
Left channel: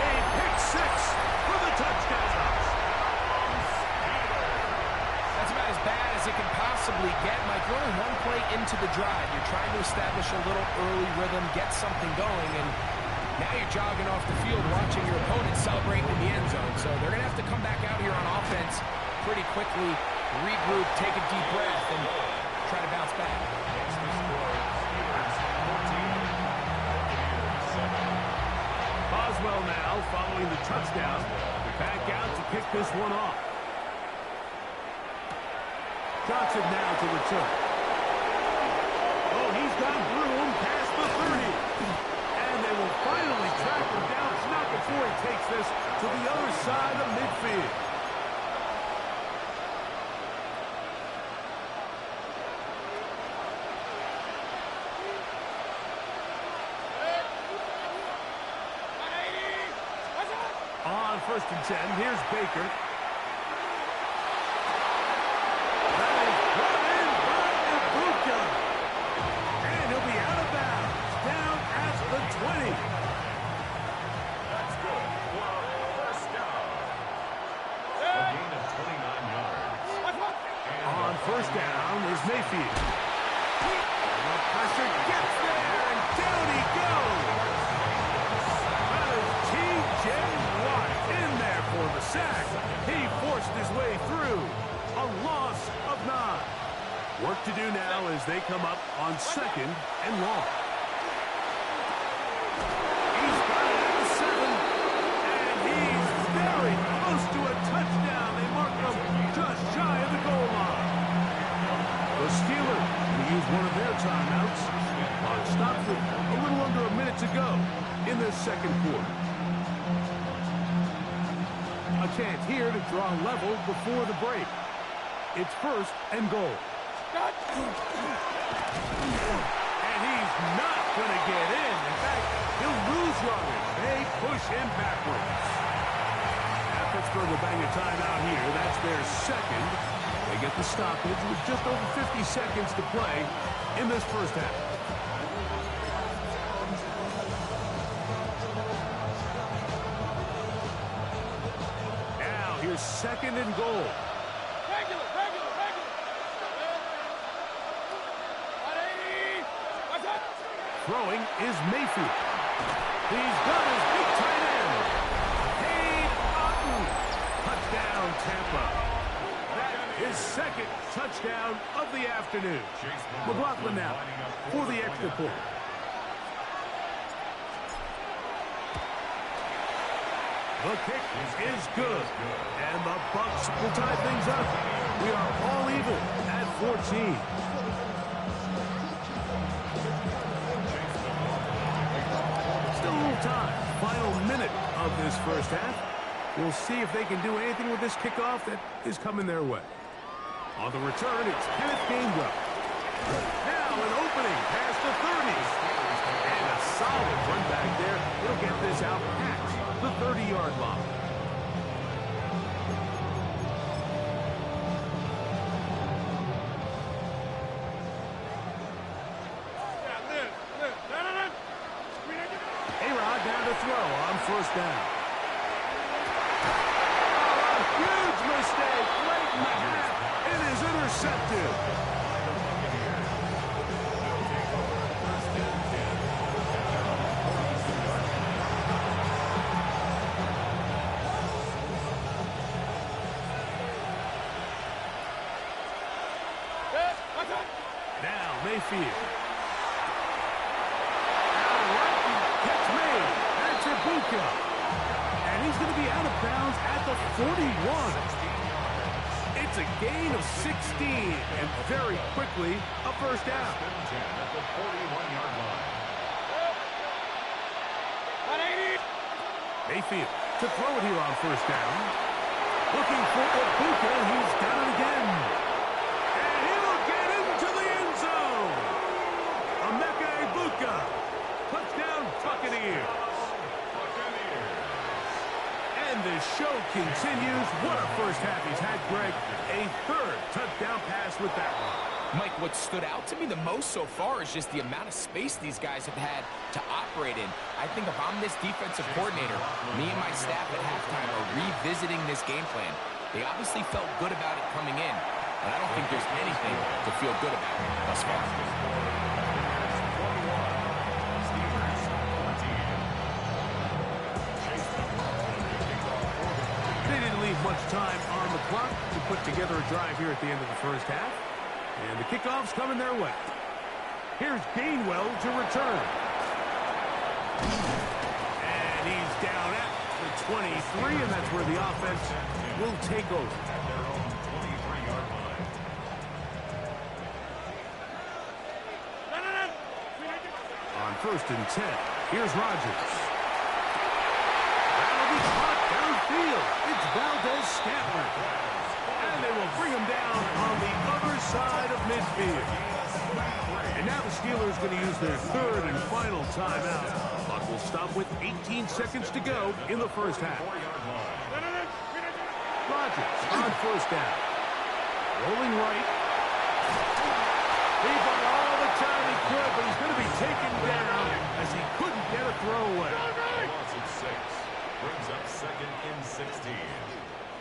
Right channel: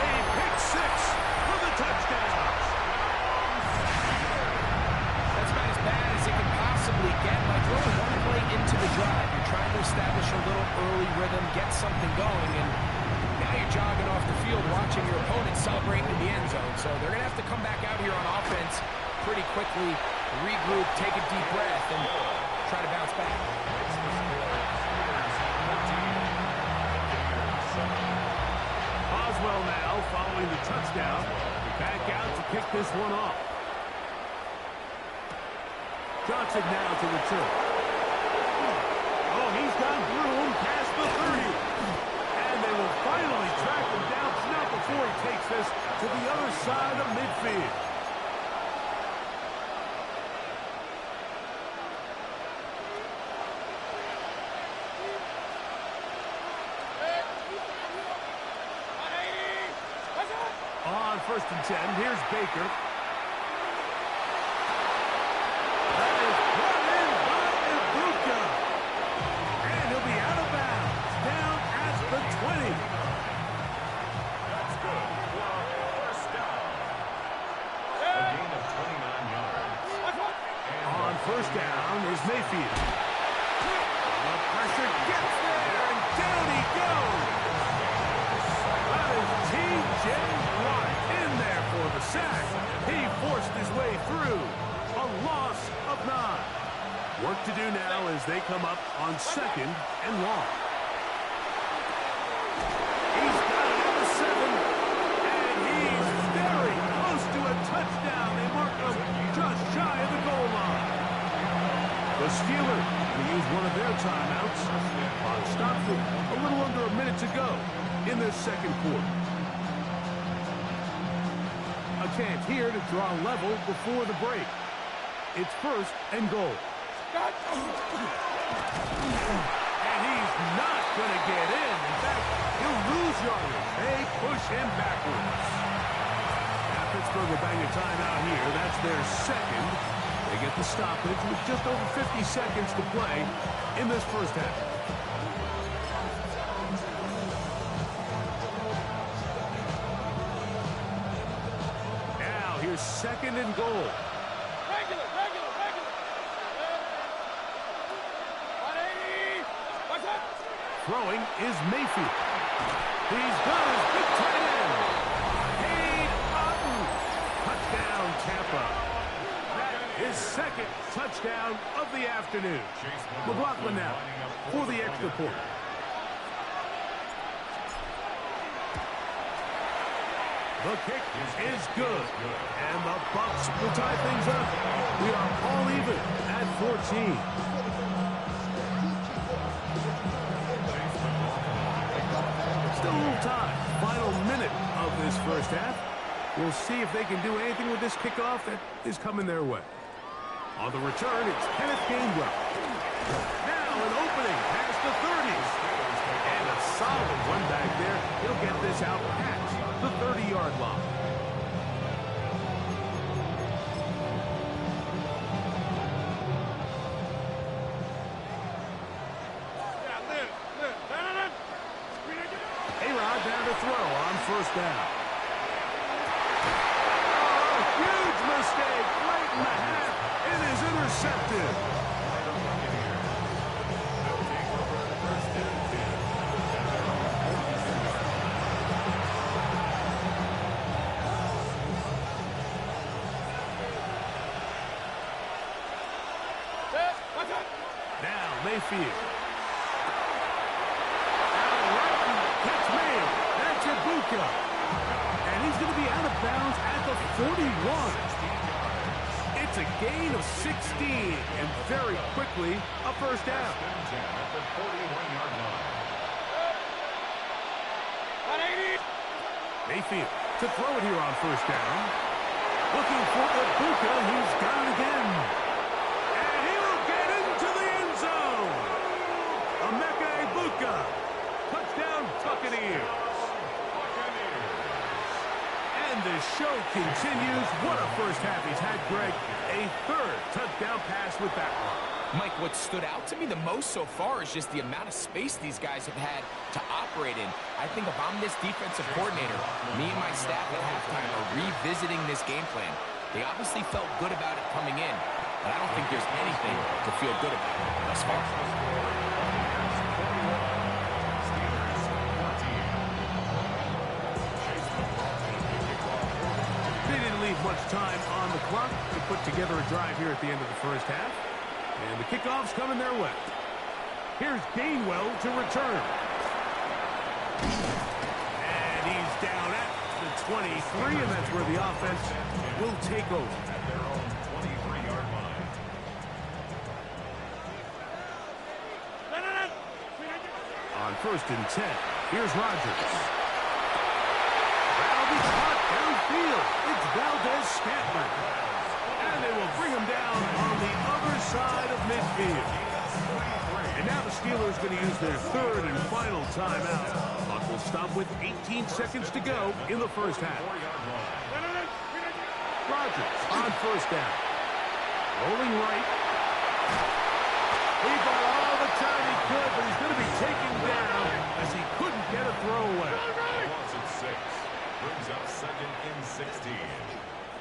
A pick 6 for the touchdown. That's about as bad as it can possibly get. Mike, you're only one play into the drive. You're trying to establish a little early rhythm, get something going, and now you're jogging off the field watching your opponent celebrating in the end zone. So they're going to have to come back out here on offense pretty quickly, regroup, take a deep breath, and try to bounce back. Makes the score Steelers 14, 7. Boswell now following the touchdown. Back out to kick this one off. Johnson now to return. Oh, he's got room past the 30. And they will finally track him down, not before he takes this to the other side of midfield. On 1st and 10, here's Baker. That is brought in by Ibuka. And he'll be out of bounds, down at the 20. That's good for a 1st down. A gain of 29 yards. On 1st down is Mayfield. The pressure gets there, and down he goes. That is T.J. Watt in there for the sack. He forced his way through. A loss of 9. Work to do now as they come up on 2nd and long. He's got it at the 7. And he's very close to a touchdown. They mark him just shy of the goal line. The Steelers going to use one of their timeouts on stops with a little under a minute to go in this 2nd quarter. A chance here to draw level before the break. It's 1st and goal. And he's not going to get in. In fact, he'll lose yardage. They push him backwards. Now Pittsburgh will bang a timeout here. That's their 2nd. They get the stoppage with just over 50 seconds to play in this 1st half. Here's 2nd and goal. Regular. 180. What's up? Throwing is Mayfield. He's got his big tight end. Cade Otton. Touchdown, Tampa. That is 2nd touchdown of the afternoon. McLaughlin now for the extra point. The kick is good. And the Bucs will tie things up. We are all even at 14. Still a little time. Final minute of this first half. We'll see if they can do anything with this kickoff that is coming their way. On the return, it's Kenneth Gainwell. Now an opening past the 30. And a solid run back there. He'll get this out past the 30-yard line. A-Rod down to throw on first down. Oh, a huge mistake late in the half. It is intercepted. They'll take over 1st and 10 at their own 42-yard line. Now Mayfield. Out right, catch made. That's Ibuka. And he's going to be out of bounds at the 41. It's a gain of 16, and very quickly, a first down. At the 41-yard line. 180. Mayfield to throw it here on first down. Looking for Ibuka. He's got it again. And he will get into the end zone. Emeka Ibuka. Touchdown, Buccaneers. And the show continues. What a first half he's had, Greg. A 3rd touchdown pass with that one. Mike, what stood out to me the most so far is just the amount of space these guys have had to operate in. I think if I'm this defensive coordinator, me and my staff at halftime are revisiting this game plan. They obviously felt good about it coming in, but I don't think there's anything to feel good about thus far. They didn't leave much time on the clock to put together a drive here at the end of the first half. And the kickoff's coming their way. Here's Gainwell to return. And he's down at the 23, and that's where the offense will take over. At their own 23-yard line. On 1st and 10, here's Rodgers. That'll be caught downfield. It's Valdez-Scantling. And they will bring him down on the other side of midfield. And now the Steelers going to use their 3rd and final timeout. Clock will stop with 18 seconds to go in the first half. Rodgers on first down. Rolling right. He bought all the time he could, but he's going to be taken down as he couldn't get a throwaway. Loss at 6. Brings up 2nd and 16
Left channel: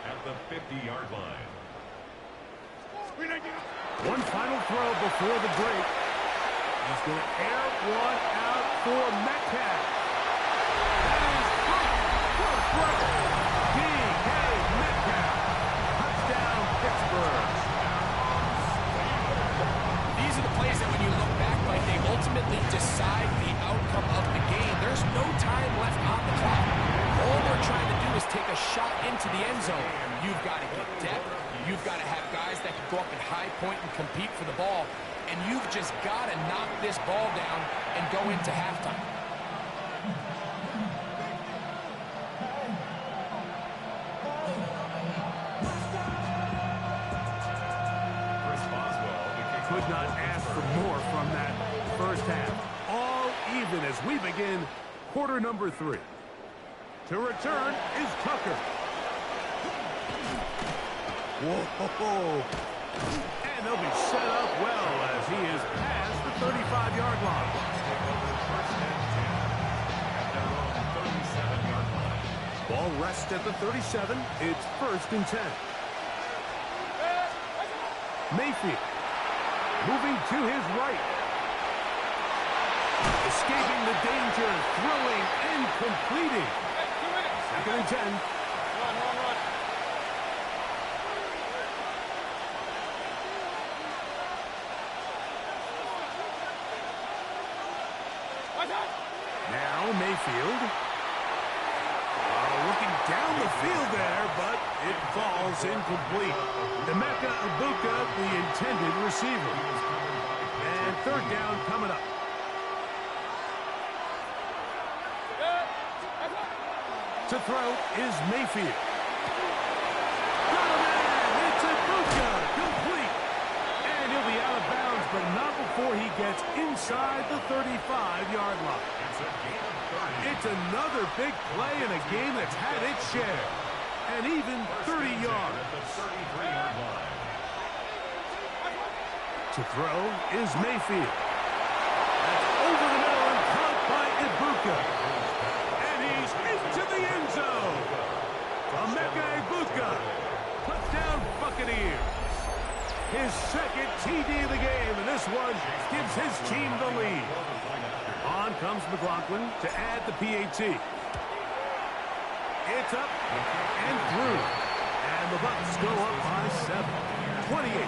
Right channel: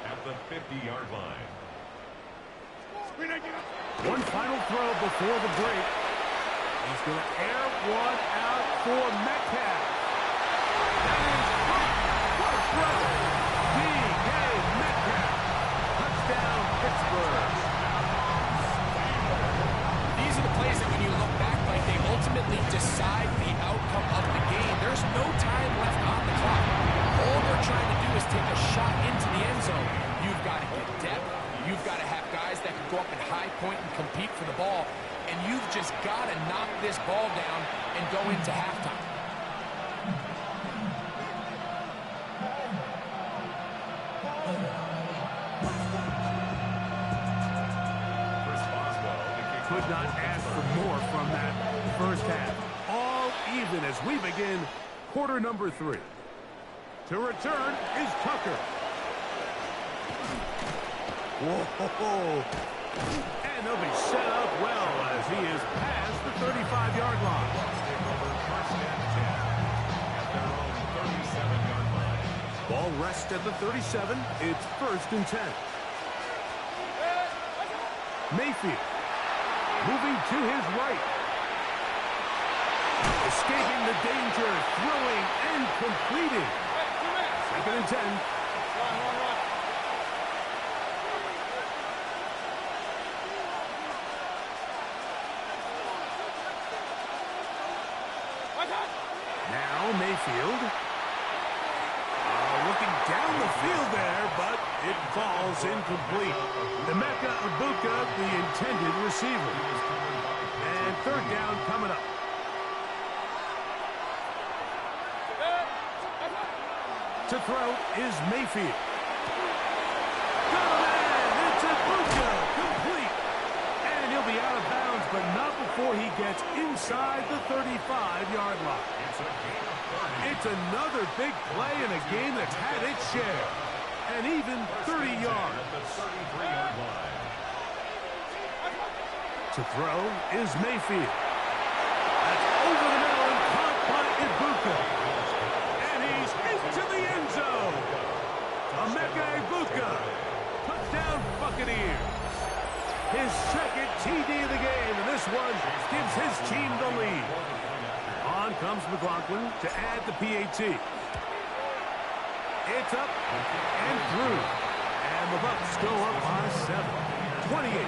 at the 50-yard line. One final throw before the break. He's going to air one out for Metcalf. That is caught. What a throw. D.K. Metcalf. Touchdown, Pittsburgh. These are the plays that when you look back, like they ultimately decide the outcome of the game. There's no time left on the clock. All they're trying to do is take a shot into the end zone. You've got to get depth. You've got to have guys that can go up at high point and compete for the ball. And you've just got to knock this ball down and go into halftime. Could not ask for more from that first half. All even as we begin quarter number 3. To return is Tucker. Whoa. And they'll be set up well as he is past the 35-yard line. Take over 1st and 10 at their own 37-yard line. Ball rest at the 37. It's 1st and 10. Mayfield moving to his right. Escaping the danger, throwing and completing. 2nd and 10. Run. Now Mayfield. Looking down the field there, but it falls incomplete. Emeka Ibuka, the intended receiver. And 3rd down coming up. To throw is Mayfield. Got a man! It's Ibuka! Complete! And he'll be out of bounds, but not before he gets inside the 35-yard line. It's another big play in a game that's had its share. And even 30 yards. To throw is Mayfield. That's over the middle and caught by Ibuka. And he's into the end zone. Emeka Ibuka. Touchdown Buccaneers. His 2nd TD of the game, and this one gives his team the lead. On comes McLaughlin to add the PAT. It's up and through. And the Bucs go up by 7. 28-21.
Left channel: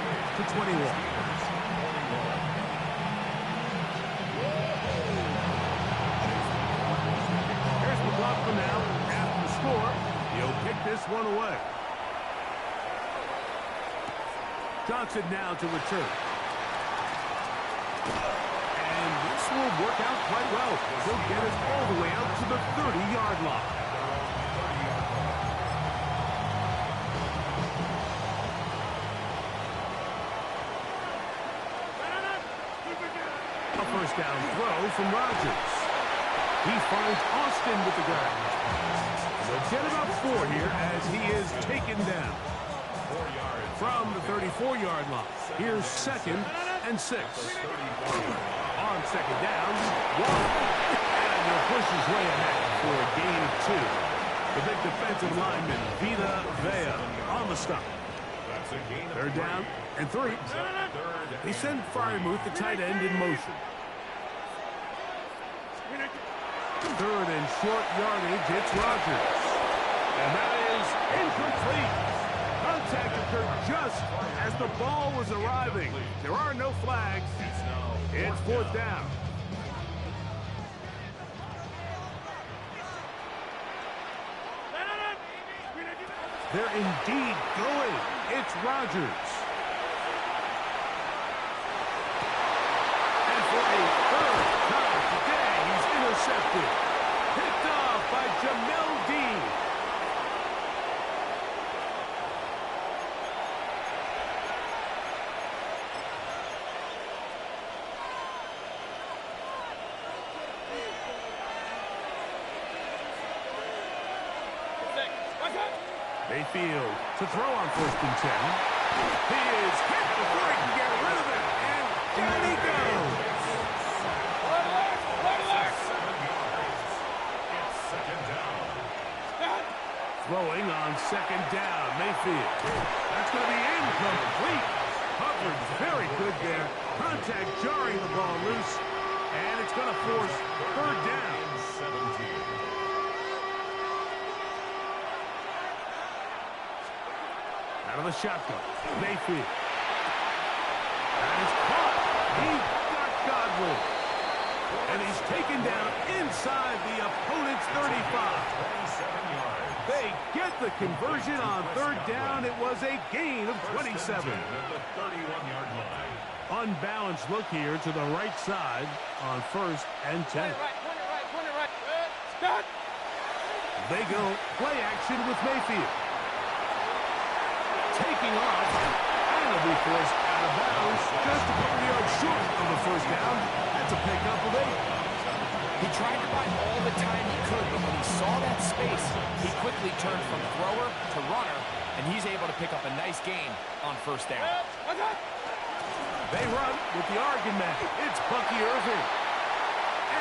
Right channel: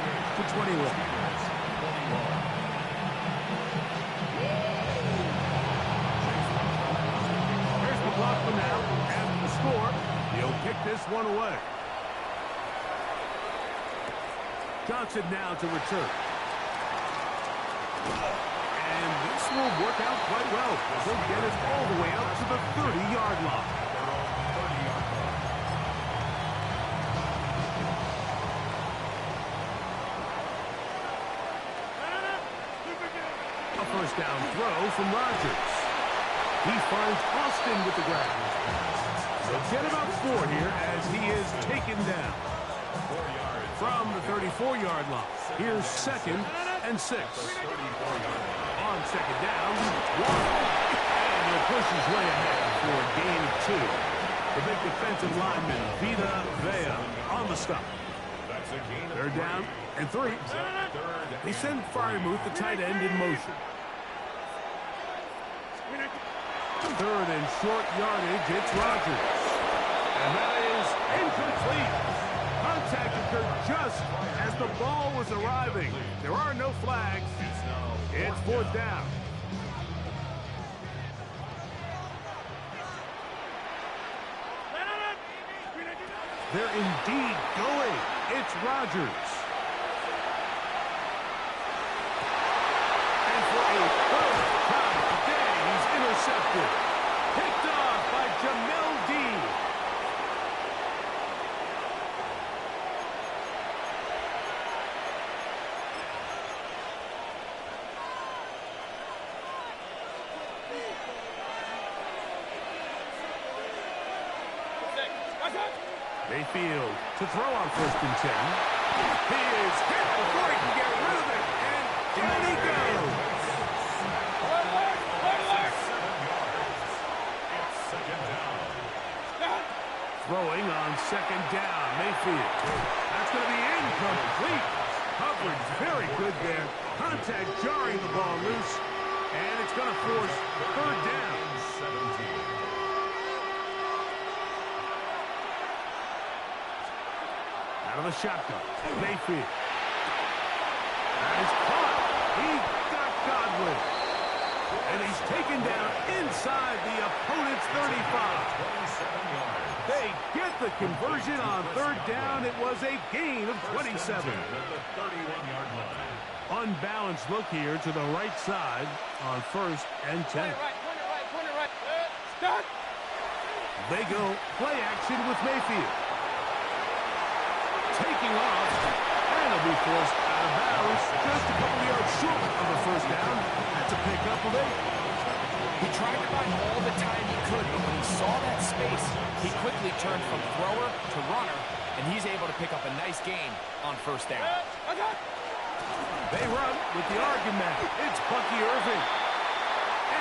Here's McLaughlin now. After the score, he'll kick this one away. Johnson now to return. And this will work out quite well. He'll get it all the way out to the 30-yard line. A 1st down throw from Rodgers. He finds Austin with the grab. They'll get about 4 here as he is taken down. From the 34-yard line. Here's 2nd and 6. On 2nd down, 1. And he'll push his way ahead for a gain of 2. The big defensive lineman, Vita Vea, on the stop. 3rd down and 3. They send Fryermuth, the tight end, in motion. 3rd and short yardage, it's Rodgers. And that is incomplete. Contact occurred just as the ball was arriving. There are no flags. It's 4th down. They're indeed going. It's Rodgers. And for a 3rd time today, he's intercepted. Picked off by Jamel Dean. Mayfield to throw on 1st and 10. He is hit before he can get rid of it, and down he goes. 7 yards. It's 2nd down. Throwing on 2nd down, Mayfield. That's going to be incomplete. Coverage very good there. Contact jarring the ball loose, and it's going to force 3rd down. 17. Out of the shotgun, Mayfield. That is caught. He got Godwin. And he's taken down inside the opponent's 35. 27 yards. They get the conversion on 3rd down. It was a gain of 27. At the 31-yard line. Unbalanced look here to the right side on 1st and 10. Point it right. Start. They go play action with Mayfield. Taking off, and he'll be forced out of bounds just a couple yards short of the 1st down. That's a pickup of 8. He tried to buy all the time he could, but when he saw that space, he quickly turned from thrower to runner, and he's able to pick up a nice gain on 1st down. They run with the Oregon man. It's Bucky Irving.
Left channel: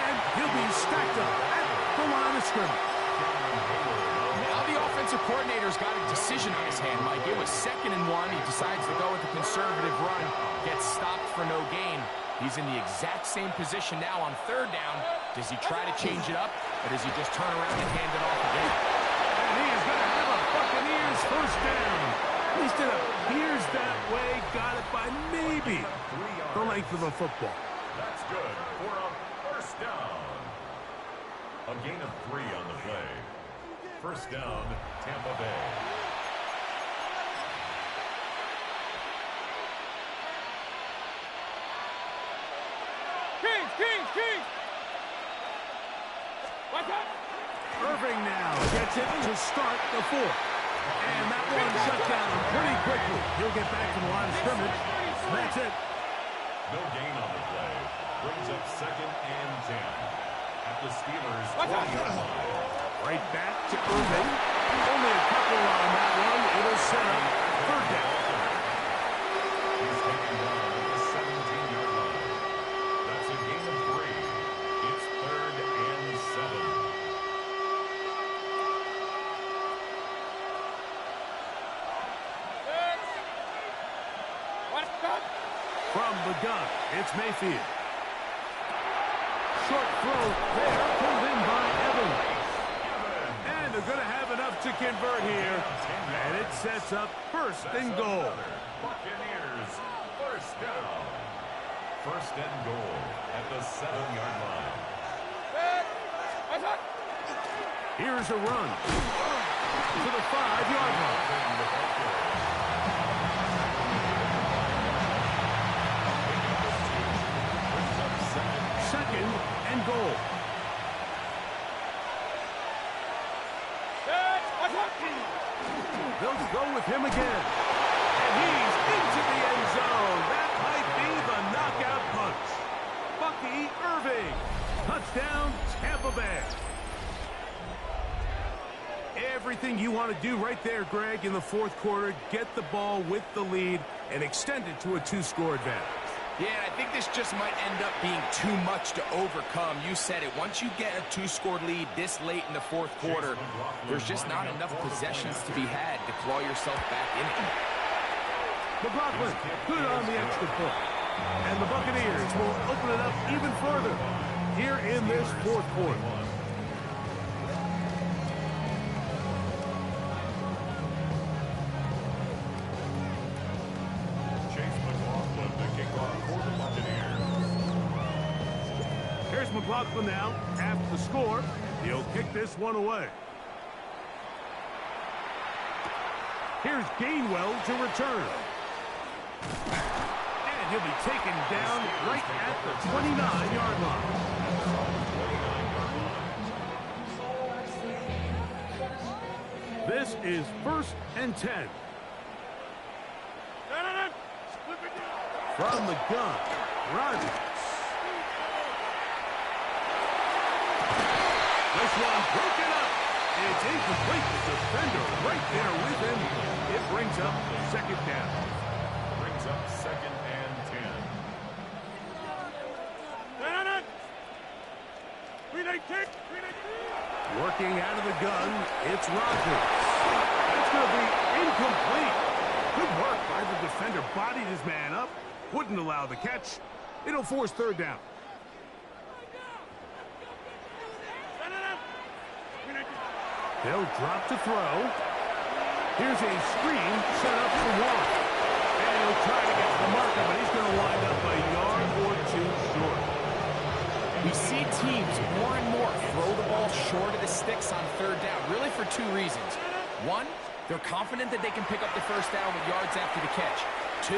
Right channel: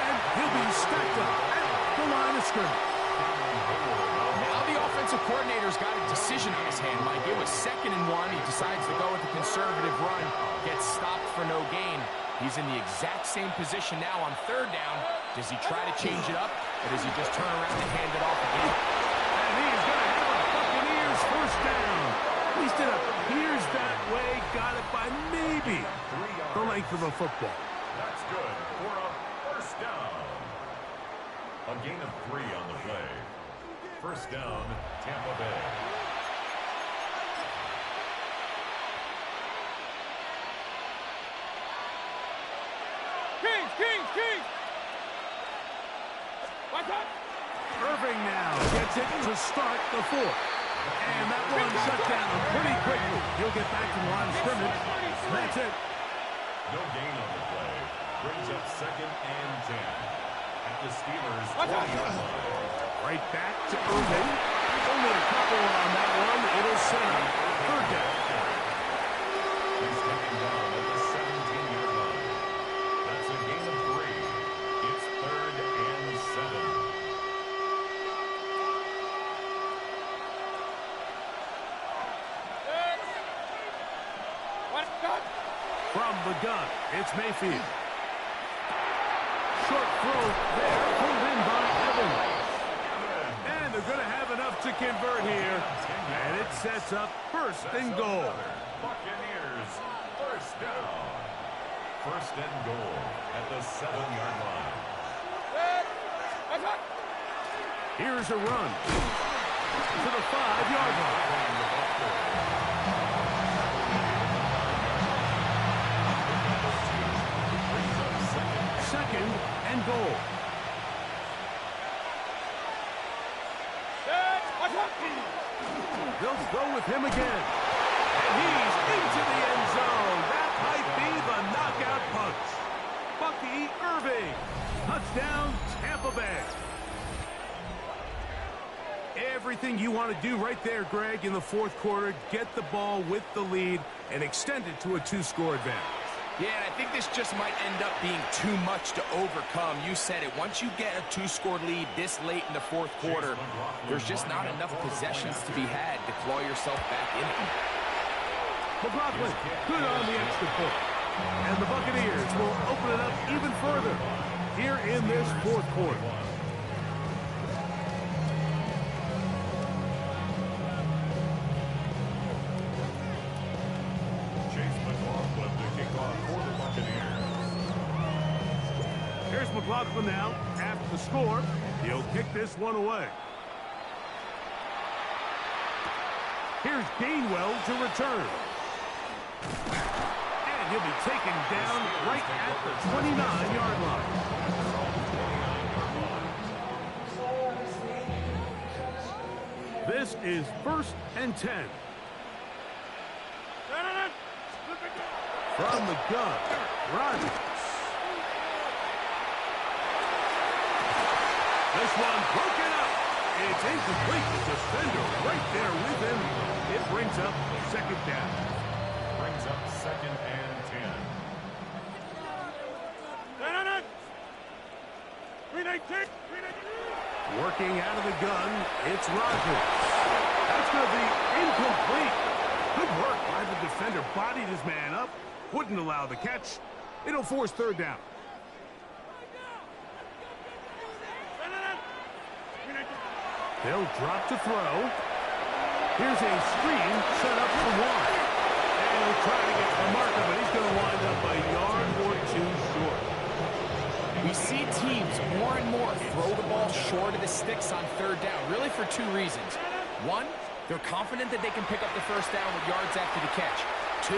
And he'll be stacked up at the line of scrimmage. Now the offensive coordinator's got a decision on his hand, Mike. It was 2nd and 1. He decides to go with a conservative run, gets stopped for no gain. He's in the exact same position now on 3rd down. Does he try to change it up, or does he just turn around and hand it off again? And he is going to have a Buccaneers first down. At least it appears that way. Got it by maybe the length of a football. That's good for a first down. A gain of 3 on the play. First down, Tampa Bay. Kings! Watch out! Irving now gets it to start the 4th. And that one shut down pretty quickly. He'll get back to the line of scrimmage. That's it. No gain on the play. Brings up 2nd and 10. At the Steelers' 20-yard line. Right back to Irving. Only a couple on that one. It'll set up 3rd down. He's taken down at the 17-yard line. That's a gain of 3. It's 3rd and 7. From the gun, it's Mayfield. Short throw there, pulled in by Evans. And they're going to have enough to convert here. And it sets up 1st and goal. Buccaneers, first down. 1st and goal at the 7-yard line. Here's a run to the 5-yard line. 2nd and goal. They'll go with him again. And he's into the end zone. That might be the knockout punch. Bucky Irving. Touchdown, Tampa Bay. Everything you want to do right there, Greg, in the 4th quarter. Get the ball with the lead and extend it to a 2-score advantage. Yeah, and I think this just might end up being too much to overcome. You said it. Once you get a 2-score lead this late in the 4th quarter, there's just not enough possessions to be had to claw yourself back in it. McLaughlin, good on the extra point. And the Buccaneers will open it up even further here in this 4th quarter. Here's McLaughlin now. After the score, he'll kick this one away. Here's Gainwell to return. And he'll be taken down right at the 29-yard line. This is 1st and 10. From the gun, Rodgers. This one broken up. It's incomplete. The defender right there with him. It brings up 2nd down. Brings up 2nd and 10. Working out of the gun, it's Rodgers. That's going to be incomplete. Good work by the defender. Bodied his man up. Wouldn't allow the catch. It'll force 3rd down. They'll drop to throw. Here's a screen set up for Warren. And he'll try to get to the marker, but he's going to wind up a yard or 2 short. We see teams more and more throw the ball short of the sticks on 3rd down, really for 2 reasons. 1, they're confident that they can pick up the 1st down with yards after the catch. 2,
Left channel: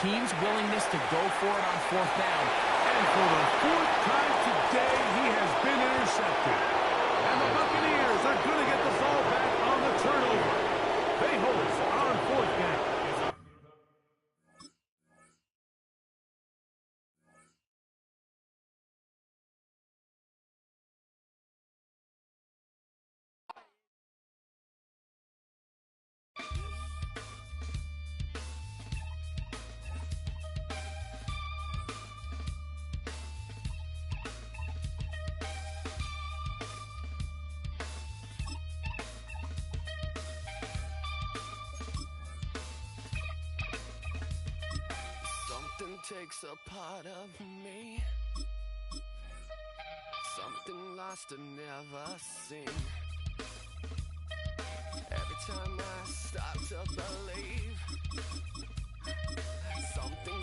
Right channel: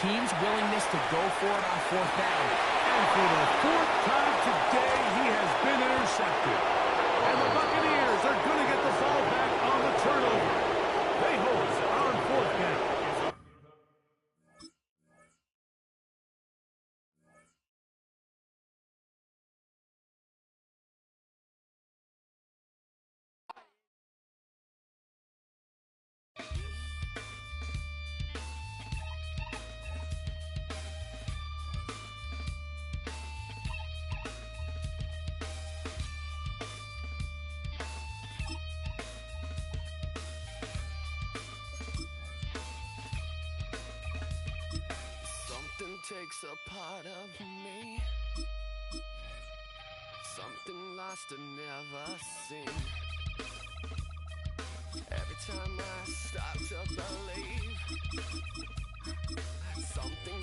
teams' willingness to go for it on 4th down. And for the 4th time today, he has been intercepted. And the Buccaneers are going to get the ball back on the turnover. They hold on 4th down. takes a part of me. Something lost and never seen. Every time I start to believe, something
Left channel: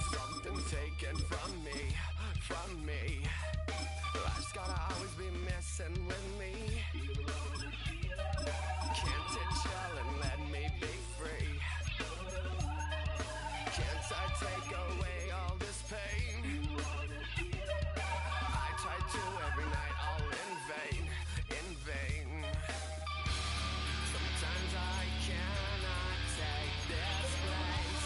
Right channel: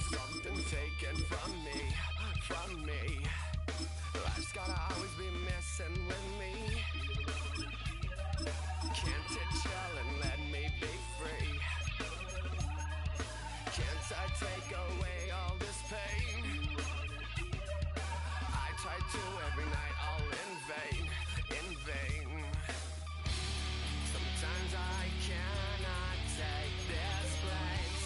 taken from me. Life's gotta always be messing with me. Can't it chill and let me be free? Can't I take away all this pain? I try to every night, all in vain. Sometimes I cannot take this place.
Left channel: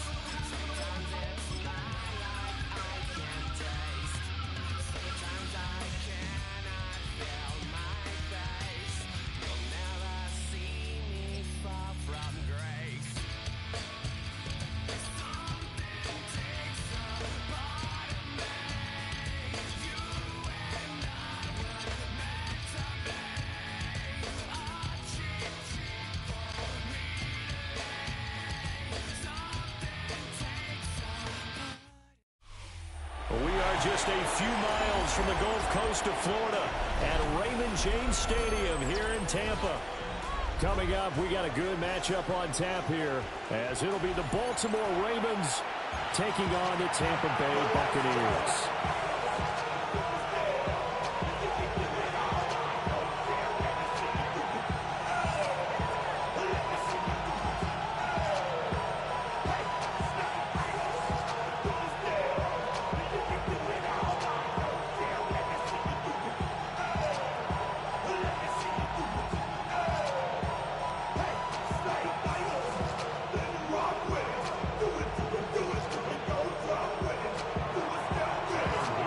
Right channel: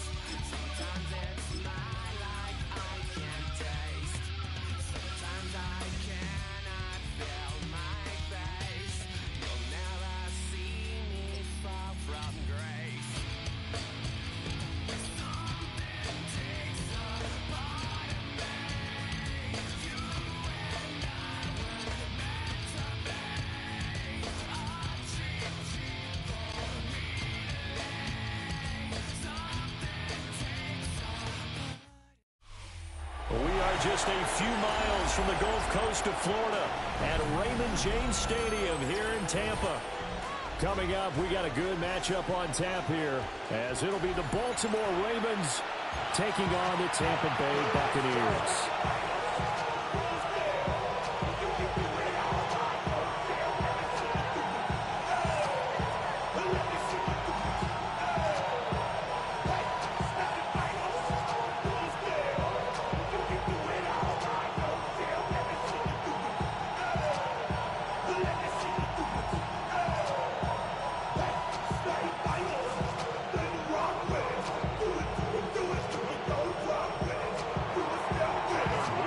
Sometimes it's my life I can't taste. Sometimes I cannot feel my face. You'll never see me fall from grace. Something takes a part of me. You and I were meant to be. A cheap for me to lay. Something takes a part. We are just a few miles from the Gulf Coast of Florida at Raymond James Stadium here in Tampa. Coming up, we got a good matchup on tap here, as it'll be the Baltimore Ravens taking on the Tampa Bay Buccaneers.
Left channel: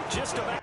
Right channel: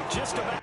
Just about.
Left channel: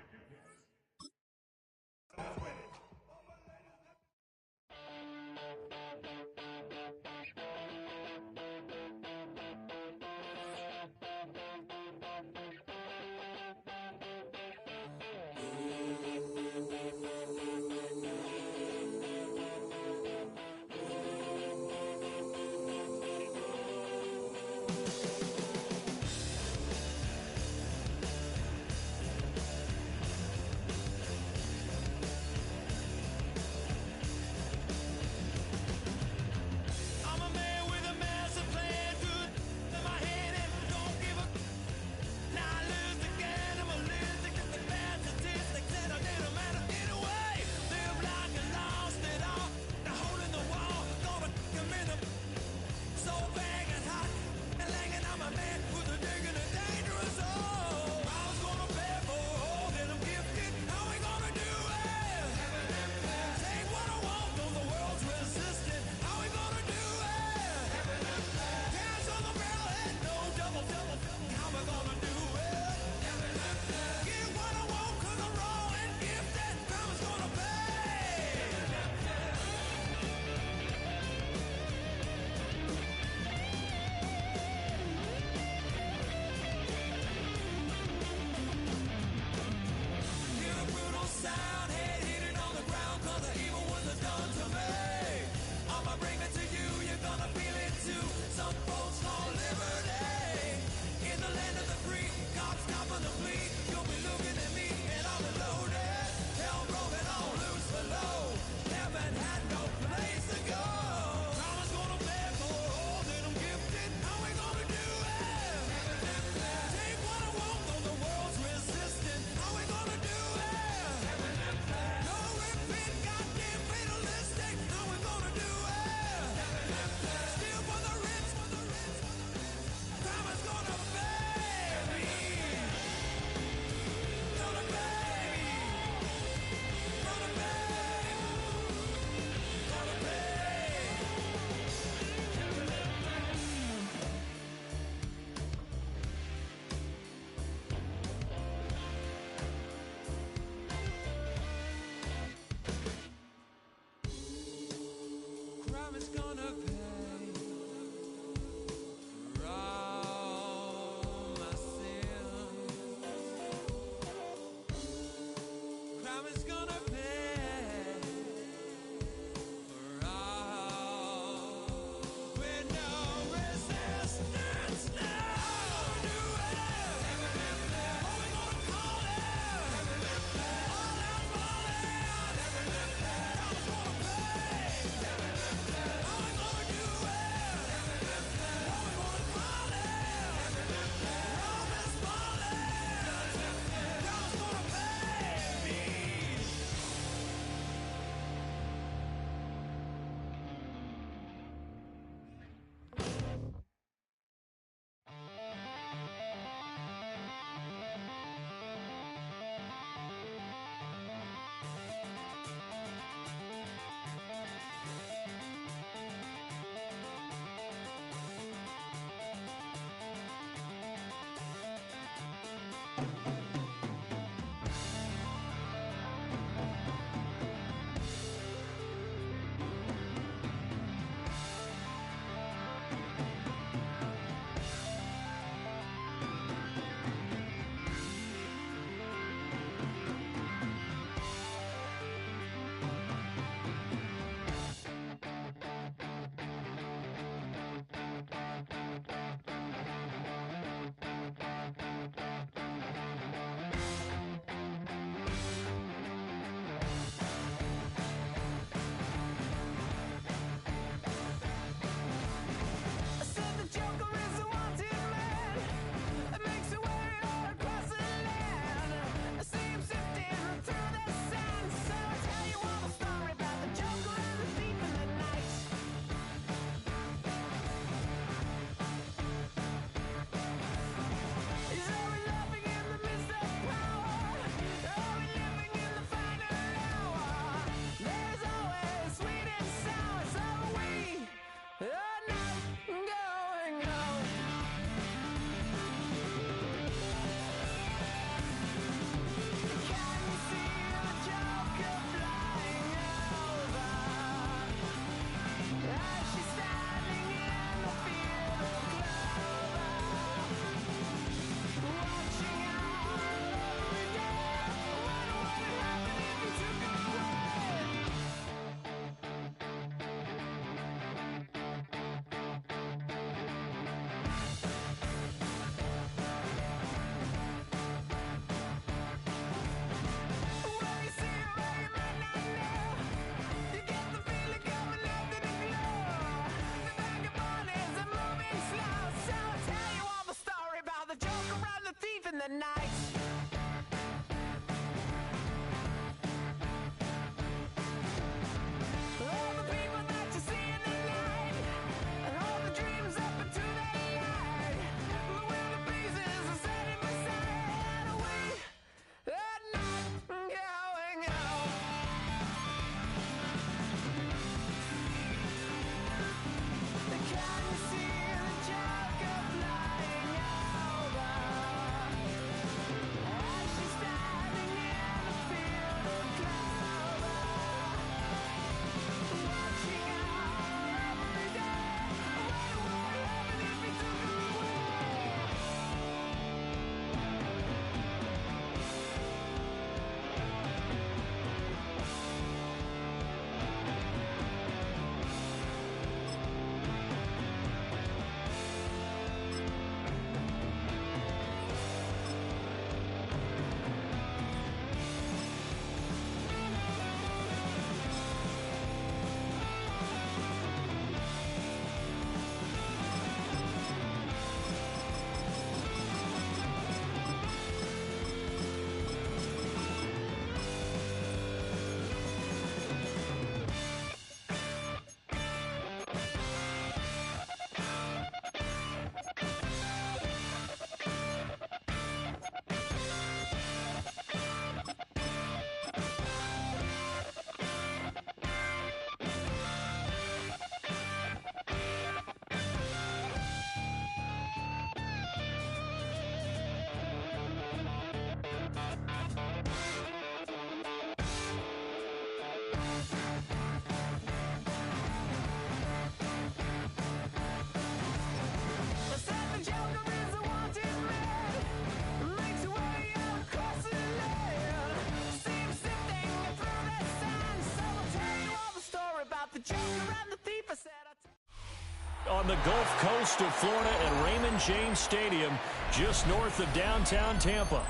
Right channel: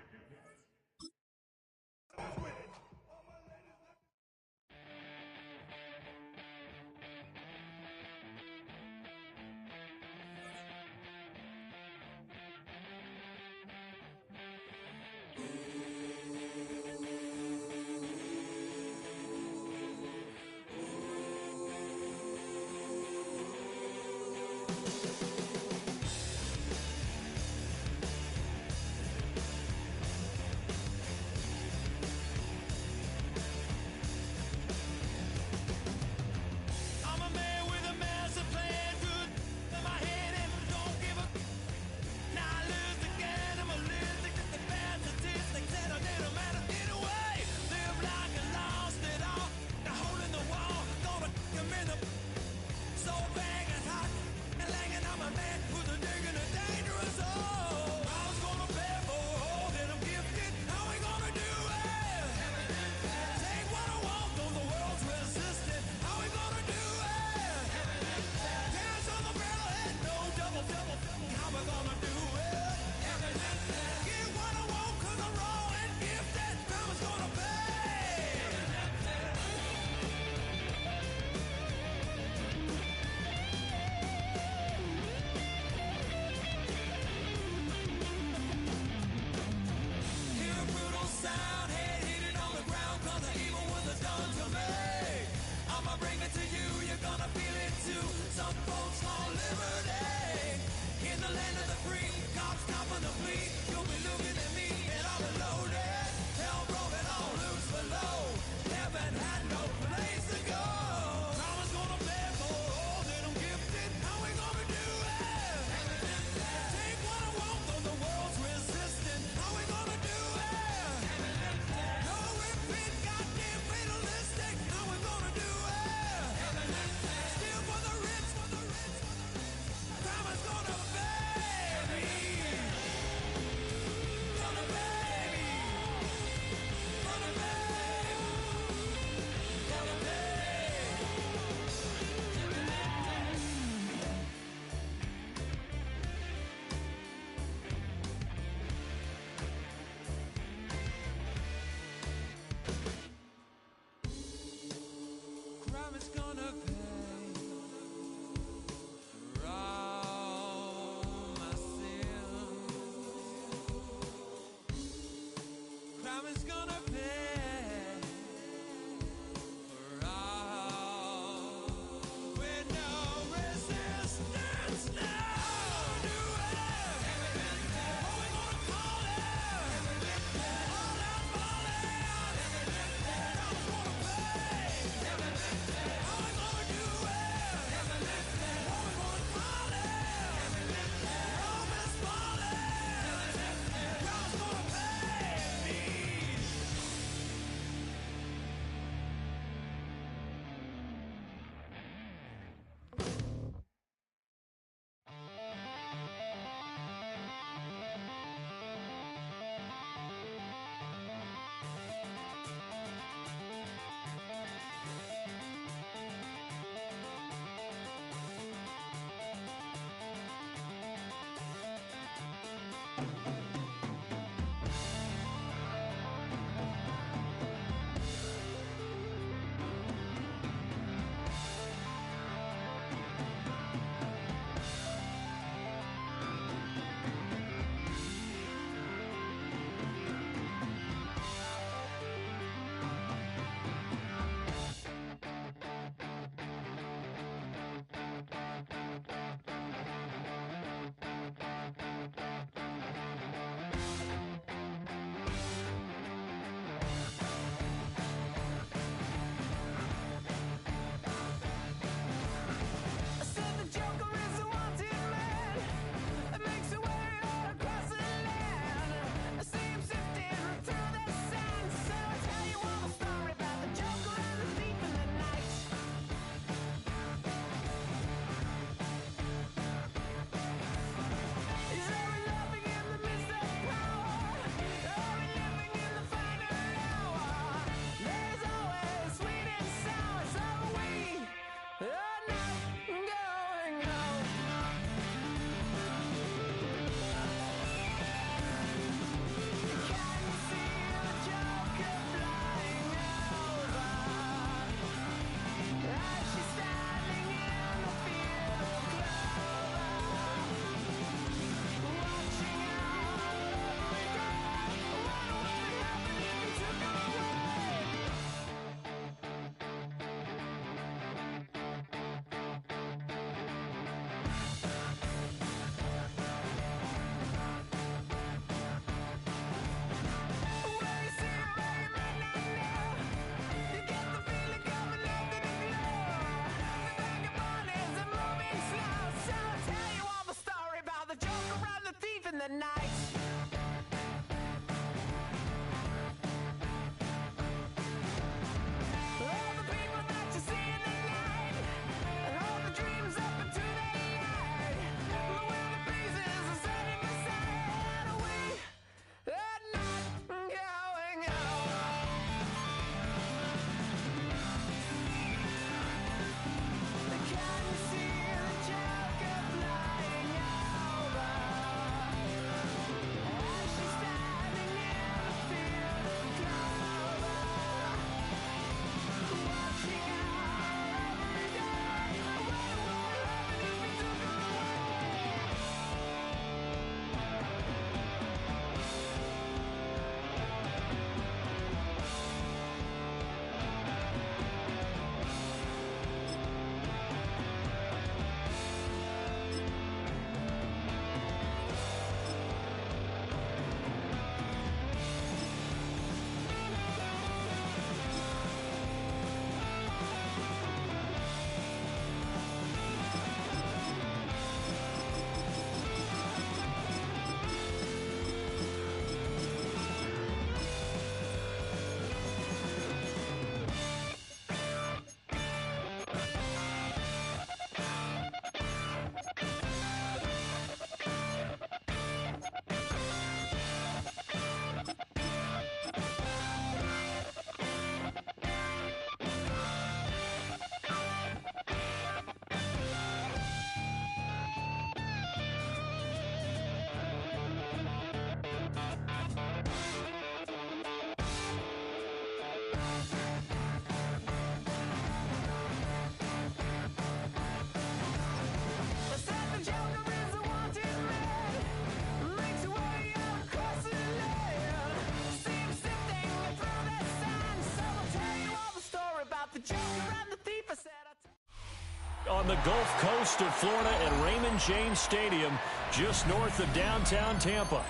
on the Gulf Coast of Florida at Raymond James Stadium, just north of downtown Tampa.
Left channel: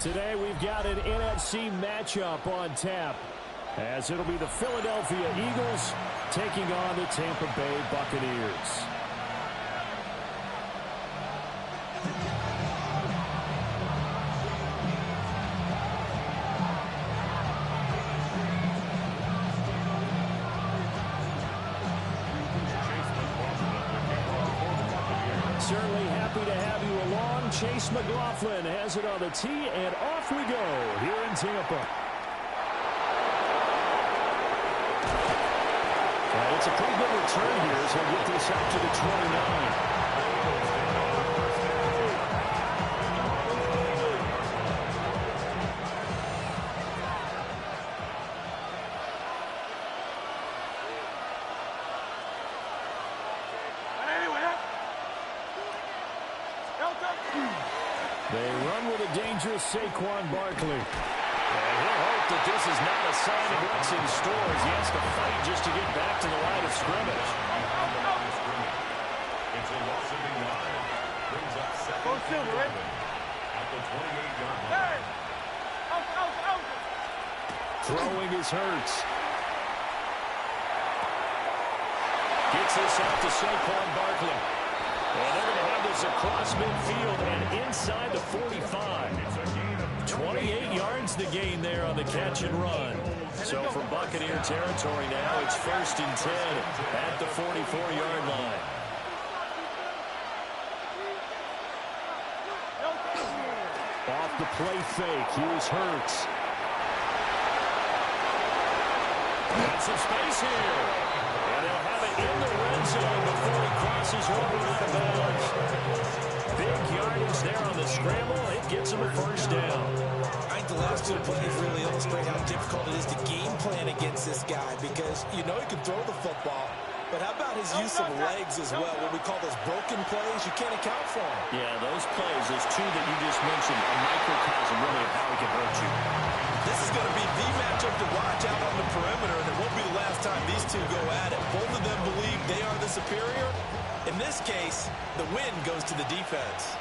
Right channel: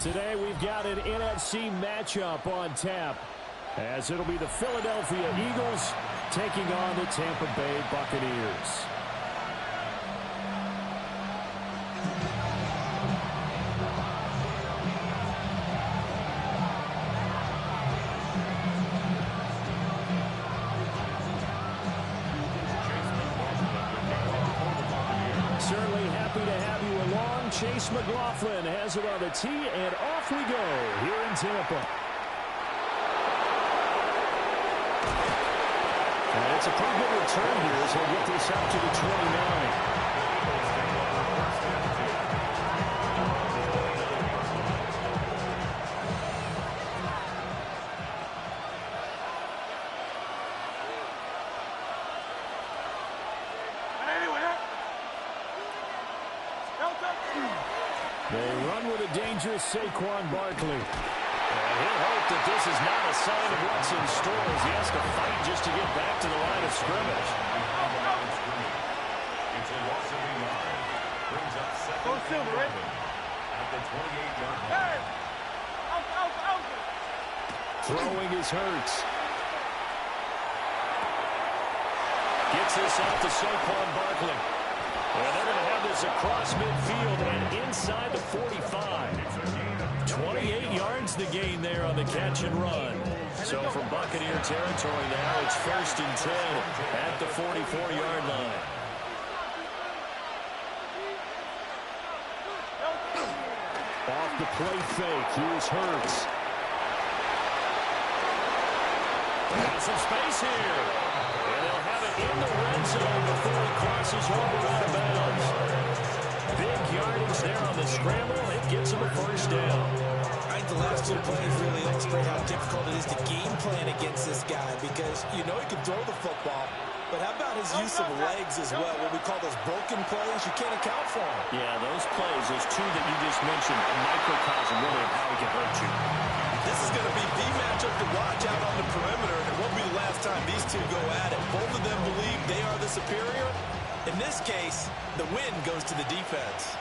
Today we've got an NFC matchup on tap, as it'll be the Philadelphia Eagles taking on the Tampa Bay Buccaneers. Certainly happy to have you along. Chase McLaughlin has it on the tee, and off we go here in Tampa. And it's a pretty good return here as he'll get this up to the 29. They run with a dangerous Saquon Barkley. And he'll hope that this is not a sign of what's in store as he has to fight just to get back to the line of scrimmage. It's a loss of 8 yards. Brings up second and 11 at the 28-yard line. Throwing is Hurts. Gets this out to Saquon Barkley. And they're going to have this across midfield and inside the 45. 28 yards the gain there on the catch and run. So from Buccaneer territory now, it's 1st and 10 at the 44-yard line. Off the play fake, here's Hurts. And some space here. And they'll have it in the red zone before he crosses over out of bounds. Big yardage there on the scramble. It gets him a first down. I think the last 2 plays really illustrate how difficult it is to game plan against this guy, because you know he can throw the football, but how about his use of legs as well? What we call those broken plays, you can't account for them. Yeah, those plays, those 2 that you just mentioned, a microcosm really of how he can hurt you. This is going to be the matchup to watch out on the perimeter, and it won't be the last time these 2 go at it. Both of them believe they are the superior. In this case, the win goes to the defense.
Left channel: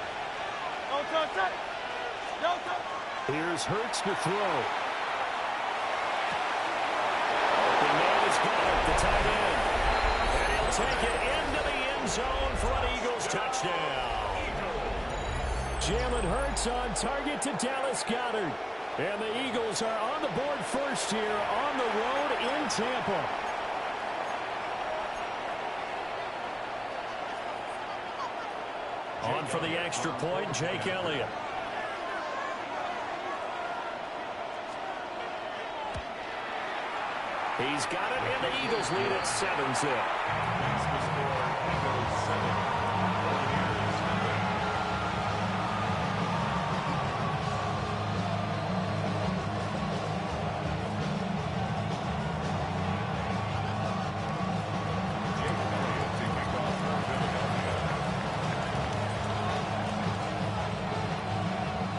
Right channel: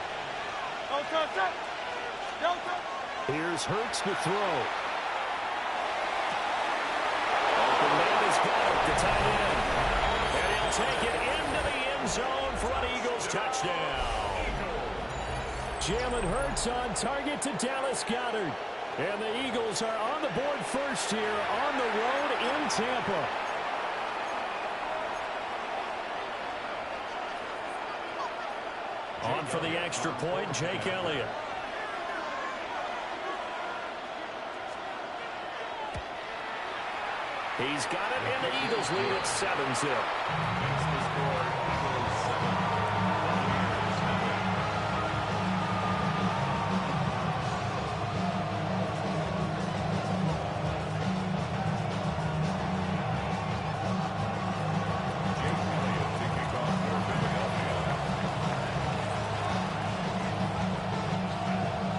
Here's Hurts to throw. Open man has got it, the tight end. And he'll take it into the end zone for an Eagles touchdown. Jalen Hurts on target to Dallas Goedert. And the Eagles are on the board first here on the road in Tampa. On for the extra point, Jake Elliott. He's got it, and the Eagles lead at 7-zip. Makes the score Eagles 7. Buccaneers nothing. Jake Elliott to kick off for Philadelphia.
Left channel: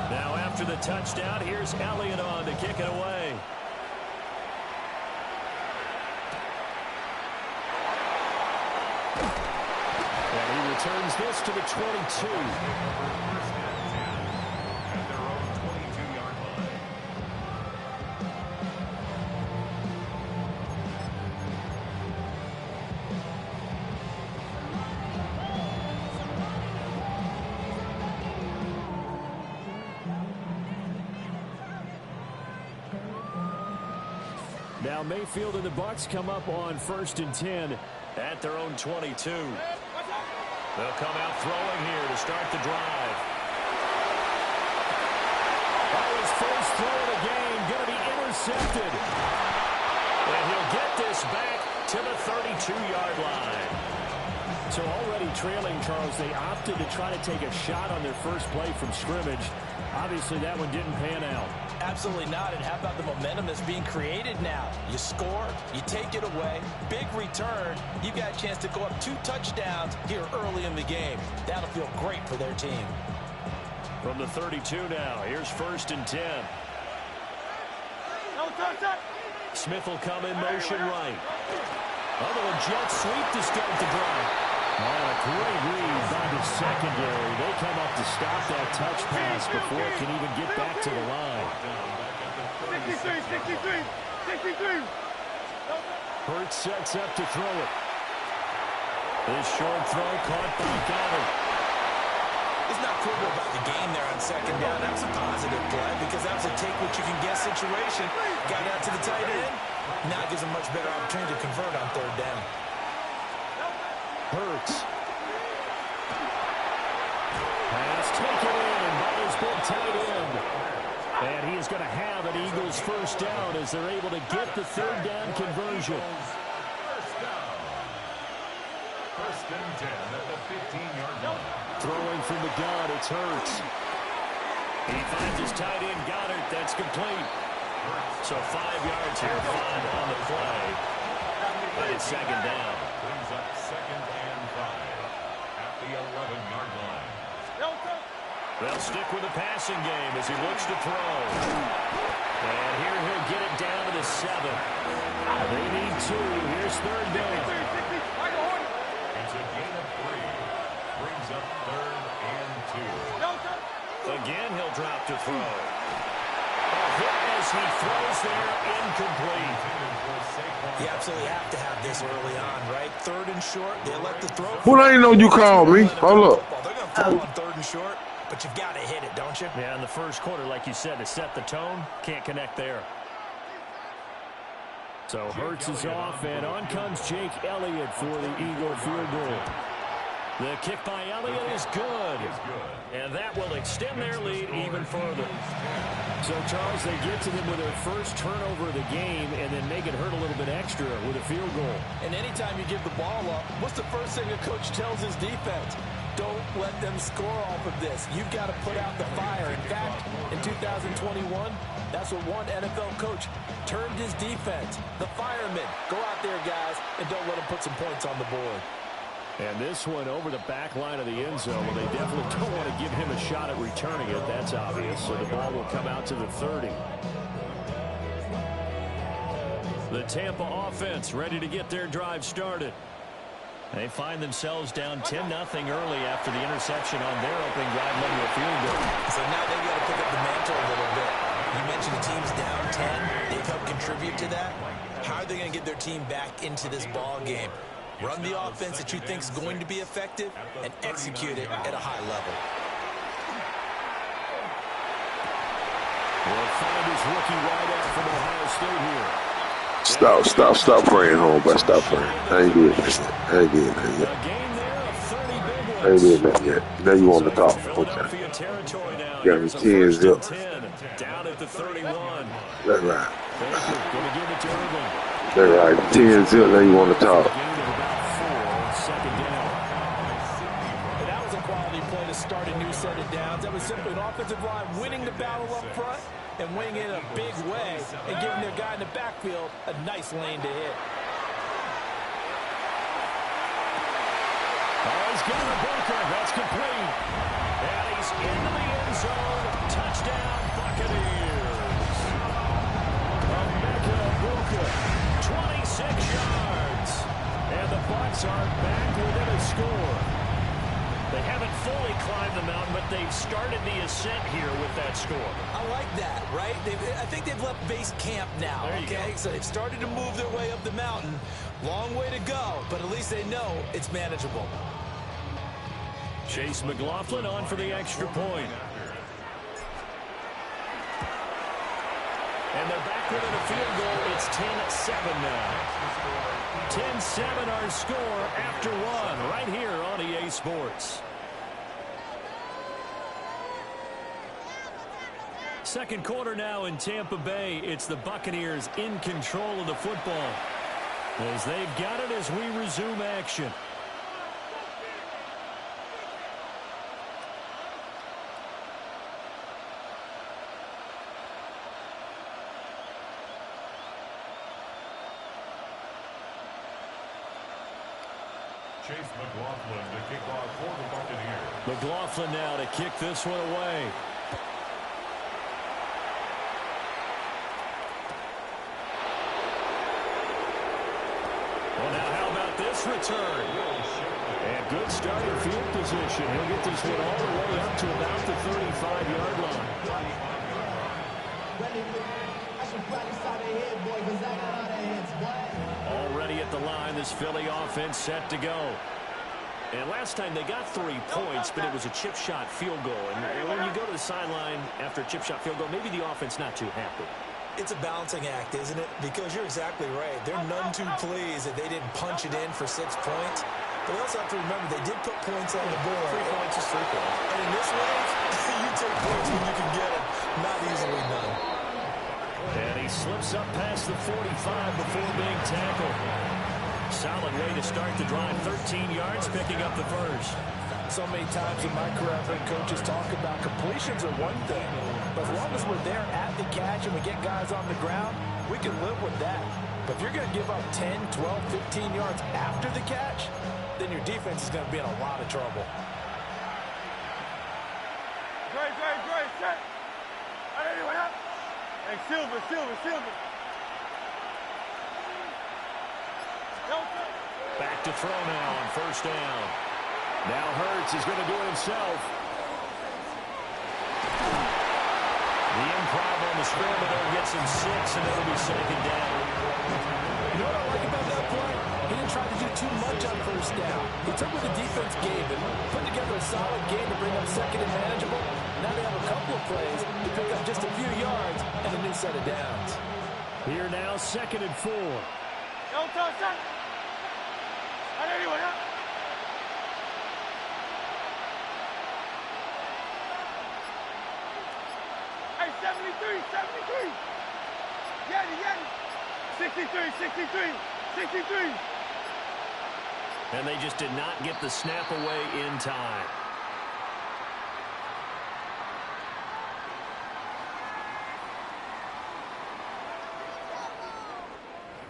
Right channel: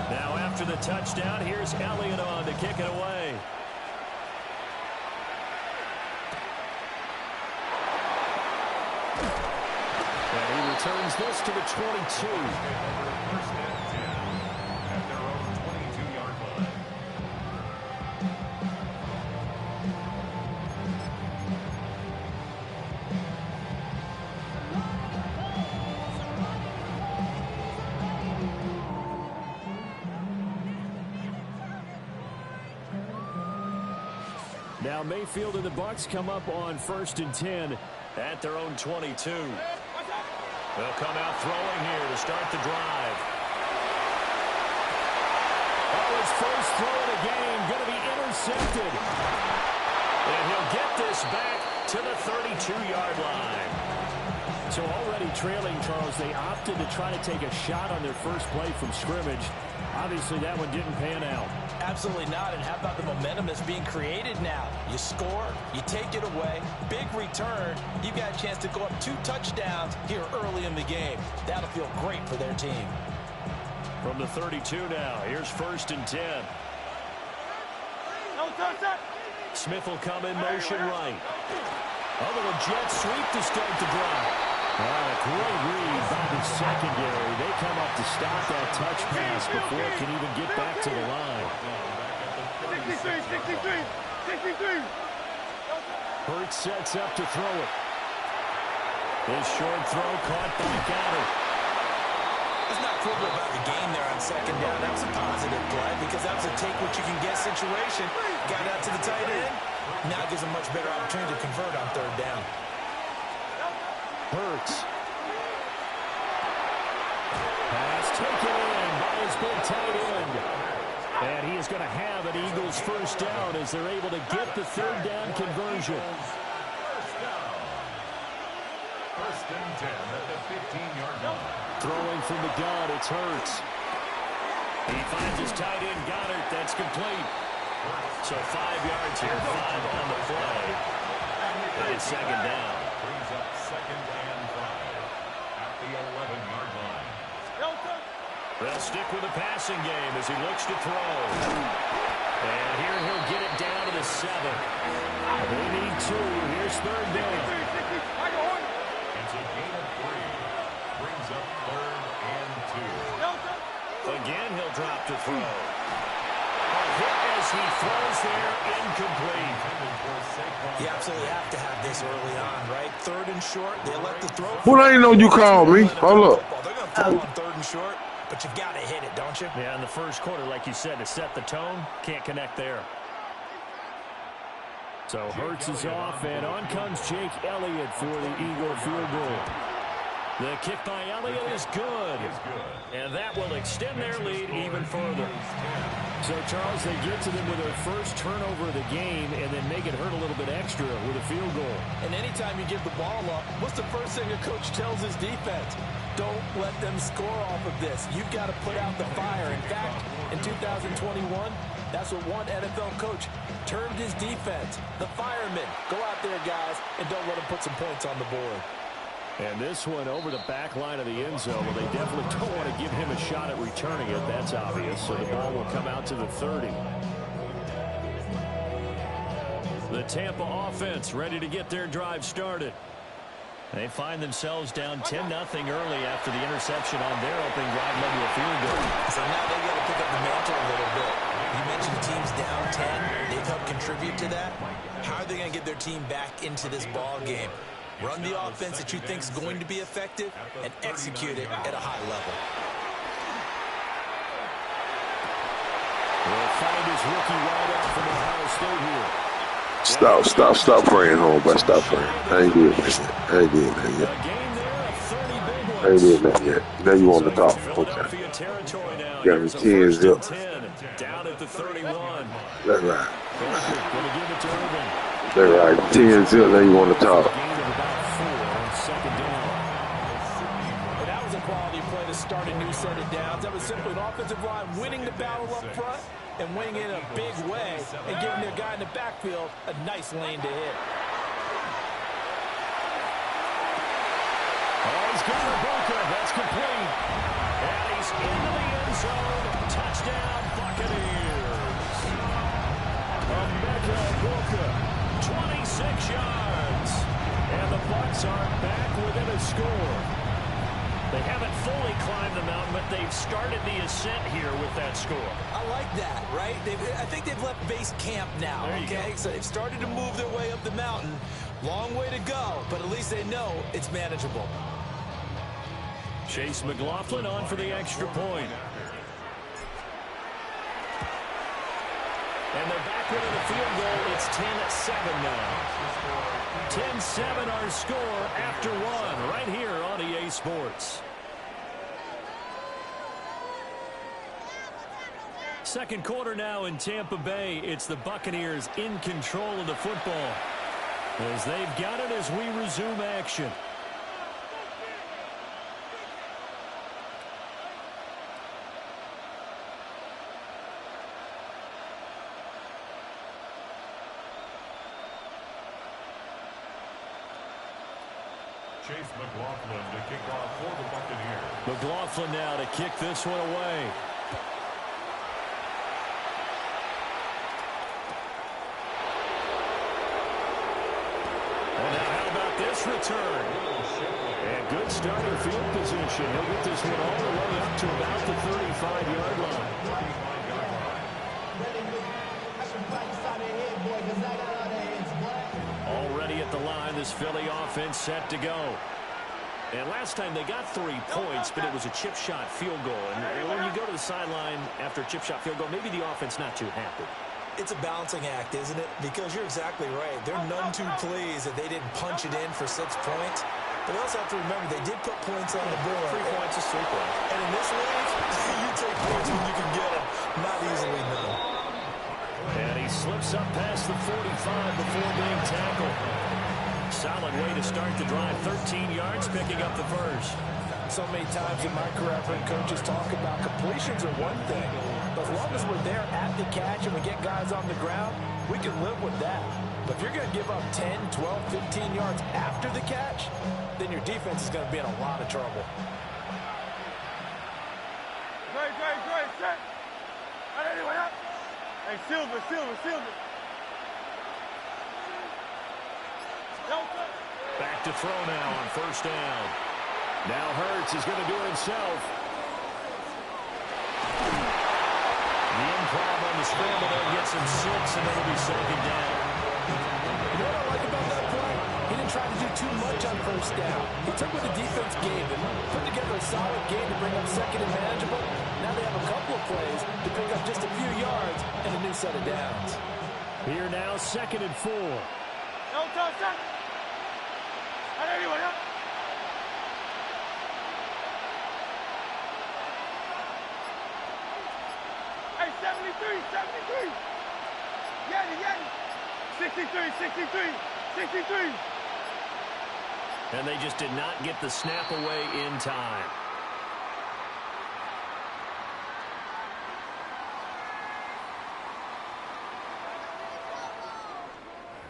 Now after the touchdown, here's Elliott on to kick it away. And he returns this to the 22. Take over 1st and 10 at their own 22-yard line. Now Mayfield and the Bucs come up on 1st and 10 at their own 22. They'll come out throwing here to start the drive. Oh, his first throw of the game going to be intercepted. And he'll get this back to the 32-yard line. So already trailing, Charles, they opted to try to take a shot on their first play from scrimmage. Obviously, that one didn't pan out. Absolutely not. And how about the momentum that's being created now? You score, you take it away, big return. You've got a chance to go up 2 touchdowns here early in the game. That'll feel great for their team. From the 32 now, here's 1st and 10. Smith will come in motion right. A little jet sweep to start the drive. And a great read by the secondary. They come up to stop that touch pass before it can even get back to the line. 63. Hurts sets up to throw it. This short throw caught by Goddard. He's not quibble about the game there on second down. That was a positive play because that was a take-what-you-can-get situation. Got out to the tight end. Now it gives him much better opportunity to convert on third down. Hurts. Pass taken in by his big tight end. And he is going to have an Eagles first down as they're able to get the third down conversion. First and 10 at the 15-yard line. Throwing from the gun, it's Hurts. He finds his tight end, Goddard. That's complete. So 5 yards here, 5 on the play. And it's second down. Brings up second and 5 at the 11-yard line. They'll stick with the passing game as he looks to throw. And here he'll get it down to the 7. They need 2. Here's third down. It's a gain of 3. Brings up third and 2. Again, he'll drop to throw. A hit as he throws there, incomplete. You absolutely have to have this early on, right? Third and short, they elect to throw. Well, I didn't know you called me. Hold up. They're going to throw on third and short, but you've got to hit it, don't you? Yeah, in the first quarter, like you said, to set the tone, can't connect there. So Hurts is off, and on comes Jake Elliott for the Eagle field goal. The kick by Elliott is good. And that will extend their lead even further. So, Charles, they get to them with their first turnover of the game and then make it hurt a little bit extra with a field goal. And anytime you give the ball up, what's the first thing a coach tells his defense? Don't let them score off of this. You've got to put out the fire. In fact, in 2021, that's what one NFL coach termed his defense. The firemen. Go out there, guys, and don't let them put some points on the board. And this one over the back line of the end zone. Well, they definitely don't want to give him a shot at returning it. That's obvious. So the ball will come out to the 30. The Tampa offense ready to get their drive started. They find themselves down 10-0 early after the interception on their opening drive led to a field goal. So now they've got to pick up the mantle a little bit. You mentioned the team's down 10. They've helped contribute to that. How are they going to get their team back into this ball game? Run the offense that you think is going to be effective and execute it at a high level. We'll find his rookie wideout from Ohio State here. Stop praying, homeboy. Stop praying. I ain't doing that yet. I ain't doing that yet. Now you want to talk. Okay. Got me 10 zip. Down at the 31. That's right. Gonna give it to Irvin. That's right. 10 zip. Now you want to talk. Second down. And that was a quality play to start a new set of downs. That was simply an offensive line winning the battle up front and winning it in a big way and giving their guy in the backfield a nice lane to hit. Oh, he's got a bunker. That's complete. And he's into the end zone. Touchdown, Buccaneers. Emeka Egbuka, 26 yards. And the Bucs are back within a score. They haven't fully climbed the mountain, but they've started the ascent here with that score. I like that, right? I think they've left base camp now, okay? So they've started to move their way up the mountain. Long way to go, but at least they know it's manageable. Chase McLaughlin on for the extra point. And they're back within a field goal. It's 10-7 now. 10-7 our score after one right here on EA Sports. Second quarter now in Tampa Bay. It's the Buccaneers in control of the football as they've got it as we resume action. Chase McLaughlin to kick off for the Buccaneers. McLaughlin now to kick this one away. Oh, now how How about this return? And good starting field position. He'll get this one all the way up to about the 35-yard line. I should probably start ahead, boy, because I got all the hits, boy. Already at the line, this Philly offense set to go. And last time they got 3 points, but it was a chip shot field goal. And when you go to the sideline after a chip shot field goal, maybe the offense not too happy. It's a balancing act, isn't it? Because you're exactly right. They're none too pleased that they didn't punch it in for 6 points. But they also have to remember they did put points on the board. 3 points is 3 points. And in this league, you take points when you can get them. Not easily done. And he slips up past the 45 before being tackled. Solid way to start the drive. 13 yards, picking up the first. So many times in my career, I've heard coaches talk about completions are one thing. But as long as we're there at the catch and we get guys on the ground, we can live with that. But if you're going to give up 10, 12, 15 yards after the catch, then your defense is going to be in a lot of trouble. Great, check. Anyone up? Hey, Silver. Back to throw now on first down. Now Hurts is going to do it himself. The improv on the scramble there gets him 6, and it'll be second down. You know what I like about that play? He didn't try to do too much on first down. He took what the defense gave him, put together a solid game to bring up second and manageable. Now they have a couple of plays to pick up just a few yards and a new set of downs. Here now, 2nd and 4. No touchdown. Anyone up? Hey, 73. Yeti. 63. And they just did not get the snap away in time.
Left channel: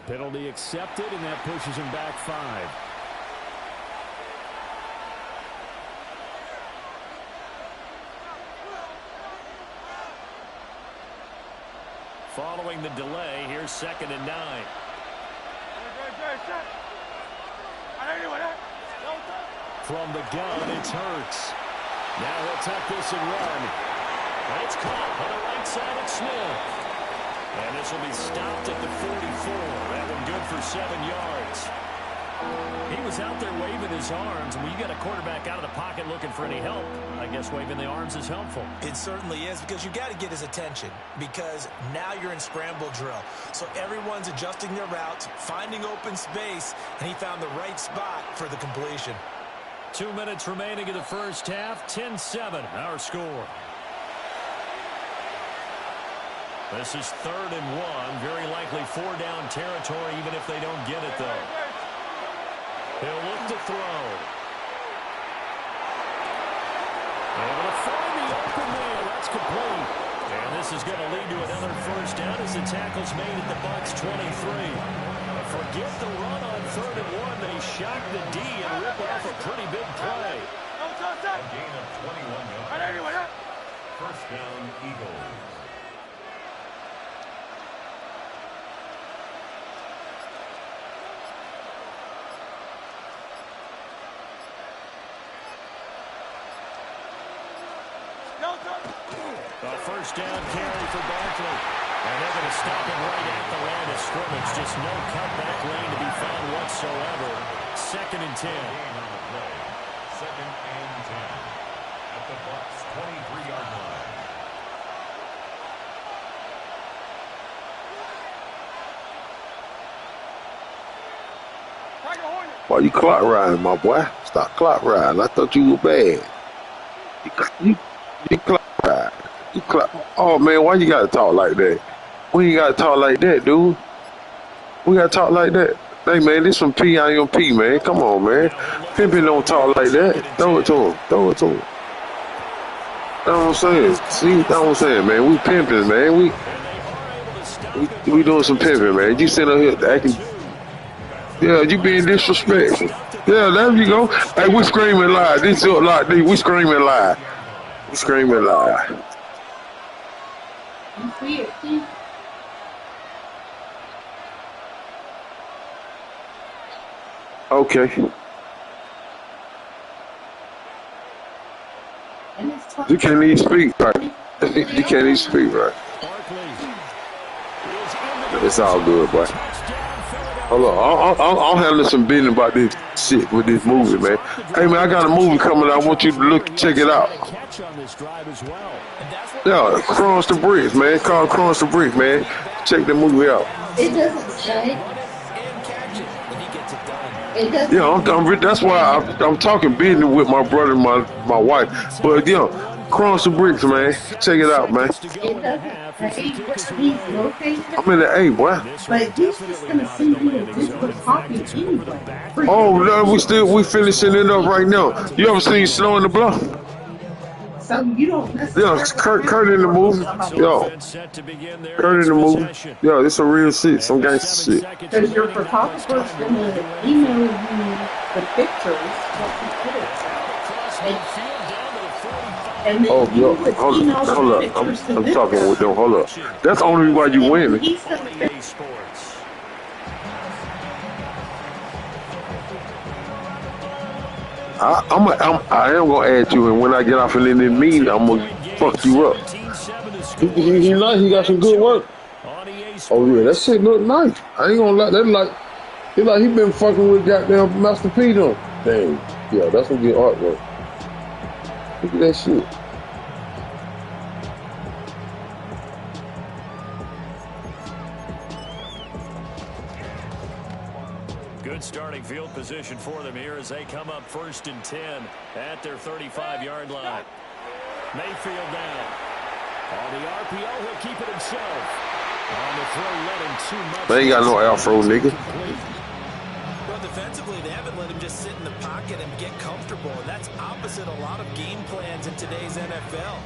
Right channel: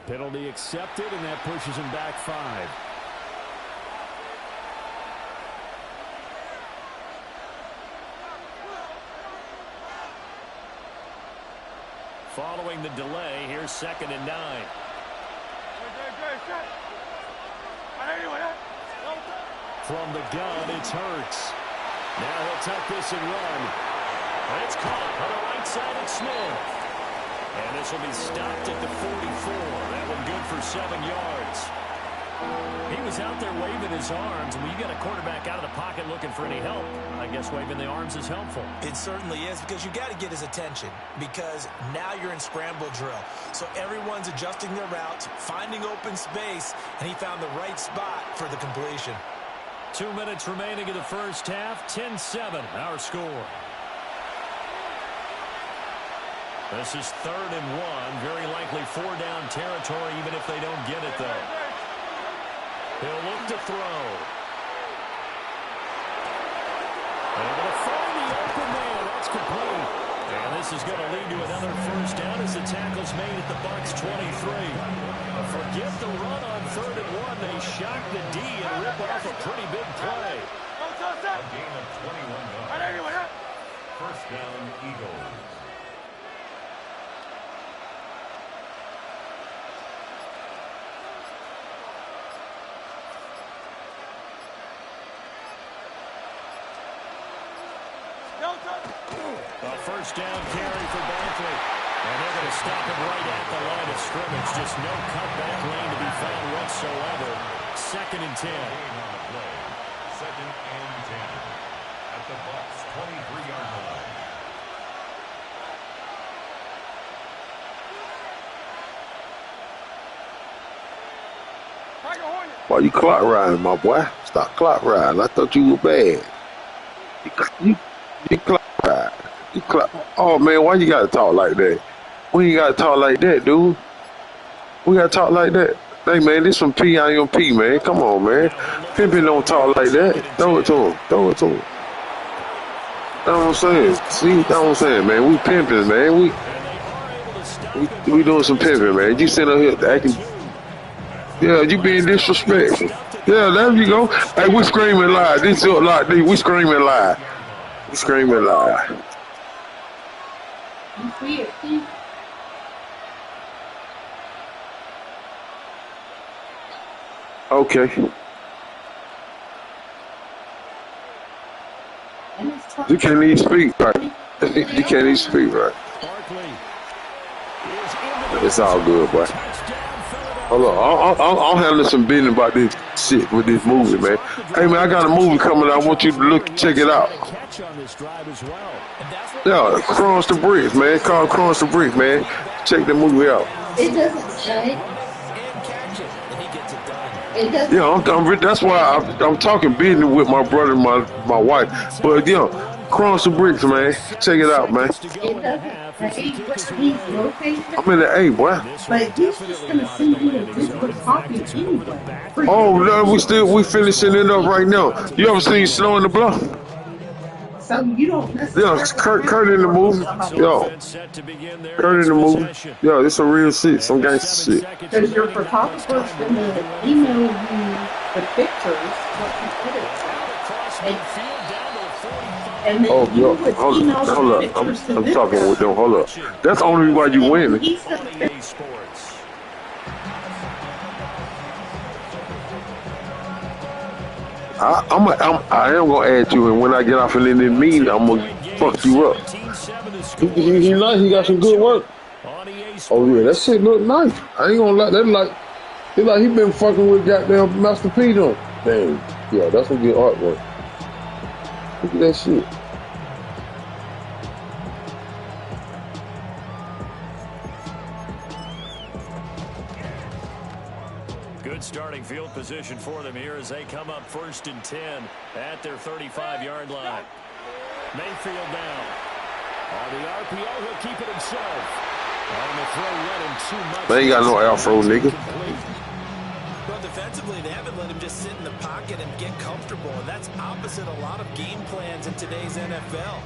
Penalty accepted, and that pushes him back 5. Following the delay, here's 2nd and 9. From the gun, it's Hurts. Now he'll tuck this and run. And it's caught on the right side at Smith. And this will be stopped at the 44. That one good for 7 yards. He was out there waving his arms. When you got a quarterback out of the pocket looking for any help, I guess waving the arms is helpful. It certainly is, because you got to get his attention, because now you're in scramble drill. So everyone's adjusting their routes, finding open space, and he found the right spot for the completion. 2 minutes remaining in the first half. 10-7, our score. This is 3rd and 1. Very likely 4-down territory, even if they don't get it, though. He'll look to throw. Able to find the open man. That's complete. And this is going to lead to another first down as the tackle's made at the Bucs 23. Forget the run on 3rd and 1. They shock the D and rip off a pretty big play. A gain of 21 yards. First down, Eagles. A first down carry for Barkley. And they're going to stop him right at the line of scrimmage. Just no cutback lane to be found whatsoever. 2nd and 10. On the play. 2nd and 10. At the Bucs 23-yard line. Why you clock riding, my boy? Stop clock riding. I thought you were bad. You clock ride. You clock. Oh man, why you gotta talk like that? We ain't gotta talk like that, dude. We gotta talk like that. Hey man, this some P on your P, man. Come on, man. Pimpin' don't talk like that. Throw it to him. That's what I'm saying. See, that's what I'm saying, man. We pimping, man. We doing some pimping, man. You sitting up here acting. Yeah, you being disrespectful. Yeah, there you go. Hey, we screaming live. This is like we screaming live. We screaming live. Okay. You can't even speak right. You can't even speak right. It's all good, boy. Hold on, I'm handling some business about this shit with this movie, man. Hey, man, I got a movie coming. I want you to check it out. Yeah, Cross the Bricks, man. It's called Cross the Bricks, man. Check the movie out. It doesn't say. It doesn't. Yeah, that's why I'm talking business with my brother and my wife. But yeah, Cross the Bricks, man. Check it out, man. It doesn't say where he's located. I'm in the A, boy. But he's just gonna send you a digital copy anyway. Oh no, we finishing it up right now. You ever seen Snow in the Bluff? So you don't necessarily. Yeah, Kurt in the movie. Yo, Kurt in the movie. Yo, it's some real shit, some gangster shit. Because your photographer's gonna email you the pictures once he edits out. And then yo, hold up. I'm talking with them. Hold up. That's the only reason why you win. I am gonna add you, and when I get off in this meeting, I'm gonna fuck you up. He nice. He got some good work. Oh yeah, that shit look nice. I ain't gonna lie. It's like he been fucking with goddamn Master P though. Dang, yeah, that's some good artwork. Look at that shit. Good starting field position for them here as they come up 1st and 10 at their 35-yard line. Mayfield down. On the RPO, he'll keep it himself. On the throw, let him too much. They ain't got no afro, nigga. Well, defensively, they haven't let him just sit in the pocket and get comfortable, and that's opposite a lot of game plans in today's NFL.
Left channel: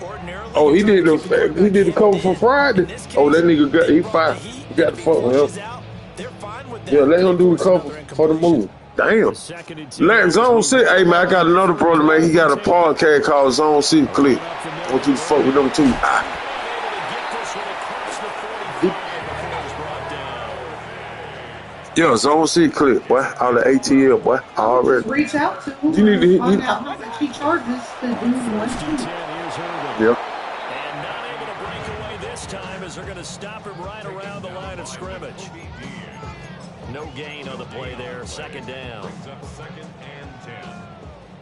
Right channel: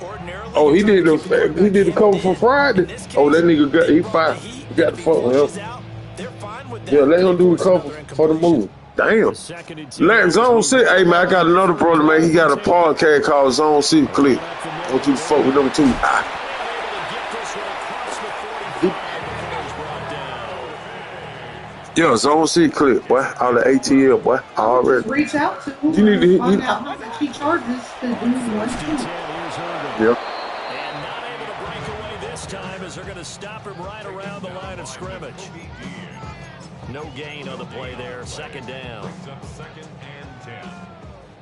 Ordinarily, oh, he did the cover for Friday. Oh, that nigga got the fuck with him. Yeah, let him do the cover for the movie. Damn. Zone 6. Hey, man, I got another brother, man. He got a podcast called Zone 6 Click. I want you to fuck with them, too. Yeah, Zone 6 Click, boy. Out of ATL, boy. I already. Reach out to him. You need to find out how much he charges to do one thing. Yeah. And not able to break away this time as they're going to stop him right around the line of scrimmage. No gain on the play there. 2nd down. Brings up 2nd and 10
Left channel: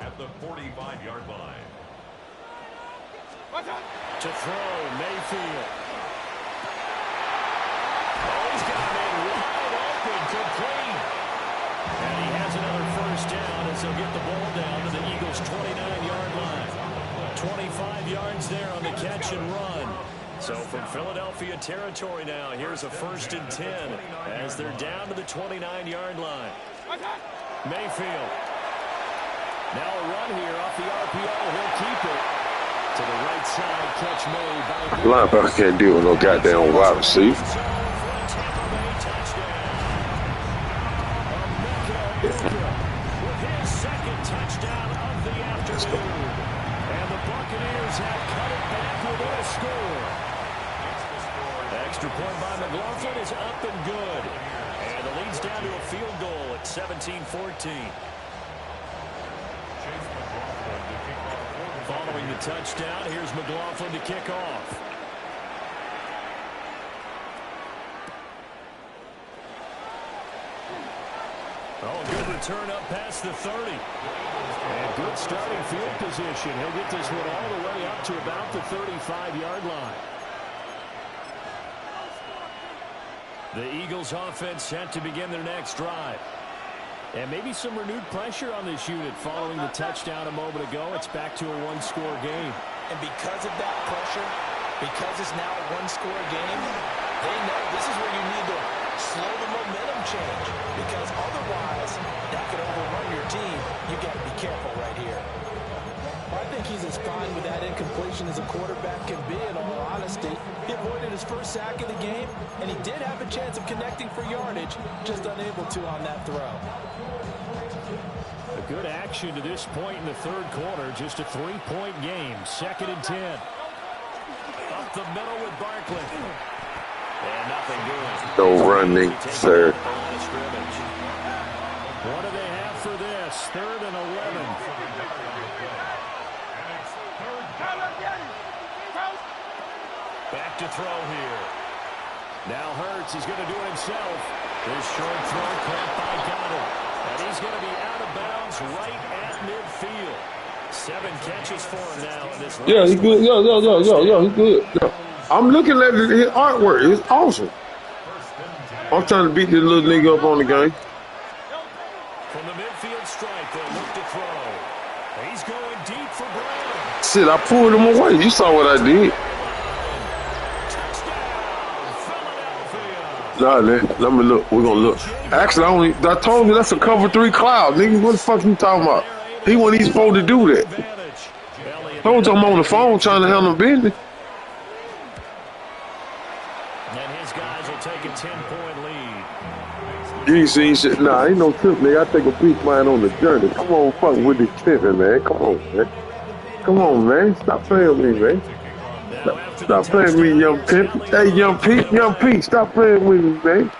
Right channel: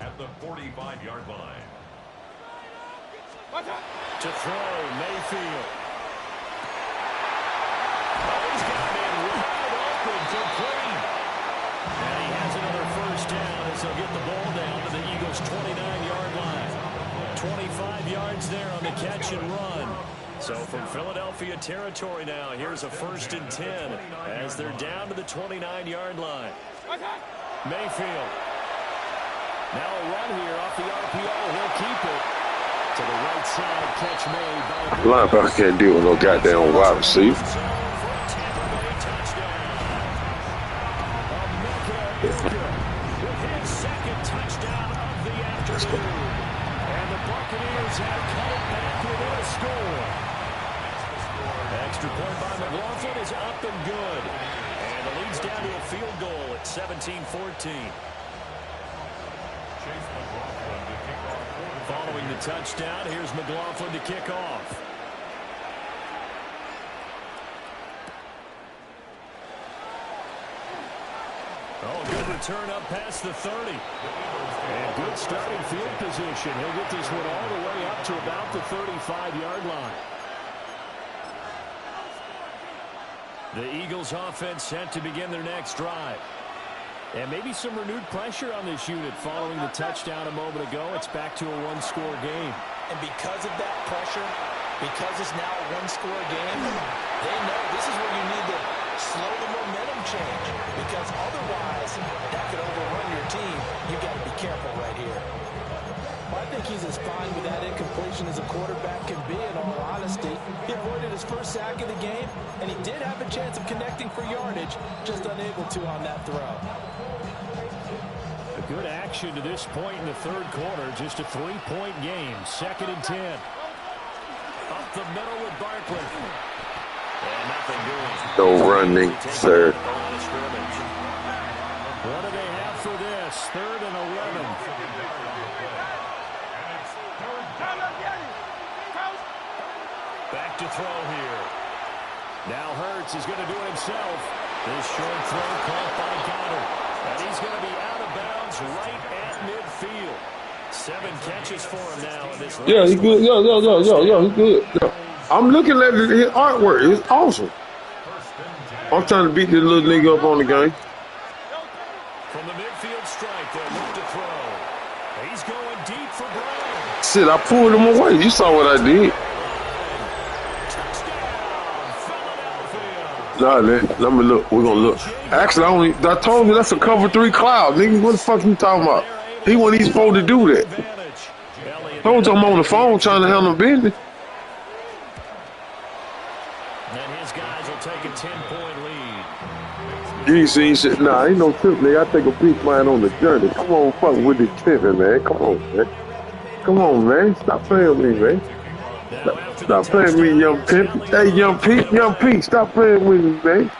at the 45-yard line. To throw, Mayfield. Oh, he's got him in wide open, complete. And he has another 1st down as they'll get the ball down to the Eagles' 29-yard line. 25 yards there on the catch and run. So from Philadelphia territory now, here's a 1st and 10 as they're down to the 29-yard line. Mayfield. Now a run here off the RPO. He'll keep it. To the right side, catch made by linebacker can't deal with no goddamn wide receiver. With his 2nd touchdown of the afternoon. And the Buccaneers have cut it back within a score. Extra point by McLaughlin is up and good. And the lead's down to a field goal at 17-14. Following the touchdown, here's McLaughlin to kick off. Oh, good return up past the 30. And good starting field position. He'll get this one all the way up to about the 35-yard line. The Eagles offense set to begin their next drive. And maybe some renewed pressure on this unit following the touchdown a moment ago. It's back to a one-score game. And because of that pressure, because it's now a one-score game, they know this is where you need to slow the momentum change. Because otherwise, that could overrun your team. You got to be careful right here. Well, I think he's as fine with that incompletion as a quarterback can be, in all honesty. He avoided his 1st sack of the game, and he did have a chance of connecting for yardage, just unable to on that throw. A good action to this point in the 3rd quarter. Just a 3-point game. 2nd and 10. Up the middle with Barkley. And nothing doing. No running, sir. One of it's 3rd and 11. Back to throw here. Now Hurts is going to do it himself. This short throw caught by Goddard. And he's going to be out of bounds right at midfield. 7 catches for him now in this. Yeah, he's good. Yo, he's good. Yo. I'm looking at his artwork. It's awesome. I'm trying to beat this little nigga up on the game. From the midfield stripe, they look to throw. He's going deep for Brown. Shit, I pulled him away. You saw what I did. Nah, man. Let me look. We're gonna look. Actually, I told you that's a cover 3 cloud, nigga. What the fuck you talking about? He wasn't even supposed to do that. Told you I'm on the phone trying to handle business. And his guys will take a 10-point lead. You ain't seen shit. Nah, ain't no tip, nigga. I take a peek mine on the journey. Come on, fuck with this tipping, man. Come on, man. Come on, man. Stop playing with me, man. Stop playing with me, young pimp. Hey, young Pete, stop playing with me, man.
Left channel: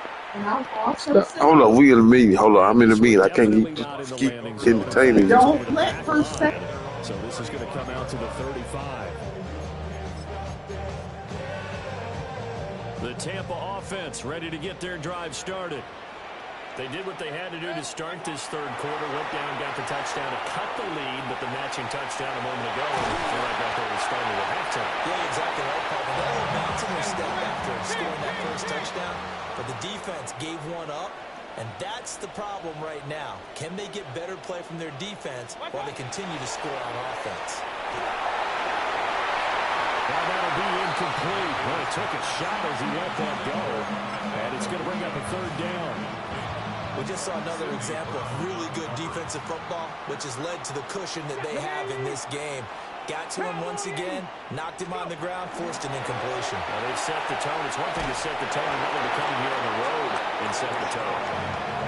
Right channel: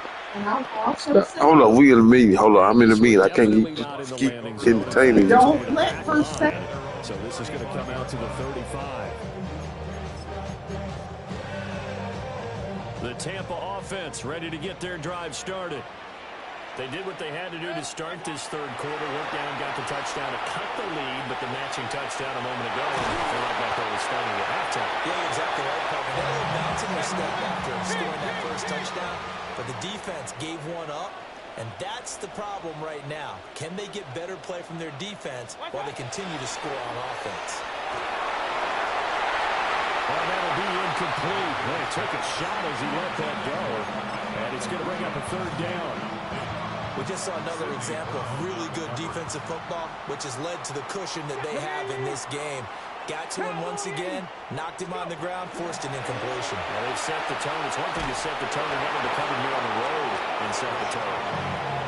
Hold on, we in the meeting. Hold on, I'm in the meeting. I can't keep entertaining you. Don't let for a second. So this is going to come out to the 35. The Tampa offense ready to get their drive started. They did what they had to do to start this 3rd quarter. Went down, got the touchdown to cut the lead, but the matching touchdown a moment ago. I feel like that goal was started at halftime. Yeah, exactly right, Parker. They had a little bounce in their step after scoring that first touchdown, but the defense gave one up, and that's the problem right now. Can they get better play from their defense while they continue to score on offense? Well, that'll be incomplete. Well, he took a shot as he let that go, and it's going to bring up a 3rd down. We just saw another example of really good defensive football, which has led to the cushion that they have in this game. Got to him once again, knocked him on the ground, forced an incompletion. Well, they've set the tone. It's one thing to set the tone, another to come in here on the road and set the tone.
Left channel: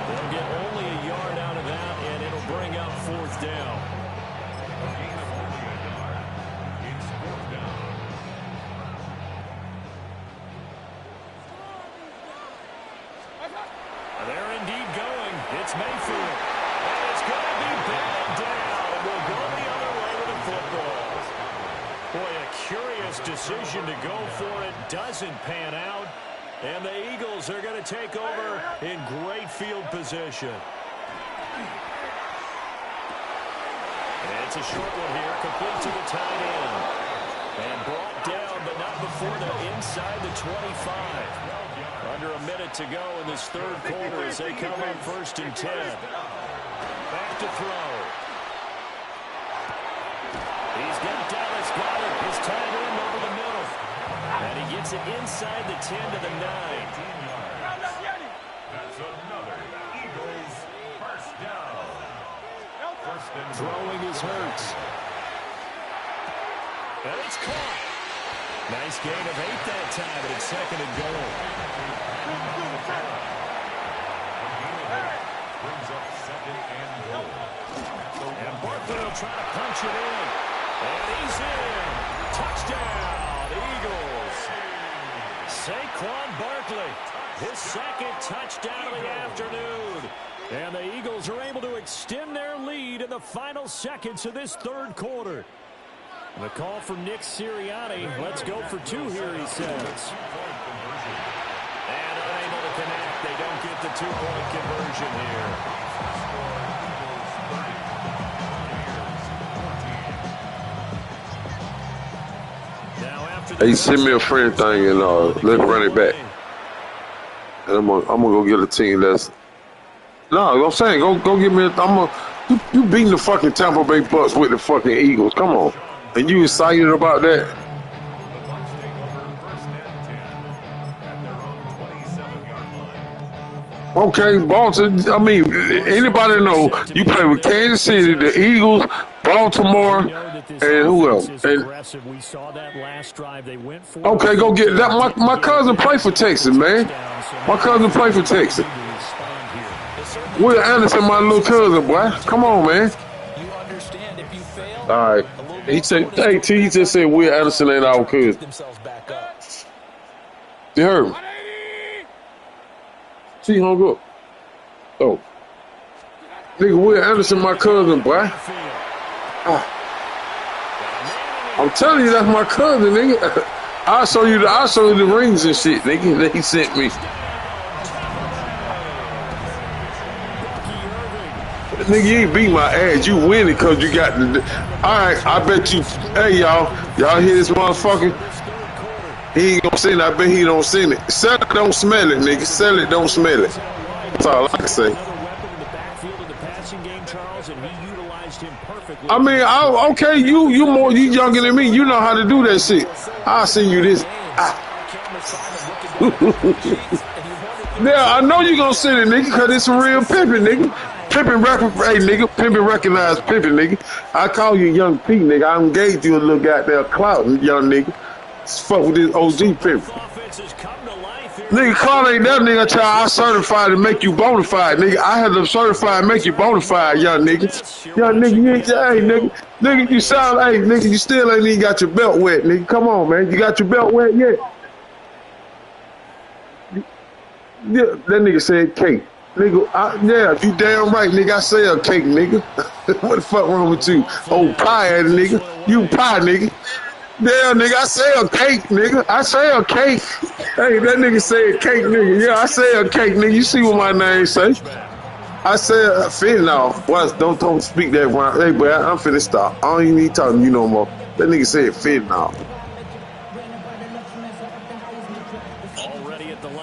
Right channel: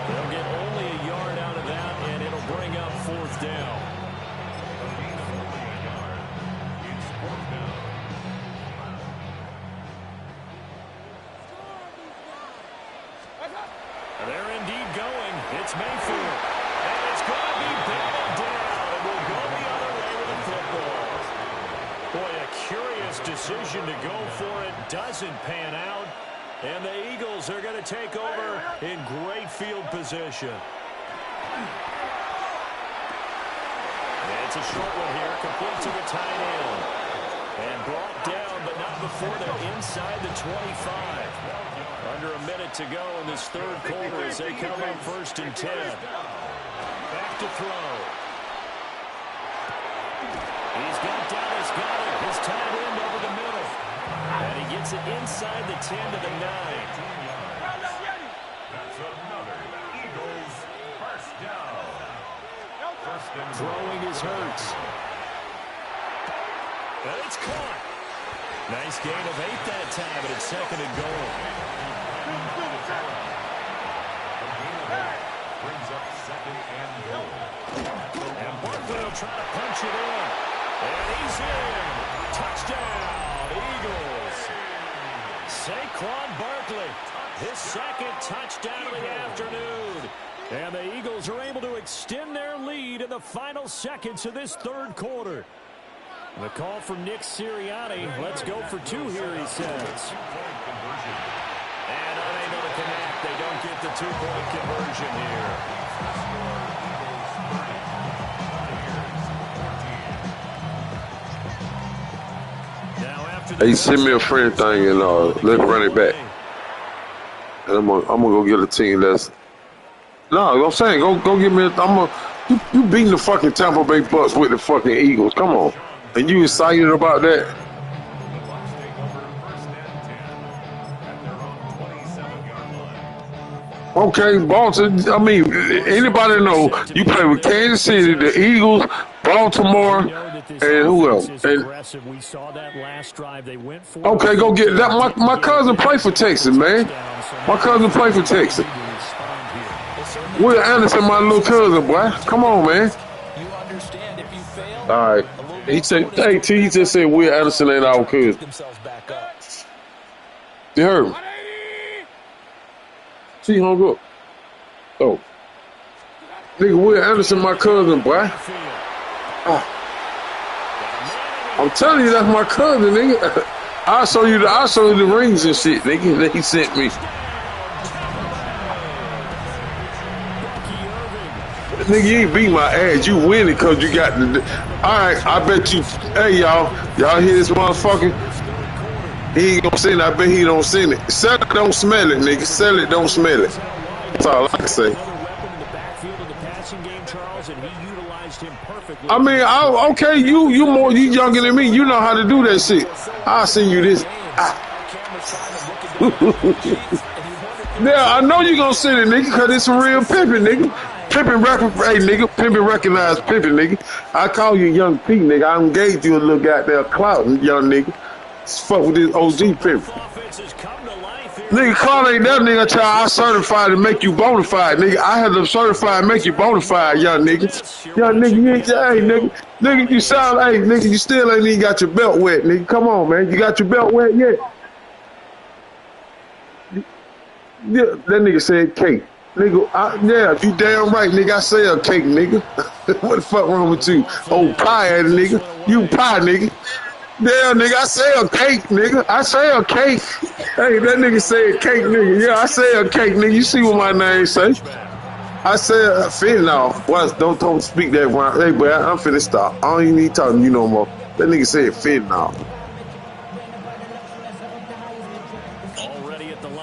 They'll get only a yard out of that, and it'll bring up 4th down. A gain of only a yard. It's 4th down. They're indeed going. It's Mayfield. And it's going to be batted down. And we'll go the other way with the football. Boy, a curious decision to go for it. Doesn't pan out. And the Eagles are going to take over in great field position. And it's a short one here. Complete to the tight end. And brought down, but not before they're inside the 25. Under a minute to go in this 3rd quarter as they come up 1st and 10. Back to throw. He's got Dallas Goddard, his tight end over the middle. And he gets it inside the 10 to the 9. That's another Eagles 1st down. 1st and Throwing is Hurts. And it's caught. Nice gain of 8 that time, but it's 2nd and goal. brings up 2nd and goal. And Barkley will try to punch it in. And he's in. Touchdown, Eagles. Saquon Barkley, his 2nd touchdown of the afternoon. And the Eagles are able to extend their lead in the final seconds of this 3rd quarter. The call from Nick Sirianni. Let's go for 2 here, he says. And unable to connect. They don't get the 2-point conversion here. Now after the send me a friend thing and let's run it back. And I'm gonna go get a team that's. No, I'm saying go get me. You beating the fucking Tampa Bay Bucks with the fucking Eagles. Come on. And you excited about that? Okay, Baltimore. I mean, anybody know you play with Kansas City, the Eagles, Baltimore, and who else? And, okay, go get that. My cousin played for Texas, man. My cousin played for Texas. Will Anderson, my little cousin, boy. Come on, man. All right. He said, "Hey, T." He just said, "Will Anderson ain't our cousin." You heard me? She hung up. Oh. Nigga, Will Anderson, my cousin, boy. I'm telling you, that's my cousin, nigga. I'll show you the rings and shit, nigga, that he sent me. Nigga, you ain't beat my ass. You winning because you got the... All right, I bet you... Hey, y'all hear this motherfucker? He ain't gonna send it. I bet he don't send it. Sell it, don't smell it, nigga. Sell it, don't smell it. That's all I can say. I mean, okay, you younger than me. You know how to do that shit. I'll send you this. Yeah, I know you gonna send it, nigga, because it's a real pimping, nigga. Pimping recognize pimping, nigga. I call you Young P, nigga. I engaged you a little goddamn clout, young nigga. Fuck with this OG pimp. Nigga, Clout ain't that nigga till I certified to make you bona fide, nigga. I had to certify and make you bona fide, young nigga. Young nigga, you ain't, hey, nigga. Nigga, you sound, hey, nigga, you still ain't even got your belt wet, nigga. Come on, man. You got your belt wet yet? Yeah, that nigga said cake. Nigga, yeah, you damn right, nigga. I sell cake, nigga. What the fuck wrong with you? Old pie ass nigga. You pie, nigga. Yeah, nigga, I sell cake, nigga. I sell cake. Hey, that nigga said cake, nigga. Yeah, I sell cake, nigga. You see what my name say? I sell fentanyl. Boy, don't speak that wrong. Hey, boy, I'm finna stop. I don't even need talking to you no more. That nigga said fentanyl.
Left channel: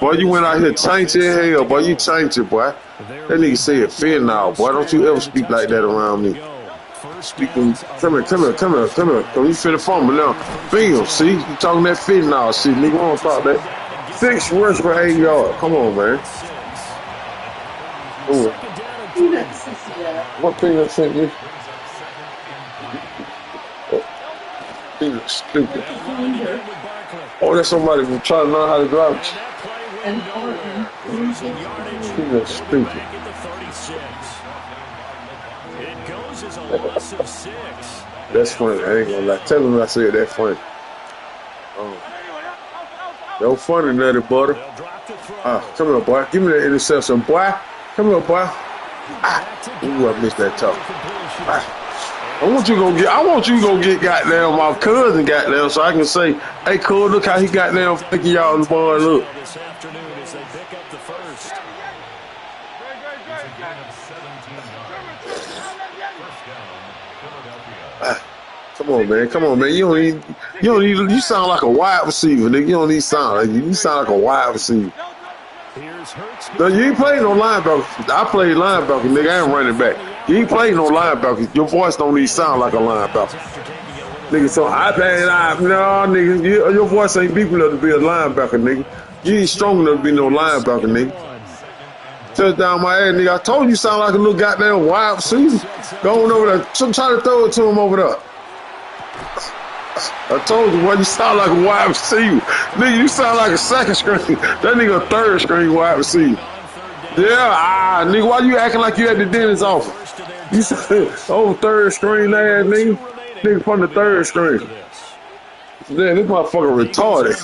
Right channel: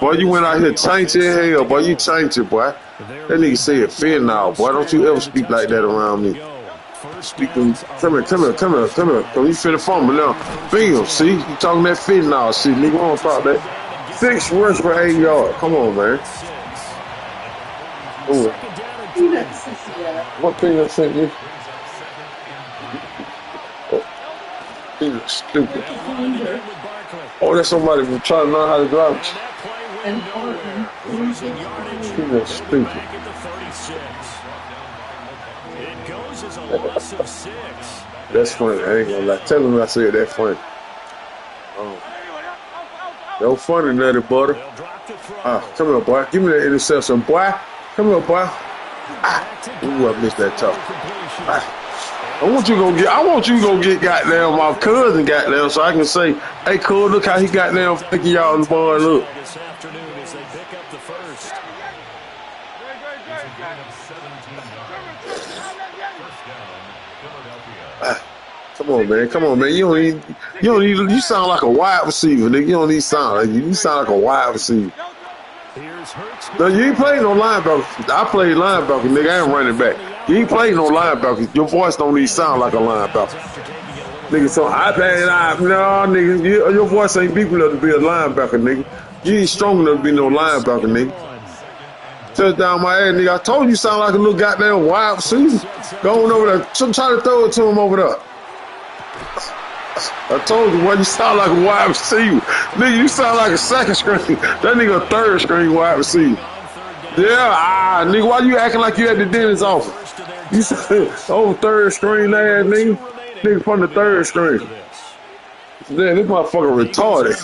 Boy, you went out here tainted hell, boy. You tainted, boy. That nigga said fentanyl, boy. Don't you ever speak like that around me. Come here. Come you finna fumble now. Bam, see? You talking that fentanyl shit, nigga. We don't talk that. 6 rush for 8 yards. Come on, man. Ooh. What Peanut sent me? Peanut stupid. Oh, that's somebody who trying to learn how to drive. Peanut stupid. That's funny. I ain't gonna lie. Tell him I said that's funny. No funny, nutty butter. Come here, boy. Give me that interception, boy. Come here, boy. Ooh, I missed that talk. I want you to go get goddamn my cousin goddamn so I can say, hey, cool, look how he goddamn picking y'all the ball up. Come on, man. You sound like a wide receiver, nigga. You don't need sound like you sound like a wide receiver. No, you ain't playing no linebacker. I played linebacker, nigga. I ain't running back. You ain't playing no linebacker. Your voice don't even sound like a linebacker. Nigga, so I played nigga. Your voice ain't deep enough to be a linebacker, nigga. You ain't strong enough to be no linebacker, nigga. Touchdown my ass, nigga. I told you sound like a little goddamn wide receiver. Go on over there. Try to throw it to him over there. I told you, boy, you sound like a wide receiver. Nigga, you sound like a second screen. That nigga a third screen wide receiver. Yeah, nigga, why you acting like you at the dentist's office? You said, third screen ass nigga. Nigga from the third screen. Damn, this motherfucker retarded.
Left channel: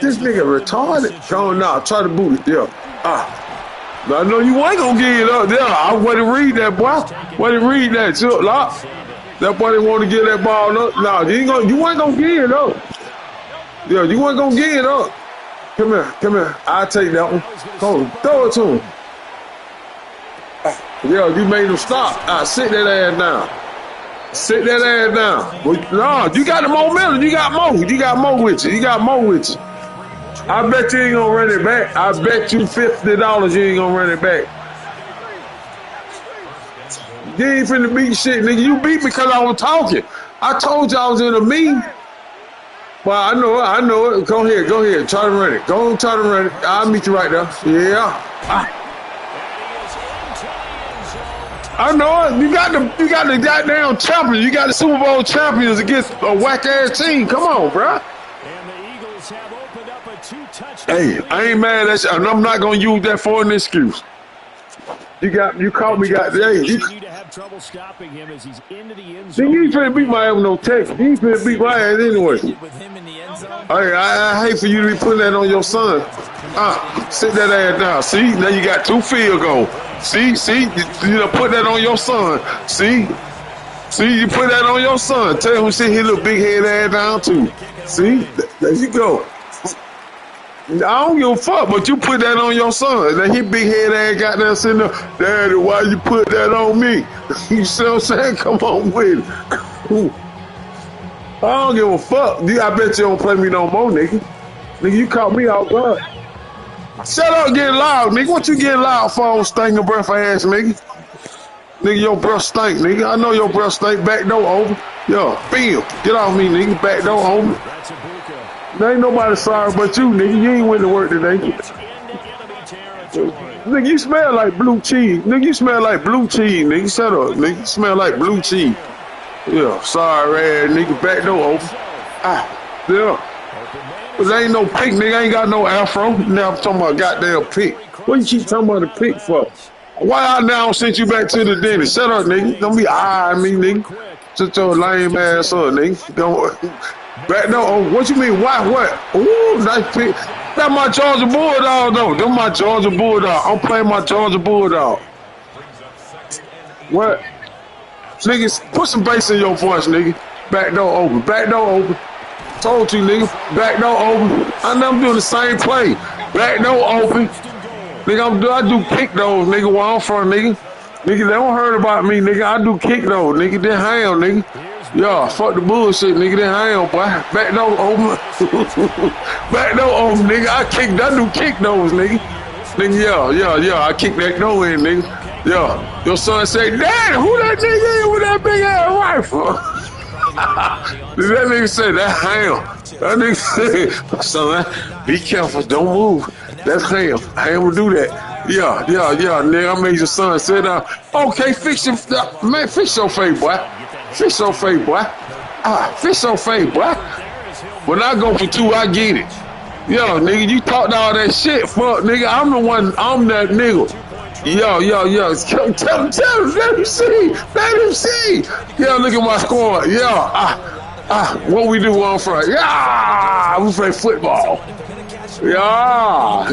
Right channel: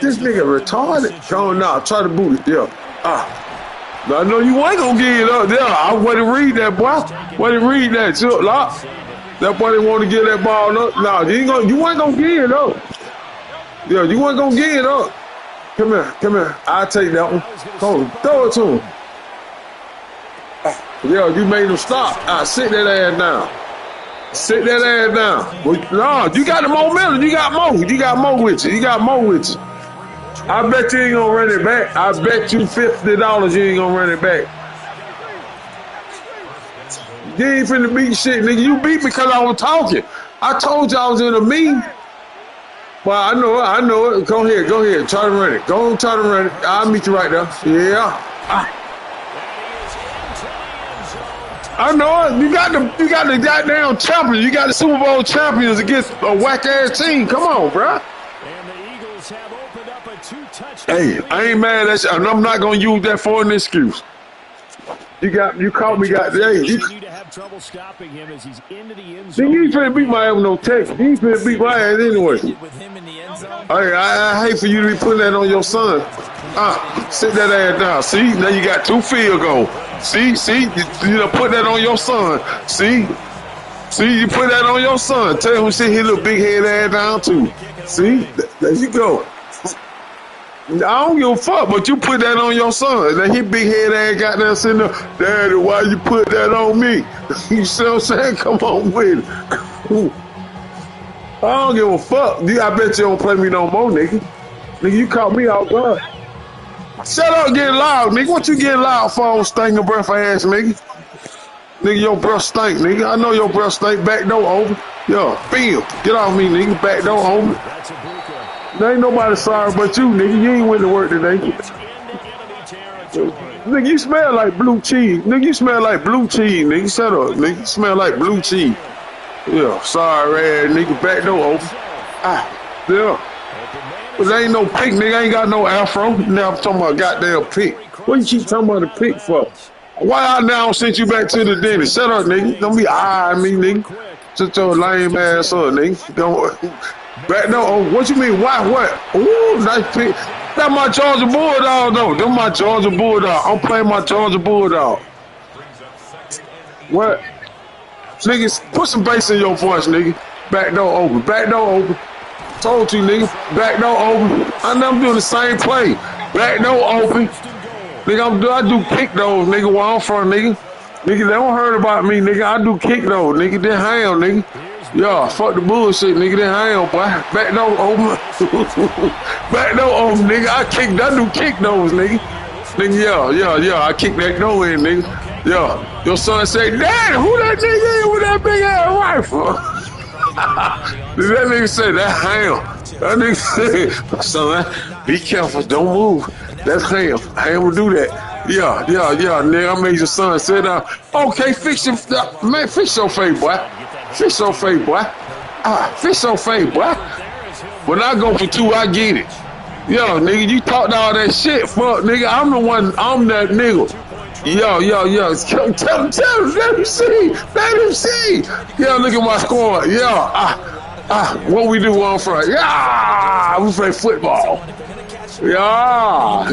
This nigga retarded. Come on now, try to boot it. Yeah. I know you ain't gonna get it up there. I want to read that, boy. Want to read that, too. That boy didn't want to get that ball up. No, you ain't gonna get it up. Yeah, you ain't gonna get it up. Come here. I'll take that one. Come on, throw it to him. Yeah, you made him stop. Sit that ass down. Sit that ass down. Well, no, you got the momentum. You got more with you. I bet you ain't gonna run it back. I bet you $50 you ain't gonna run it back. You ain't finna beat shit, nigga. You beat me because I was talking. I told you I was in a meeting. Well, I know it. Go ahead. Try to run it. Go on, try to run it. I'll meet you right there. Yeah. I know it. You got the goddamn champions. You got the Super Bowl champions against a whack ass team. Come on, bro. Hey, I ain't mad at you, and I'm not gonna use that for an excuse. You caught me, goddamn. You continue to have trouble stopping him as he's into the end nigga, zone. you ain't finna beat my ass with no text. You ain't finna beat my ass anyway. With him in the end zone. I hate for you to be putting that on your son. Sit that ass down. See, now you got 2 field goals. See, you know, put that on your son. See, you put that on your son. Tell him sit his little big head ass down too. See, there you go. I don't give a fuck, but you put that on your son. Now his big head ass got there sitting there, Daddy, why you put that on me? You see what I'm saying? Come on with it. I don't give a fuck. I bet you don't play me no more, nigga. Nigga, you caught me off guard. Shut up getting loud, nigga. What you getting loud for, stinking breath ass, nigga? Nigga, your breath stink, nigga. I know your breath stink. Back door open. Yo, bam. Get off me, nigga. Back door open. There ain't nobody sorry but you, nigga. You ain't went to work today. Nigga, you smell like blue cheese. Nigga, you smell like blue cheese, nigga. Shut up, nigga. You smell like blue cheese. Yeah, sorry, ass nigga. Back door open. Yeah. But there ain't no pick, nigga. I ain't got no afro. Now I'm talking about goddamn pick. What you keep talking about the pick for? Why I now sent you back to the dentist? Shut up, nigga. Don't be eyeing me, nigga. Shut your lame ass up, nigga. Don't. Back door. Oh, what you mean? Why? What? Ooh, nice pick. That's my Georgia Bulldog, though. That's my Georgia Bulldog. I'm playing my Georgia Bulldog. What? Niggas, put some bass in your voice, nigga. Back door open. Back door open. Told you, nigga. Back door open. I'm doing the same play. Back door open. Nigga, I do kick those, nigga, where I'm from, nigga. Nigga, they don't heard about me, nigga. I do kick those, nigga. Then ham, nigga. Yeah, fuck the bullshit, nigga. Then ham, boy. Back door open. Back door open, nigga. I do kick those, nigga. Nigga, yeah. I kick that door in, nigga. Yeah. Your son say, Dad, who that nigga is with that big ass rifle? That nigga said, that ham. That nigga said, son, be careful, don't move. That's ham. Ham will do that. Yeah, nigga, I made your son sit down. Okay, fix your face, boy. Fix your face, boy. Fix your face, boy. When I go for 2, I get it. Yo, nigga, you talked all that shit, fuck, nigga. I'm that nigga. Yo. Tell him, let him see. Yeah, look at my score. Yeah, what we do on Friday? Yeah, we play football. Yeah.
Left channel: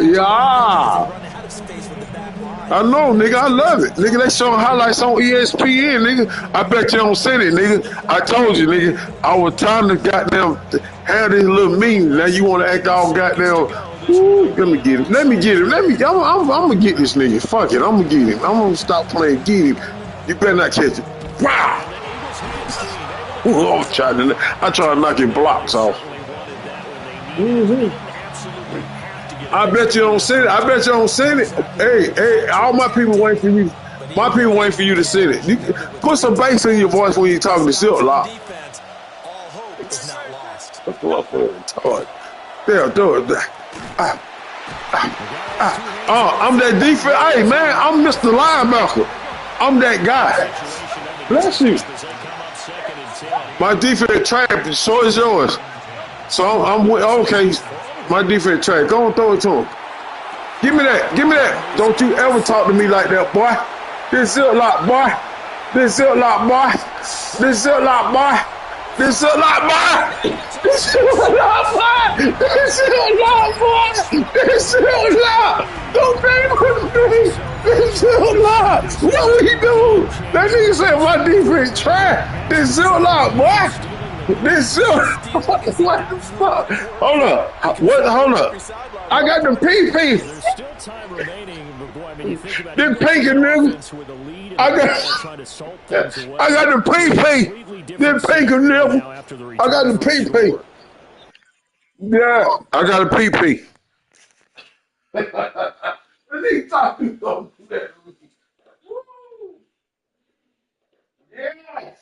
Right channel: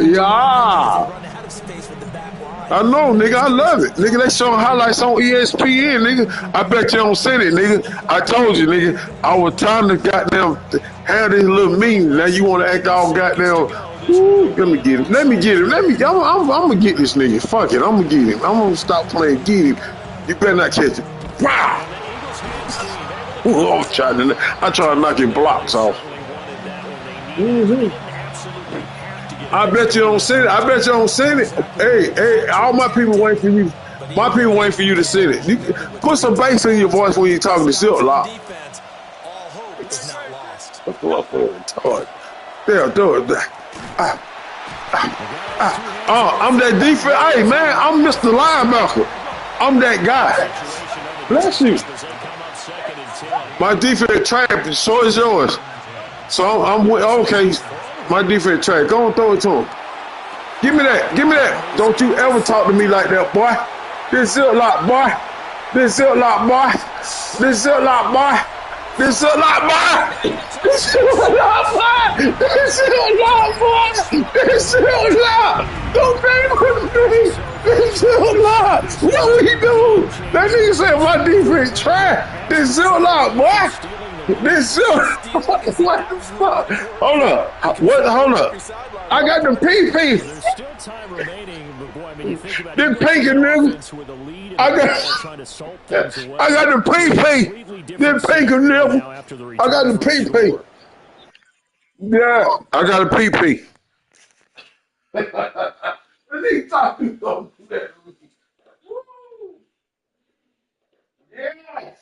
I know, nigga, I love it. Nigga, they showing highlights on ESPN, nigga. I bet you don't see it, nigga. I told you, nigga, I was trying to goddamn have this little meeting. Now you want to act all goddamn, let me get him. I'm going to get this nigga. Fuck it, I'm going to get him. I'm going to stop playing, get him. You better not catch him. Wow. I try to knock your blocks off. I bet you don't send it. Hey, all my people waiting for you. My people waiting for you to send it. You put some bass in your voice when you're talking to Silk Lock. Yeah, do it. I'm that defense. Hey, man, I'm Mr. Linebacker. I'm that guy. Bless you. My defense track, so is yours. So I'm okay. My defense track. Go and throw it to him. Give me that. Don't you ever talk to me like that, boy. This Silk Lock, boy. Don't play with me. This Silk Lock. What we do? That nigga said my defense trash. This Silk Lock, boy. What the fuck? Hold up. Hold up. I got them PP. Them pinky nigga. I got them PP. Them pinky nigga. I got them PP. Yeah, I got a PP. What are you talking about? Yes.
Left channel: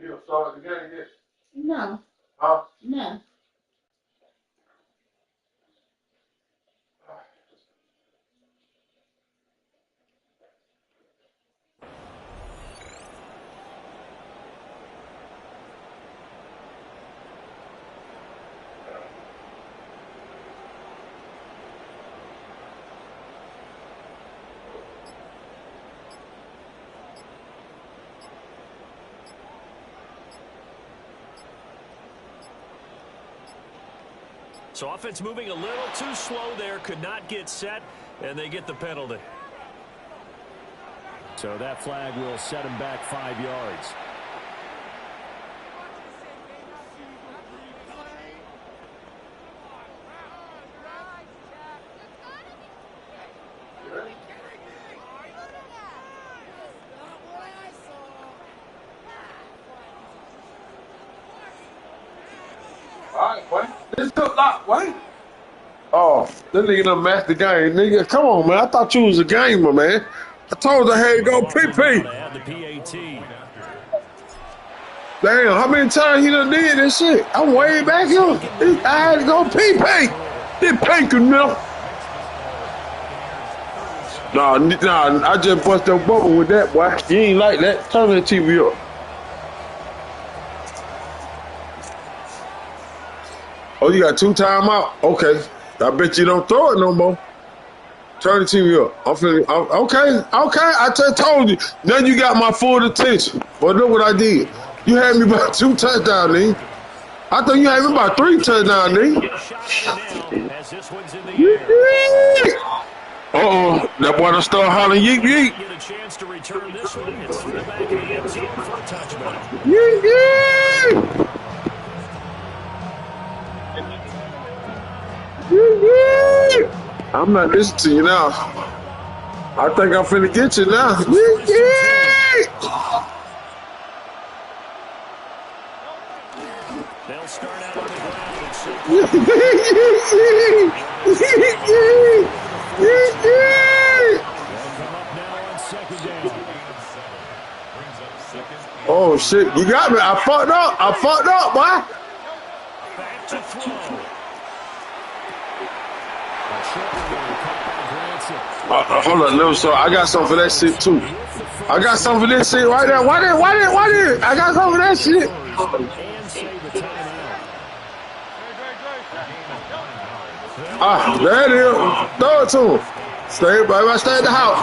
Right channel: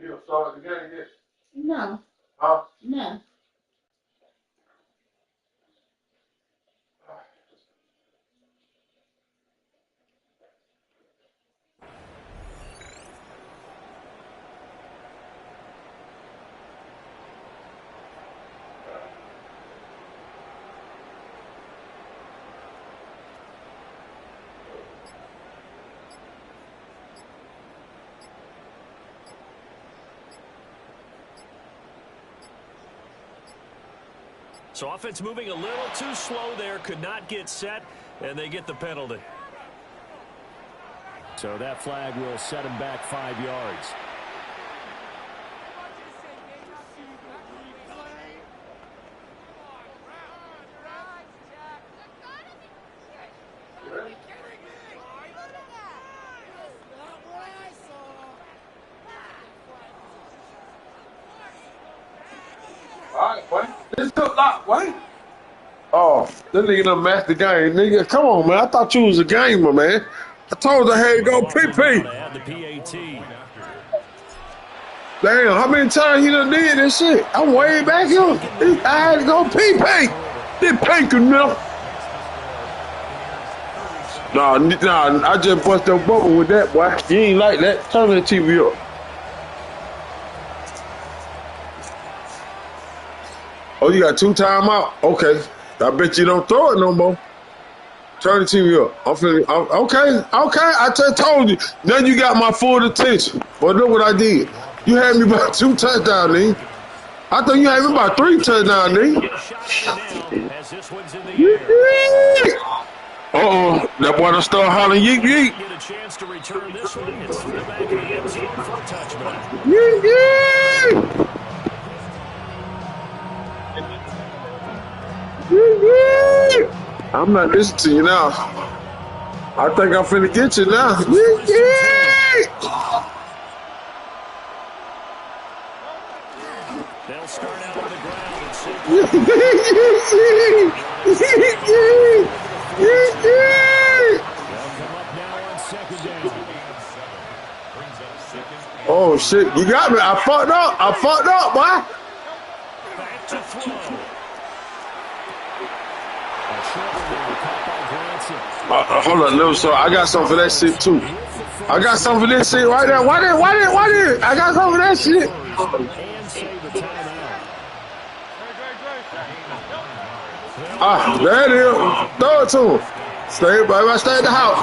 You start the game yet? No. Huh? No. So offense moving a little too slow there, could not get set, and they get the penalty. So that flag will set him back 5 yards. Alright, Wayne. This took lot, Wayne. Oh, that nigga done matched the game, nigga. Come on, man. I thought you was a gamer, man. I told you, hey, go PP. Damn, how many times he done did this shit? I'm way back here. I had to go PP. Did pink enough. Nah, I just bust your bubble with that, boy. You ain't like that. Turn that TV up. Oh, you got 2 timeout? Okay. I bet you don't throw it no more. Turn the TV up. Okay. I just told you. Now you got my full attention. But look what I did. You had me about 2 touchdowns, nigga. I thought you had me about 3 touchdowns, nigga. That boy done start hollering yeet yeet. Get a chance to return this one. It's to the back of the end zone for a touchback. Yeet yeet. I'm not listening to you now. I think I'm finna get you now. They'll start out on the ground and say, they'll come up now on 2nd down. Oh shit, you got me. I fucked up, boy. Back to throw. Hold on, little sir. I got something for that shit too. I got something for this shit right there. Why did? I got something for that shit. There it is. Throw it to him. Stay at the house.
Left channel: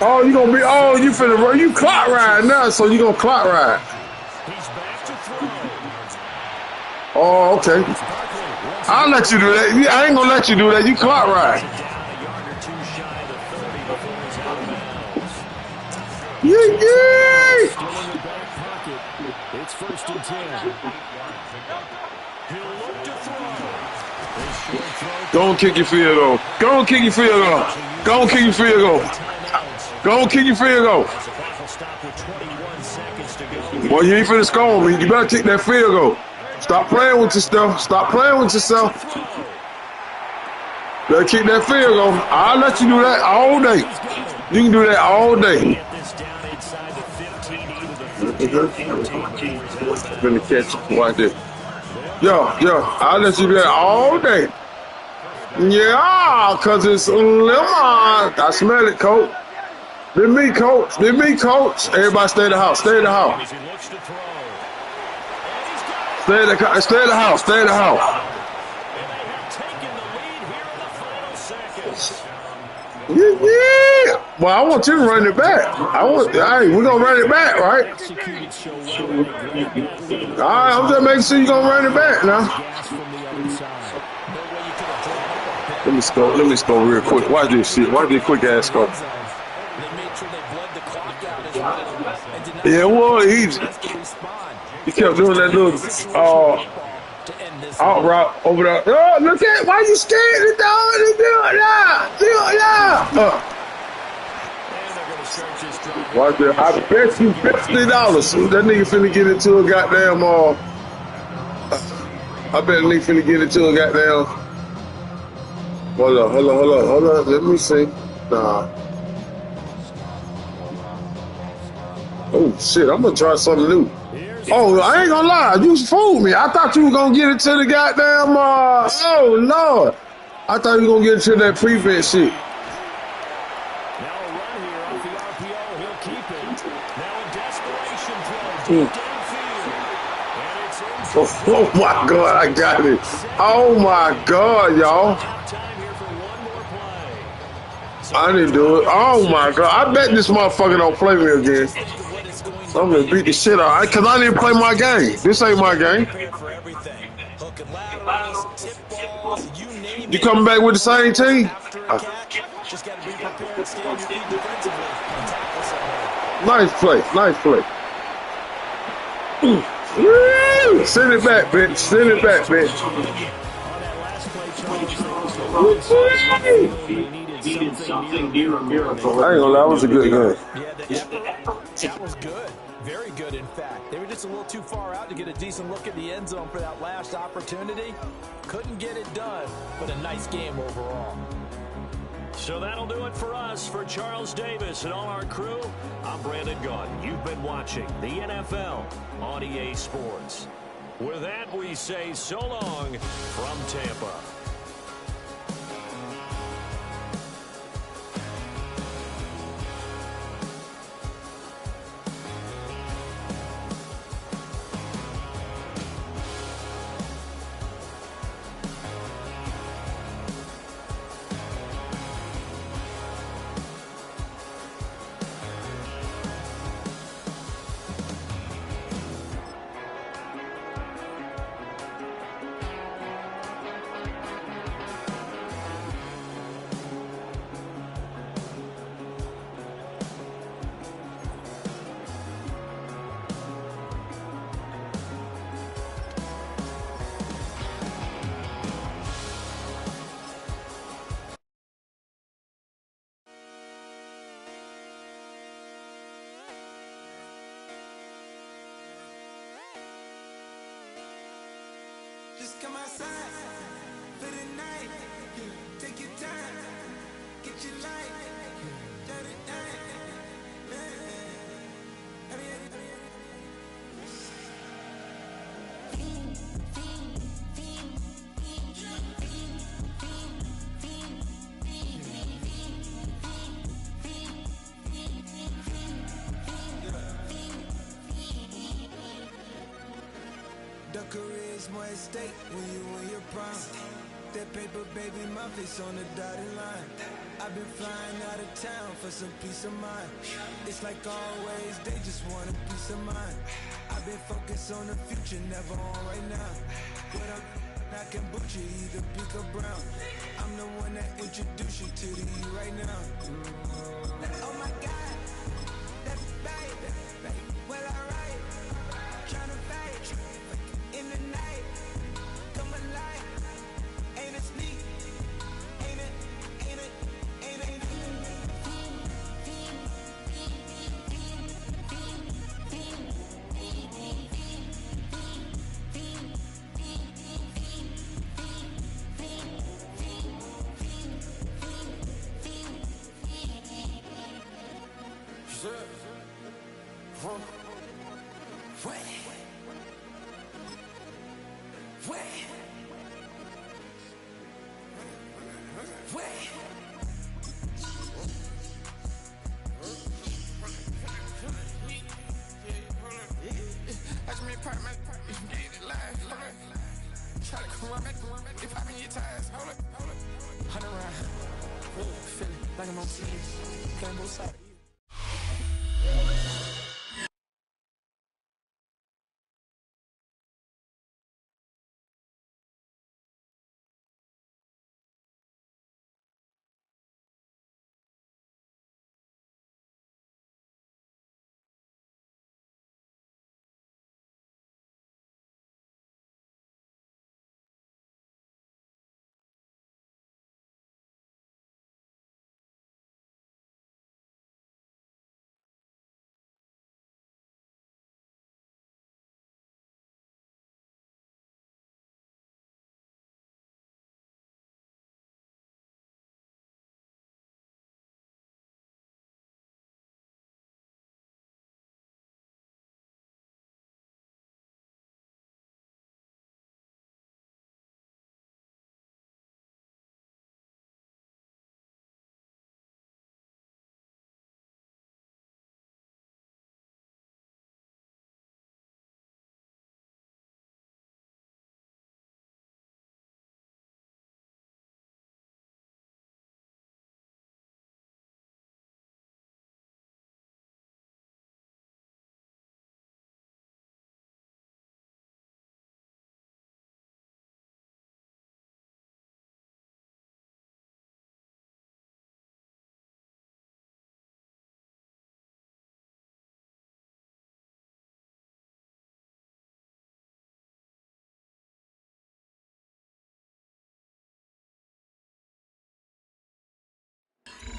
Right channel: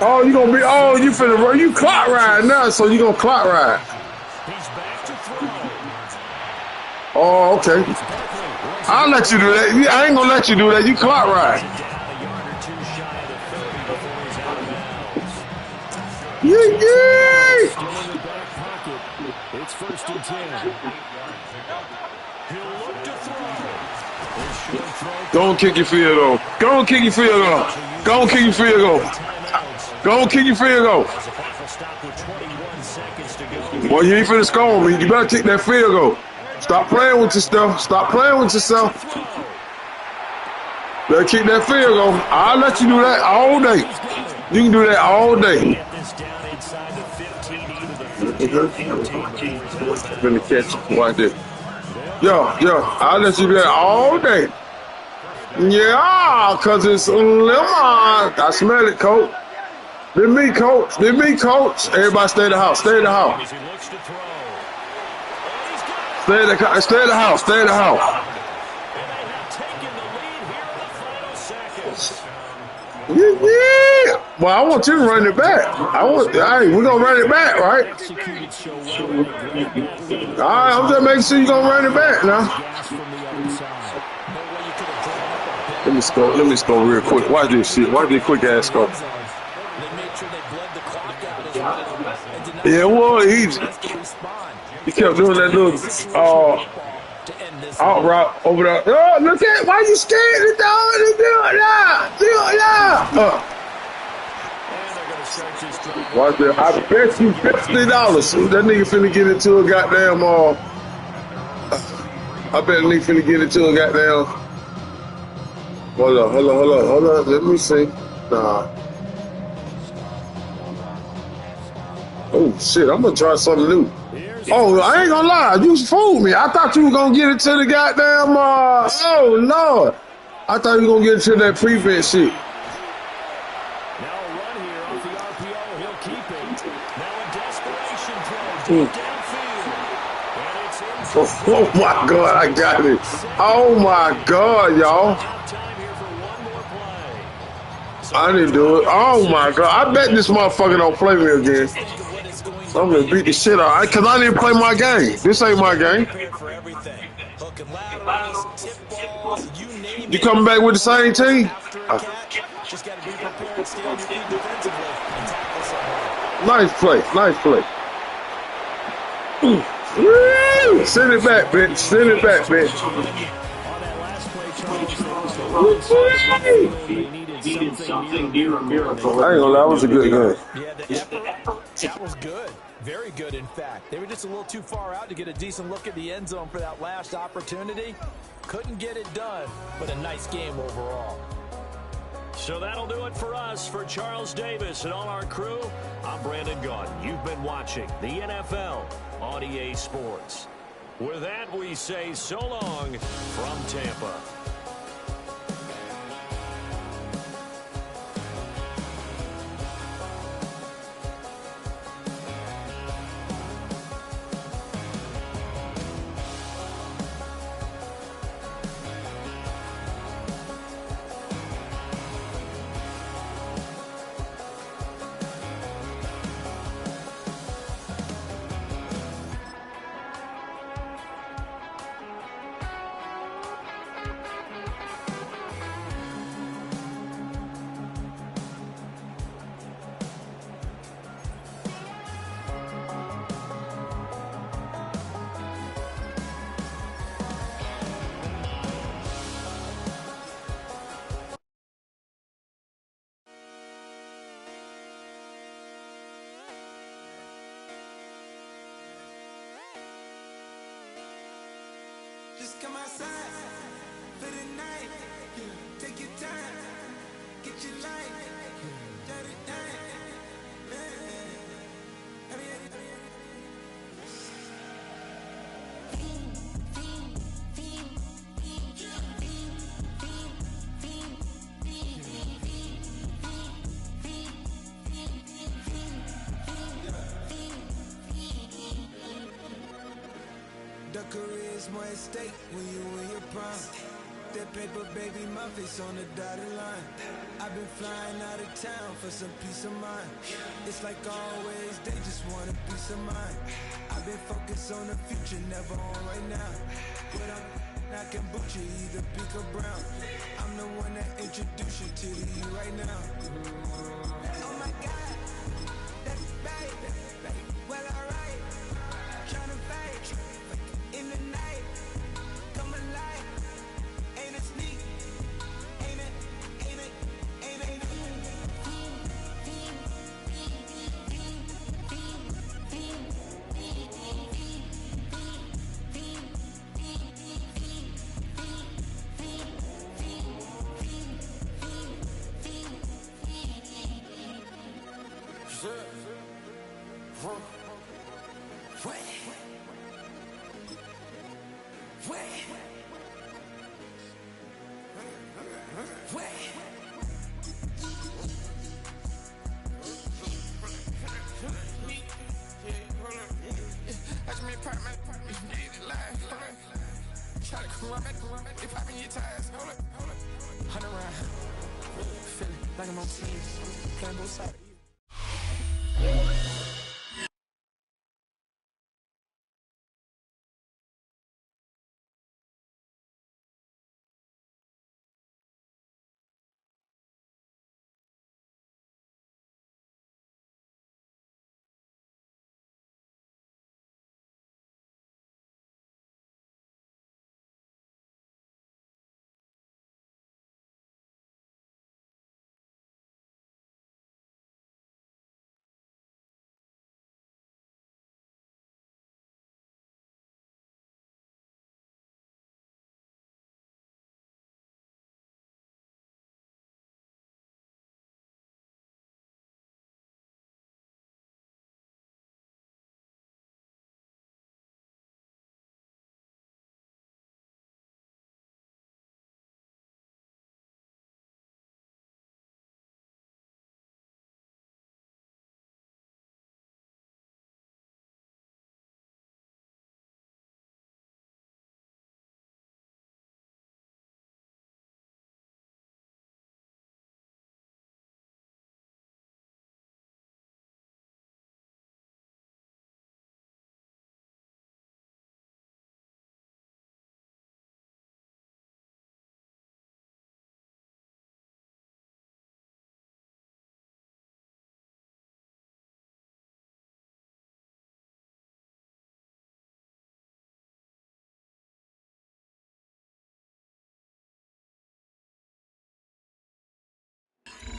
Oh, you gonna be? Oh, you finna run? You clock ride now, so you gonna clock ride? Oh, okay. I'll let you do that. I ain't gonna let you do that. You clock ride. Yeah. It's 1st and 10. He'll look to throw. Go and kick your field goal. Go and kick your field goal. Go and kick your field goal. Go and kick your field goal. Boy, you ain't finna score on me. You better kick that field goal. Stop playing with yourself. Stop playing with yourself. Better kick that field goal. I'll let you do that all day. You can do that all day. Gonna catch you. Watch this. Yo, I'll let you do that all day. Yeah, cause it's lemon. I smell it, coach. Did me, coach. Everybody stay in the house. Stay in the house. Stay in the house. Stay in the house. Yeah. Well, I want you to run it back. Hey, we're gonna run it back, right? All right, I'm just making sure you're gonna run it back now. Let me score real quick. Watch this shit. Watch this quick ass score. Yeah, it was easy. He kept doing that little out route over there. Oh, look at it. Why you scared to do it? Watch that. I bet you $50. That nigga finna get into a goddamn I bet that nigga finna get into a goddamn. Hold on. Let me see. Nah. Oh shit, I'm gonna try something new. Oh, I ain't gonna lie, you fooled me. I thought you were gonna get into the goddamn oh Lord. I thought you were gonna get into that prevent shit. Now a run here off the RPO, he'll keep it. Now a desperation throw deep downfield. And it's in. Oh my God, I got it. Oh my God, y'all. I didn't do it. Oh my God, I bet this motherfucker don't play me again. I'm gonna beat the shit out because I didn't play my game. This ain't my game. Prepared for everything. Hook and laterals, tip balls, you name You it. coming back with the same team? After a catch, just got to be prepared, stay on your feet defensively, and tackle someone. Nice play. Nice play. Woo! Send it back, bitch. Send it back, bitch. On that last play, Charles, they was the wrong side of midfield. They needed something near a miracle. I ain't gonna lie, that was a good game. Yeah, the effort, that was good. Very good, in fact. They were just a little too far out to get a decent look at the end zone for that last opportunity. Couldn't get it done, but a nice game overall. So that'll do it for us. For Charles Davis and all our crew, I'm Brandon Gaudin. You've been watching the NFL on EA Sports. With that, we say so long from Tampa. Just come outside for the night. Take your time, get your life. Let it The career is more at stake when you in your prime. That paper, baby, my face on the dotted line. I've been flying out of town for some peace of mind. It's like always, they just want a peace of mind. I've been focused on the future, never on right now. But I can boot you either pink or brown. I'm the one that introduced you to the you right now. Oh my God, that's babe. Well, alright, tryna fight in the night. Come alive, ain't it sneak? Ain't it? Try to run back, they popping your tires. Hold up. 100 round. Feeling like I'm on team. Playing both sides.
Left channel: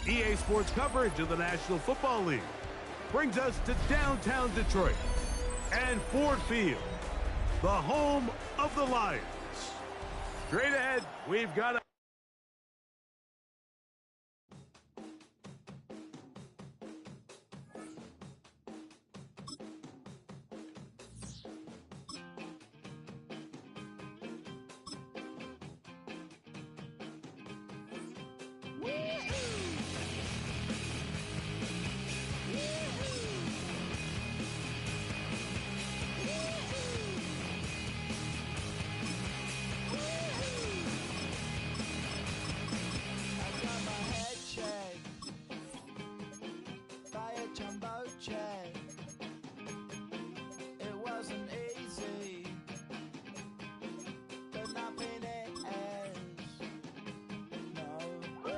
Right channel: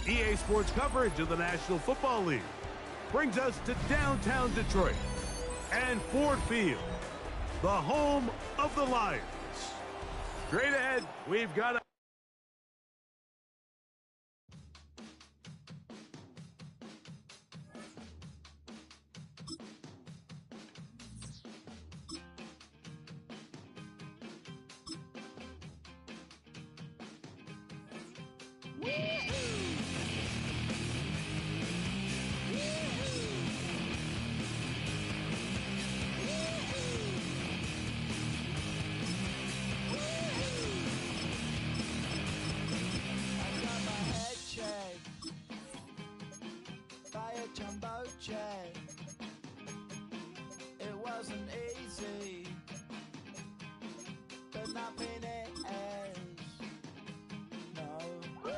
EA Sports coverage of the National Football League brings us to downtown Detroit and Ford Field, the home of the Lions. Straight ahead, we've got a jumbo jet. It wasn't easy, but nothing is. No. When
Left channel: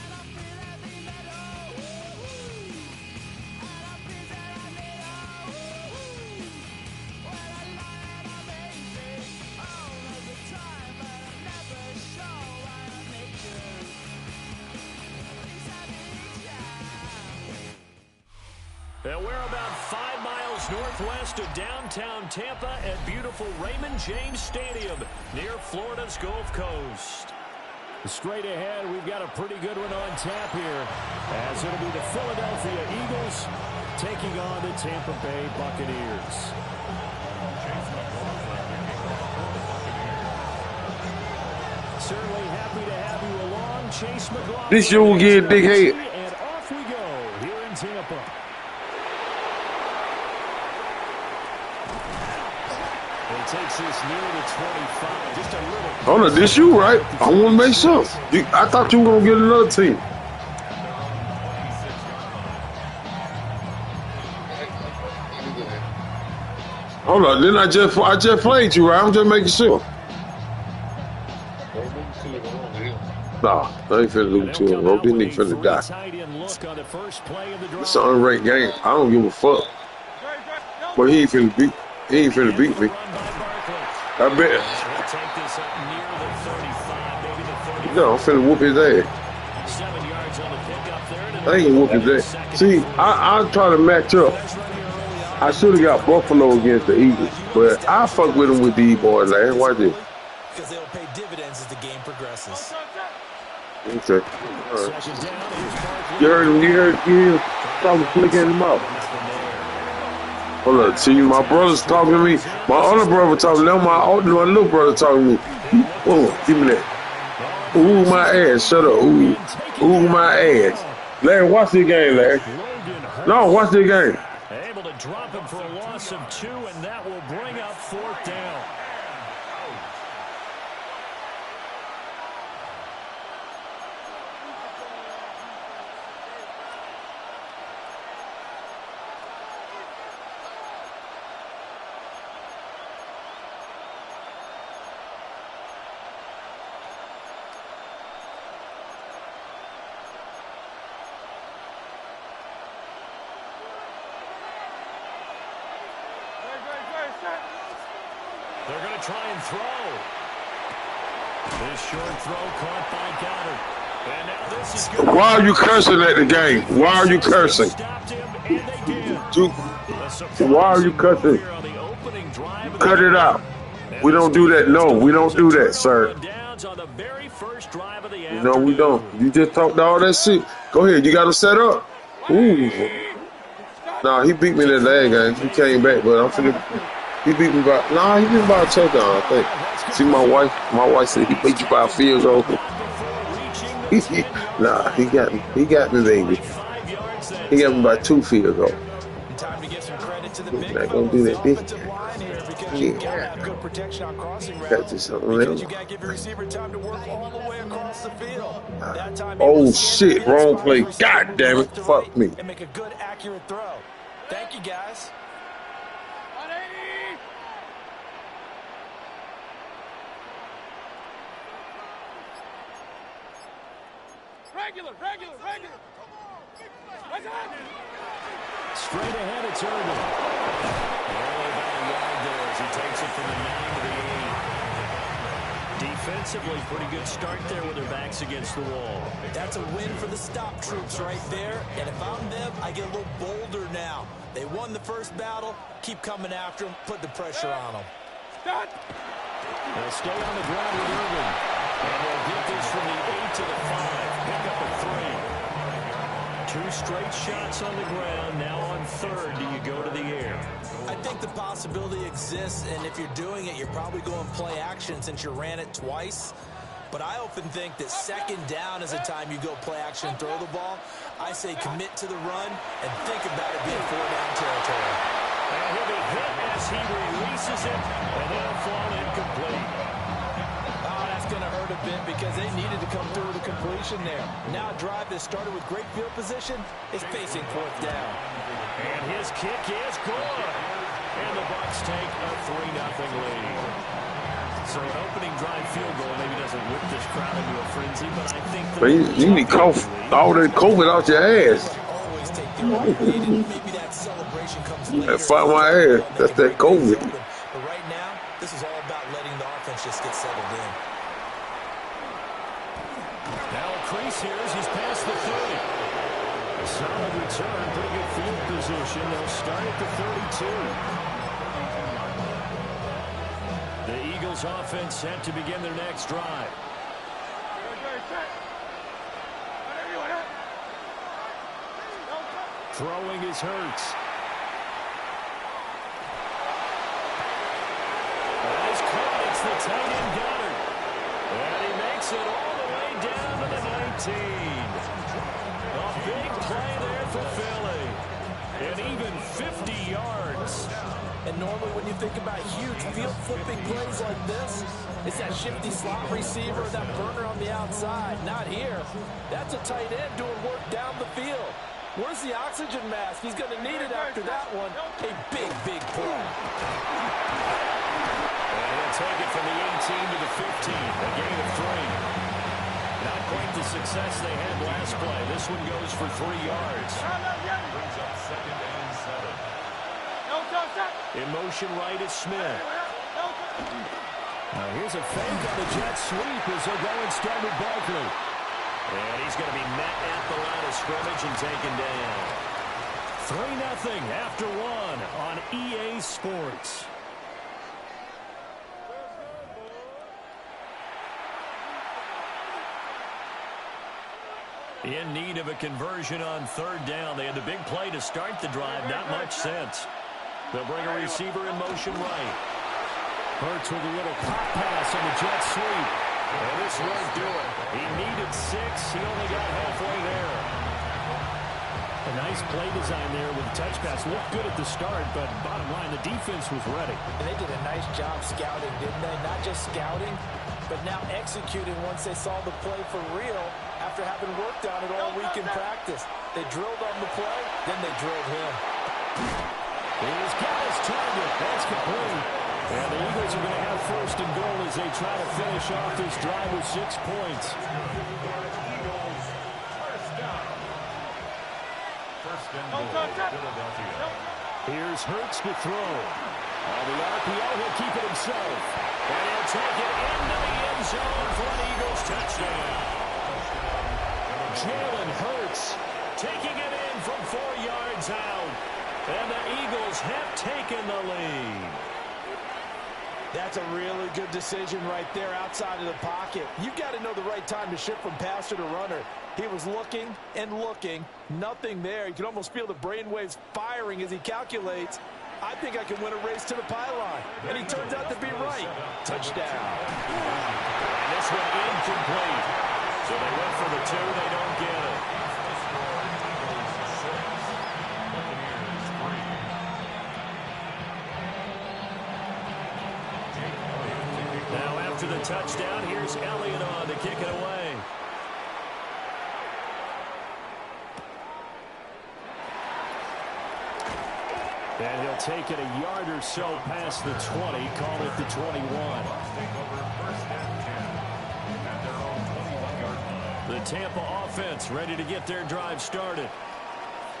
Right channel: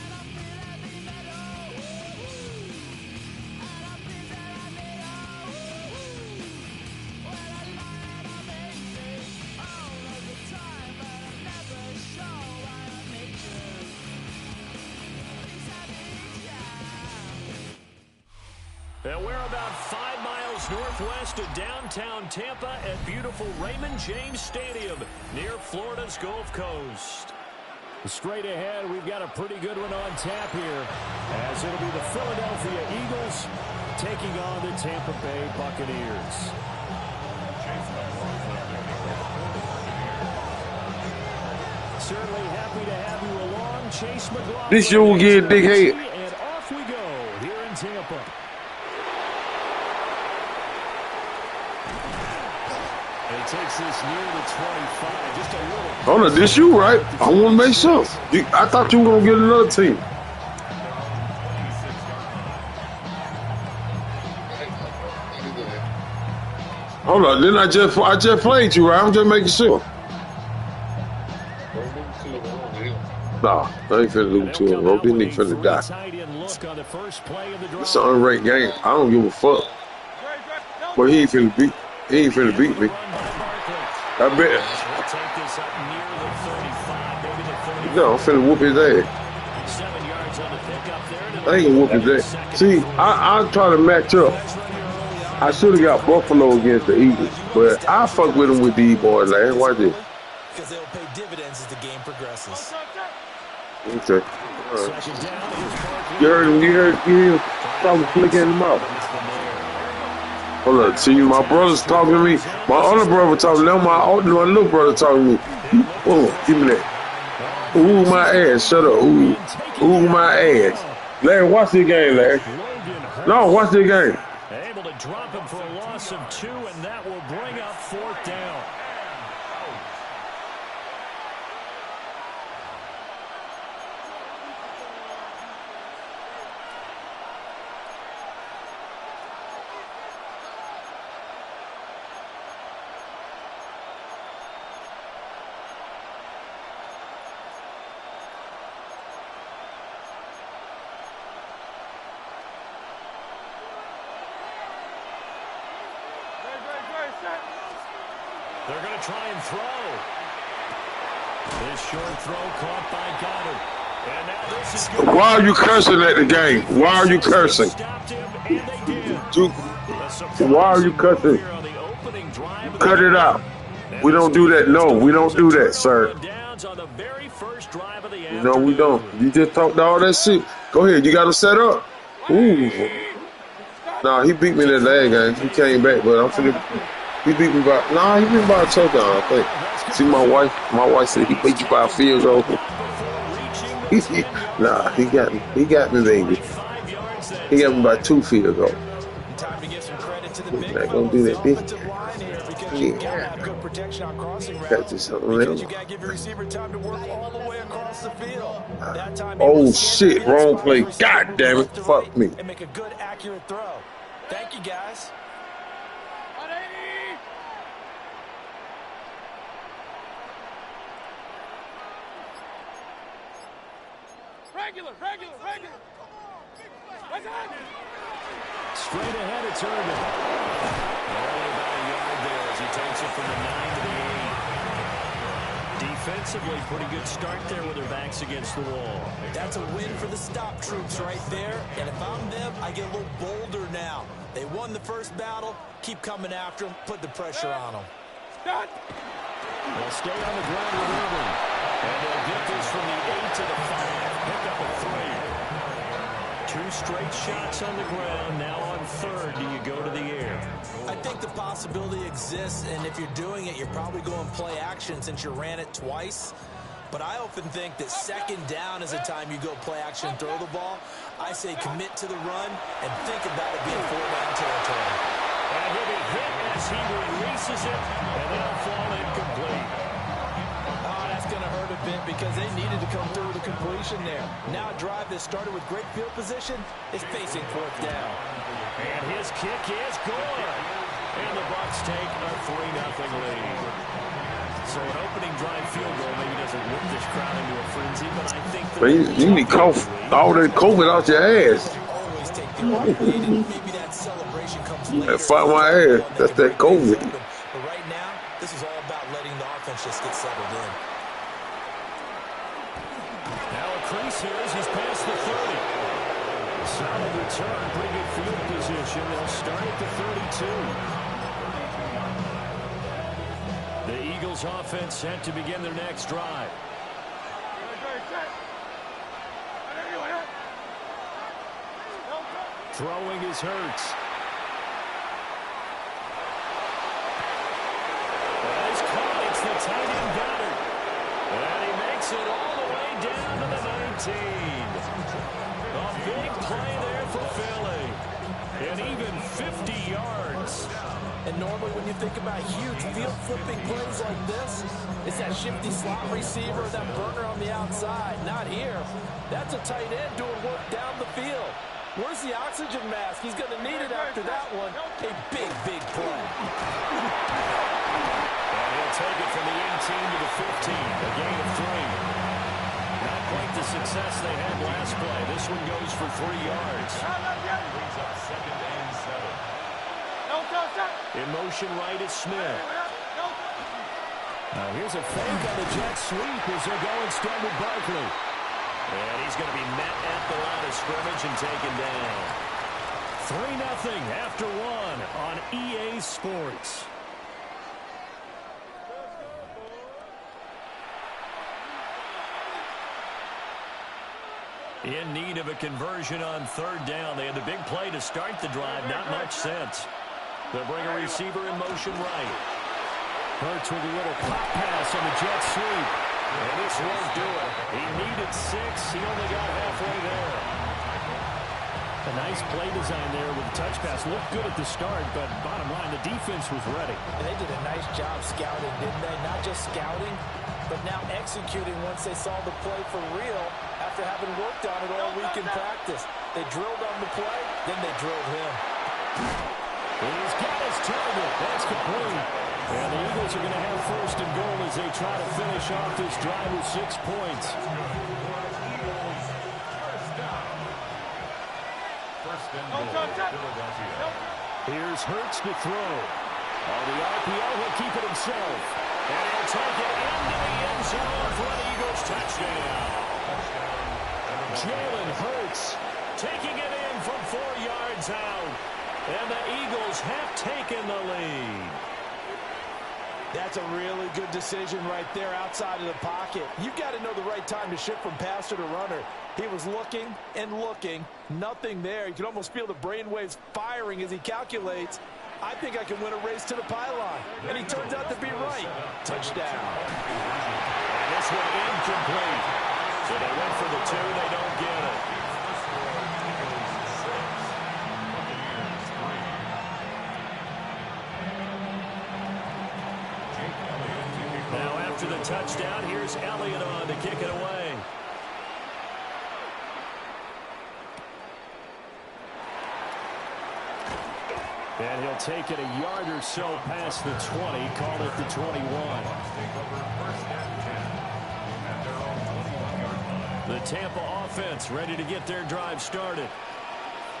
I feel heavy metal, and I feel that I need when I lie and I'm easy all of the time, but I'm never sure why I need you. Please I need ya. And we're about 5 miles northwest of downtown Tampa at beautiful Raymond James Stadium near Florida's Gulf Coast. Straight ahead, we've got a pretty good one on tap here, as it'll be the Philadelphia Eagles taking on the Tampa Bay Buccaneers. Certainly happy to have you along, Chase McLaughlin. This year will get big head. And off we go here in Tampa. And he takes this near the 25, just a little. Oh no, this you right? I want to make sure. I thought you were gonna get another team. Hold on, then I just played you, right? I'm just making sure. Nah, I ain't finna lose to him, bro. This nigga finna die. It's an unranked game. I don't give a fuck. But he ain't finna beat. He ain't finna beat me. I bet. No, I'm finna whoop his ass. I ain't gonna whoop his ass. See, I'll try to match up. I should have got Buffalo against the Eagles, but I fuck with him with these boys, man. Watch this. Because they'll pay dividends as the game progresses. Okay. All right. You heard him. You heard him probably flicking him out. Hold up. See, my brother's talking to me. My other brother talking. Now my little brother talking to me. Oh, give me that. Ooh, my ass. Shut up. Ooh, my ass. Larry, watch this game, Larry. No, watch this game. Able to drop him for a loss of 2, and that will bring up 4th down. They're going to try and throw. This short throw caught by Goddard. And now this is good. Why are you cursing at the game? Why are you cursing? Why are you cursing? Cut it out. We don't do that. No, we don't do that, sir. No, we don't. You just talked all that shit. Go ahead. You got to set up. Ooh. Nah, he beat me that last game. He came back, but I'm finna. He beat me by. Nah, he beat me by a touchdown, I think. See, my wife said he beat you by a field goal. Nah, he got me. He got me, baby. He got me by 2 field goals. He's not gonna do that, bitch. Yeah. Got this something else. Oh shit! Wrong play. God damn it! Fuck me. And make a good, accurate throw. Thank you, guys. Regular. Straight ahead, it's Urban. Only about a yard there as he takes it from the 9 to the Defensively, pretty good start there with their backs against the wall. That's a win for the stop troops right there. And if I'm them, I get a little bolder now. They won the first battle. Keep coming after them. Put the pressure on them. They'll stay on the ground with Irvin. And they'll get this from the 8 to the 5. Pick up a 3. 2 straight shots on the ground. Now on third, do you go to the air? I think the possibility exists, and if you're doing it, you're probably going play action since you ran it twice. But I often think that second down is a time you go play action and throw the ball. I say commit to the run and think about it being 4-down territory. And he'll be hit as he releases it, and that'll fall incomplete. Oh, that's going to hurt a bit because they needed to come through with a completion there. Now a drive that started with great field position is facing 4th down. And his kick is good. And the Bucs take a 3-0 lead. So an opening drive field goal maybe doesn't whip this crowd into a frenzy, but I think that you need cough all that COVID out your ass. Always take the lead, and maybe that celebration comes later. Find my ass. That's that COVID. But right now, this is all about letting the offense just get settled in. Now a crease here as he's past the 30. A solid return, pretty good field position. They'll start at the 32. The Eagles offense set to begin their next drive. Throwing is Hurts. That is caught. It's the tight end Goddard. And he makes it all the way down to the 19. A big play there for Philly. And even 50 yards. And normally when you think about huge field flipping plays like this, it's that shifty slot receiver, that burner on the outside. Not here. That's a tight end doing work down the field. Where's the oxygen mask? He's going to need it after that one. A big, big play. And he'll take it from the 18 to the 15. A gain of 3. Not quite the success they had last play. This one goes for 3 yards. Brings up 2nd and 7. In motion right is Smith. Here's a fake on the jet sweep as they're going instead with Barkley. And he's going to be met at the line of scrimmage and taken down. 3-0 after 1 on EA Sports. In need of a conversion on 3rd down. They had the big play to start the drive. Not much sense. They'll bring a receiver in motion right. Hurts with a little pop pass on the jet sweep. And this won't do it. He needed 6. He only got halfway there. A nice play design there with the touch pass. Looked good at the start, but bottom line, the defense was ready. And they did a nice job scouting, didn't they? Not just scouting, but now executing once they saw the play for real after having worked on it all week in practice. They drilled on the play, then they drilled him. He's got his target. That's complete. And the Eagles are going to have 1st and goal as they try to finish off this drive with 6 points. Eagles, 1st down. 1st and goal, Philadelphia. Here's Hurts to throw. On the RPO, he'll keep it himself. And he'll take it into the end zone for an Eagles touchdown. Jalen Hurts taking it in from 4 yards out. And the Eagles have taken the lead. That's a really good decision right there outside of the pocket. You've got to know the right time to shift from passer to runner. He was looking and looking. Nothing there. You can almost feel the brainwaves firing as he calculates. I think I can win a race to the pylon. And he turns out to be right. Touchdown. And this one incomplete. So they went for the 2. They don't get it. Eagles 6. Buccaneers 3. Now after the touchdown, here's Elliott on to kick it away. And he'll take it a yard or so past the 20, call it the 21. The Tampa offense ready to get their drive started.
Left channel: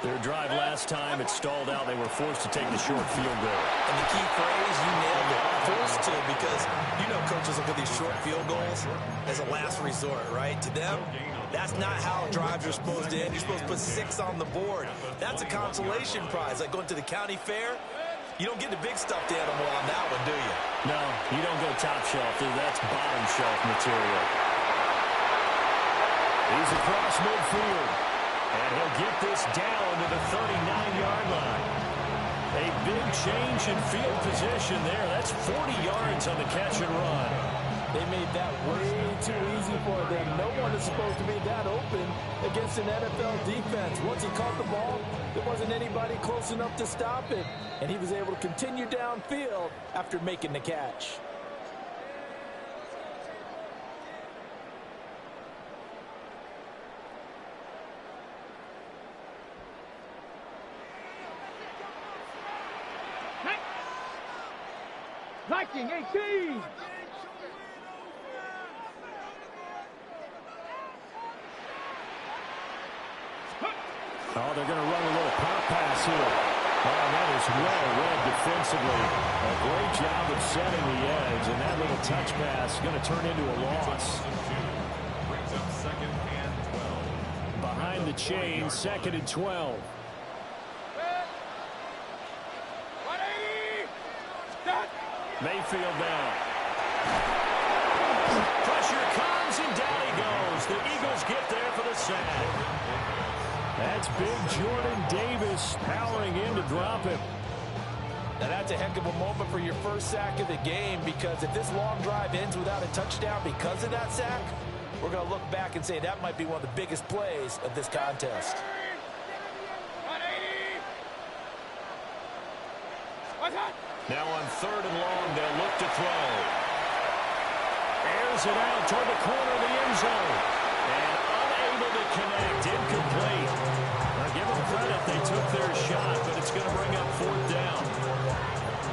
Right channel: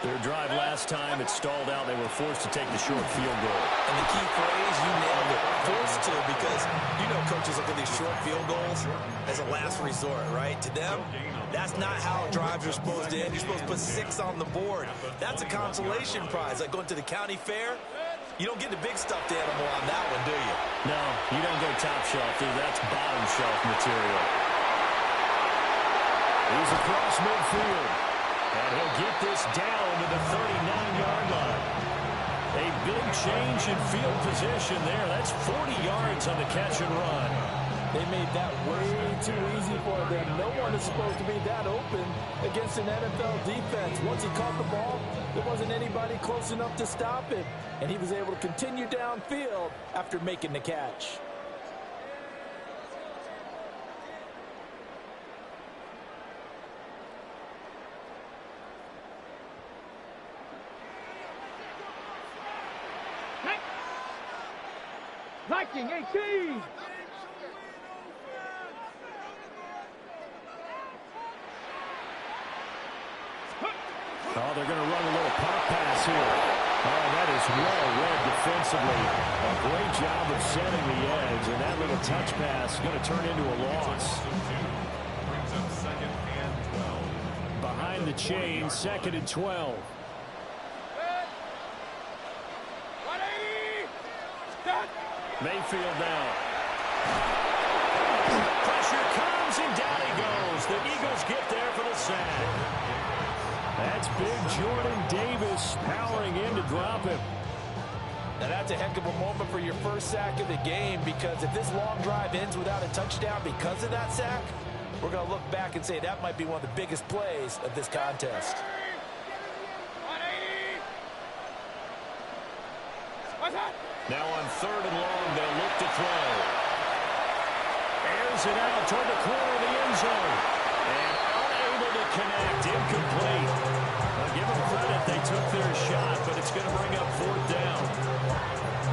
Their drive last time, it stalled out. They were forced to take the short field goal. And the key phrase, you nailed it, forced to, because you know coaches look at these short field goals as a last resort, right? To them, that's not how drives are supposed to end. You're supposed to put 6 on the board. That's a consolation prize. Like going to the county fair, you don't get the big stuffed animal on that one, do you? No, you don't go top shelf, dude. That's bottom shelf material. He's across midfield. And he'll get this down to the 39-yard line. A big change in field position there. That's 40 yards on the catch and run. They made that way too easy for them. No one is supposed to be that open against an NFL defense. Once he caught the ball, there wasn't anybody close enough to stop him. And he was able to continue downfield after making the catch. Viking 18! Oh, they're going to run a little pop pass here. Oh, that is well read defensively. A great job of setting the edge, and that little touch pass is going to turn into a loss. Brings up 2nd and 12. Behind the chain, 2nd and 12. Mayfield down. Pressure comes, and down he goes. The Eagles get there for the sack. That's big Jordan Davis powering in to drop him. Now that's a heck of a moment for your first sack of the game, because if this long drive ends without a touchdown because of that sack, we're going to look back and say that might be one of the biggest plays of this contest. Now on 3rd and long, they'll look to throw. Airs it out toward the corner of the end zone. And unable to connect, incomplete. I'll give them credit, they took their shot, but it's going to bring up 4th down.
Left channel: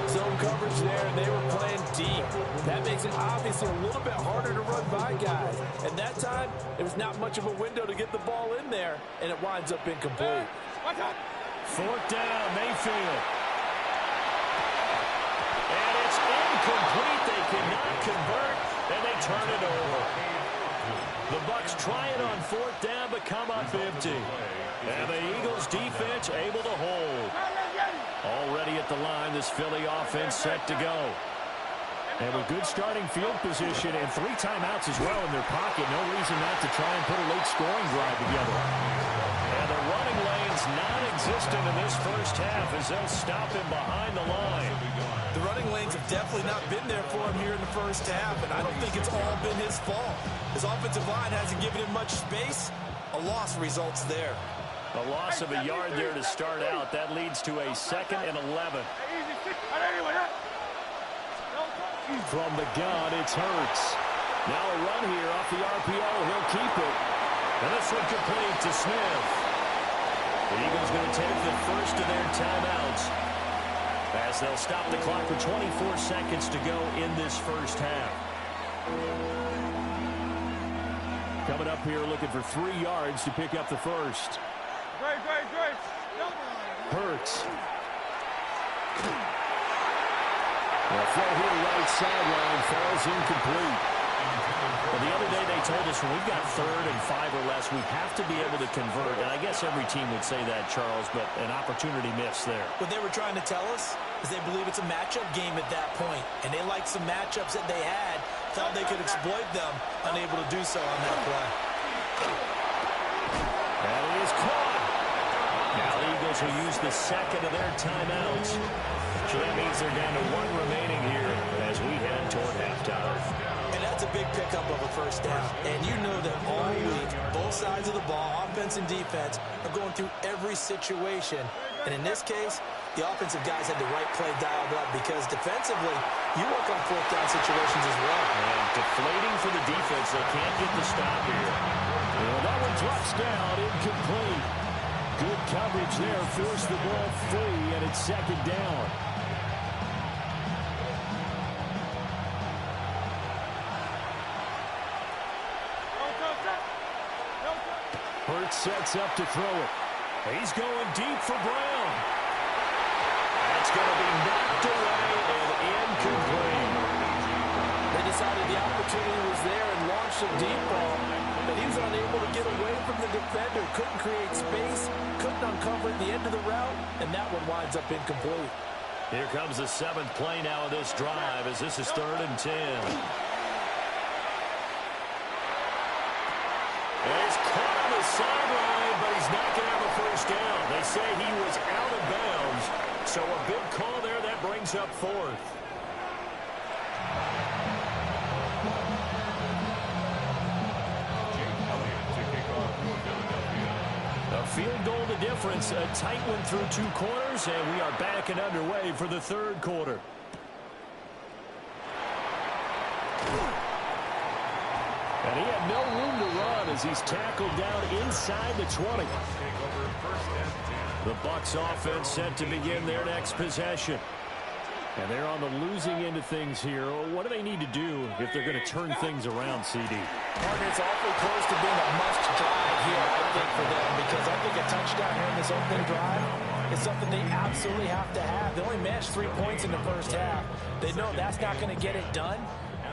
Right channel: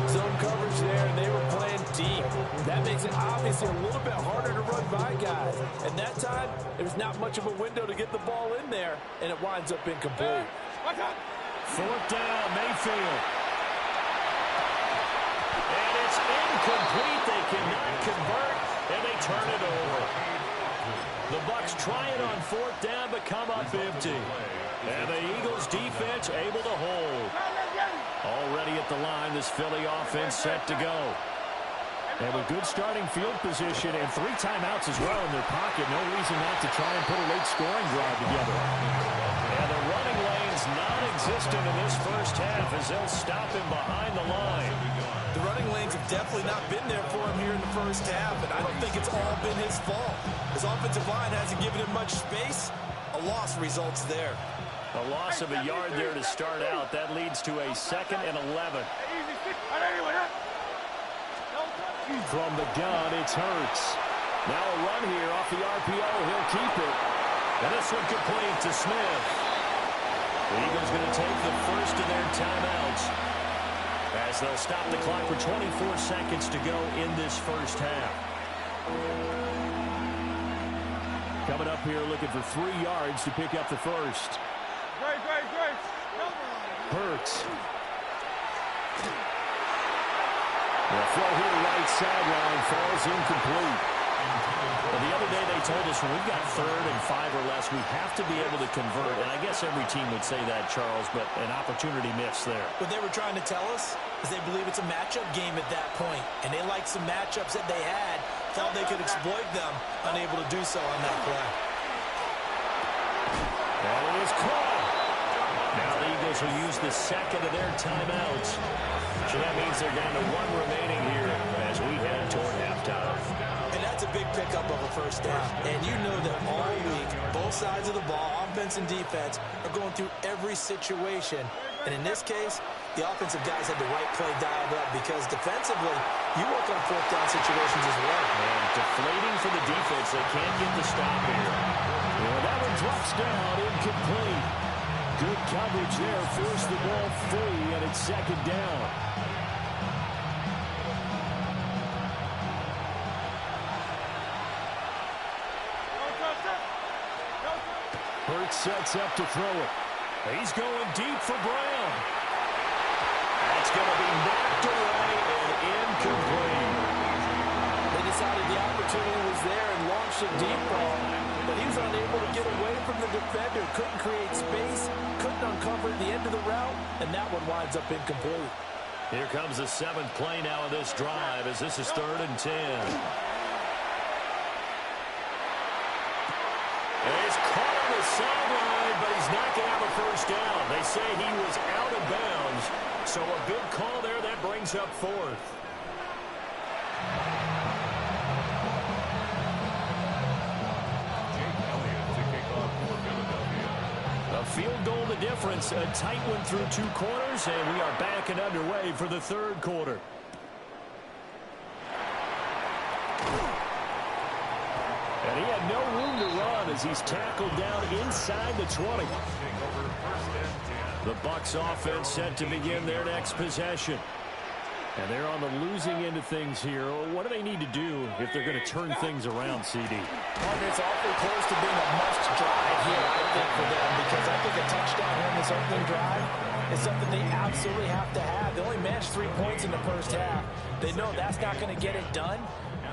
Zone coverage there, and they were playing deep. That makes it obviously a little bit harder to run by guys. And that time, there was not much of a window to get the ball in there, and it winds up incomplete. 4th down, Mayfield. And it's incomplete. They cannot convert, and they turn it over. The Bucs try it on 4th down, but come up empty. And the Eagles defense able to hold. Already at the line, this Philly offense set to go. And with good starting field position and 3 timeouts as well in their pocket, no reason not to try and put a late scoring drive together. And the running lane's non-existent in this first half as they'll stop him behind the line. The running lanes have definitely not been there for him here in the first half, and I don't think it's all been his fault. His offensive line hasn't given him much space. A loss results there. A loss of a yard there to start out. That leads to a 2nd and 11. From the gun, it's Hurts. Now a run here off the RPO. He'll keep it. And this one complete to Smith. The Eagles going to take the first of their timeouts as they'll stop the clock for 24 seconds to go in this first half. Coming up here looking for 3 yards to pick up the first. Hurts. The throw here right sideline falls incomplete. Well, the other day they told us when we've got 3rd and 5 or less, we have to be able to convert. And I guess every team would say that, Charles, but an opportunity missed there. What they were trying to tell us is they believe it's a matchup game at that point. And they liked some matchups that they had, thought they could exploit them, unable to do so on that play. That is caught. Now the Eagles will use the 2nd of their timeouts. So that means they're down to 1 remaining here as we head toward halftime. And that's a big pickup of a first down. And you know that all week, both sides of the ball, offense and defense, are going through every situation. And in this case, the offensive guys had the right play dialed up because defensively, you work on 4th down situations as well. And deflating for the defense. They can't get the stop here. Well, that one drops down, incomplete. Good coverage there, forced the ball free, and it's 2nd down. Hurts sets up to throw it. He's going deep for Brown. That's going to be knocked away and incomplete. They decided the opportunity was there and launched a deep ball, but he was unable to get away from the defender, couldn't create space, couldn't uncover the end of the route, and that one winds up incomplete. Here comes the 7th play now of this drive as this is 3rd and 10. And he's caught on the sideline, but he's not going to have a first down. They say he was out of bounds, so a big call there that brings up 4th. A field goal the difference, a tight one through 2 quarters, and we are back and underway for the 3rd quarter. And he had no room to run as he's tackled down inside the 20. The Bucs offense set to begin their next possession. And they're on the losing end of things here. What do they need to do if they're going to turn things around, CD? Partner, it's awfully close to being a must-drive here, I think, for them, because I think a touchdown here in this opening drive is something they absolutely have to have. They only managed 3 points in the first half. They know that's not going to get it done.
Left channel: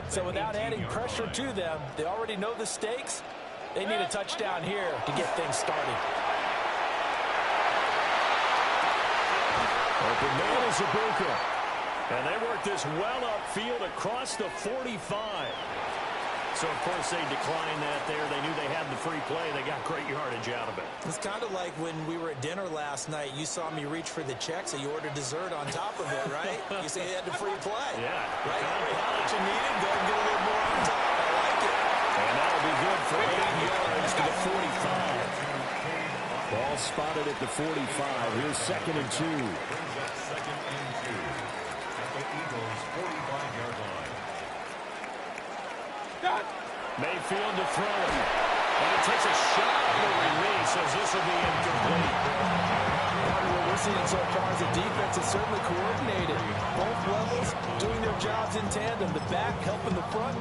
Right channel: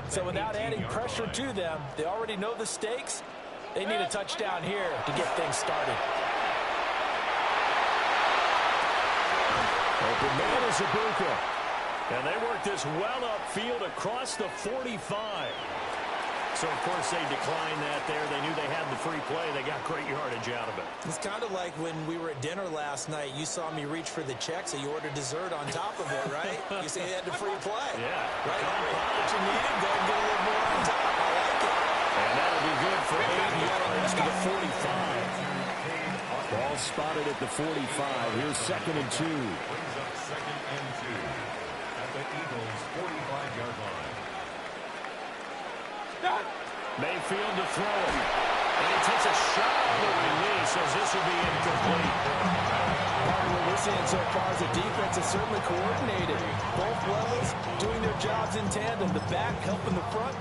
So without adding pressure to them, they already know the stakes. They need a touchdown here to get things started. Open man is Ibuka. And they work this well upfield across the 45. So, of course, they declined that there. They knew they had the free play. They got great yardage out of it. It's kind of like when we were at dinner last night. You saw me reach for the check, so you ordered dessert on top of it, right? You said you had the free play. Yeah. Right? You already had what you needed. Go ahead and get a little more on top. I like it. And that'll be good for 8 yards to the 45. Ball spotted at the 45. Here's 2nd and 2. Brings up 2nd and 2 at the Eagles' 45-yard line. Mayfield to throw it. And he takes a shot on the release as this will be incomplete. Part of what we're seeing so far is the defense is certainly coordinated. Both levels doing their jobs in tandem. The back helping the front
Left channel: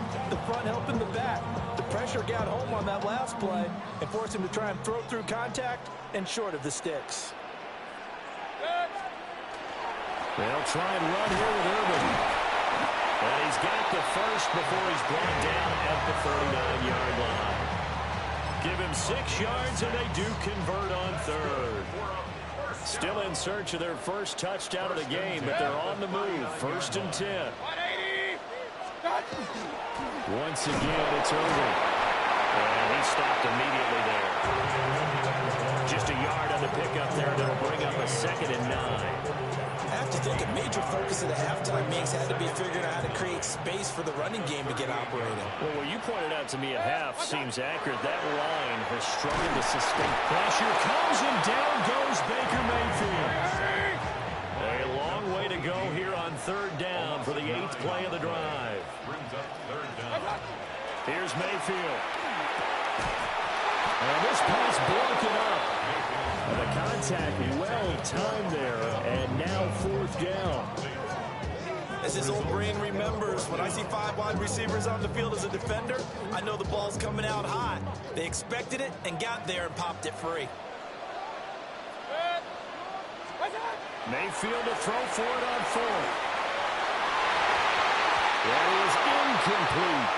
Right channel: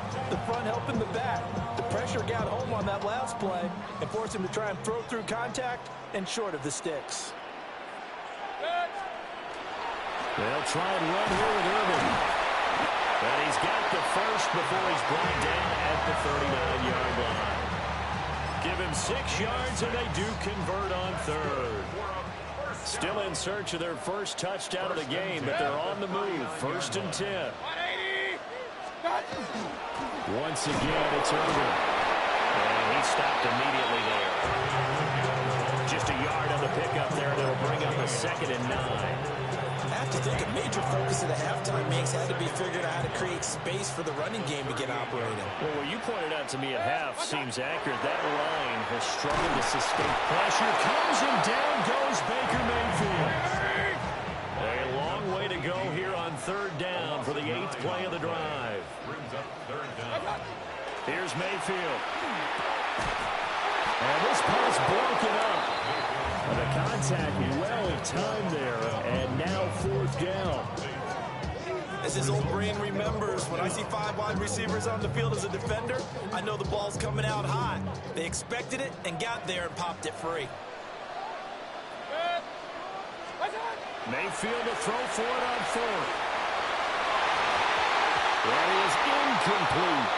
helping the back. The pressure got home on that last play and forced him to try and throw through contact and short of the sticks. They'll try and run here with Irving. And he's got the first before he's brought down at the 39-yard line. Give him 6 yards, and they do convert on 3rd. Still in search of their first touchdown of the game, but they're on the move. 1st and 10. Once again, it's Irving. And he stopped immediately there. Just a yard on the pickup there, and it'll bring up a 2nd and 9. I have to think a major focus of the halftime meetings had to be figuring out how to create space for the running game to get operating. Well, what you pointed out to me at half seems accurate. That line has struggled to sustain pressure. Comes and down goes Baker Mayfield. A long way to go here on 3rd down for the 8th play of the drive. Brings up 3rd down. Here's Mayfield. And this pass broken up. The contact well timed there, and now 4th down. As his old brain remembers, when I see 5 wide receivers on the field as a defender, I know the ball's coming out hot. They expected it and got there and popped it free. Mayfield to throw for it on 4th. That is incomplete.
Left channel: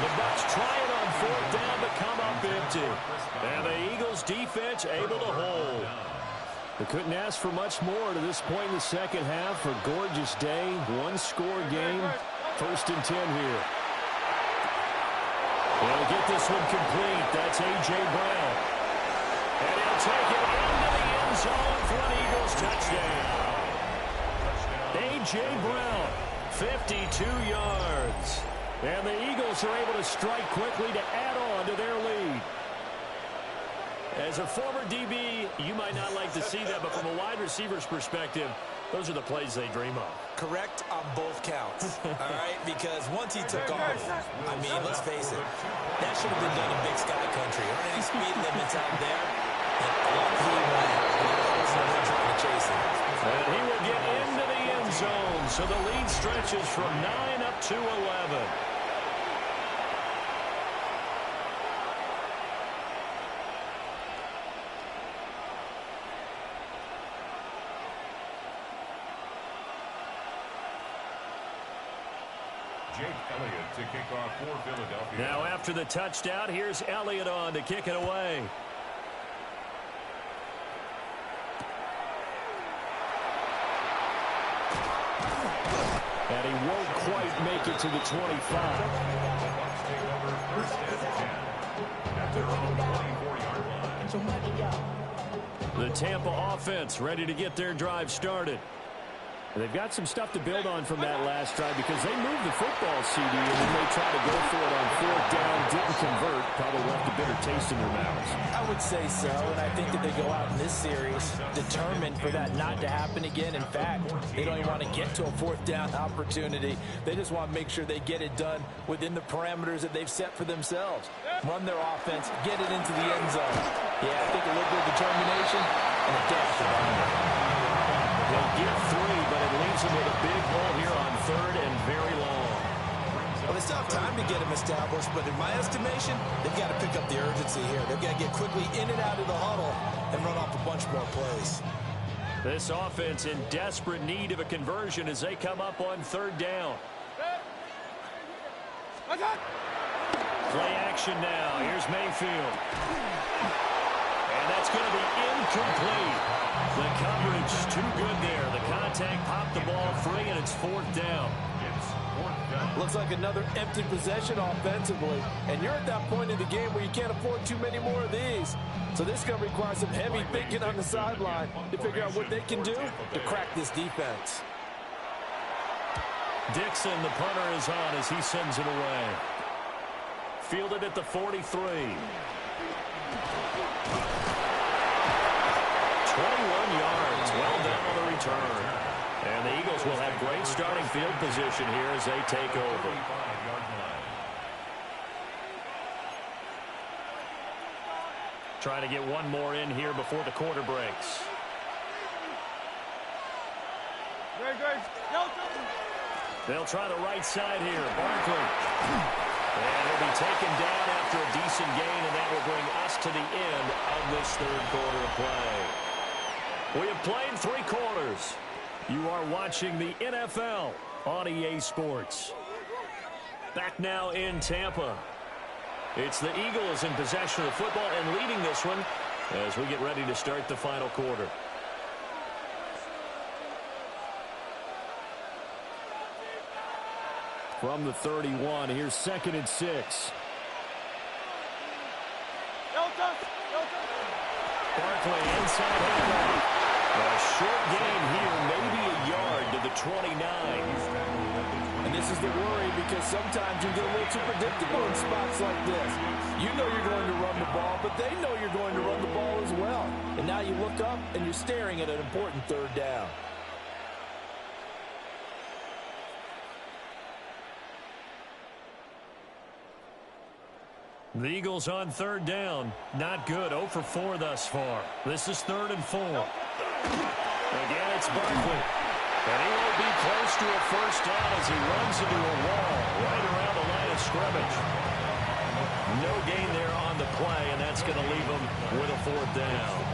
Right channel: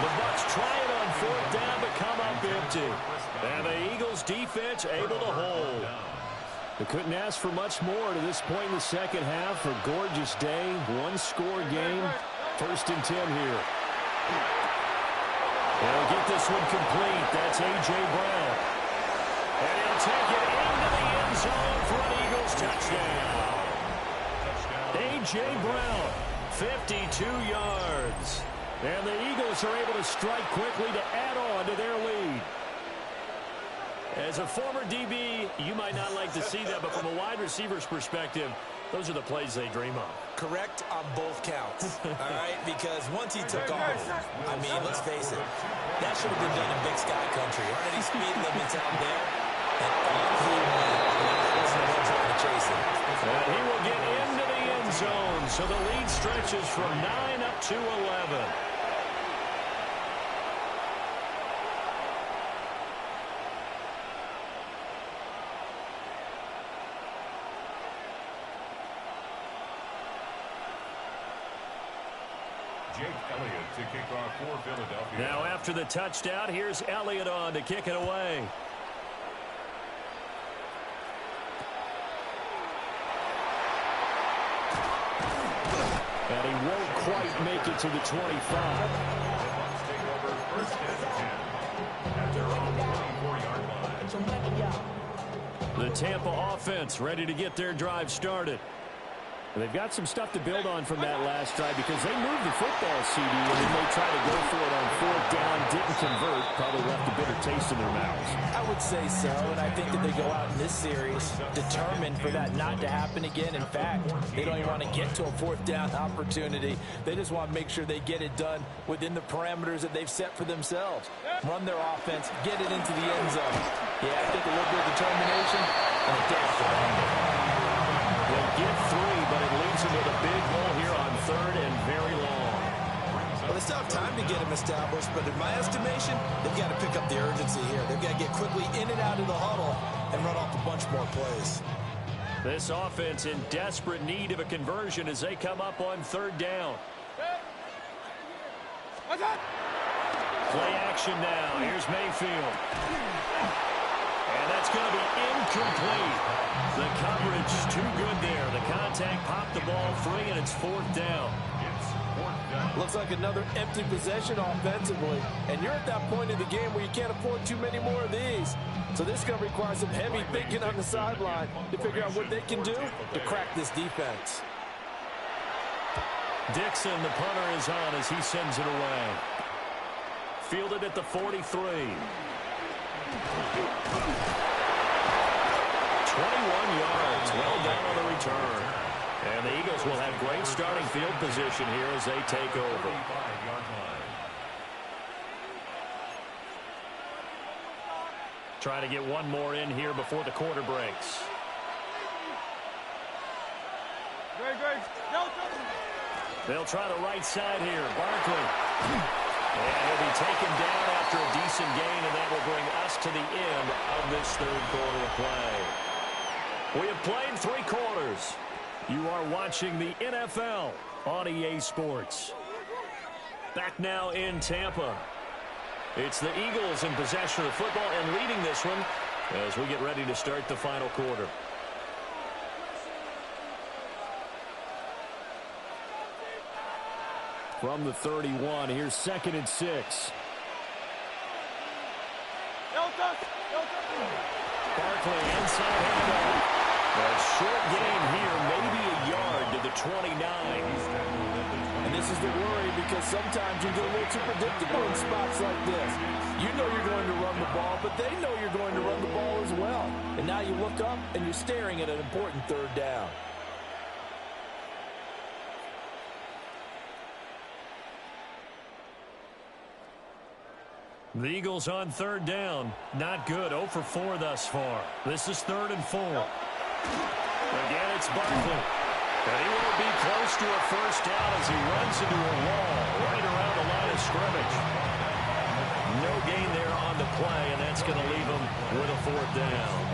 The Bucs try it on 4th down, but come up empty. And the Eagles defense able to hold. They couldn't ask for much more to this point in the second half. A gorgeous day, 1-score game. 1st and 10 here. They'll get this one complete. That's A.J. Brown. And he'll take it into the end zone for an Eagles touchdown. A.J. Brown, 52 yards. And the Eagles are able to strike quickly to add on to their lead. As a former DB, you might not like to see that, but from a wide receiver's perspective, those are the plays they dream of. Correct on both counts, all right? Because once he took off, I mean, let's face it, that should have been done in Big Sky Country. Aren't any speed limits out there? And off he went. And that wasn't the one trying to chase him. And he will get into the end zone, so the lead stretches from 9 up to 11. Jake Elliott to kick off for Philadelphia. Now after the touchdown, here's Elliott on to kick it away. And he won't quite make it to the 25. The Bucs take over first and 10 at their own 24-yard line. The Tampa offense ready to get their drive started. And they've got some stuff to build on from that last drive because they moved the football, CD, and then they tried to go for it on fourth down, didn't convert, probably left a bitter taste in their mouths. I would say so, and I think that they go out in this series determined for that not to happen again. In fact, they don't even want to get to a fourth down opportunity. They just want to make sure they get it done within the parameters that they've set for themselves. Run their offense, get it into the end zone. Yeah, I think a little bit of determination and a dash of anger. They'll get 3, but it leaves them with a big hole here on third and very long. Well, they still have time to get him established, but in my estimation, they've got to pick up the urgency here. They've got to get quickly in and out of the huddle and run off a bunch more plays. This offense in desperate need of a conversion as they come up on third down. Play action now. Here's Mayfield. And that's going to be incomplete. The coverage too good there. The contact popped the ball free, and it's fourth down. Looks like another empty possession offensively. And you're at that point in the game where you can't afford too many more of these. So this is going to require some heavy thinking on the sideline to figure out what they can do to crack this defense. Dixon, the punter, is on as he sends it away. Fielded at the 43. 21 yards. Well done on the return. And the Eagles will have great starting field position here as they take over. Trying to get one more in here before the quarter breaks. They'll try the right side here. Barkley. And he'll be taken down after a decent gain, and that will bring us to the end of this third quarter of play. We have played 3 quarters. You are watching the NFL on EA Sports. Back now in Tampa. It's the Eagles in possession of the football and leading this one as we get ready to start the final quarter. From the 31, here's 2nd and 6. Barkley inside handoff. A short gain here, maybe a yard to the 29. And this is the worry because sometimes you get a little too predictable in spots like this. You know you're going to run the ball, but they know you're going to run the ball as well. And now you look up and you're staring at an important third down. The Eagles on third down. Not good. 0 for 4 thus far. This is 3rd and 4. Again, it's Barkley. And he won't be close to a first down as he runs into a wall right around the line of scrimmage. No gain there on the play, and that's going to leave him with a 4th down.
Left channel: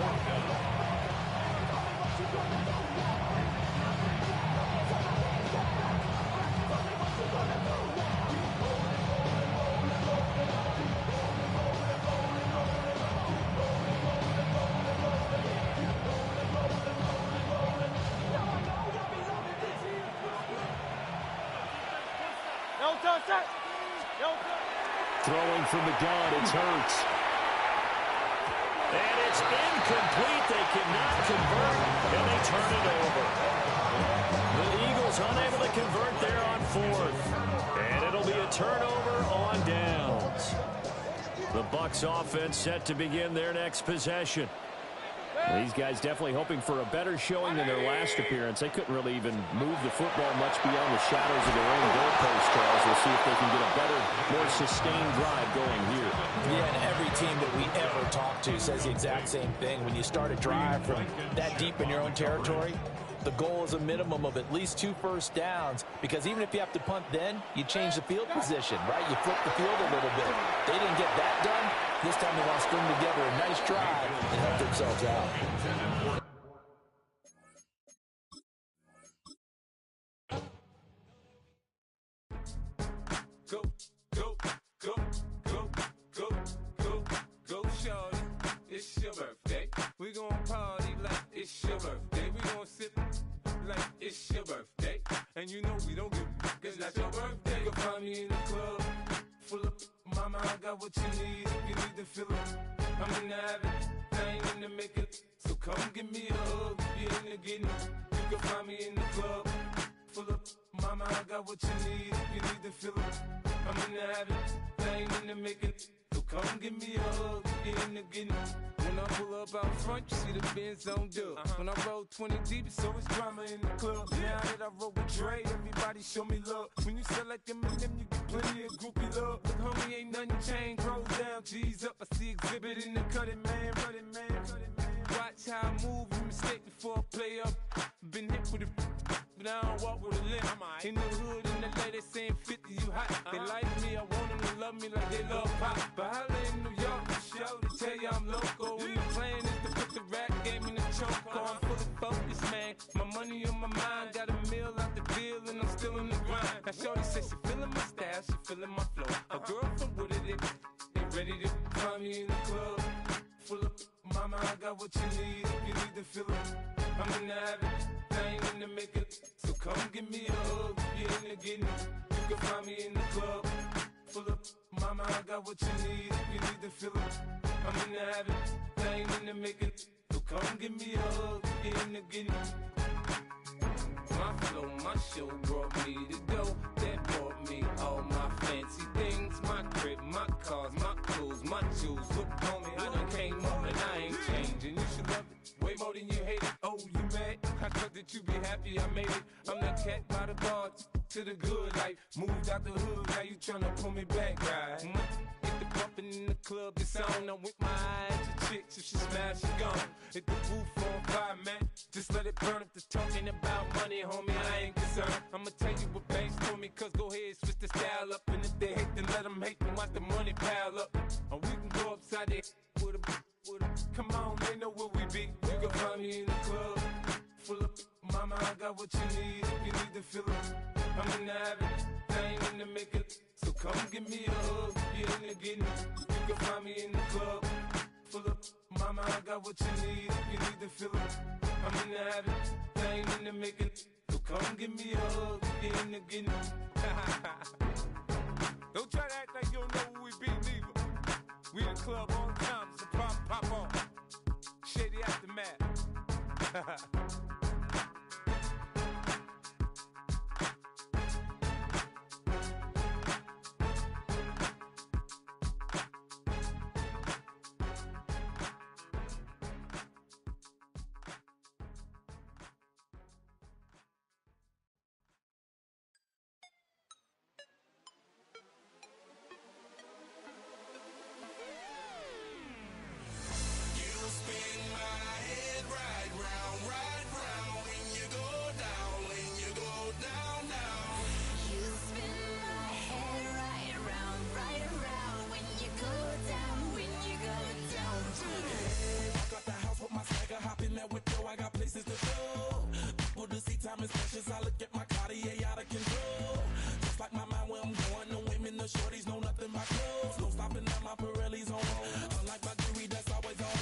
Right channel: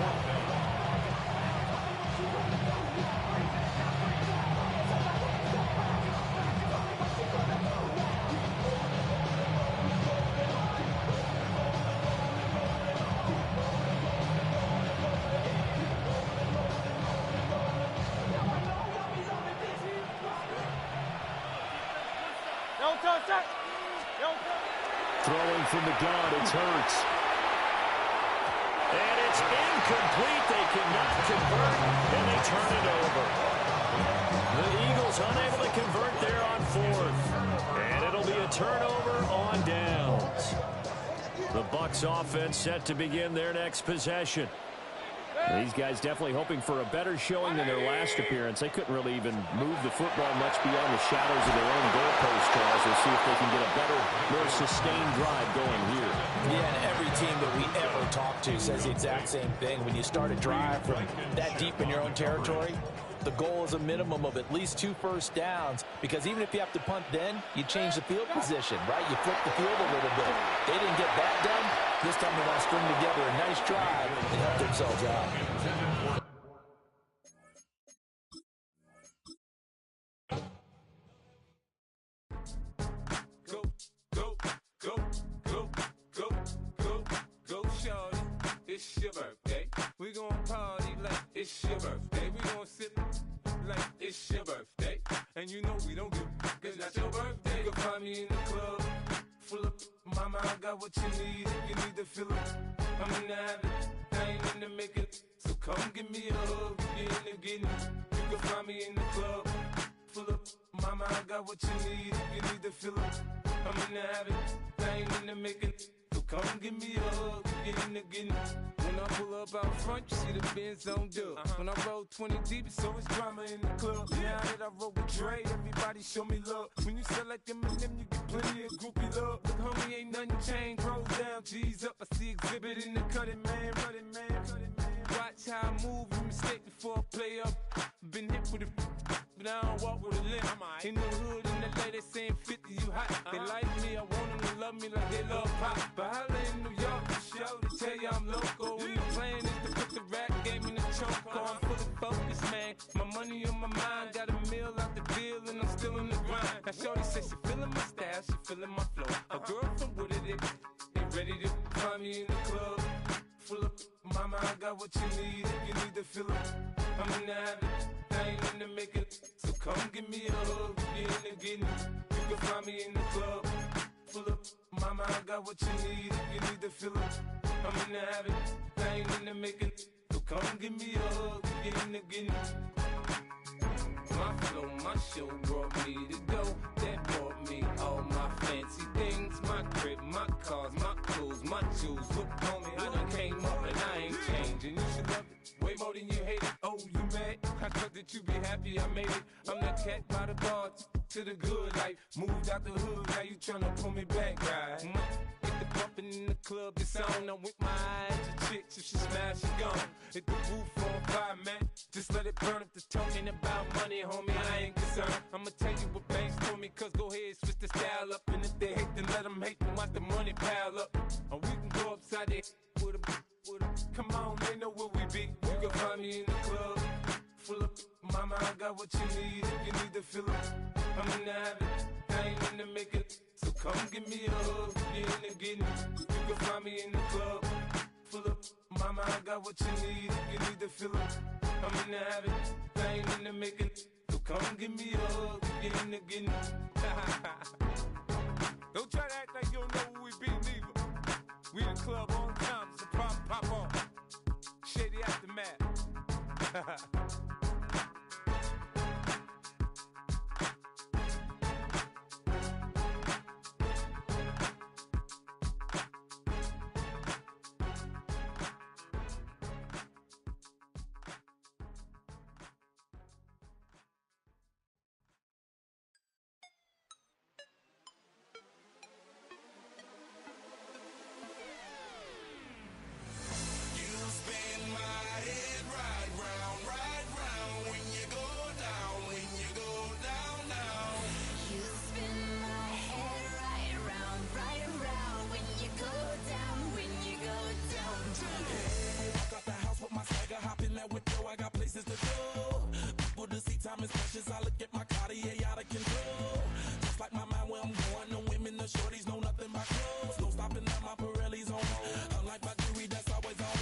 Throwing from the gun, it's Hurts. And it's incomplete. They cannot convert, and they turn it over. The Eagles unable to convert there on 4th. And it'll be a turnover on downs. The Bucs offense set to begin their next possession. These guys definitely hoping for a better showing than their last appearance. They couldn't really even move the football much beyond the shadows of their own goalpost, Charles. We'll see if they can get a better, more sustained drive going here. Yeah, and every team that we ever talk to says the exact same thing. When you start a drive from that deep in your own territory, the goal is a minimum of at least 2 first downs, because even if you have to punt then, you change the field position, right? You flip the field a little bit. They didn't get that done. This time they want to string together a nice drive and help themselves out. got what you need if you need to feel it. I'm in the habit, I ain't in the making. So come give me a hug, if you're in the getting. You can find me in the club, full up. Mama, I got what you need if you need to feel it. I'm in the habit, I ain't in the making. So come give me a hug, if you're in the getting. When I pull up out front, you see the Benz on dub. When I roll 20 deep, it's always drama in the club. Now that I roll with Dre, everybody show me love. When you sell like them and them, you get plenty of groupie love. Look, homie, ain't nothing changed. Roll down, G's up. I see exhibit in the cutting, man. Running, man. Watch how I move, you mistake before I play up. Been hit with it, but I don't walk with a limp. In the hood, in the lady saying 50, you hot. They like me, I want them to love me like they love pop. But holla in New York, the show, they tell you I'm local. When the plan is to put the rap game in the choke. I'm fully focused, man. My money on my mind, got a meal out the deal, and I'm still in the grind. Now shorty says she feeling my style, she feeling my flow. A girl from Wooded, they ready to find me in the club. Full of mama, I got what you need if you need to feel it. I'm in the habit, I ain't in the making. So come give me a hug, if you're in the getting. You can find me in the club. Full of mama, I got what you need if you need to feel it. I'm in the habit, I ain't in the making. So come give me a hug, if you're in the getting. My flow, my show brought me to go. That brought me all my fancy things. My crib, my cars, my clothes, my shoes. Look, homie, I done came up and I ain't changing. You should love it way more than you hate it. Oh, you mad? I thought that you be happy I made it. I'm that cat by the bar to the good life. Moved out the hood, now you tryna pull me back, right? Hit the bumpin' in the club, it's on. I'm with my eyes to chicks. If she smash, she gone. Hit the roof on fire, man. Just let it burn. If they're talking about money, homie, I ain't concerned. I'ma tell you what banks told me, cause go ahead, switch the style up. And if they hate, then let them hate, then watch the money pile up. Or we can go upside there with a. Come on, they know where we be. You can find me in the club. Full of mama, I got what you need if you need to feel it. I'm in the habit, I ain't in the making. So come give me a hug, if you're in the getting. You can find me in the club. Full of mama, I got what you need if you need to feel it. I'm in the habit, I ain't in the making. So come give me a hug, if you're in the getting. Don't try to act like you don't know who we be, neither. We in the club all the time, it's a problem, pop on. Shady Aftermath. Time is precious, I look at my Cartier out of control. Just like my mind where I'm going, the women, the shorties know nothing but clothes. No stopping at my Pirelli's on. Unlike my jewelry, that's always on.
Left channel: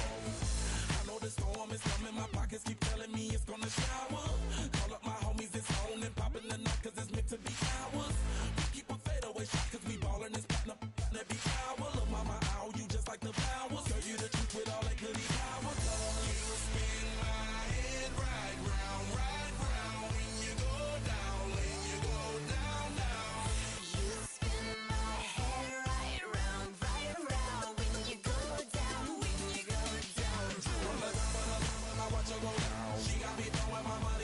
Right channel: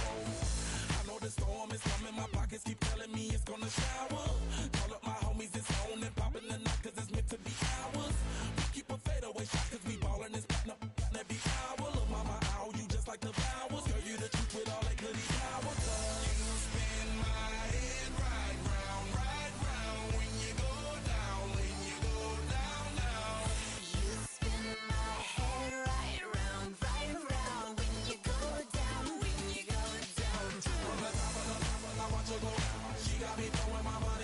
I know the storm is coming, my pockets keep telling me it's gonna shower. Call up my homies, it's on and popping the night, cause it's meant to be ours. We keep a fadeaway shot, cause we ballin' and spittin' up every hour. Look, mama, ow, you just like the flowers. Girl, you the truth with all that goody power. You spin my head right round, right round. When you go down, when you go down, down. You spin my head right round, right round. When you go down, when you go down, down. From the top of the top, I watch her go down. She got me throwing my money.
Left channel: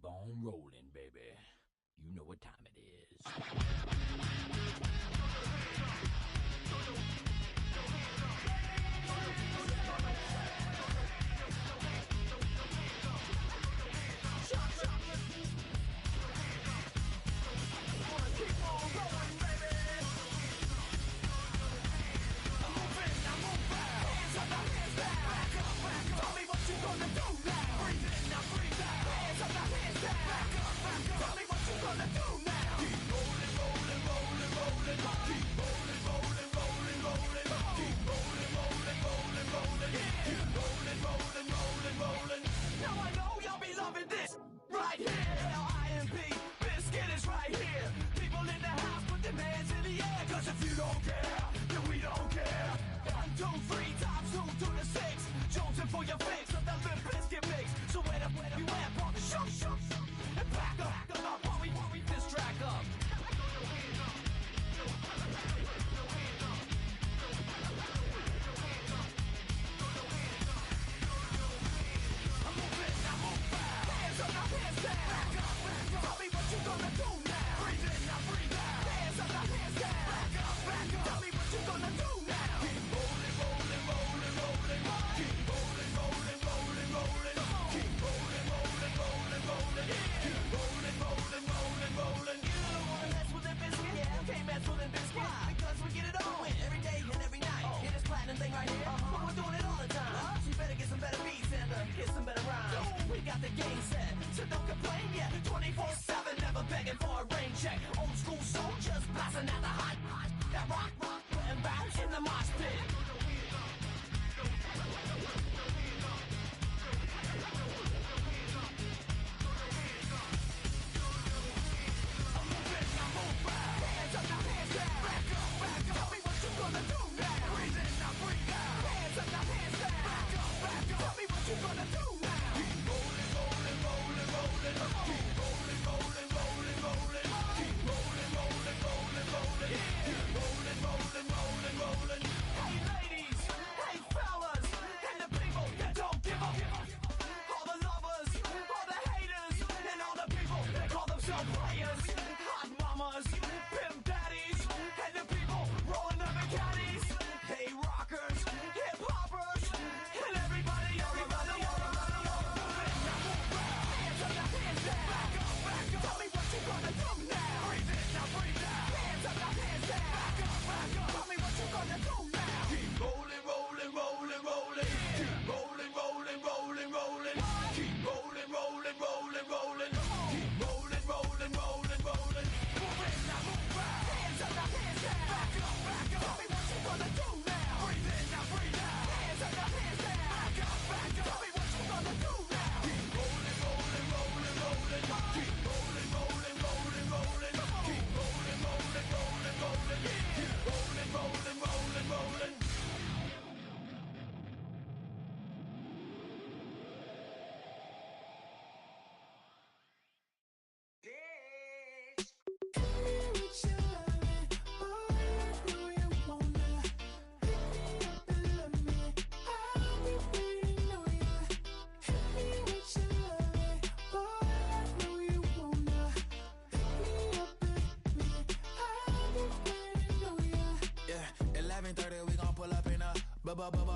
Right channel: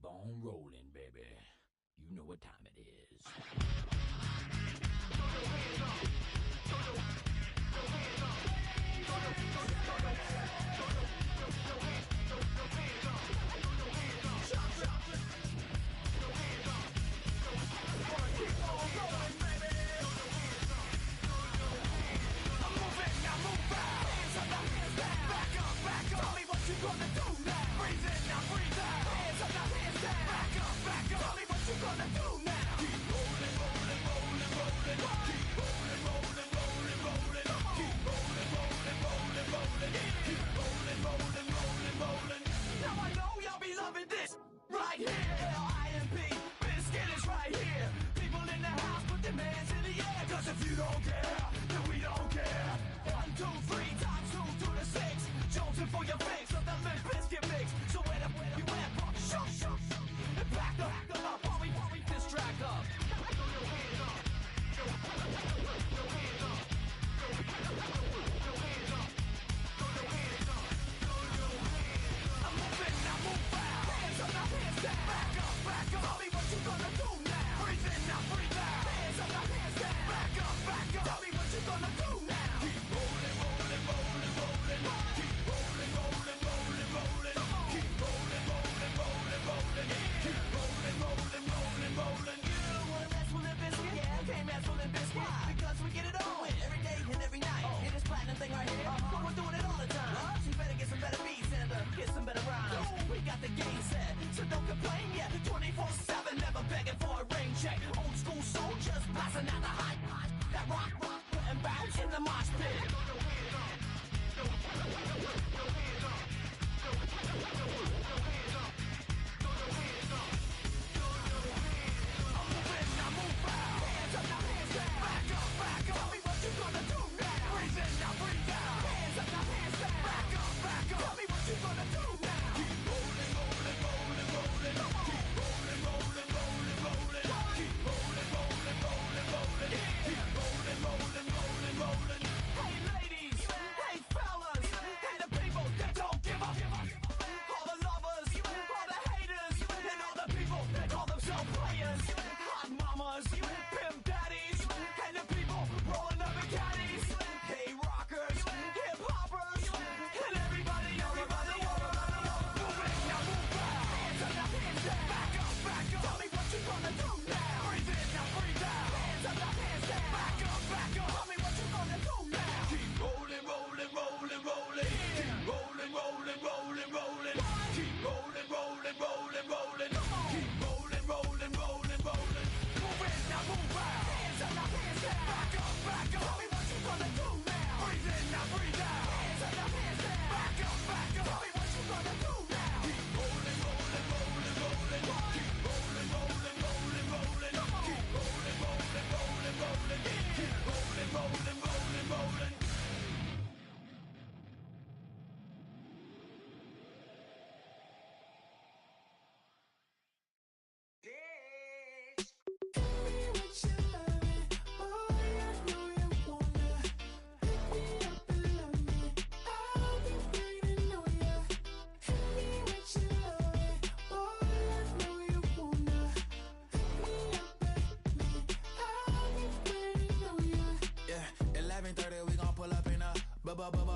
keep on rolling, baby. You know what time it is.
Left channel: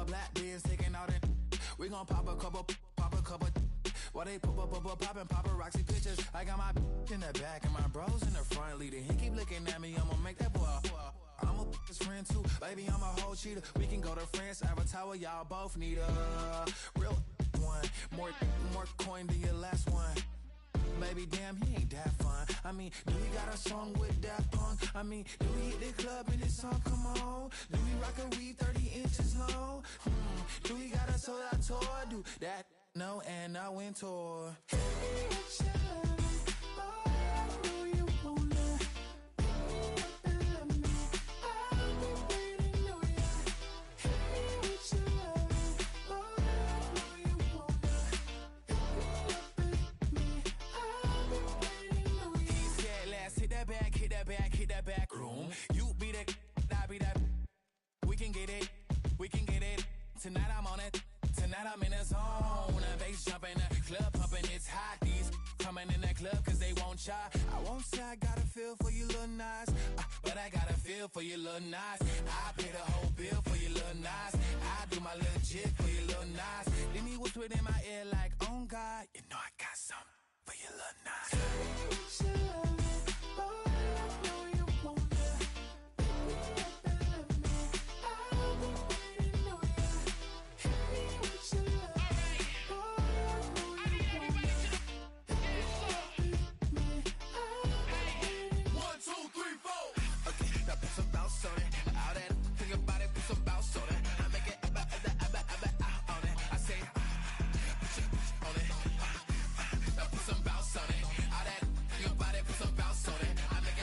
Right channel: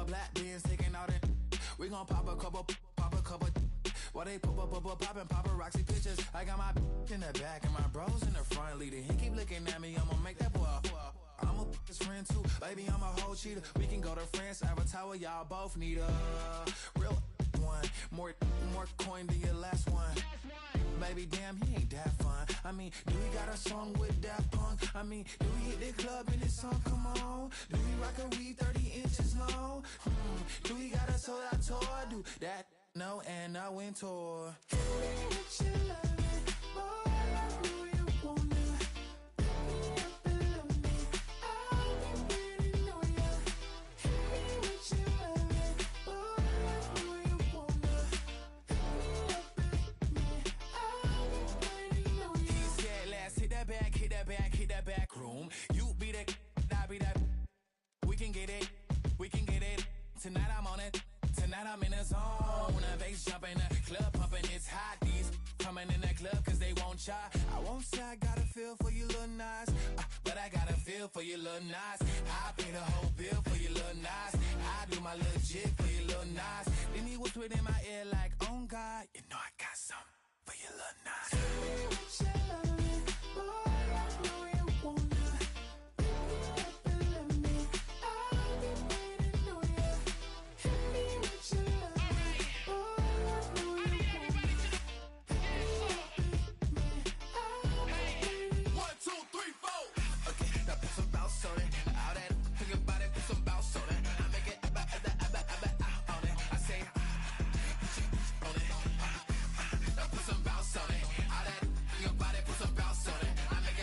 Black beans taking out it. We gon' pop a couple. While they poppin' paparazzi pictures. I got my in the back and my bros in the front leading. He keep looking at me, I'ma make that boy. I'm a his friend too, baby, I'm a whole cheater. We can go to France, Avatar, y'all both need a real one. More coin than your last one. Baby, damn, he ain't that fun. I mean, do he got a song with Daft Punk? I mean, do he hit the club in his song? Come on. Do he rock a weave 30 inches long? Do he got a sold out tour? Do that? No, and I went tour. Hit that back room. You be the, I be that. We can get it. Tonight I'm on it. Tonight I'm in a zone. A bass jumping, a club pumping. It's hot. These come woman in that club cause they won't try. I won't say I got a feel for you, little Nas, but I got a feel for you, little Nas. I pay the whole bill for you, little Nas. I do my little chick for you, little Nas. Then he whispered in my ear like, oh God, you know I got something for you, little Nas. I make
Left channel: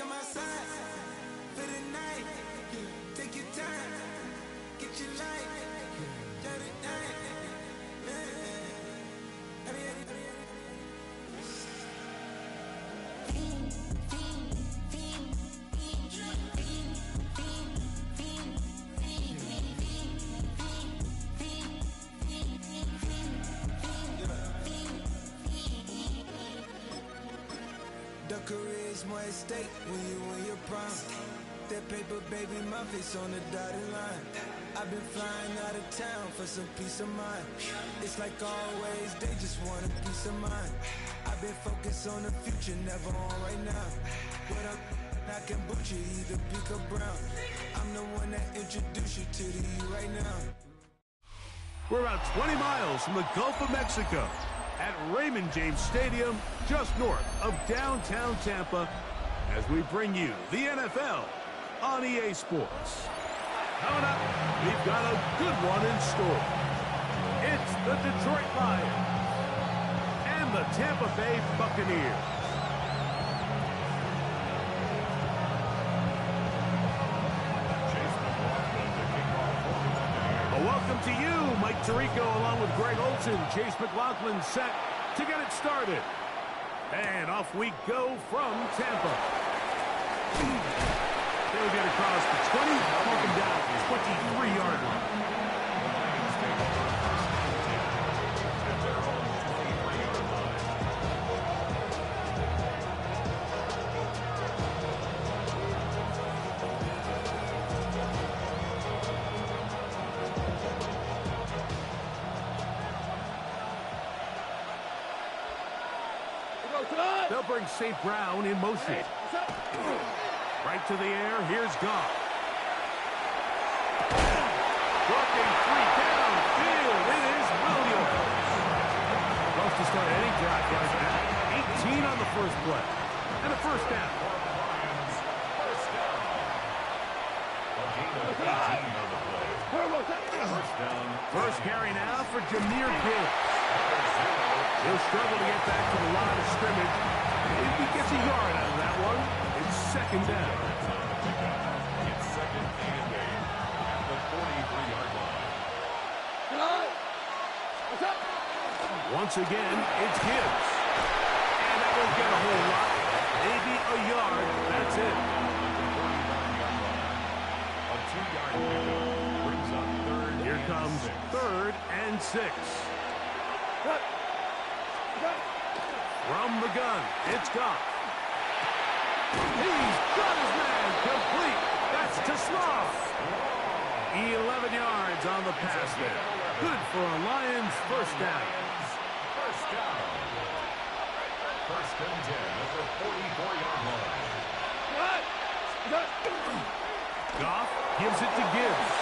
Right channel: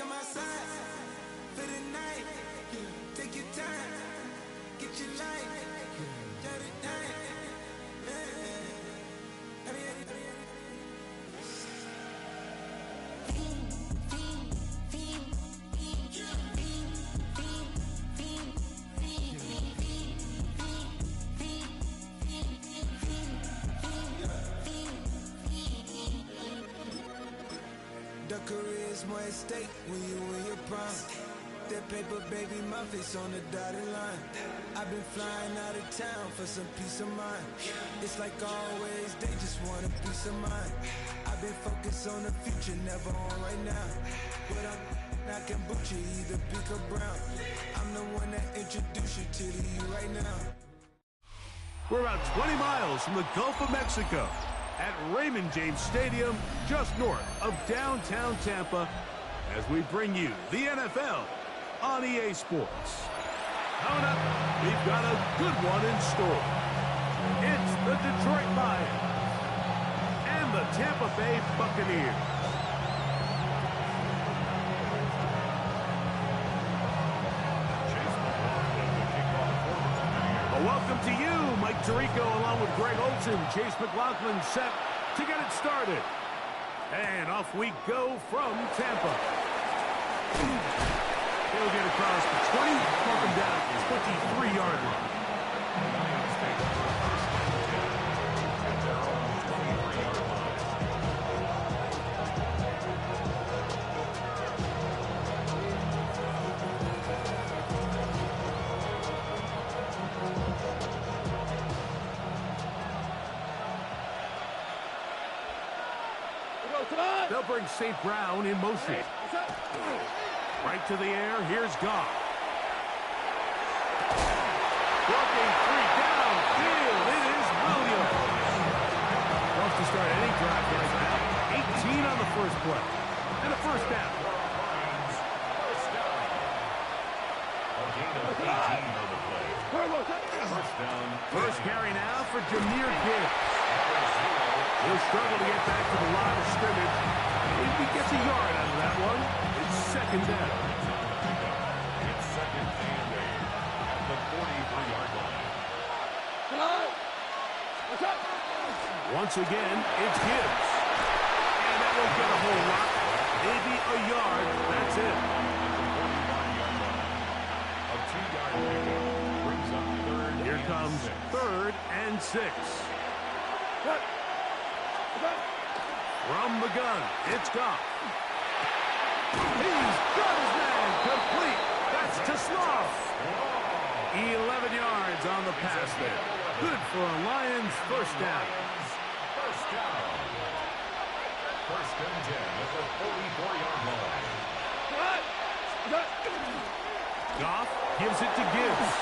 come outside for the night. Take your time, get your life. Dirty night. The career's more at stake when you win your prime. That paper, baby, my face on the dotted line. I've been flying out of town for some peace of mind. It's like always, they just want a peace of mind. I've been focused on the future, never on right now. But I can boot you either pink or brown. I'm the one that introduced you to the U right now. We're about 20 miles from the Gulf of Mexico at Raymond James Stadium, just north of downtown Tampa, as we bring you the NFL on EA Sports. Coming up, we've got a good one in store. It's the Detroit Lions and the Tampa Bay Buccaneers. Welcome to you, Mike Tirico, along with Greg Olson. Chase McLaughlin set to get it started. And off we go from Tampa. They'll get across the 20, mark them down at the 23-yard line. The Lions take over first and 10 at their own 23-yard line. They'll bring St. Brown in motion. Right to the air, here's Goff. Working three downfield, it is Williams. Supposed to start any drive like that. 18 on the first play. And a first down. First down. A gain of 18 on the play. First down. First carry now for Jahmyr Gibbs. He'll struggle to get back to the line of scrimmage. If he gets a yard out of that one, it's second down. It's second and 8 at the 43-yard line. Once again, it's Gibbs. And that won't get a whole lot. Maybe a yard. That's it. At the 45-yard line. A 2-yard pickup brings up third. Here comes 6. third and 6. From the gun, it's Goff. He's got his man complete. That's to Sloth. 11 yards on the pass there. Good for a Lions first down. First down. First and 10 at the 44-yard line. Goff gives it to Gibbs.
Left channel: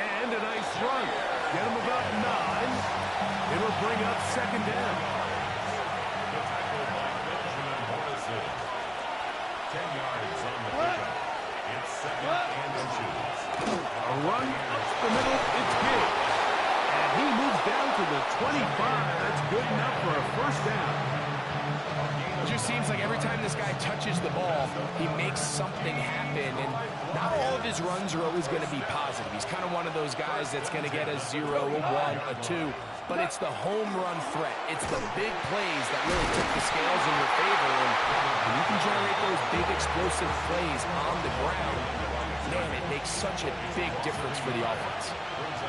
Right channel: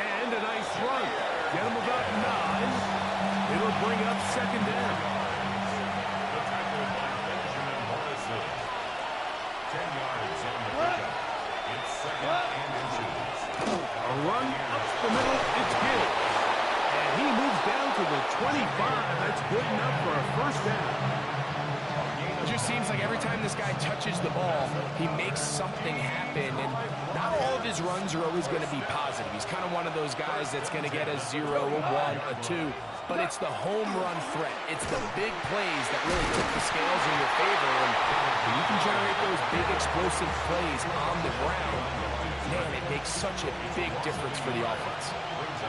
And a nice run. Get him about 9. It'll bring up second down. The tackle by Benjamin Morrison. 10 yards on the pickup. It's second and inches. A run up the middle, it's Gibbs. And he moves down to the 25. That's good enough for a first down. It just seems like every time this guy touches the ball, he makes something happen. And not all of his runs are always going to be positive. He's kind of one of those guys that's going to get a 0, a 1, a 2. But it's the home run threat. It's the big plays that really tip the scales in your favor. And when you can generate those big explosive plays on the ground, man, it makes such a big difference for the offense.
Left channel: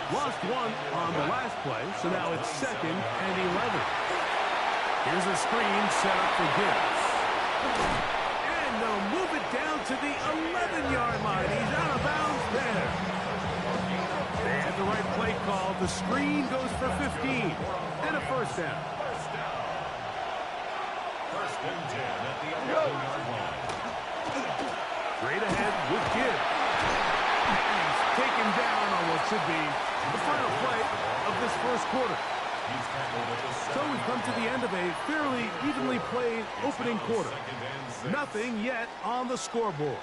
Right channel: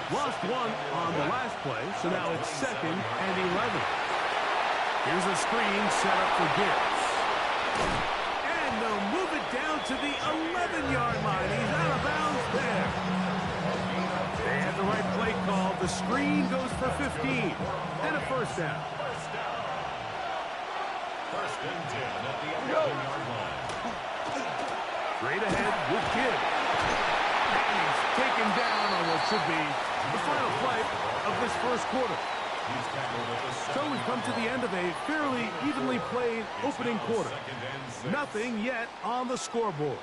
Lost one on the last play, so now it's second and 11. Here's a screen set up for Gibbs. And they'll move it down to the 11-yard line. He's out of bounds there. They had the right play call. The screen goes for 15. And a first down. First down. First and 10 at the 11-yard line. Straight ahead with Gibbs. And he's taken down on what should be the final play of this first quarter. So we've come to the end of a fairly evenly played opening quarter. Nothing yet on the scoreboard.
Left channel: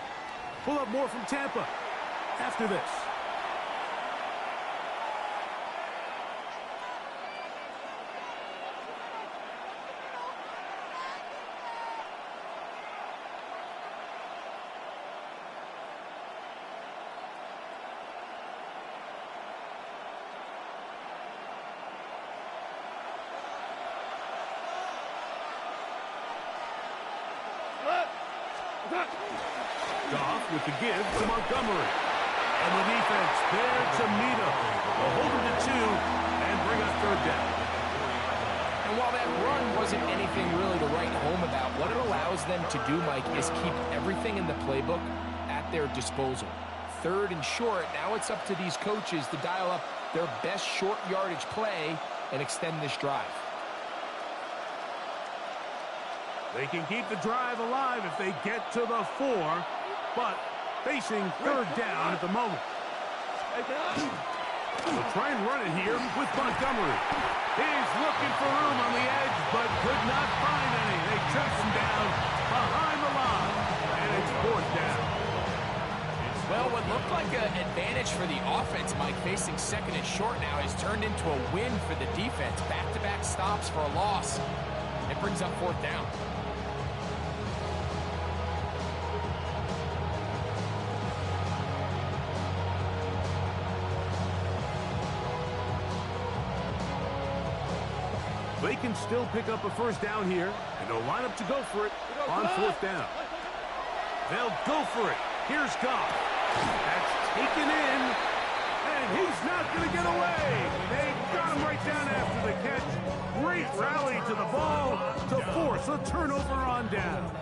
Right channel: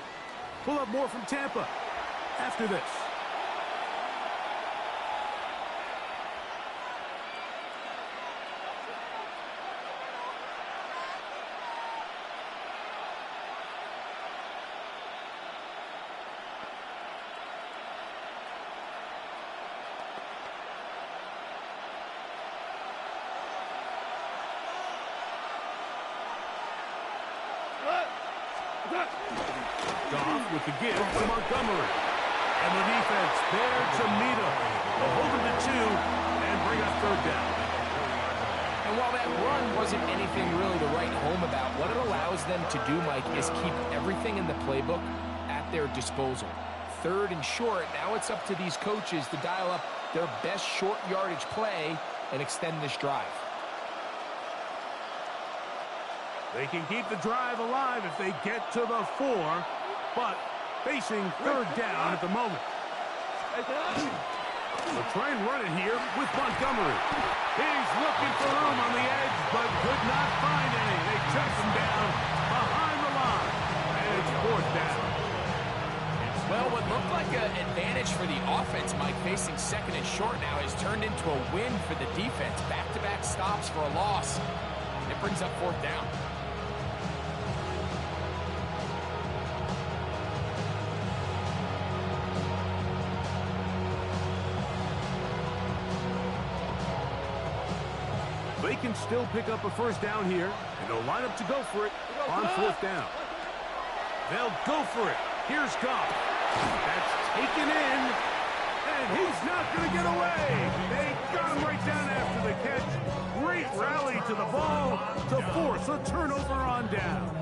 We'll have more from Tampa after this. Goff with the give to Montgomery. And the defense there to meet him. They'll hold him to 2 and bring up 3rd down. And while that run wasn't anything really to write home about, what it allows them to do, Mike, is keep everything in the playbook at their disposal. 3rd and short, now it's up to these coaches to dial up their best short yardage play and extend this drive. They can keep the drive alive if they get to the 4, but facing 3rd down at the moment. They'll try and run it here with Montgomery. He's looking for room on the edge, but could not find any. They track him down behind the line, and it's 4th down. Well, what looked like an advantage for the offense, Mike, facing 2nd and short now, has turned into a win for the defense. Back-to-back stops for a loss. It brings up 4th down. They can still pick up a 1st down here, and they'll line up to go for it on 4th down. They'll go for it. Here's Goff. That's taken in, and he's not going to get away. They got him right down after the catch. Great rally to the ball to force a turnover on down.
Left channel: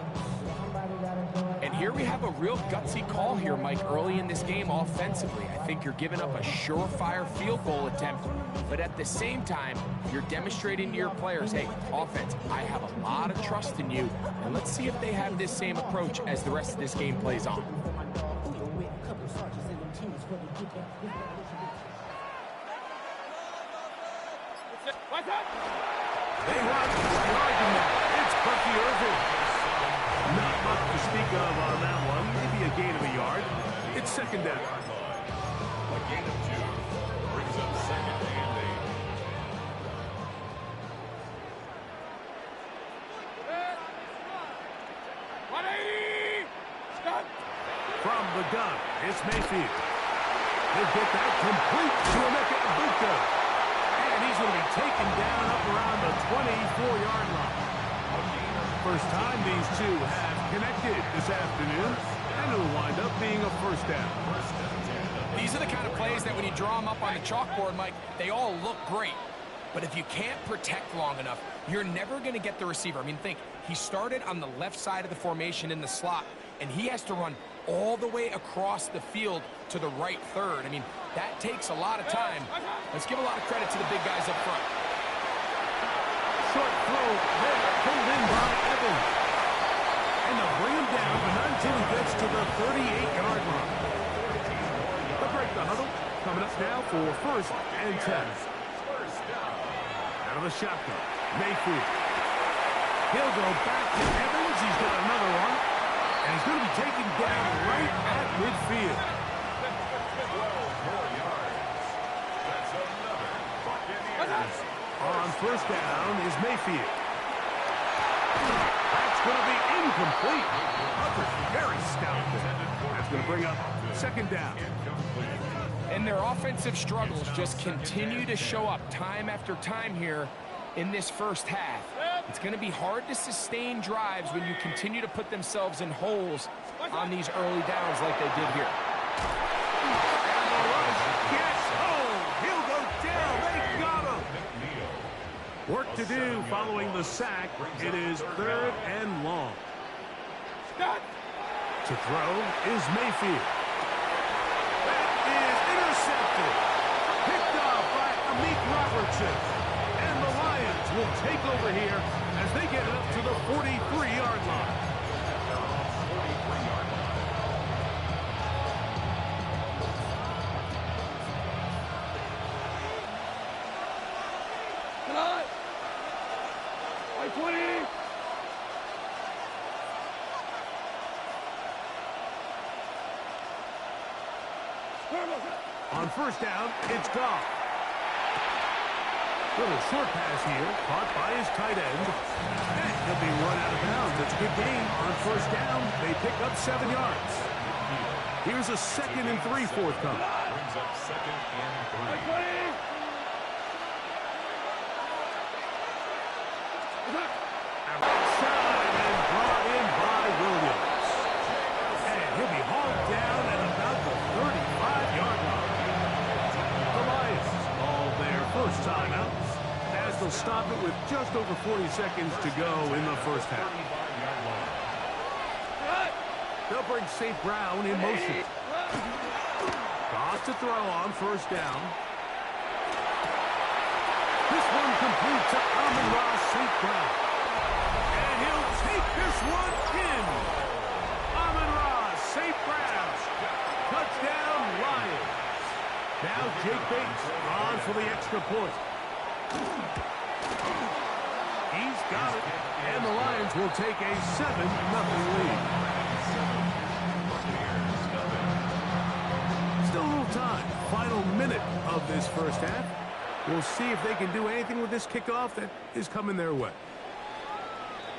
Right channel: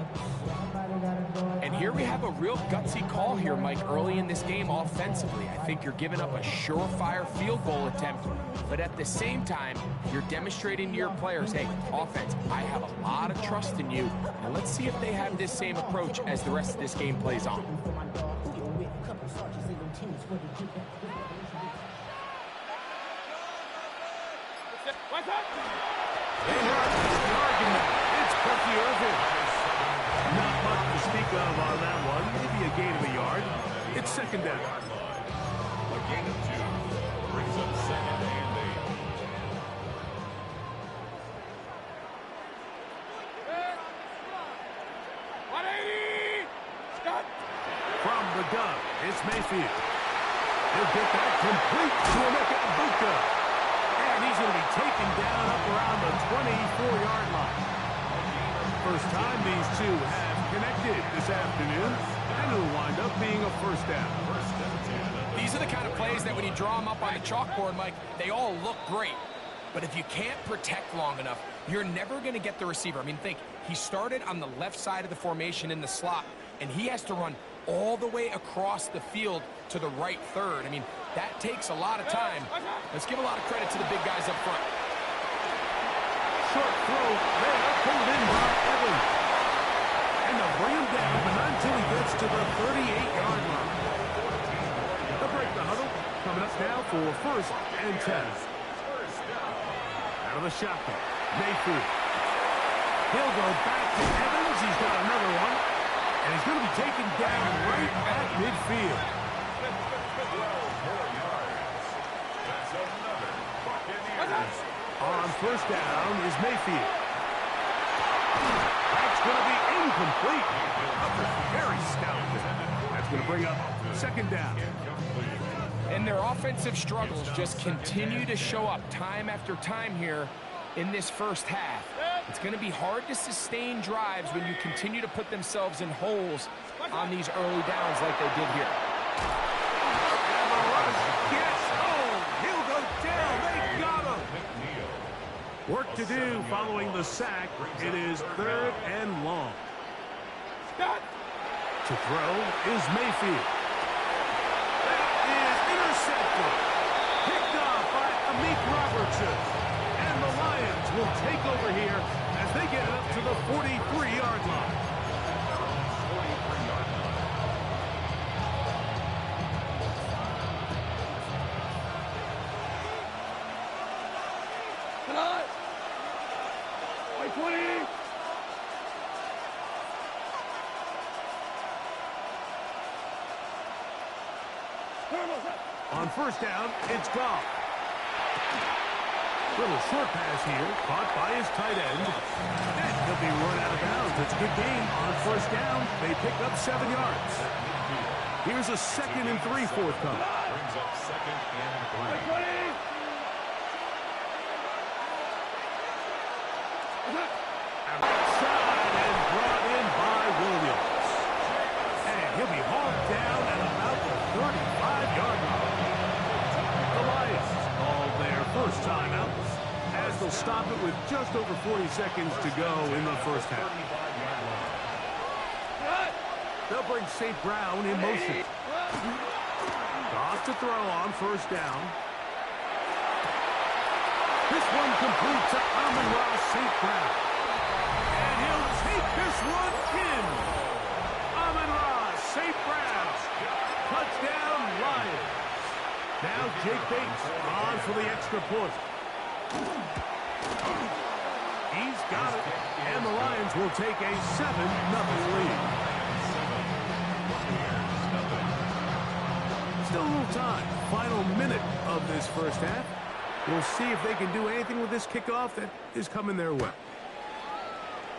And here we have a real gutsy call here, Mike, early in this game offensively. I think you're giving up a surefire field goal attempt, but at the same time, you're demonstrating to your players, hey, offense, I have a lot of trust in you, and let's see if they have this same approach as the rest of this game plays on. They run the argument. It's Bucky Irvin. Not much to speak of on that one. Maybe a gain of a yard. It's 2nd down. A gain of 2 brings up 2nd and 8. From the gun, it's Mayfield. He'll get that complete to Emeka Egbuka. And he's going to be taken down up around the 24-yard line. First time these two have connected this afternoon, and it'll wind up being a 1st down. These are the kind of plays that when you draw them up on the chalkboard, Mike, they all look great. But if you can't protect long enough, you're never going to get the receiver. I mean, think, he started on the left side of the formation in the slot, and he has to run all the way across the field to the right 3rd. I mean, that takes a lot of time. Let's give a lot of credit to the big guys up front. Short throw there, pulled in by Evans. And they'll bring him down, but not until he gets to the 38-yard line. They'll break the huddle. Coming up now for 1st and 10. Out of the shotgun, Mayfield. He'll go back to Evans. He's got another one. And he's going to be taken down right at midfield. 12 more yards. That's another Buccaneers. On 1st down is Mayfield. That's going to be incomplete. Very stout there. That's going to bring up 2nd down. And their offensive struggles just continue to show up time after time here in this first half. It's going to be hard to sustain drives when you continue to put themselves in holes on these early downs like they did here. And the rush gets home. He'll go down. They got him. Work to do following the sack. It is 3rd and long. To throw is Mayfield. That is intercepted. Picked off by Amik Robertson. And the Lions will take over here as they get it up to the 43-yard line. On 1st down, it's Goff. Little short pass here, caught by his tight end. And he'll be run out of bounds. It's a good game. On 1st down, they pick up 7 yards. Here's a 2nd and 3 forthcoming. Brings up 2nd and 3. Outside and brought in by Williams. And he'll be hauled down at about the 35-yard line. The Lions call their first timeout as they'll stop it with just over 40 seconds to go in the first half. They'll bring St. Brown in motion. Goff to throw on first down. This one complete to Amon-Ra St. Brown. And he'll take this one in. Amon-Ra St. Brown. Touchdown, Lions. Now Jake Bates on for the extra point. He's got it. And the Lions will take a 7-0 lead. Still a little time. Final minute of this first half. We'll see if they can do anything with this kickoff that is coming their way.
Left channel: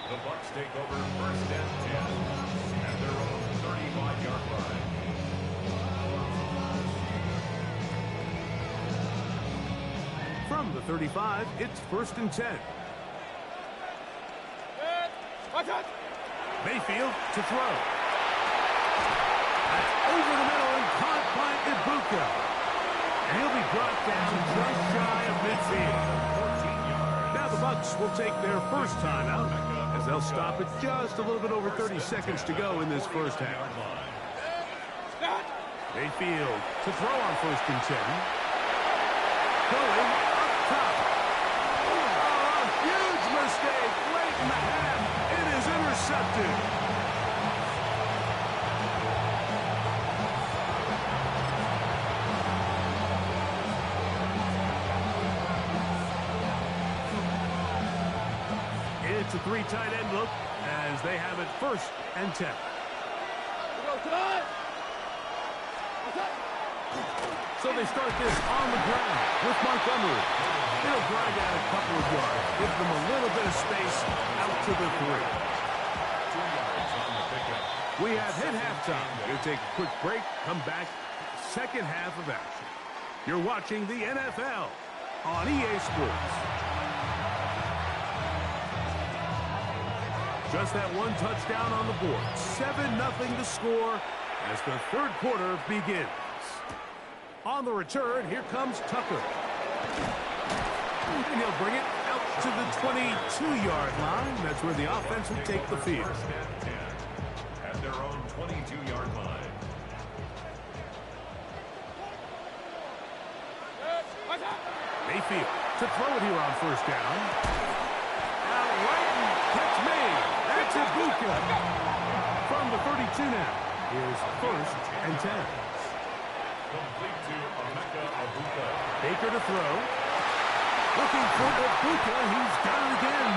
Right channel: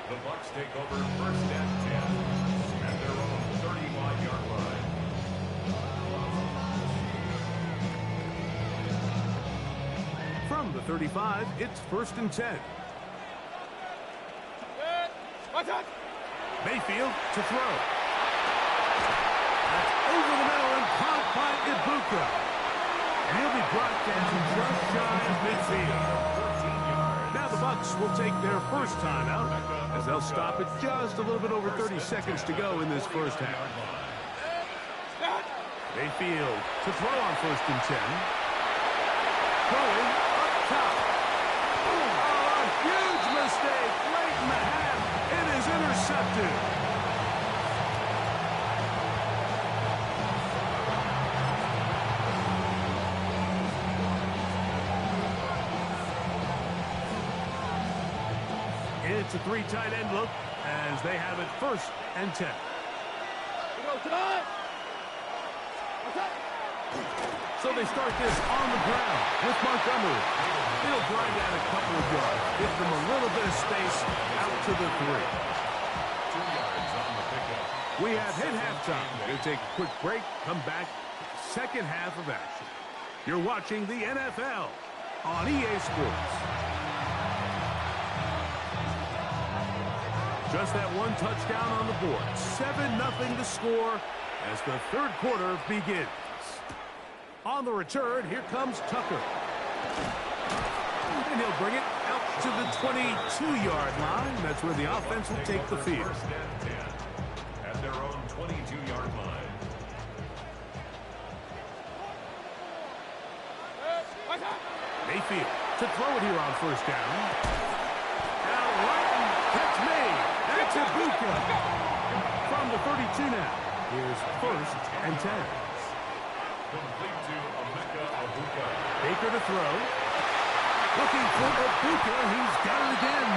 The Bucs take over first and 10 at their own 35-yard line. From the 35, it's first and 10. Mayfield to throw. That's over the middle and caught by Ibuka. And he'll be brought down just shy of midfield. Now the Bucs will take their first timeout as they'll stop it just a little bit over 30 seconds to go in this first half. Mayfield to throw on first and 10. Going up top. Oh, a huge mistake late in the half. It is intercepted. It's a three tight end look as they have it first and 10. So they start this on the ground with Montgomery. It'll grind out a couple of yards, give them a little bit of space out to the 3. 2 yards on the pickup. We have hit halftime. We'll take a quick break, come back, second half of action. You're watching the NFL on EA Sports. Just that one touchdown on the board. 7-0 the score as the third quarter begins. On the return, here comes Tucker. And he'll bring it out to the 22-yard line. That's where the offense will take the field. First and 10 at their own 22-yard line. Mayfield to throw it here on first down. Out right, and catch made. That's Ibuka. From the 32 now. Here's first and 10. Complete to Abuka. Baker to throw. Looking for Ibuka. He's got it again.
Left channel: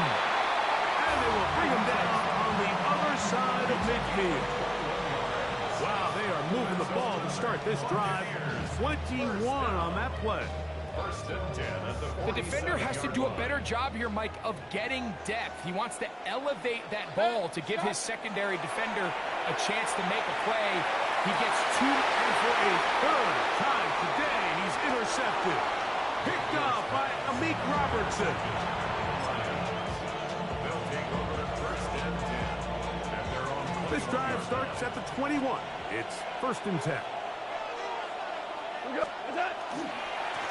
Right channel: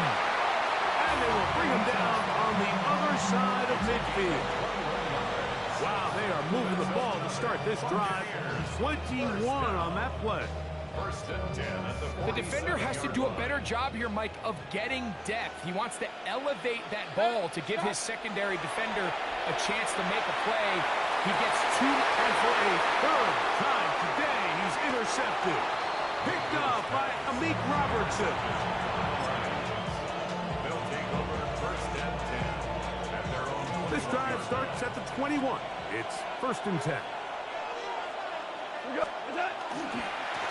And they will bring him down on the other side of midfield. Wow, they are moving the ball to start this drive. 21 on that play. First and 10 at the defender has to do a better job here, Mike, of getting depth. He wants to elevate that ball to give his secondary defender a chance to make a play. He gets 2, and for a third time today, he's intercepted. Picked up by Amik Robertson. They'll take over first and 10 at their own 21. This drive starts at the 21. It's first and 10.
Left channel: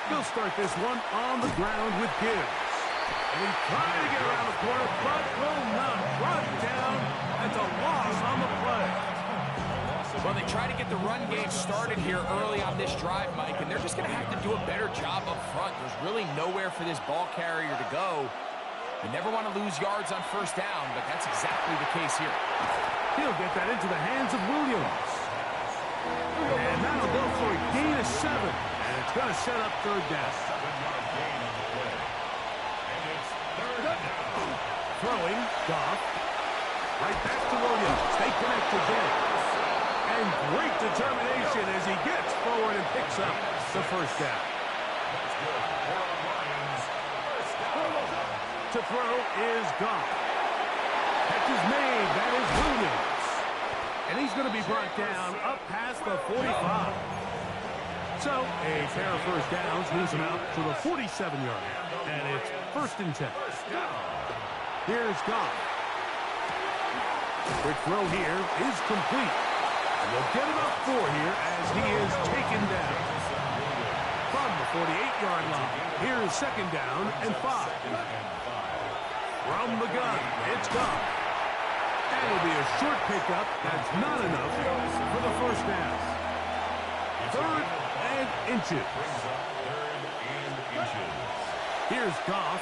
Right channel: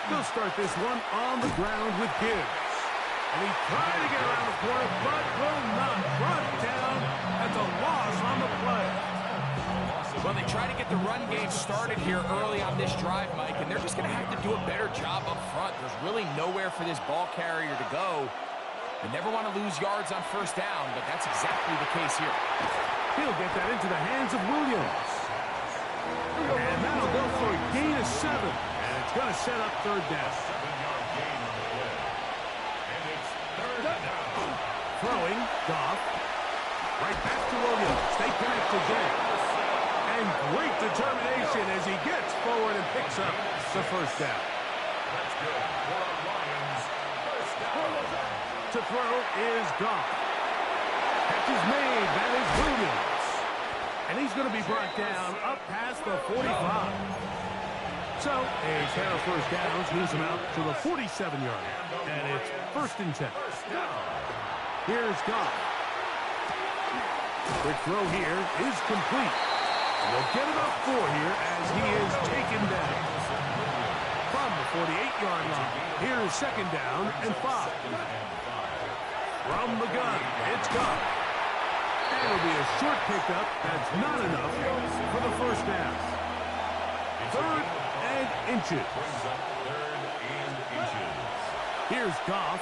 They'll start this one on the ground with Gibbs. And he's trying to get around the corner, but will not. Brought down at the loss on the play. Well, they try to get the run game started here early on this drive, Mike, and they're just going to have to do a better job up front. There's really nowhere for this ball carrier to go. They never want to lose yards on first down, but that's exactly the case here. He'll get that into the hands of Williams. And that'll go for a gain of 7. And it's going to set up third down. 7-yard gain on the play. And it's third down. Throwing, Goff. Right back to Williams. They connect again. And great determination as he gets forward and picks up the first down. That's good for our Lions. First down. To throw is Goff. Catch is made. That is Williams. And he's going to be brought down up past the 45. So a pair of first downs moves him out to the 47-yard line. And it's first and 10. Here's Goff. Quick throw here is complete. And they'll get enough for here as he is taken down. From the 48-yard line, here's second down and 5. From the gun, it's Goff. And it'll be a short pickup. That's not enough for the first down. 3rd and inches. Here's Goff.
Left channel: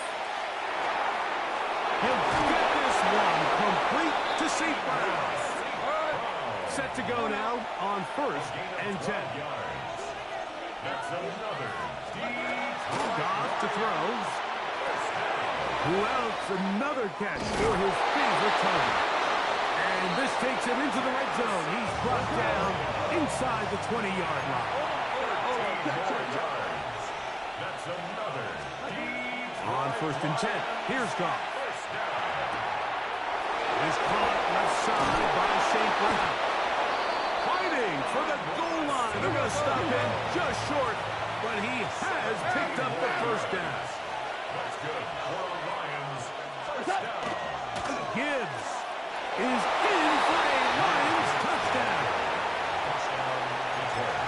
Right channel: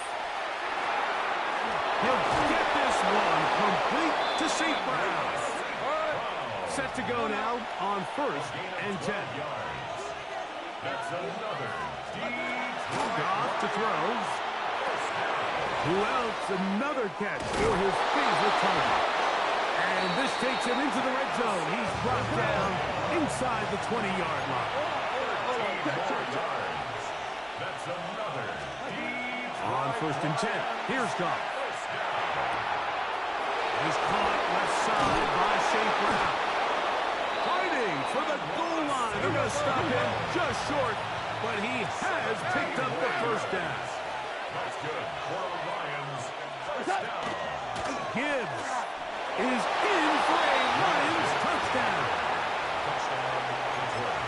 He'll get this one complete to St. Brown. Set to go now on 1st and 10. That's another Goff to throw. Who else? Another catch for his favorite target. And this takes him into the red zone. He's brought down inside the 20-yard line. That's another on 1st and 10. Here's Goff. It is caught left side by St. Brown. Fighting for the goal line. They're going to stop him just short, but he has picked up the first down. That's good for the Lions. First down. Gibbs is in for a Lions touchdown. Touchdown, Detroit.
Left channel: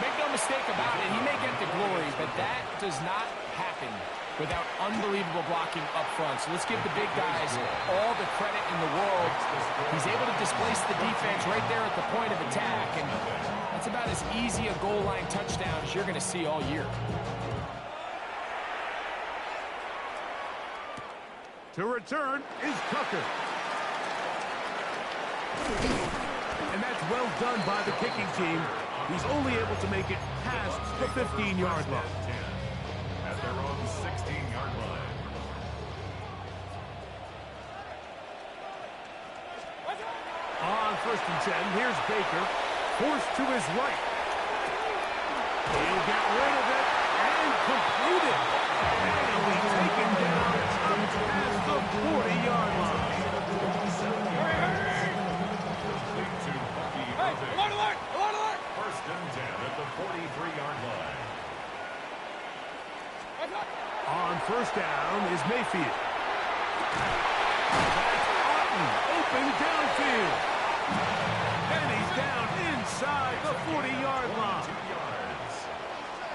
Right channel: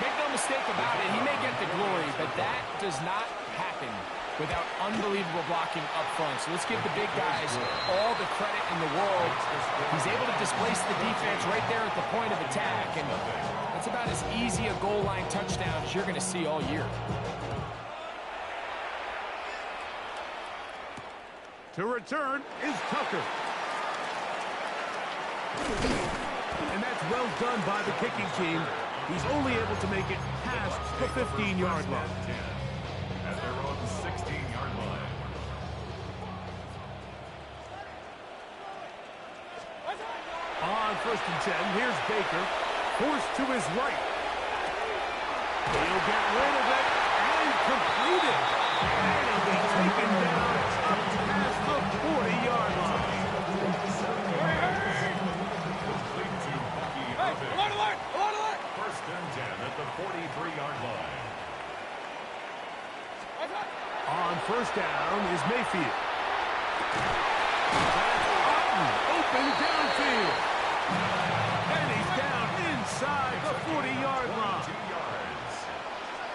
Make no mistake about it, he may get the glory, but that does not happen without unbelievable blocking up front. So let's give the big guys all the credit in the world. He's able to displace the defense right there at the point of attack, and that's about as easy a goal line touchdown as you're going to see all year. To return is Tucker. And that's well done by the kicking team. He's only able to make it past the 15-yard line. At their own 16-yard line. On 1st and 10, here's Baker. Forced to his right. He'll get rid of it and complete it. And he'll be taken down up past the 40-yard line. Complete to Bucky Irving. Alert! 1st and 10 at the 43-yard line. On 1st down is Mayfield. That's Otten, open downfield. And he's down inside the 40-yard line. 2 yards.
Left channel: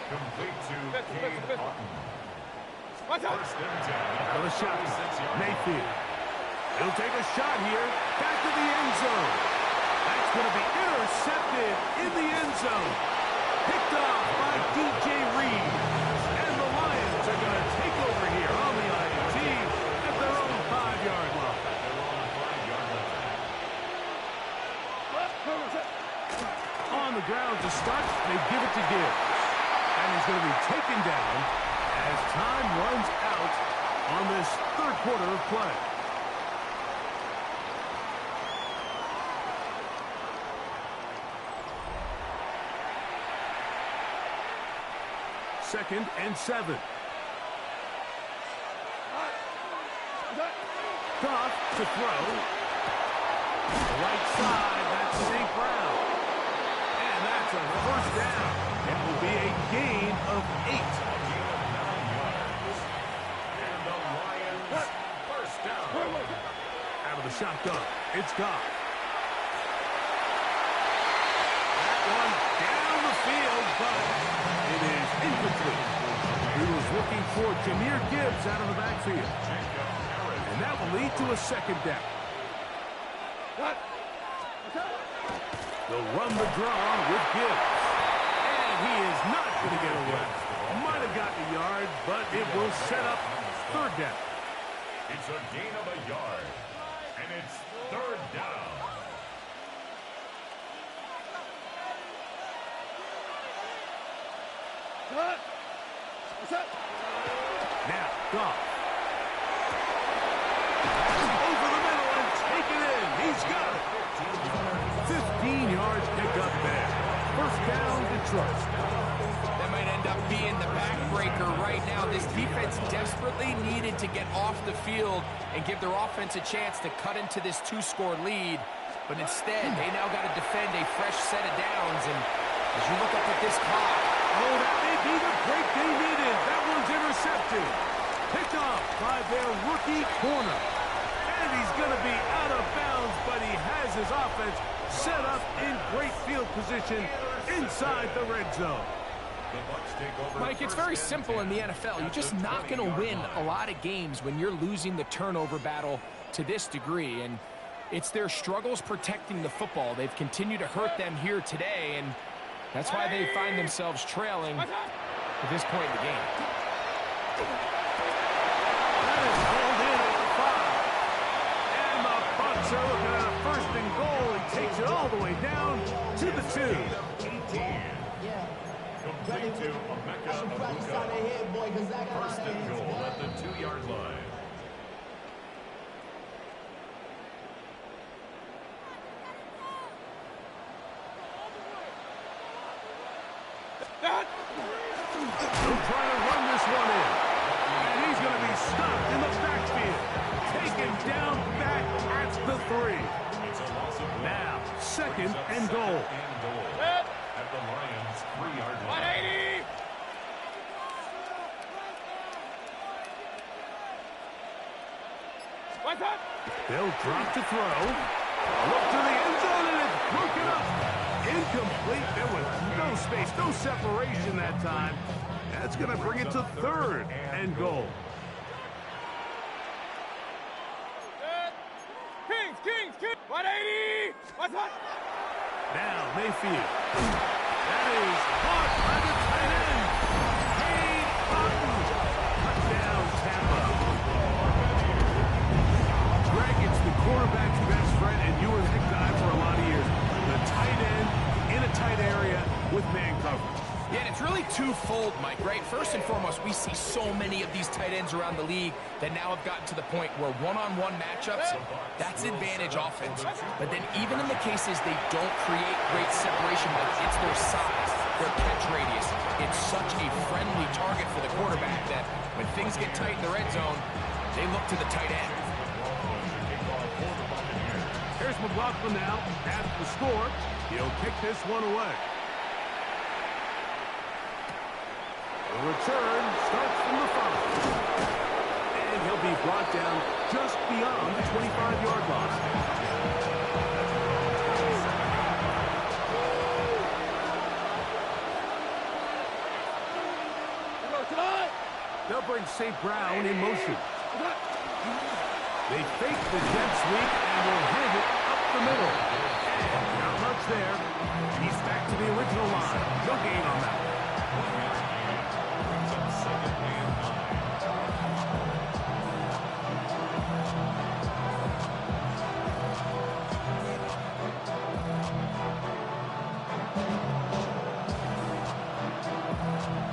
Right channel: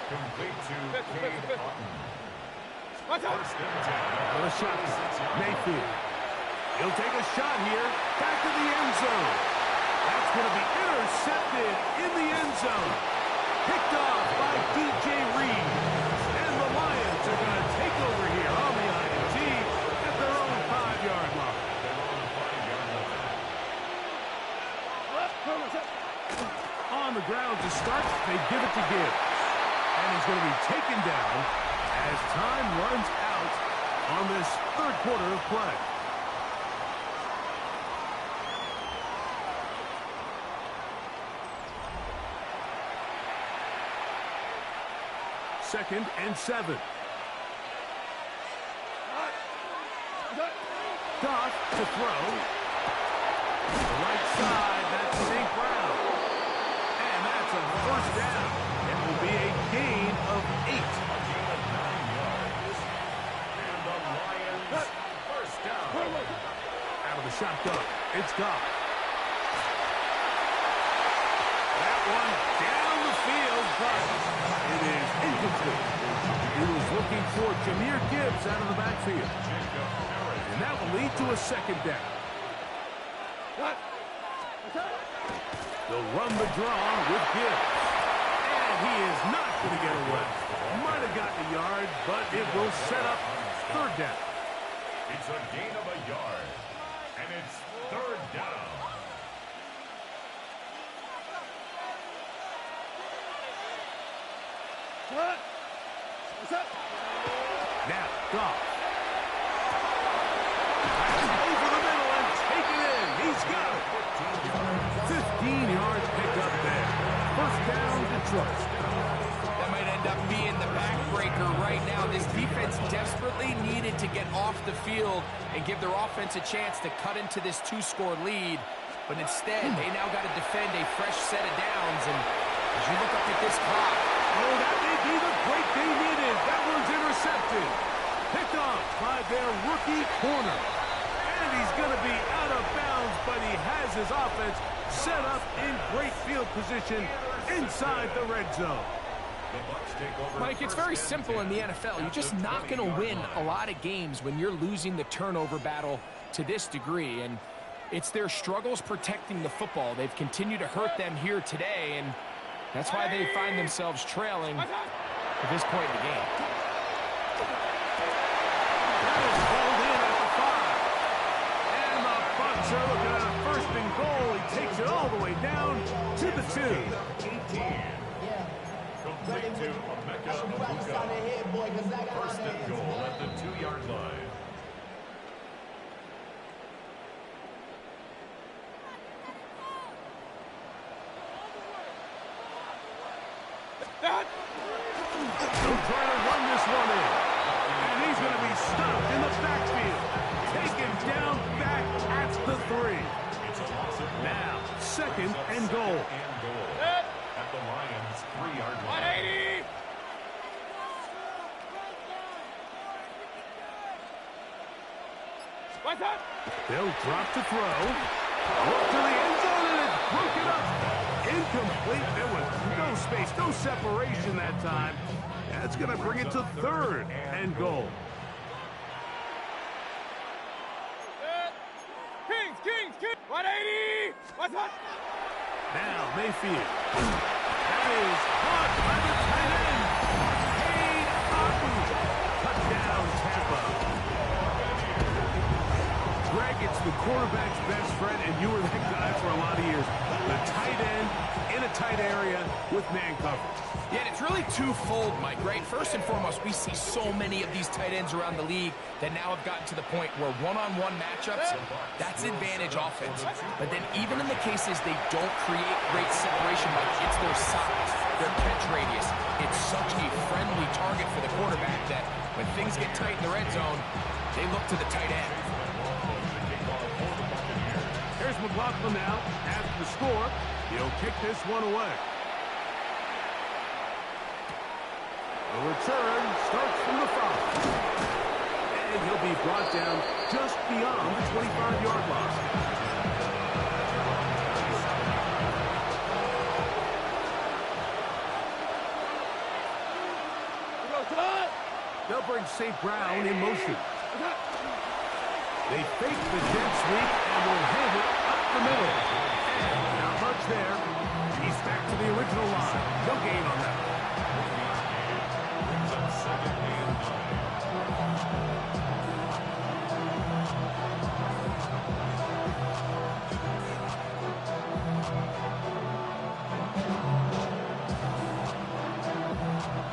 Complete to Cade Otten. 1st and 10 Out of the shotgun, Mayfield. He'll take a shot here. Back to the end zone. That's going to be intercepted in the end zone. Picked off by DJ Reed. And the Lions are going to take over here on the INT at their own 5-yard line. On the ground to start, they give it to Gibbs. And he's going to be taken down as time runs out on this 3rd quarter of play. Second and 7. Goff to throw. The right side, that's St. Brown. And that's a first down. It will be a gain of 8. A gain of 9 yards. And the Lions first down. Out of the shotgun, it's Goff. That one down the field, but it is incomplete. He was looking for Jahmyr Gibbs out of the backfield. And that will lead to a second down. They'll run the draw with Gibbs. And he is not going to get away. Might have gotten a yard, but it will set up 3rd down. It's a gain of a yard. And it's 3rd down. Now, Goff. Over the middle and take it in. He's got it. 15 yards pick up there. First down, Detroit. That might end up being the backbreaker right now. This defense desperately needed to get off the field and give their offense a chance to cut into this 2-score lead. But instead, they now got to defend a fresh set of downs. And as you look up at this clock, oh, that may be the break they needed. That one's intercepted. Picked off by their rookie corner. And he's going to be out of bounds, but he has his offense set up in great field position inside the red zone. Mike, it's very simple in the NFL. You're just not going to win a lot of games when you're losing the turnover battle to this degree. And it's their struggles protecting the football. They've continued to hurt them here today, and that's why they find themselves trailing at this point in the game. That is pulled in at the 5. And the Bucs are looking at a 1st and goal. He takes it all the way down to the 2. Complete to Emeka Egbuka. 1st and goal at the 2-yard line. They'll try to run this one in. And he's going to be stopped in the backfield. Taken down back at the 3. Now, 2nd and goal. At the Lions' 3-yard line. 180! What's up? They'll drop to throw. Look to the end zone, and it's broken up. Incomplete. There was no space, no separation that time. That's going to bring it to 3rd and goal. Kings! 180! What's up? Now, Mayfield. That is caught by the tight end. Cade Otton. Touchdown, Tampa. Greg, it's the quarterback's best friend, and you were that guy for a lot of years. The tight end in a tight area with man coverage. Yeah, and it's really twofold, Mike, right? First and foremost, we see so many of these tight ends around the league that now have gotten to the point where one-on-one matchups, that's advantage offense. But then even in the cases they don't create great separation, Mike, it's their size, their catch radius. It's such a friendly target for the quarterback that when things get tight in the red zone, they look to the tight end. Here's McLaughlin now after the score. He'll kick this one away. The return starts from the 5. And he'll be brought down just beyond the 25-yard line. They'll bring St. Brown in motion. They fake the jet sweep and will hand it up the middle. And not much there. He's back to the original line. No gain on that. 1-yard gain brings up 2nd and 9.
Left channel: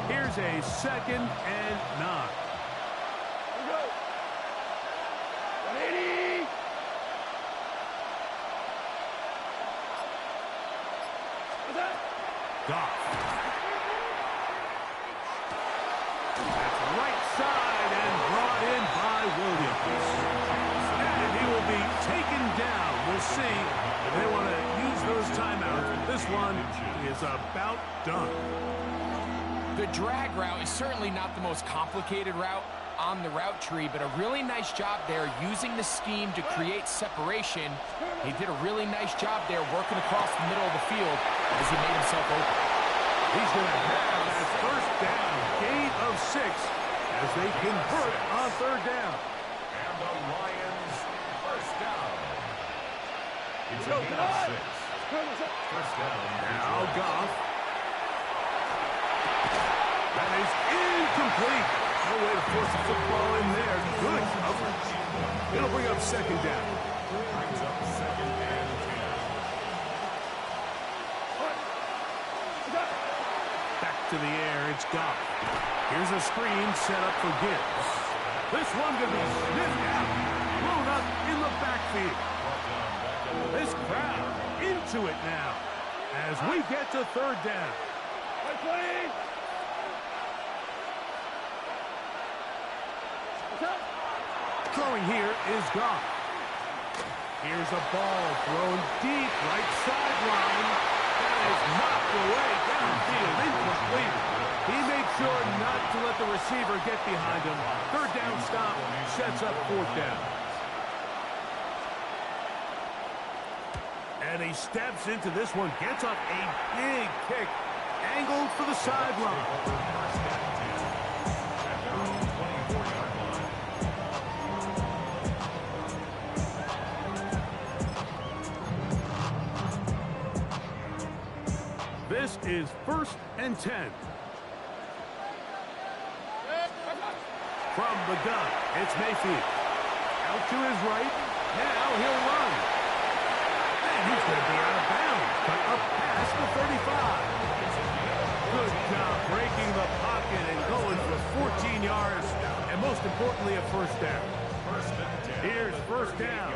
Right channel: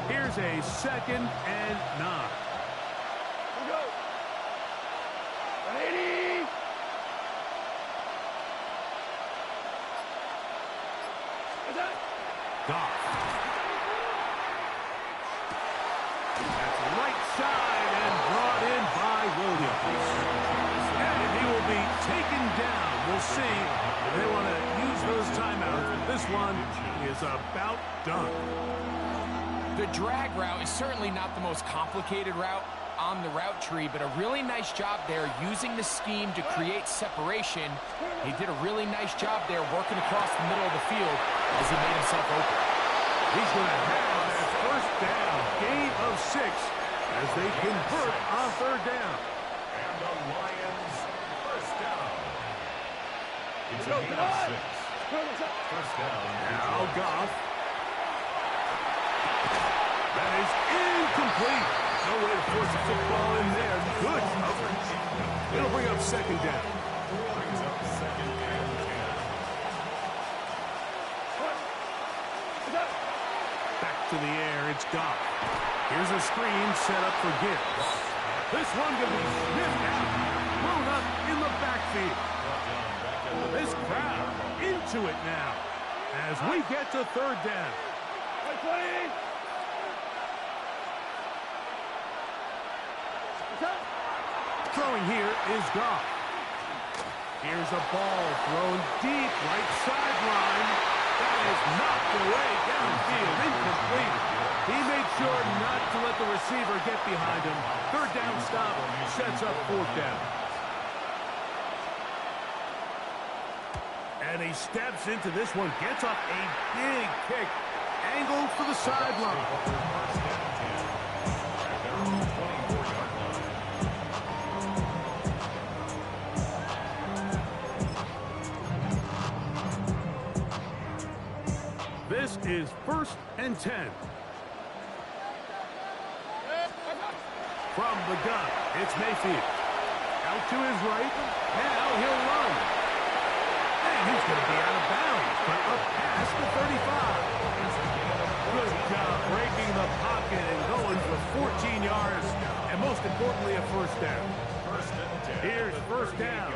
Here's a 2nd and 9. We go. 180. What's that? Goff. That's right side and brought in by Williams. And he will be taken down. We'll see if they want to use those timeouts. This one is about done. The drag route is certainly not the most complicated route on the route tree, but a really nice job there using the scheme to create separation. He did a really nice job there working across the middle of the field as he made himself open. He's going to have that 1st down, gain of 6 as they convert on 3rd down. And the Lions 1st down. It's a gain of 6. 1st down. Now Goff. That is incomplete. No way to force the football in there. Good coverage. It'll bring up 2nd down. Brings up 2nd and 10. Back to the air, it's Goff. Here's a screen set up for Gibbs. This one going to be sniffed out. Blown up in the backfield. This crowd into it now as we get to 3rd down. Throwing here is Goff. Here's a ball thrown deep right sideline. That is knocked away downfield, incomplete. He made sure not to let the receiver get behind him. 3rd down stop sets up 4th down. And he steps into this one, gets up a big kick, angled for the sideline. First and 10 at their own 24-yard line. This is 1st and 10. From the gun, it's Mayfield. Out to his right. Now he'll run. And he's going to be out of bounds, but up past the 35. Good job breaking the pocket and going for 14 yards, and most importantly, a first down. First and 10. Here's first down.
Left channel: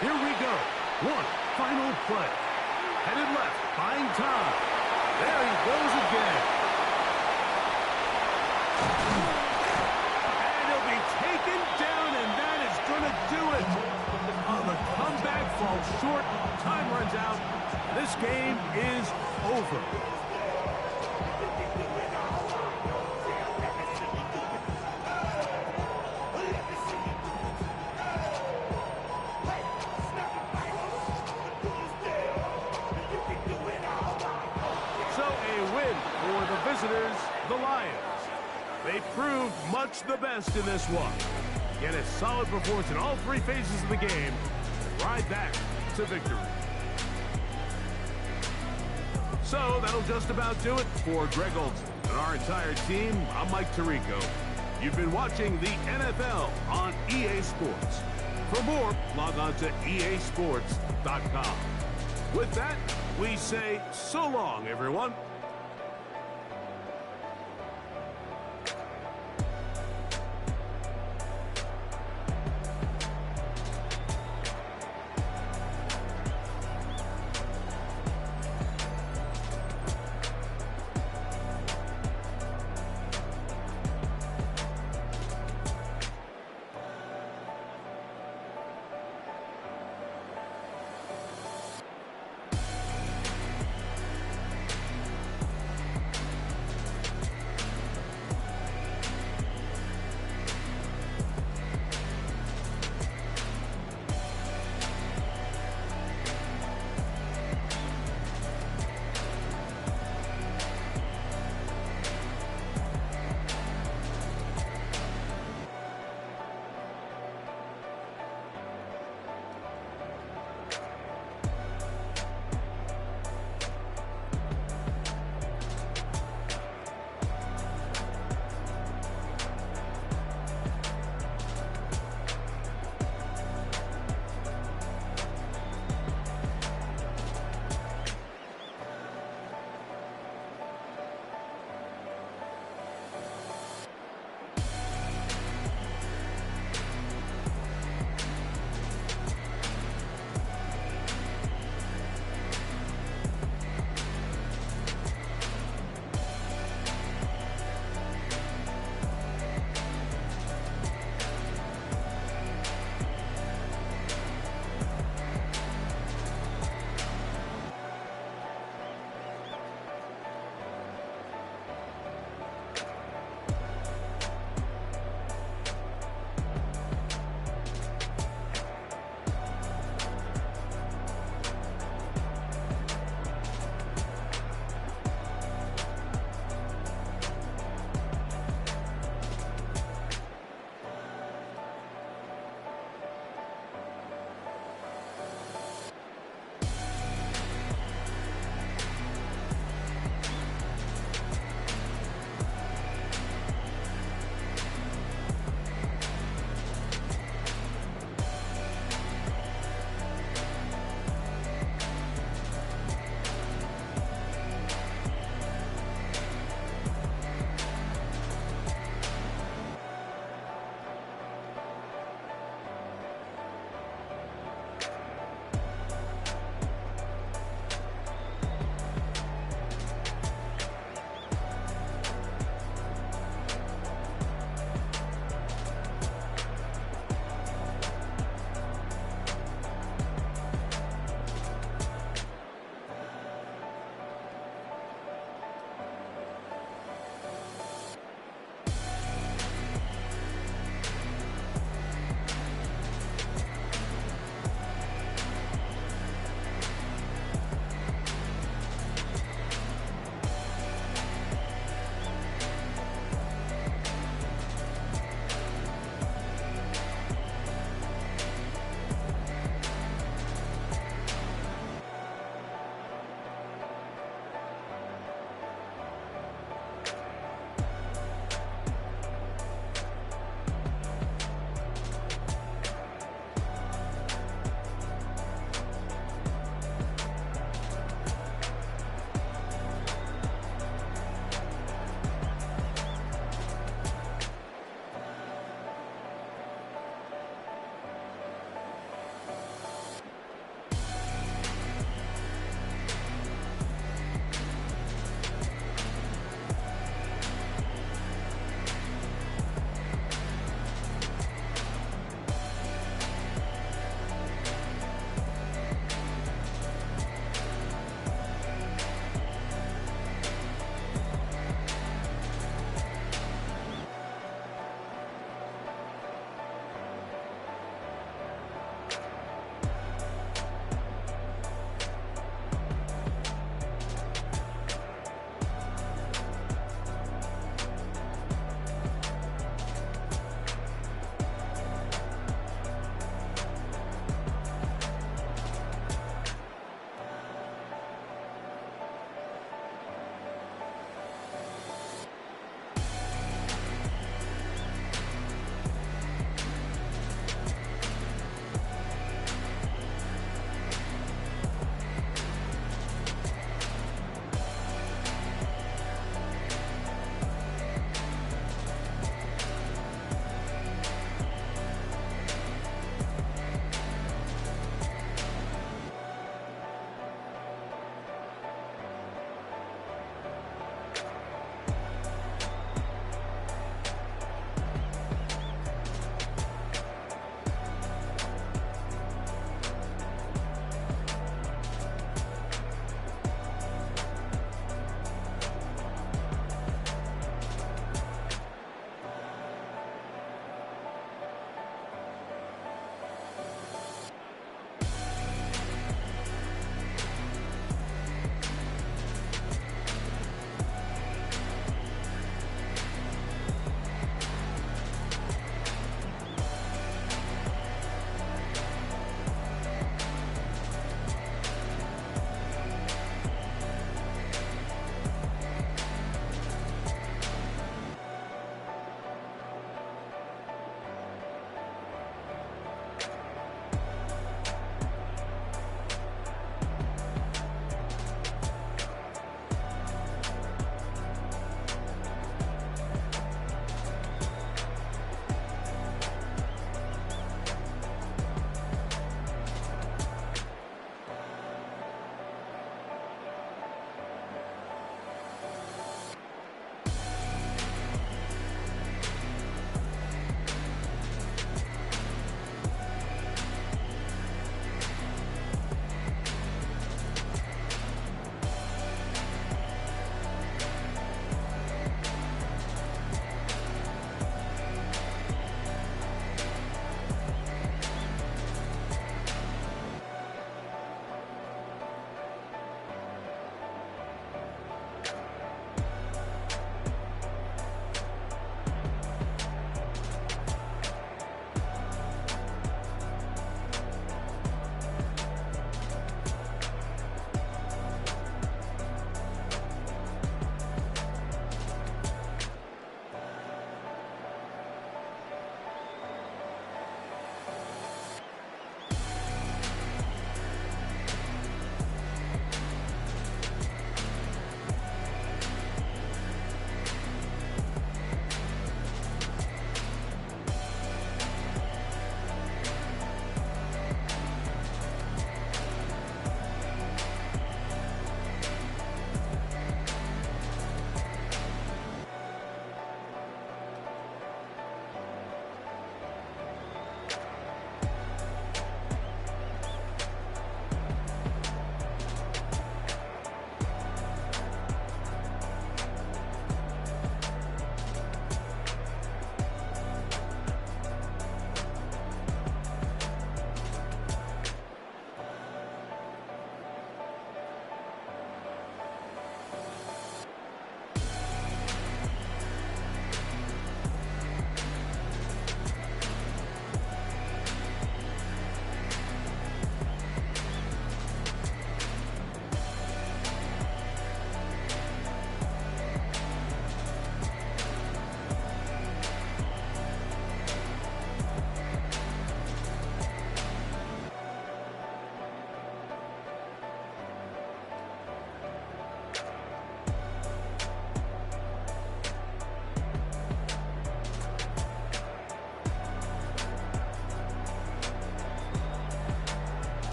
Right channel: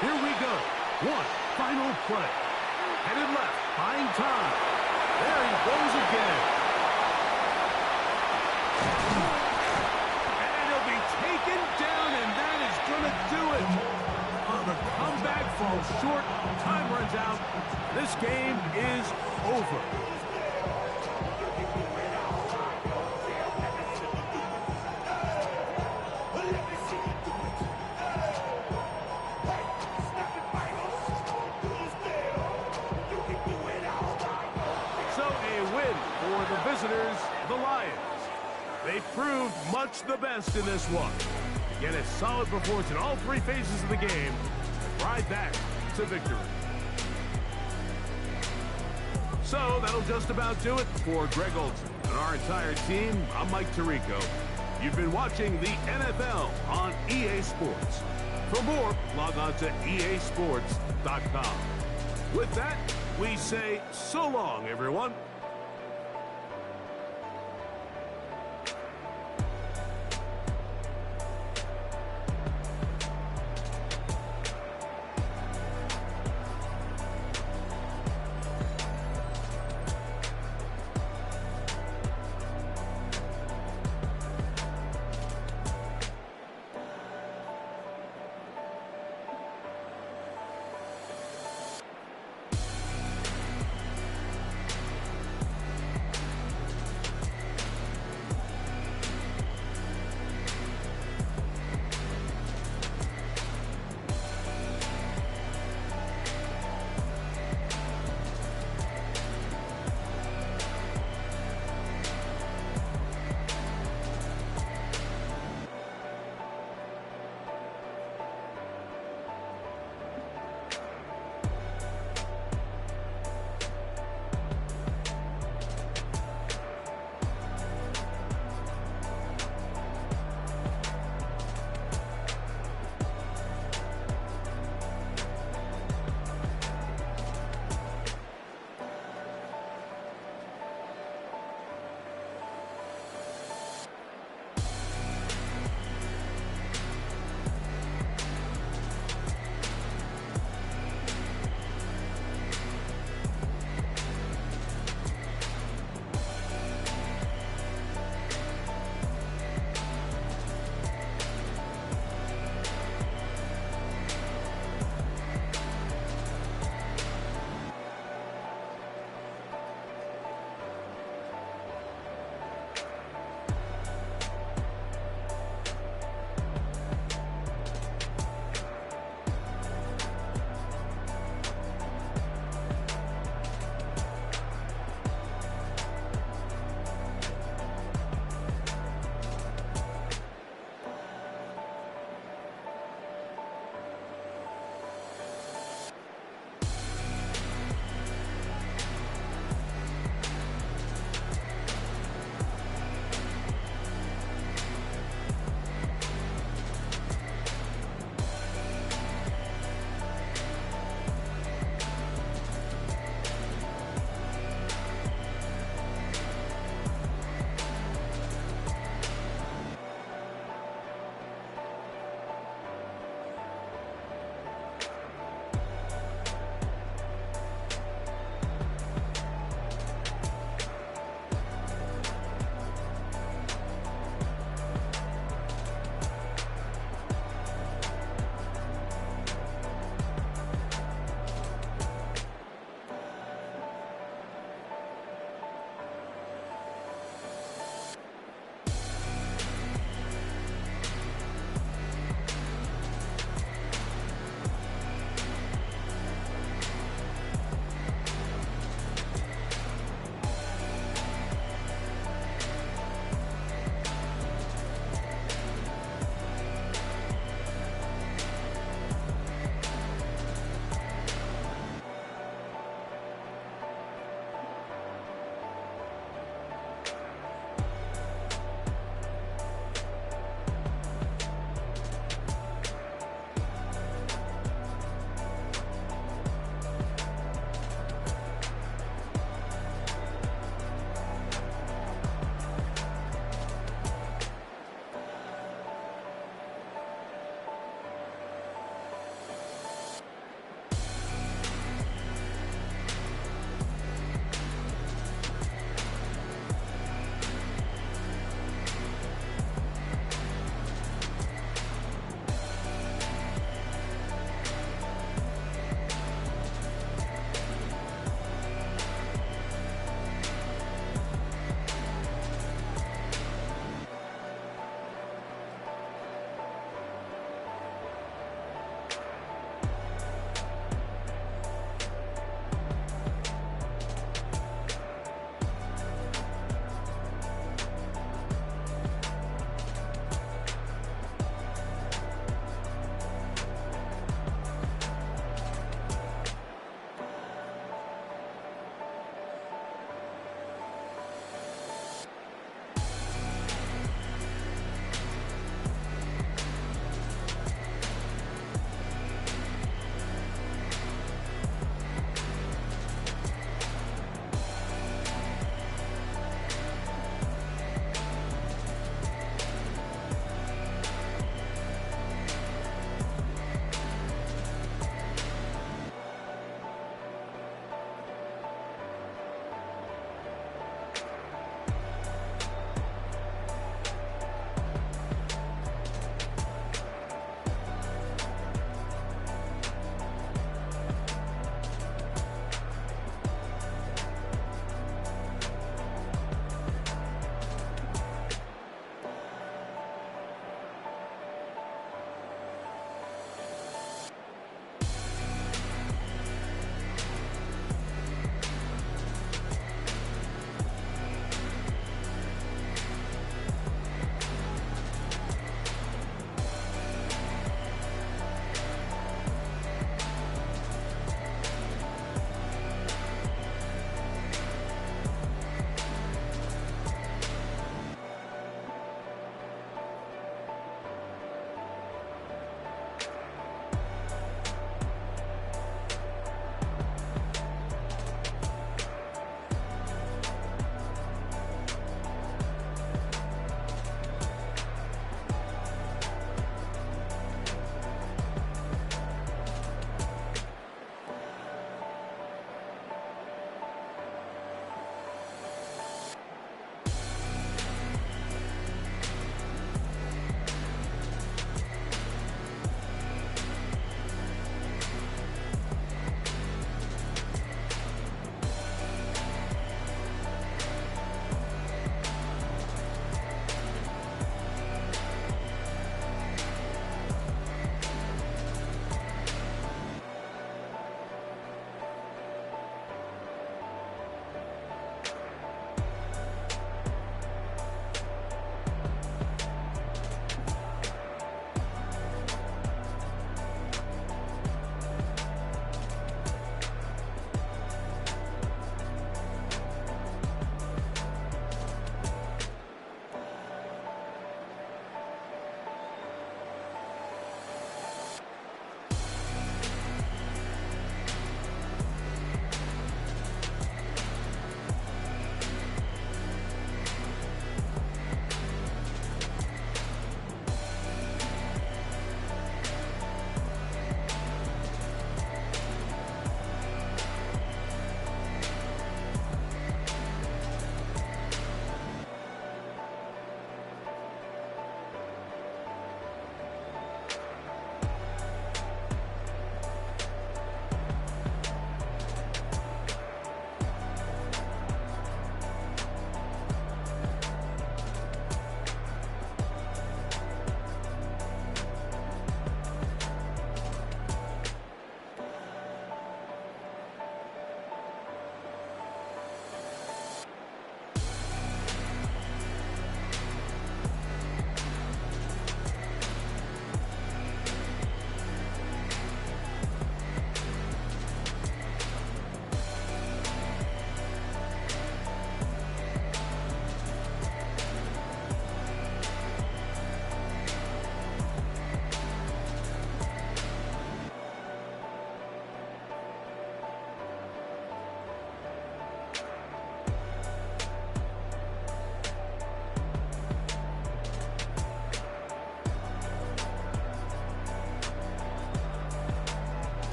Here we go. One final play. Headed left, buying time. There he goes again. And he'll be taken down, and that is going to do it. The comeback falls short. Time runs out. This game is over. So a win for the visitors, the Lions. They proved much the best in this one. Get a solid performance in all three phases of the game and ride back to victory. So that'll just about do it for Greg Olson and our entire team. I'm Mike Tirico. You've been watching the NFL on EA Sports. For more, log on to easports.com. With that, we say so long, everyone.